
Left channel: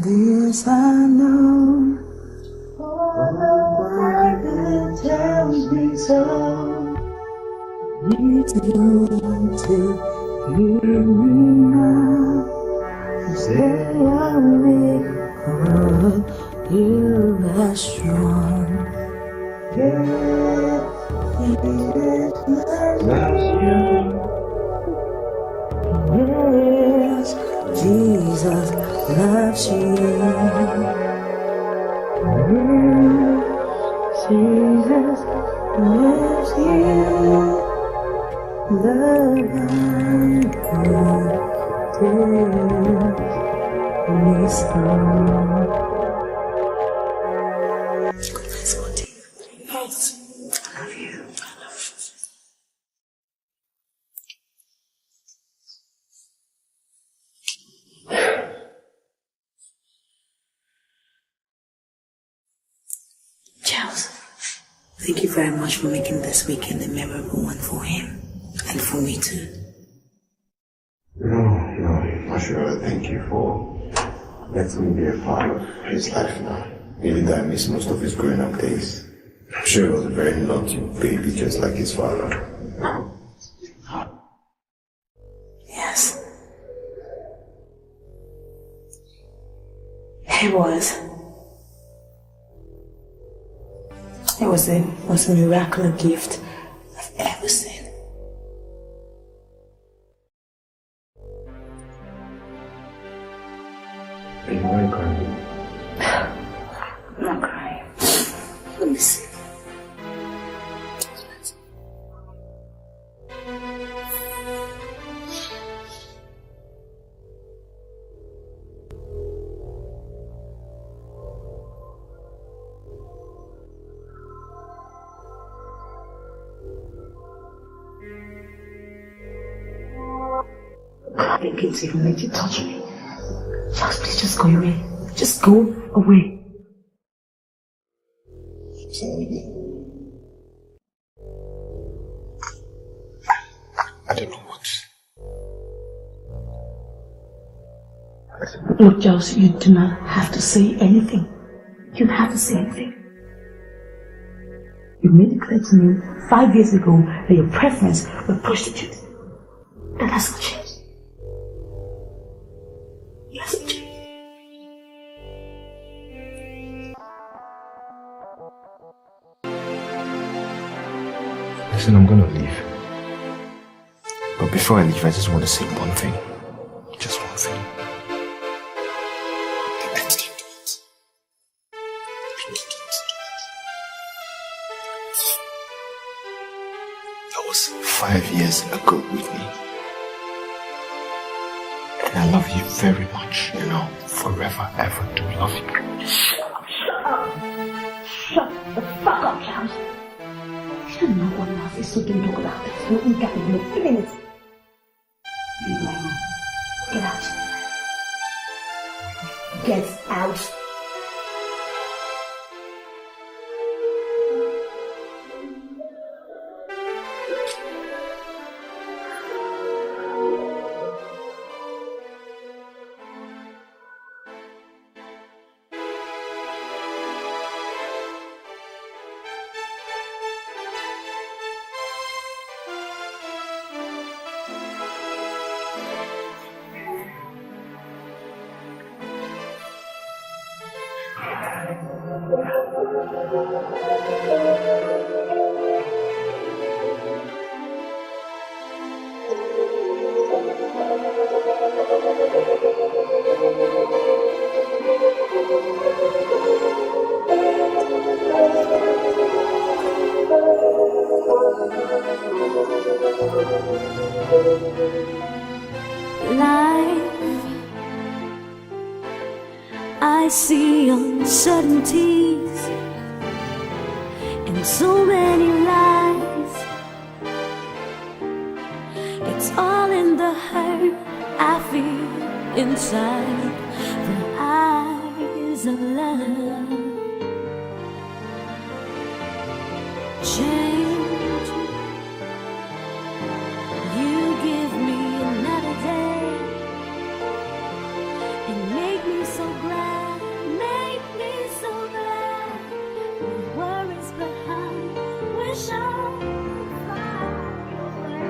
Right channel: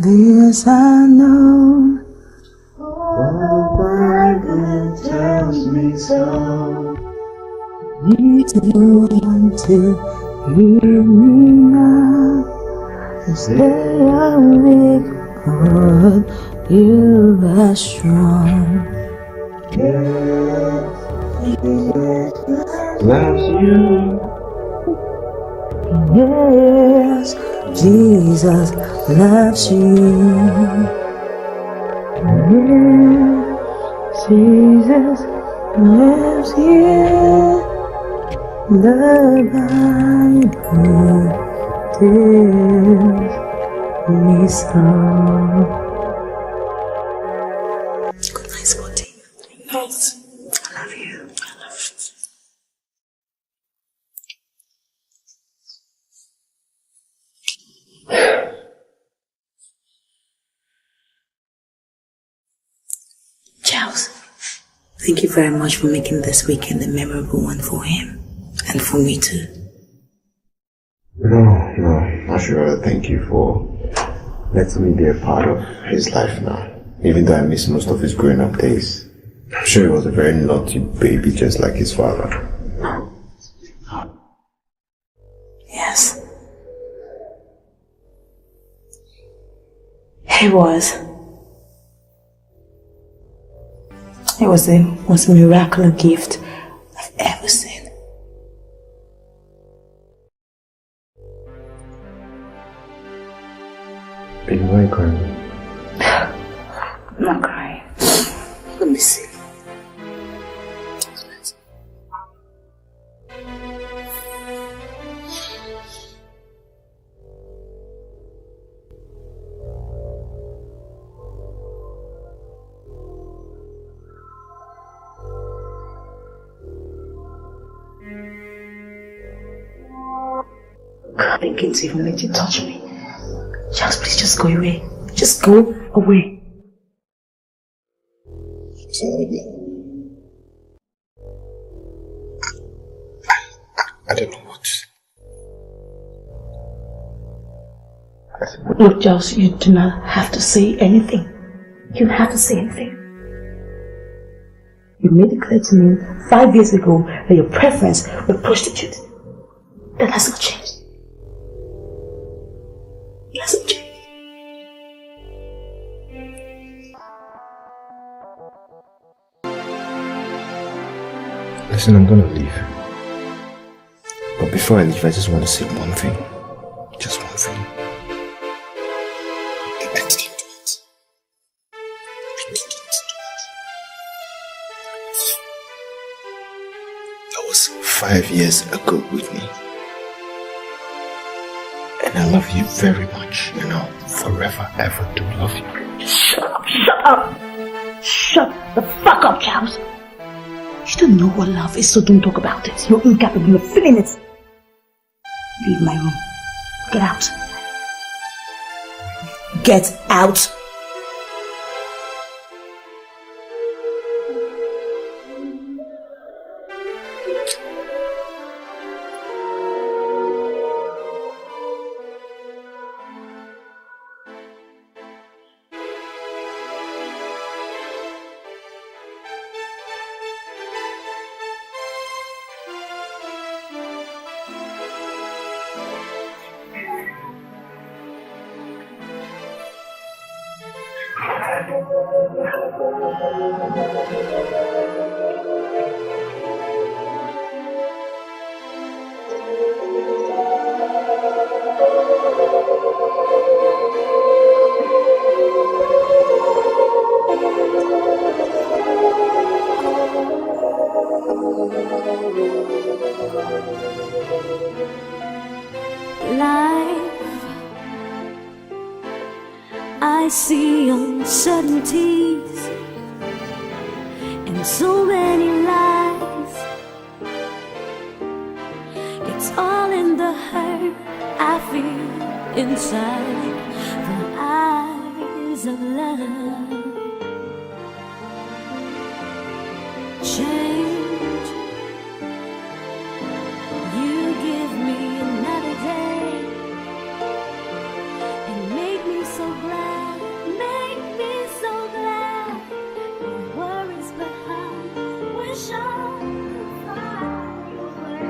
This I know, the Bible tells me so. You don't want to hear me now. Say I'm weak, but you are strong. Loves you. Yes, Jesus loves you. Yes, Jesus loves you. The Bible tells me so. Good night, Scotty. Good night. I love you. I love you. Charles, thank you very much for making this weekend a memorable one for him. And for me too. No, I should rather thank you for letting me be a part of his life now. Even though I missed most of his growing up days. I'm sure he was a very naughty baby just like his father. Yes. He was. It was the most miraculous gift I've ever seen. Are you very crying? I'm not crying. Let me see. I think it's even let you touch me. Charles, please just go away. Just go away. I don't know what. Look, Charles, you do not have to say anything. You don't have to say anything. You made it clear to me 5 years ago that your preference was prostitute. That hasn't changed. Listen, I'm gonna leave. But before I leave, I just want to say one thing. Just one thing. That was 5 years ago, Whitney. And I love you very much, you know, forever, ever do love you. Shut up, shut up! Shut the fuck up, Charles! You don't know what love is, so don't talk about it. You're incapable of feeling it. Leave my room. Get out. Get out! Life, I see uncertainties and so many lies. It's all in the hurt I feel inside the eyes of love. Change, you give me another day and make me so glad, make me so glad. No worries behind, wish I could fly away.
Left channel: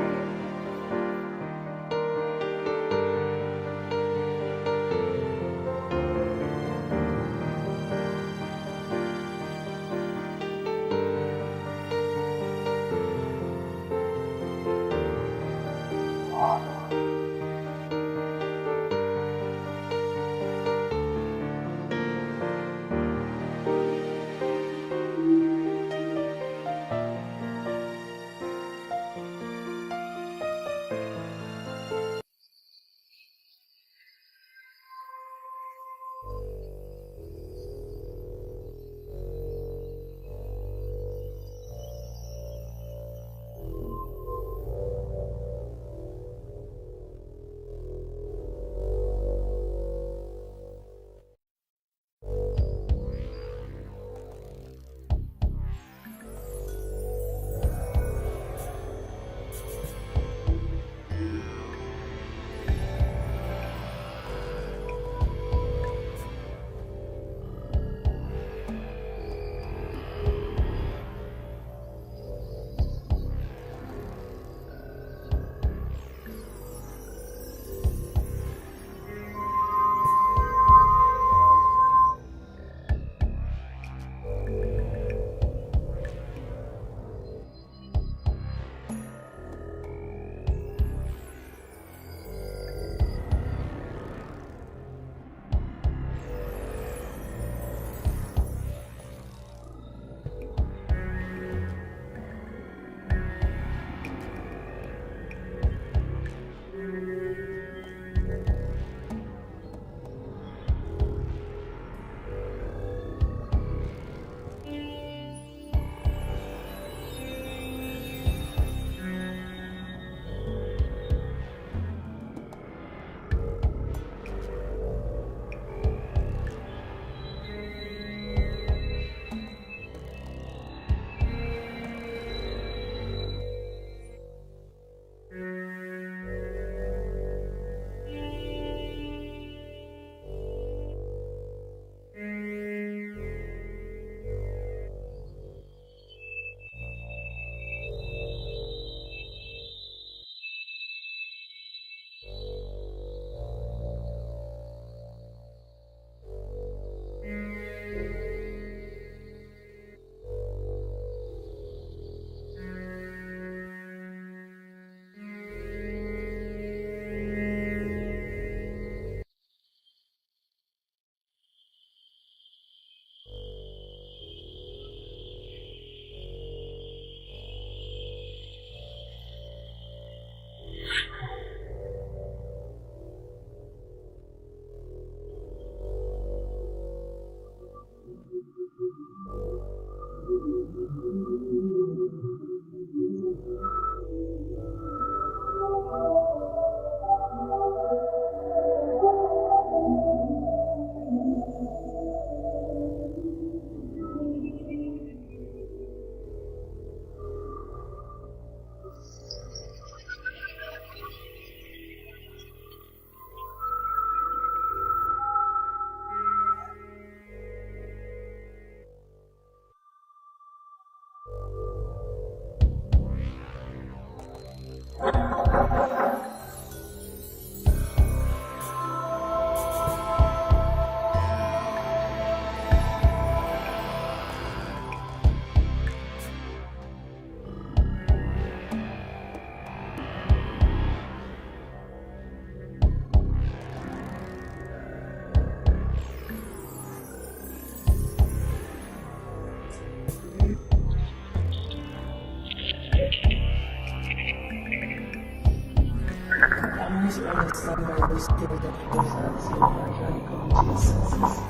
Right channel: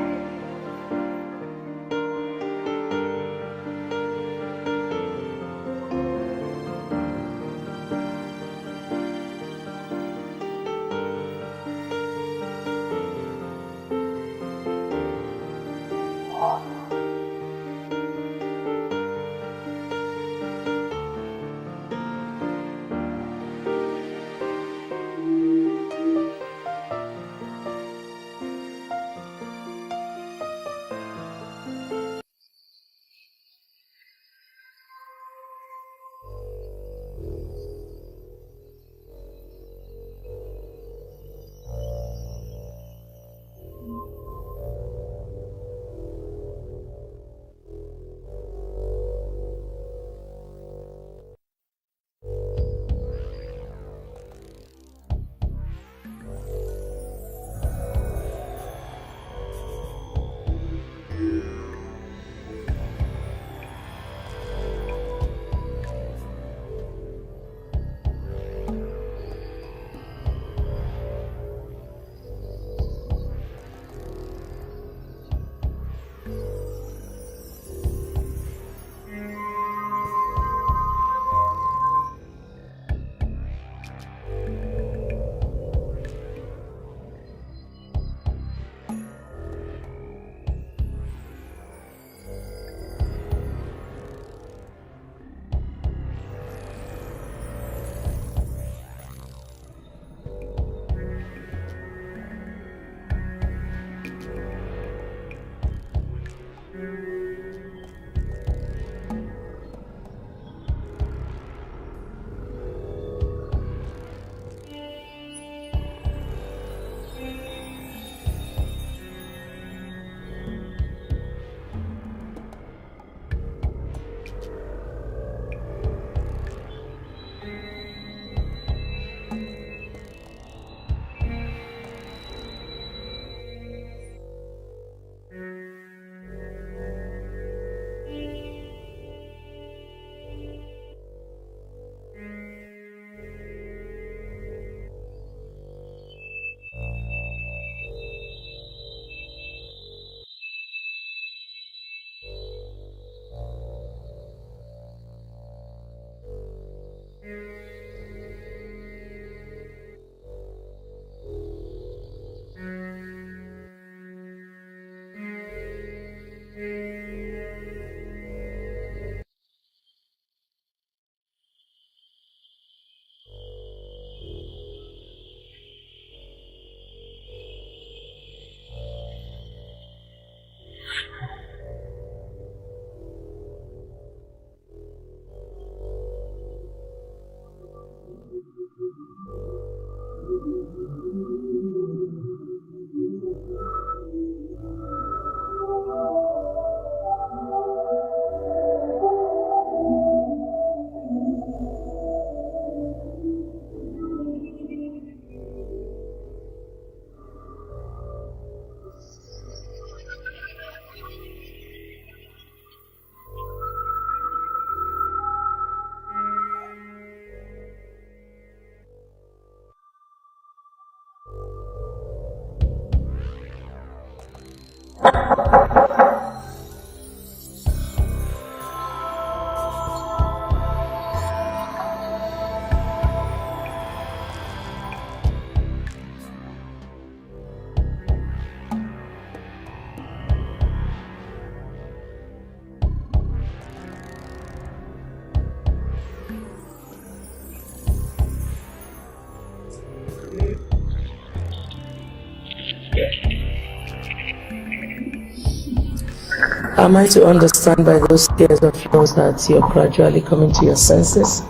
Am I to understand by those tears of yours that you're gradually coming to your senses?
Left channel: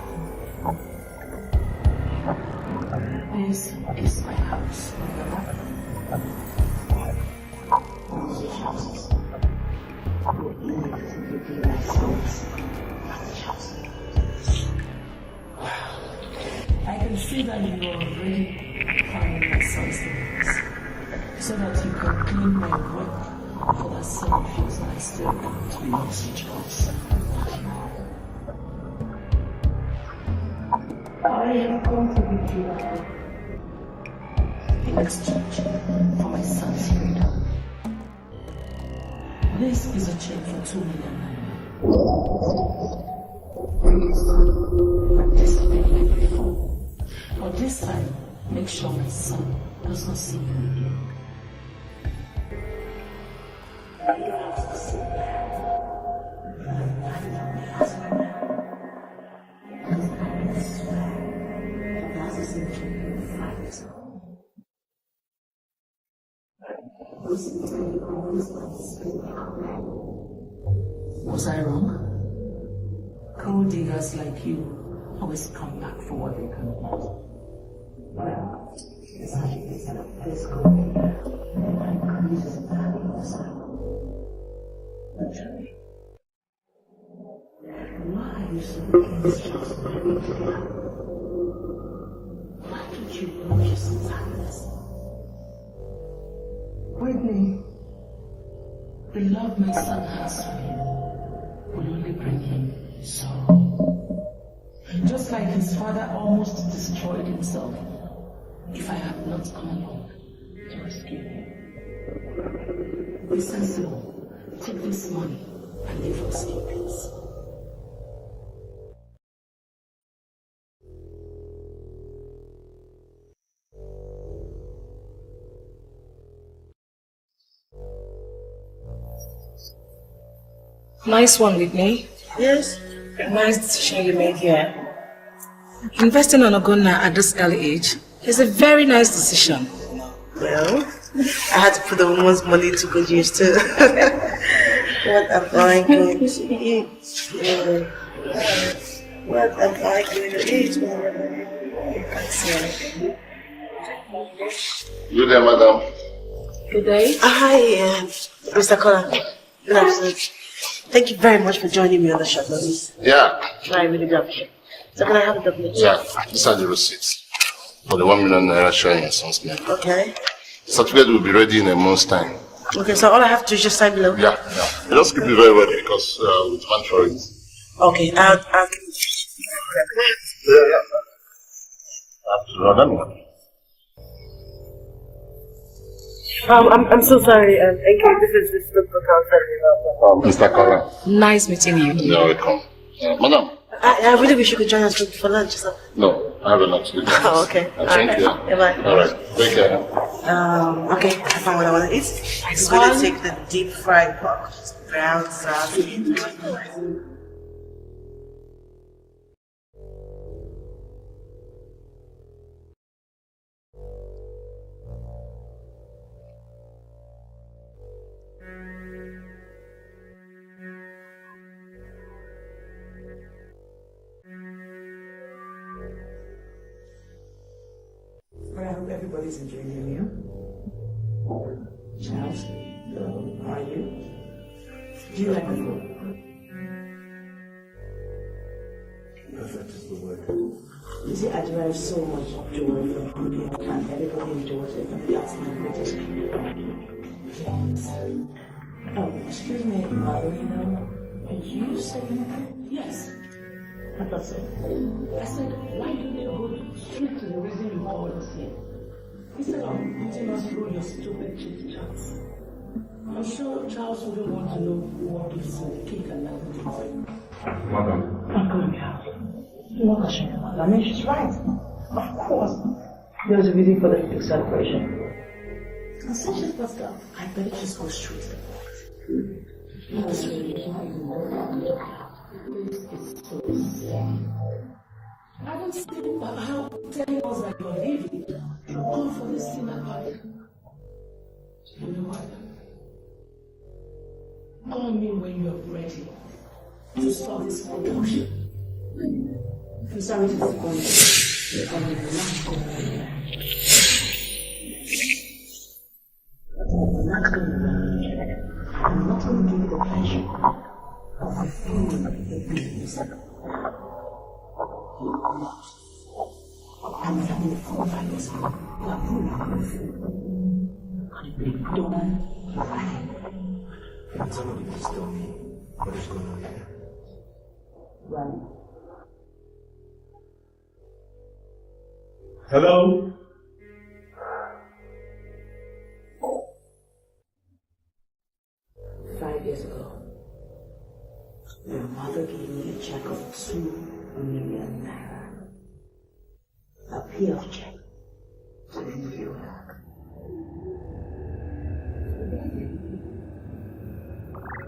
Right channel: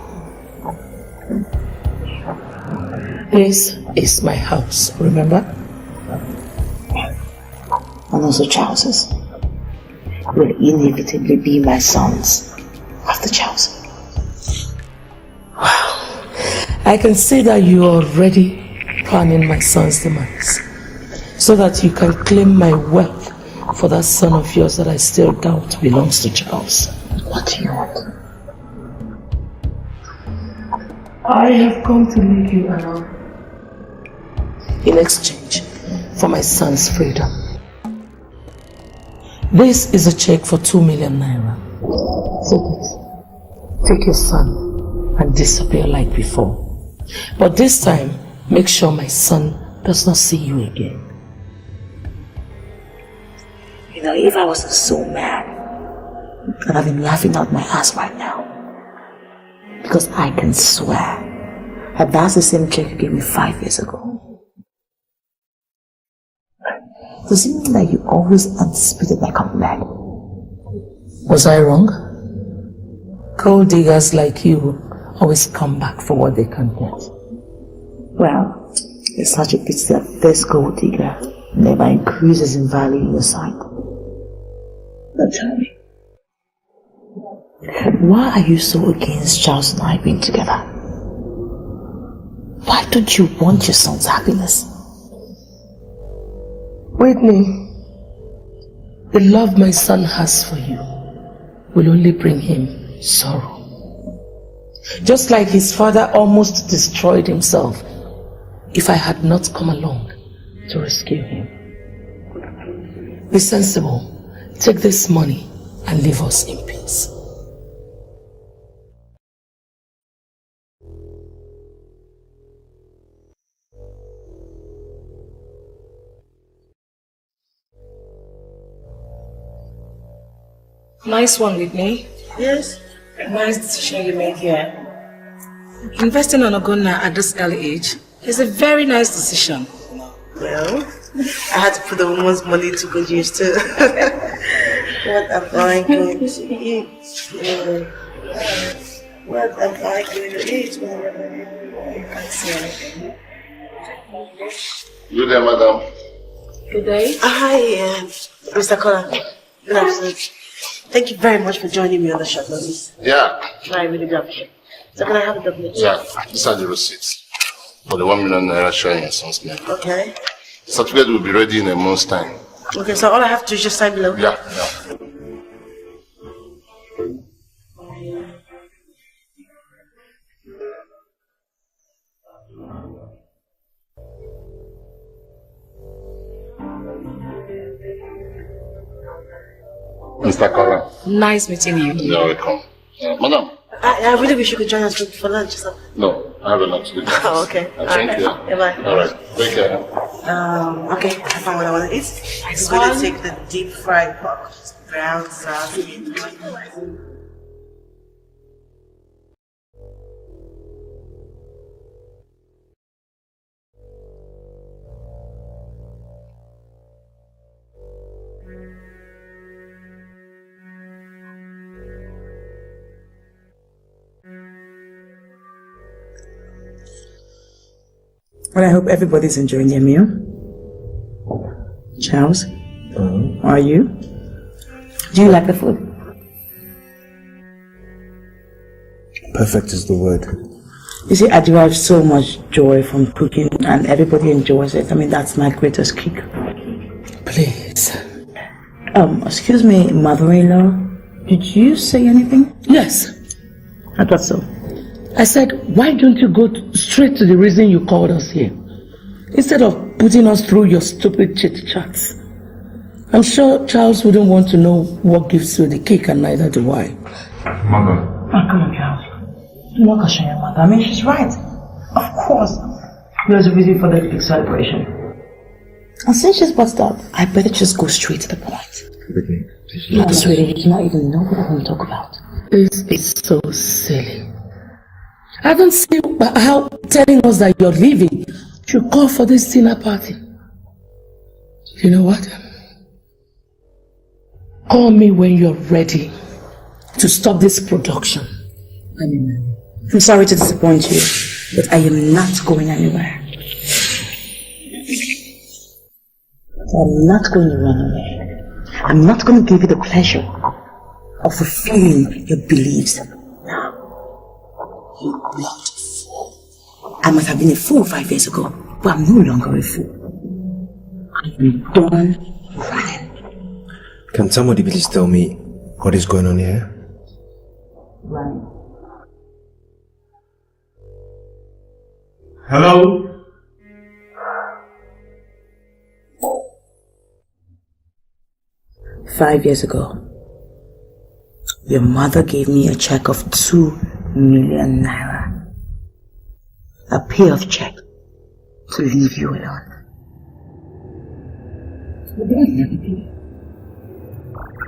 This is my house, remember? And also Charles's will inevitably be my sons after Charles. Wow. I can see that you're already planning my son's demise so that you can claim my wealth for that son of yours that I still doubt belongs to Charles. What do you want? I have come to leave you alone in exchange for my son's freedom. This is a check for 2 million naira. Take your son and disappear like before. But this time, make sure my son does not see you again. You know, if I wasn't so mad, I'd have been laughing out my ass right now. Because I can swear that that's the same check you gave me 5 years ago. Does it mean that you always anticipated my coming back? Was I wrong? Gold diggers like you always come back for what they can get. Well, it's such a pity that this gold digger never increases in value in your sight. But tell me, why are you so against Charles and I being together? Why don't you want your son's happiness? Whitney, the love my son has for you will only bring him sorrow. Just like his father almost destroyed himself if I had not come along to rescue him. Be sensible. Take this money and leave us in peace. Nice one, Whitney. Yes. Nice decision you made here. Investing on Ogonna at this early age is a very nice decision. Well, I had to put the woman's money to good use too. What am I going to eat? What am I going to eat? I see anything. You there, madam? Good day. Hi, Mr. Collar. Good afternoon. Thank you very much for joining me on the short notice. Yeah. I really do appreciate it. So can I have a document? Yeah, these are the receipts for the 1 million naira showing your son's name. Okay. The certificate will be ready in a month's time. Okay, so all I have to do is just sign below? Yeah. You just keep it very well because we demand for it. Okay, I'll I'm so sorry. Thank you. This is Dr. Mr. Collar. Nice meeting you. You're welcome. Madam. I really wish you could join us for lunch. So. No, I have a lot to do. Oh, okay. Thank you. Yeah, bye. All right. Take care. Okay, I found what I want to eat. I'm going to take the deep fried pork. Brown sauce. Well, I hope everybody's enjoying their meal. Charles, are you? Do you like the food? Perfect is the word. You see, I derive so much joy from cooking and everybody enjoys it. I mean, that's my greatest kick. Please. Excuse me, mother-in-law. Did you say anything? Yes. I thought so. I said, why don't you go straight to the reason you called us here? Instead of putting us through your stupid chit-chats. I'm sure Charles wouldn't want to know what gives you the cake, and neither do I. Mother. Oh, come on, Charles. Don't walk on your mother. I mean, she's right. Of course. There's a reason for the big celebration. And since she's busted up, I better just go straight to the point. Whitney. No, sweetie, you do not even know what I want to talk about. This is so silly. I don't see how telling us that you're leaving should call for this dinner party. You know what? Call me when you're ready to stop this production. I'm sorry to disappoint you, but I am not going anywhere. I'm not going to run away. I'm not going to give you the pleasure of fulfilling your beliefs. No. You blood fool. I must have been a fool 5 years ago, but I'm no longer a fool. I'm done running. Can somebody please tell me what is going on here? Running. Hello? Five years ago, your mother gave me a check of 2 million naira. A payoff check to leave you alone. What do I never do?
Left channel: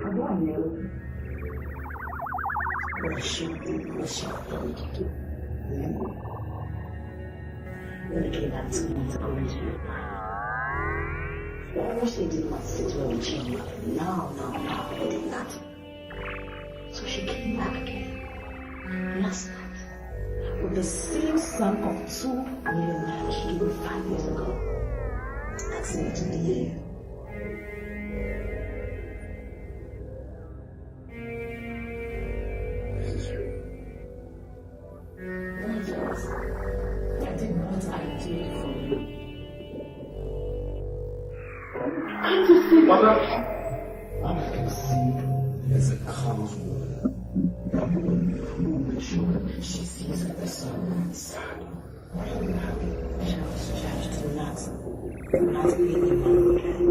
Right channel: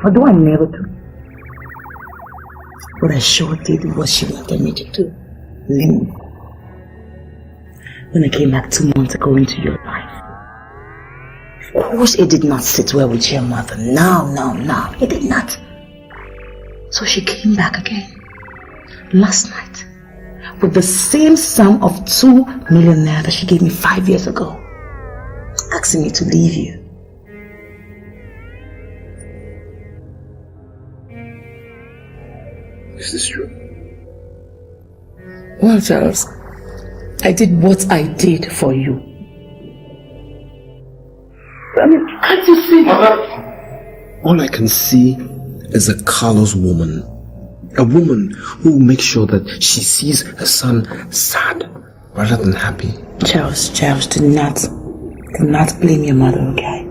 What do I never do? What I sure did was she wanted me to do. Leave. When I came back 2 months ago into your life, of course it did not sit well with your mother. No, it did not. So she came back again, last night, with the same sum of 2 million naira that she gave me 5 years ago, asking me to leave you. Is this true? Well, Charles, I did what I did for you. I mean, can't you see that? All I can see is a callous woman. A woman who makes sure that she sees her son sad rather than happy. Charles, do not blame your mother, okay?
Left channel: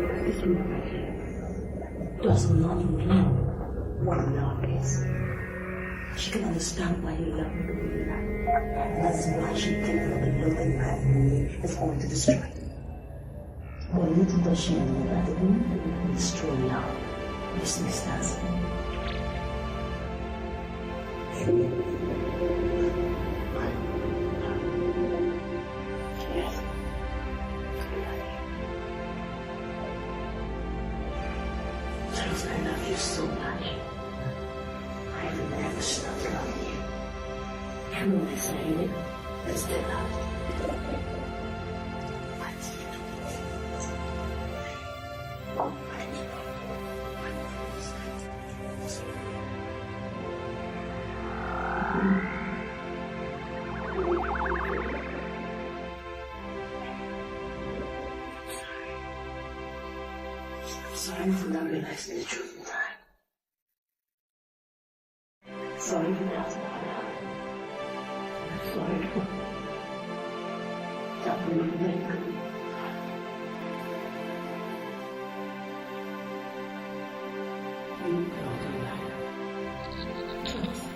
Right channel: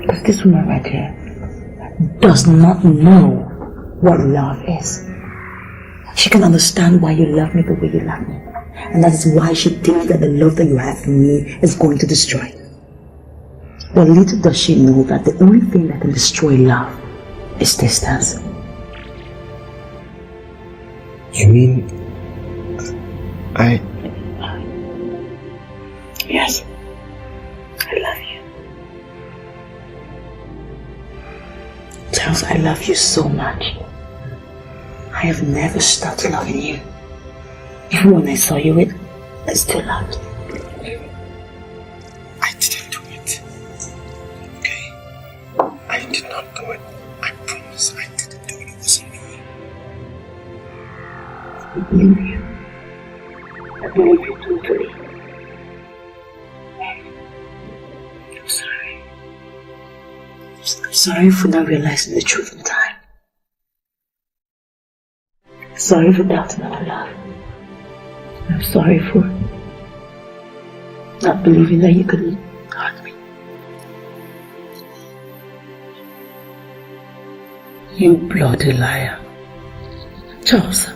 Because this woman right here does not know what love is. She can understand why you love me the way you love me. And that is why she thinks that the love that you have for me is going to destroy you. But little does she know that the only thing that can destroy love is distance. You mean... Yes. I love you. Charles, I love you so much. I have never stopped loving you. Even when I saw you with, I still loved you. I didn't do it. Okay? I did not do it. I promise I didn't do it. It wasn't me. I believe you. I believe you totally. I'm sorry. I'm sorry for not realizing the truth in time. Sorry for doubting our love. I'm sorry for not believing that you could hurt me. You bloody liar. Charles,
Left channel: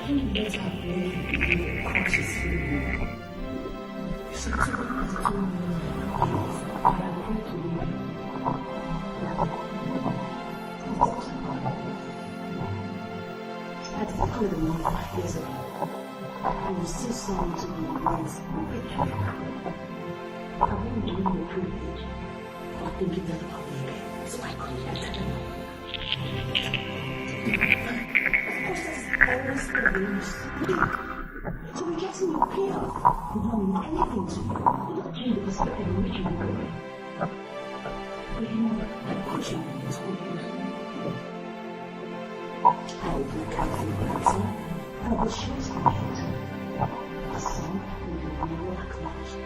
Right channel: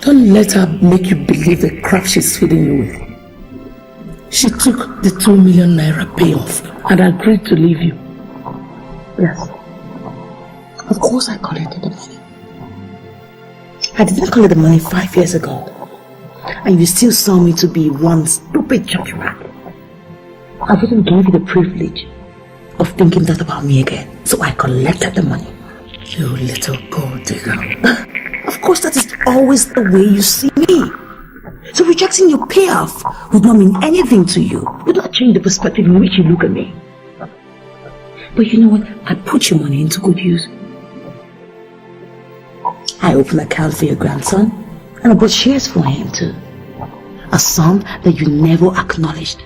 don't let her make you believe the crap she's feeding you with. She took the 2 million naira payoff and agreed to leave you. Yes. Of course I collected the money. I didn't collect the money 5 years ago. And you still saw me to be one stupid church rat. I didn't give you the privilege of thinking that about me again. So I collected the money. You little gold digger. Of course that is always the way you see me. So rejecting your payoff would not mean anything to you. It would not change the perspective in which you look at me. But you know what? I put your money into good use. I opened an account for your grandson, and I bought shares for him too. A son that you never acknowledged.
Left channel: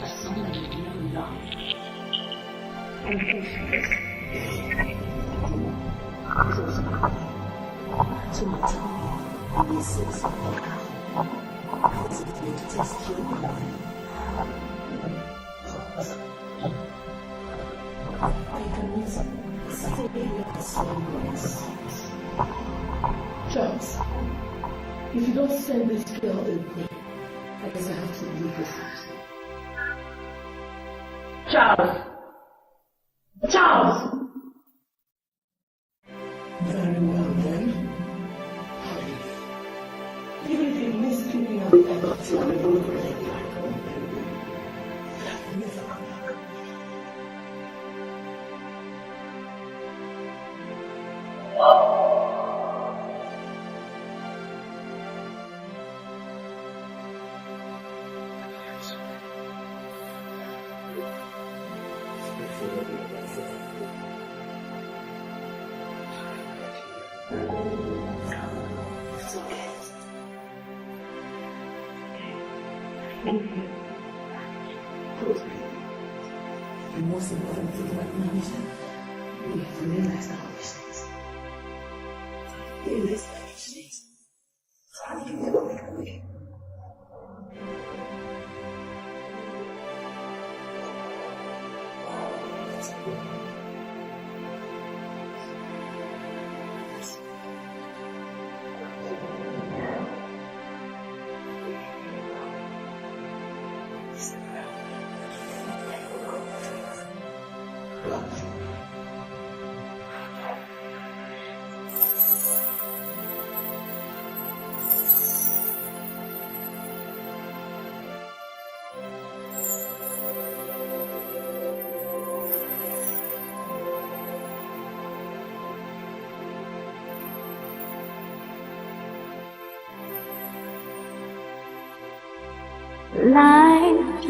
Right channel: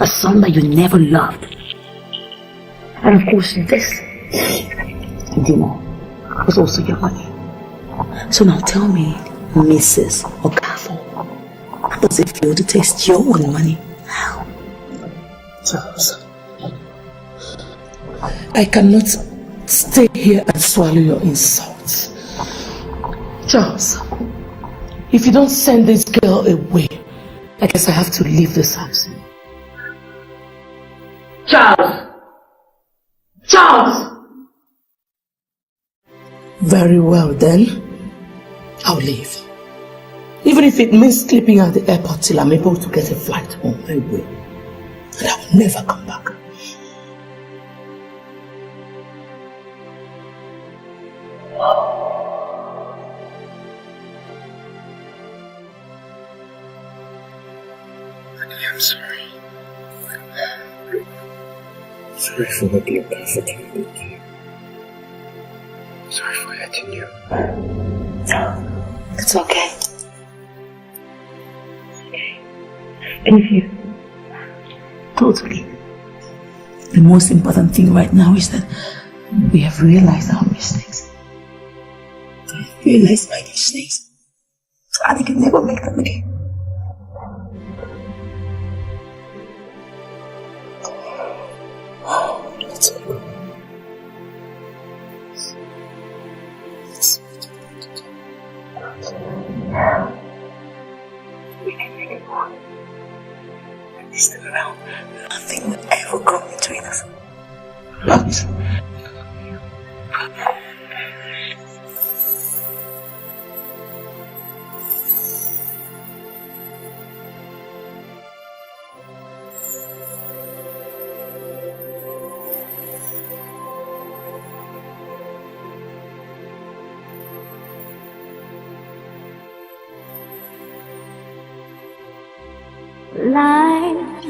A son that you never loved. And of course this dinner was also your money. So now tell me, Mrs. Okafor, how does it feel to taste your own money? Charles, I cannot stay here and swallow your insults. Charles, if you don't send this girl away, I guess I have to leave this house. Charles! Charles! Very well then. I'll leave. Even if it means sleeping at the airport till I'm able to get a flight home, I will. And I will never come back. I'm sorry. Sorry for not being comfortable with you. Sorry for hurting you. It's okay. It's okay. And if you... Totally. The most important thing right now is that we have realized our mistakes. Realized my mistakes. So I can never make them again. Let's go. We can make it work. This time around, nothing will ever come between us. But Life,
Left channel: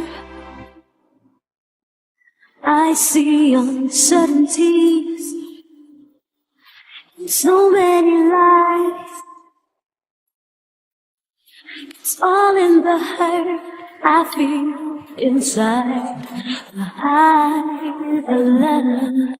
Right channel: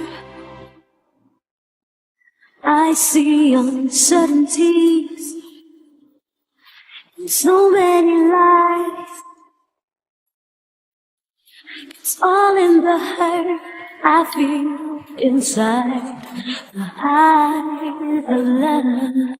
I see uncertainties in so many lives. It's all in the hurt I feel inside. The high, the letter.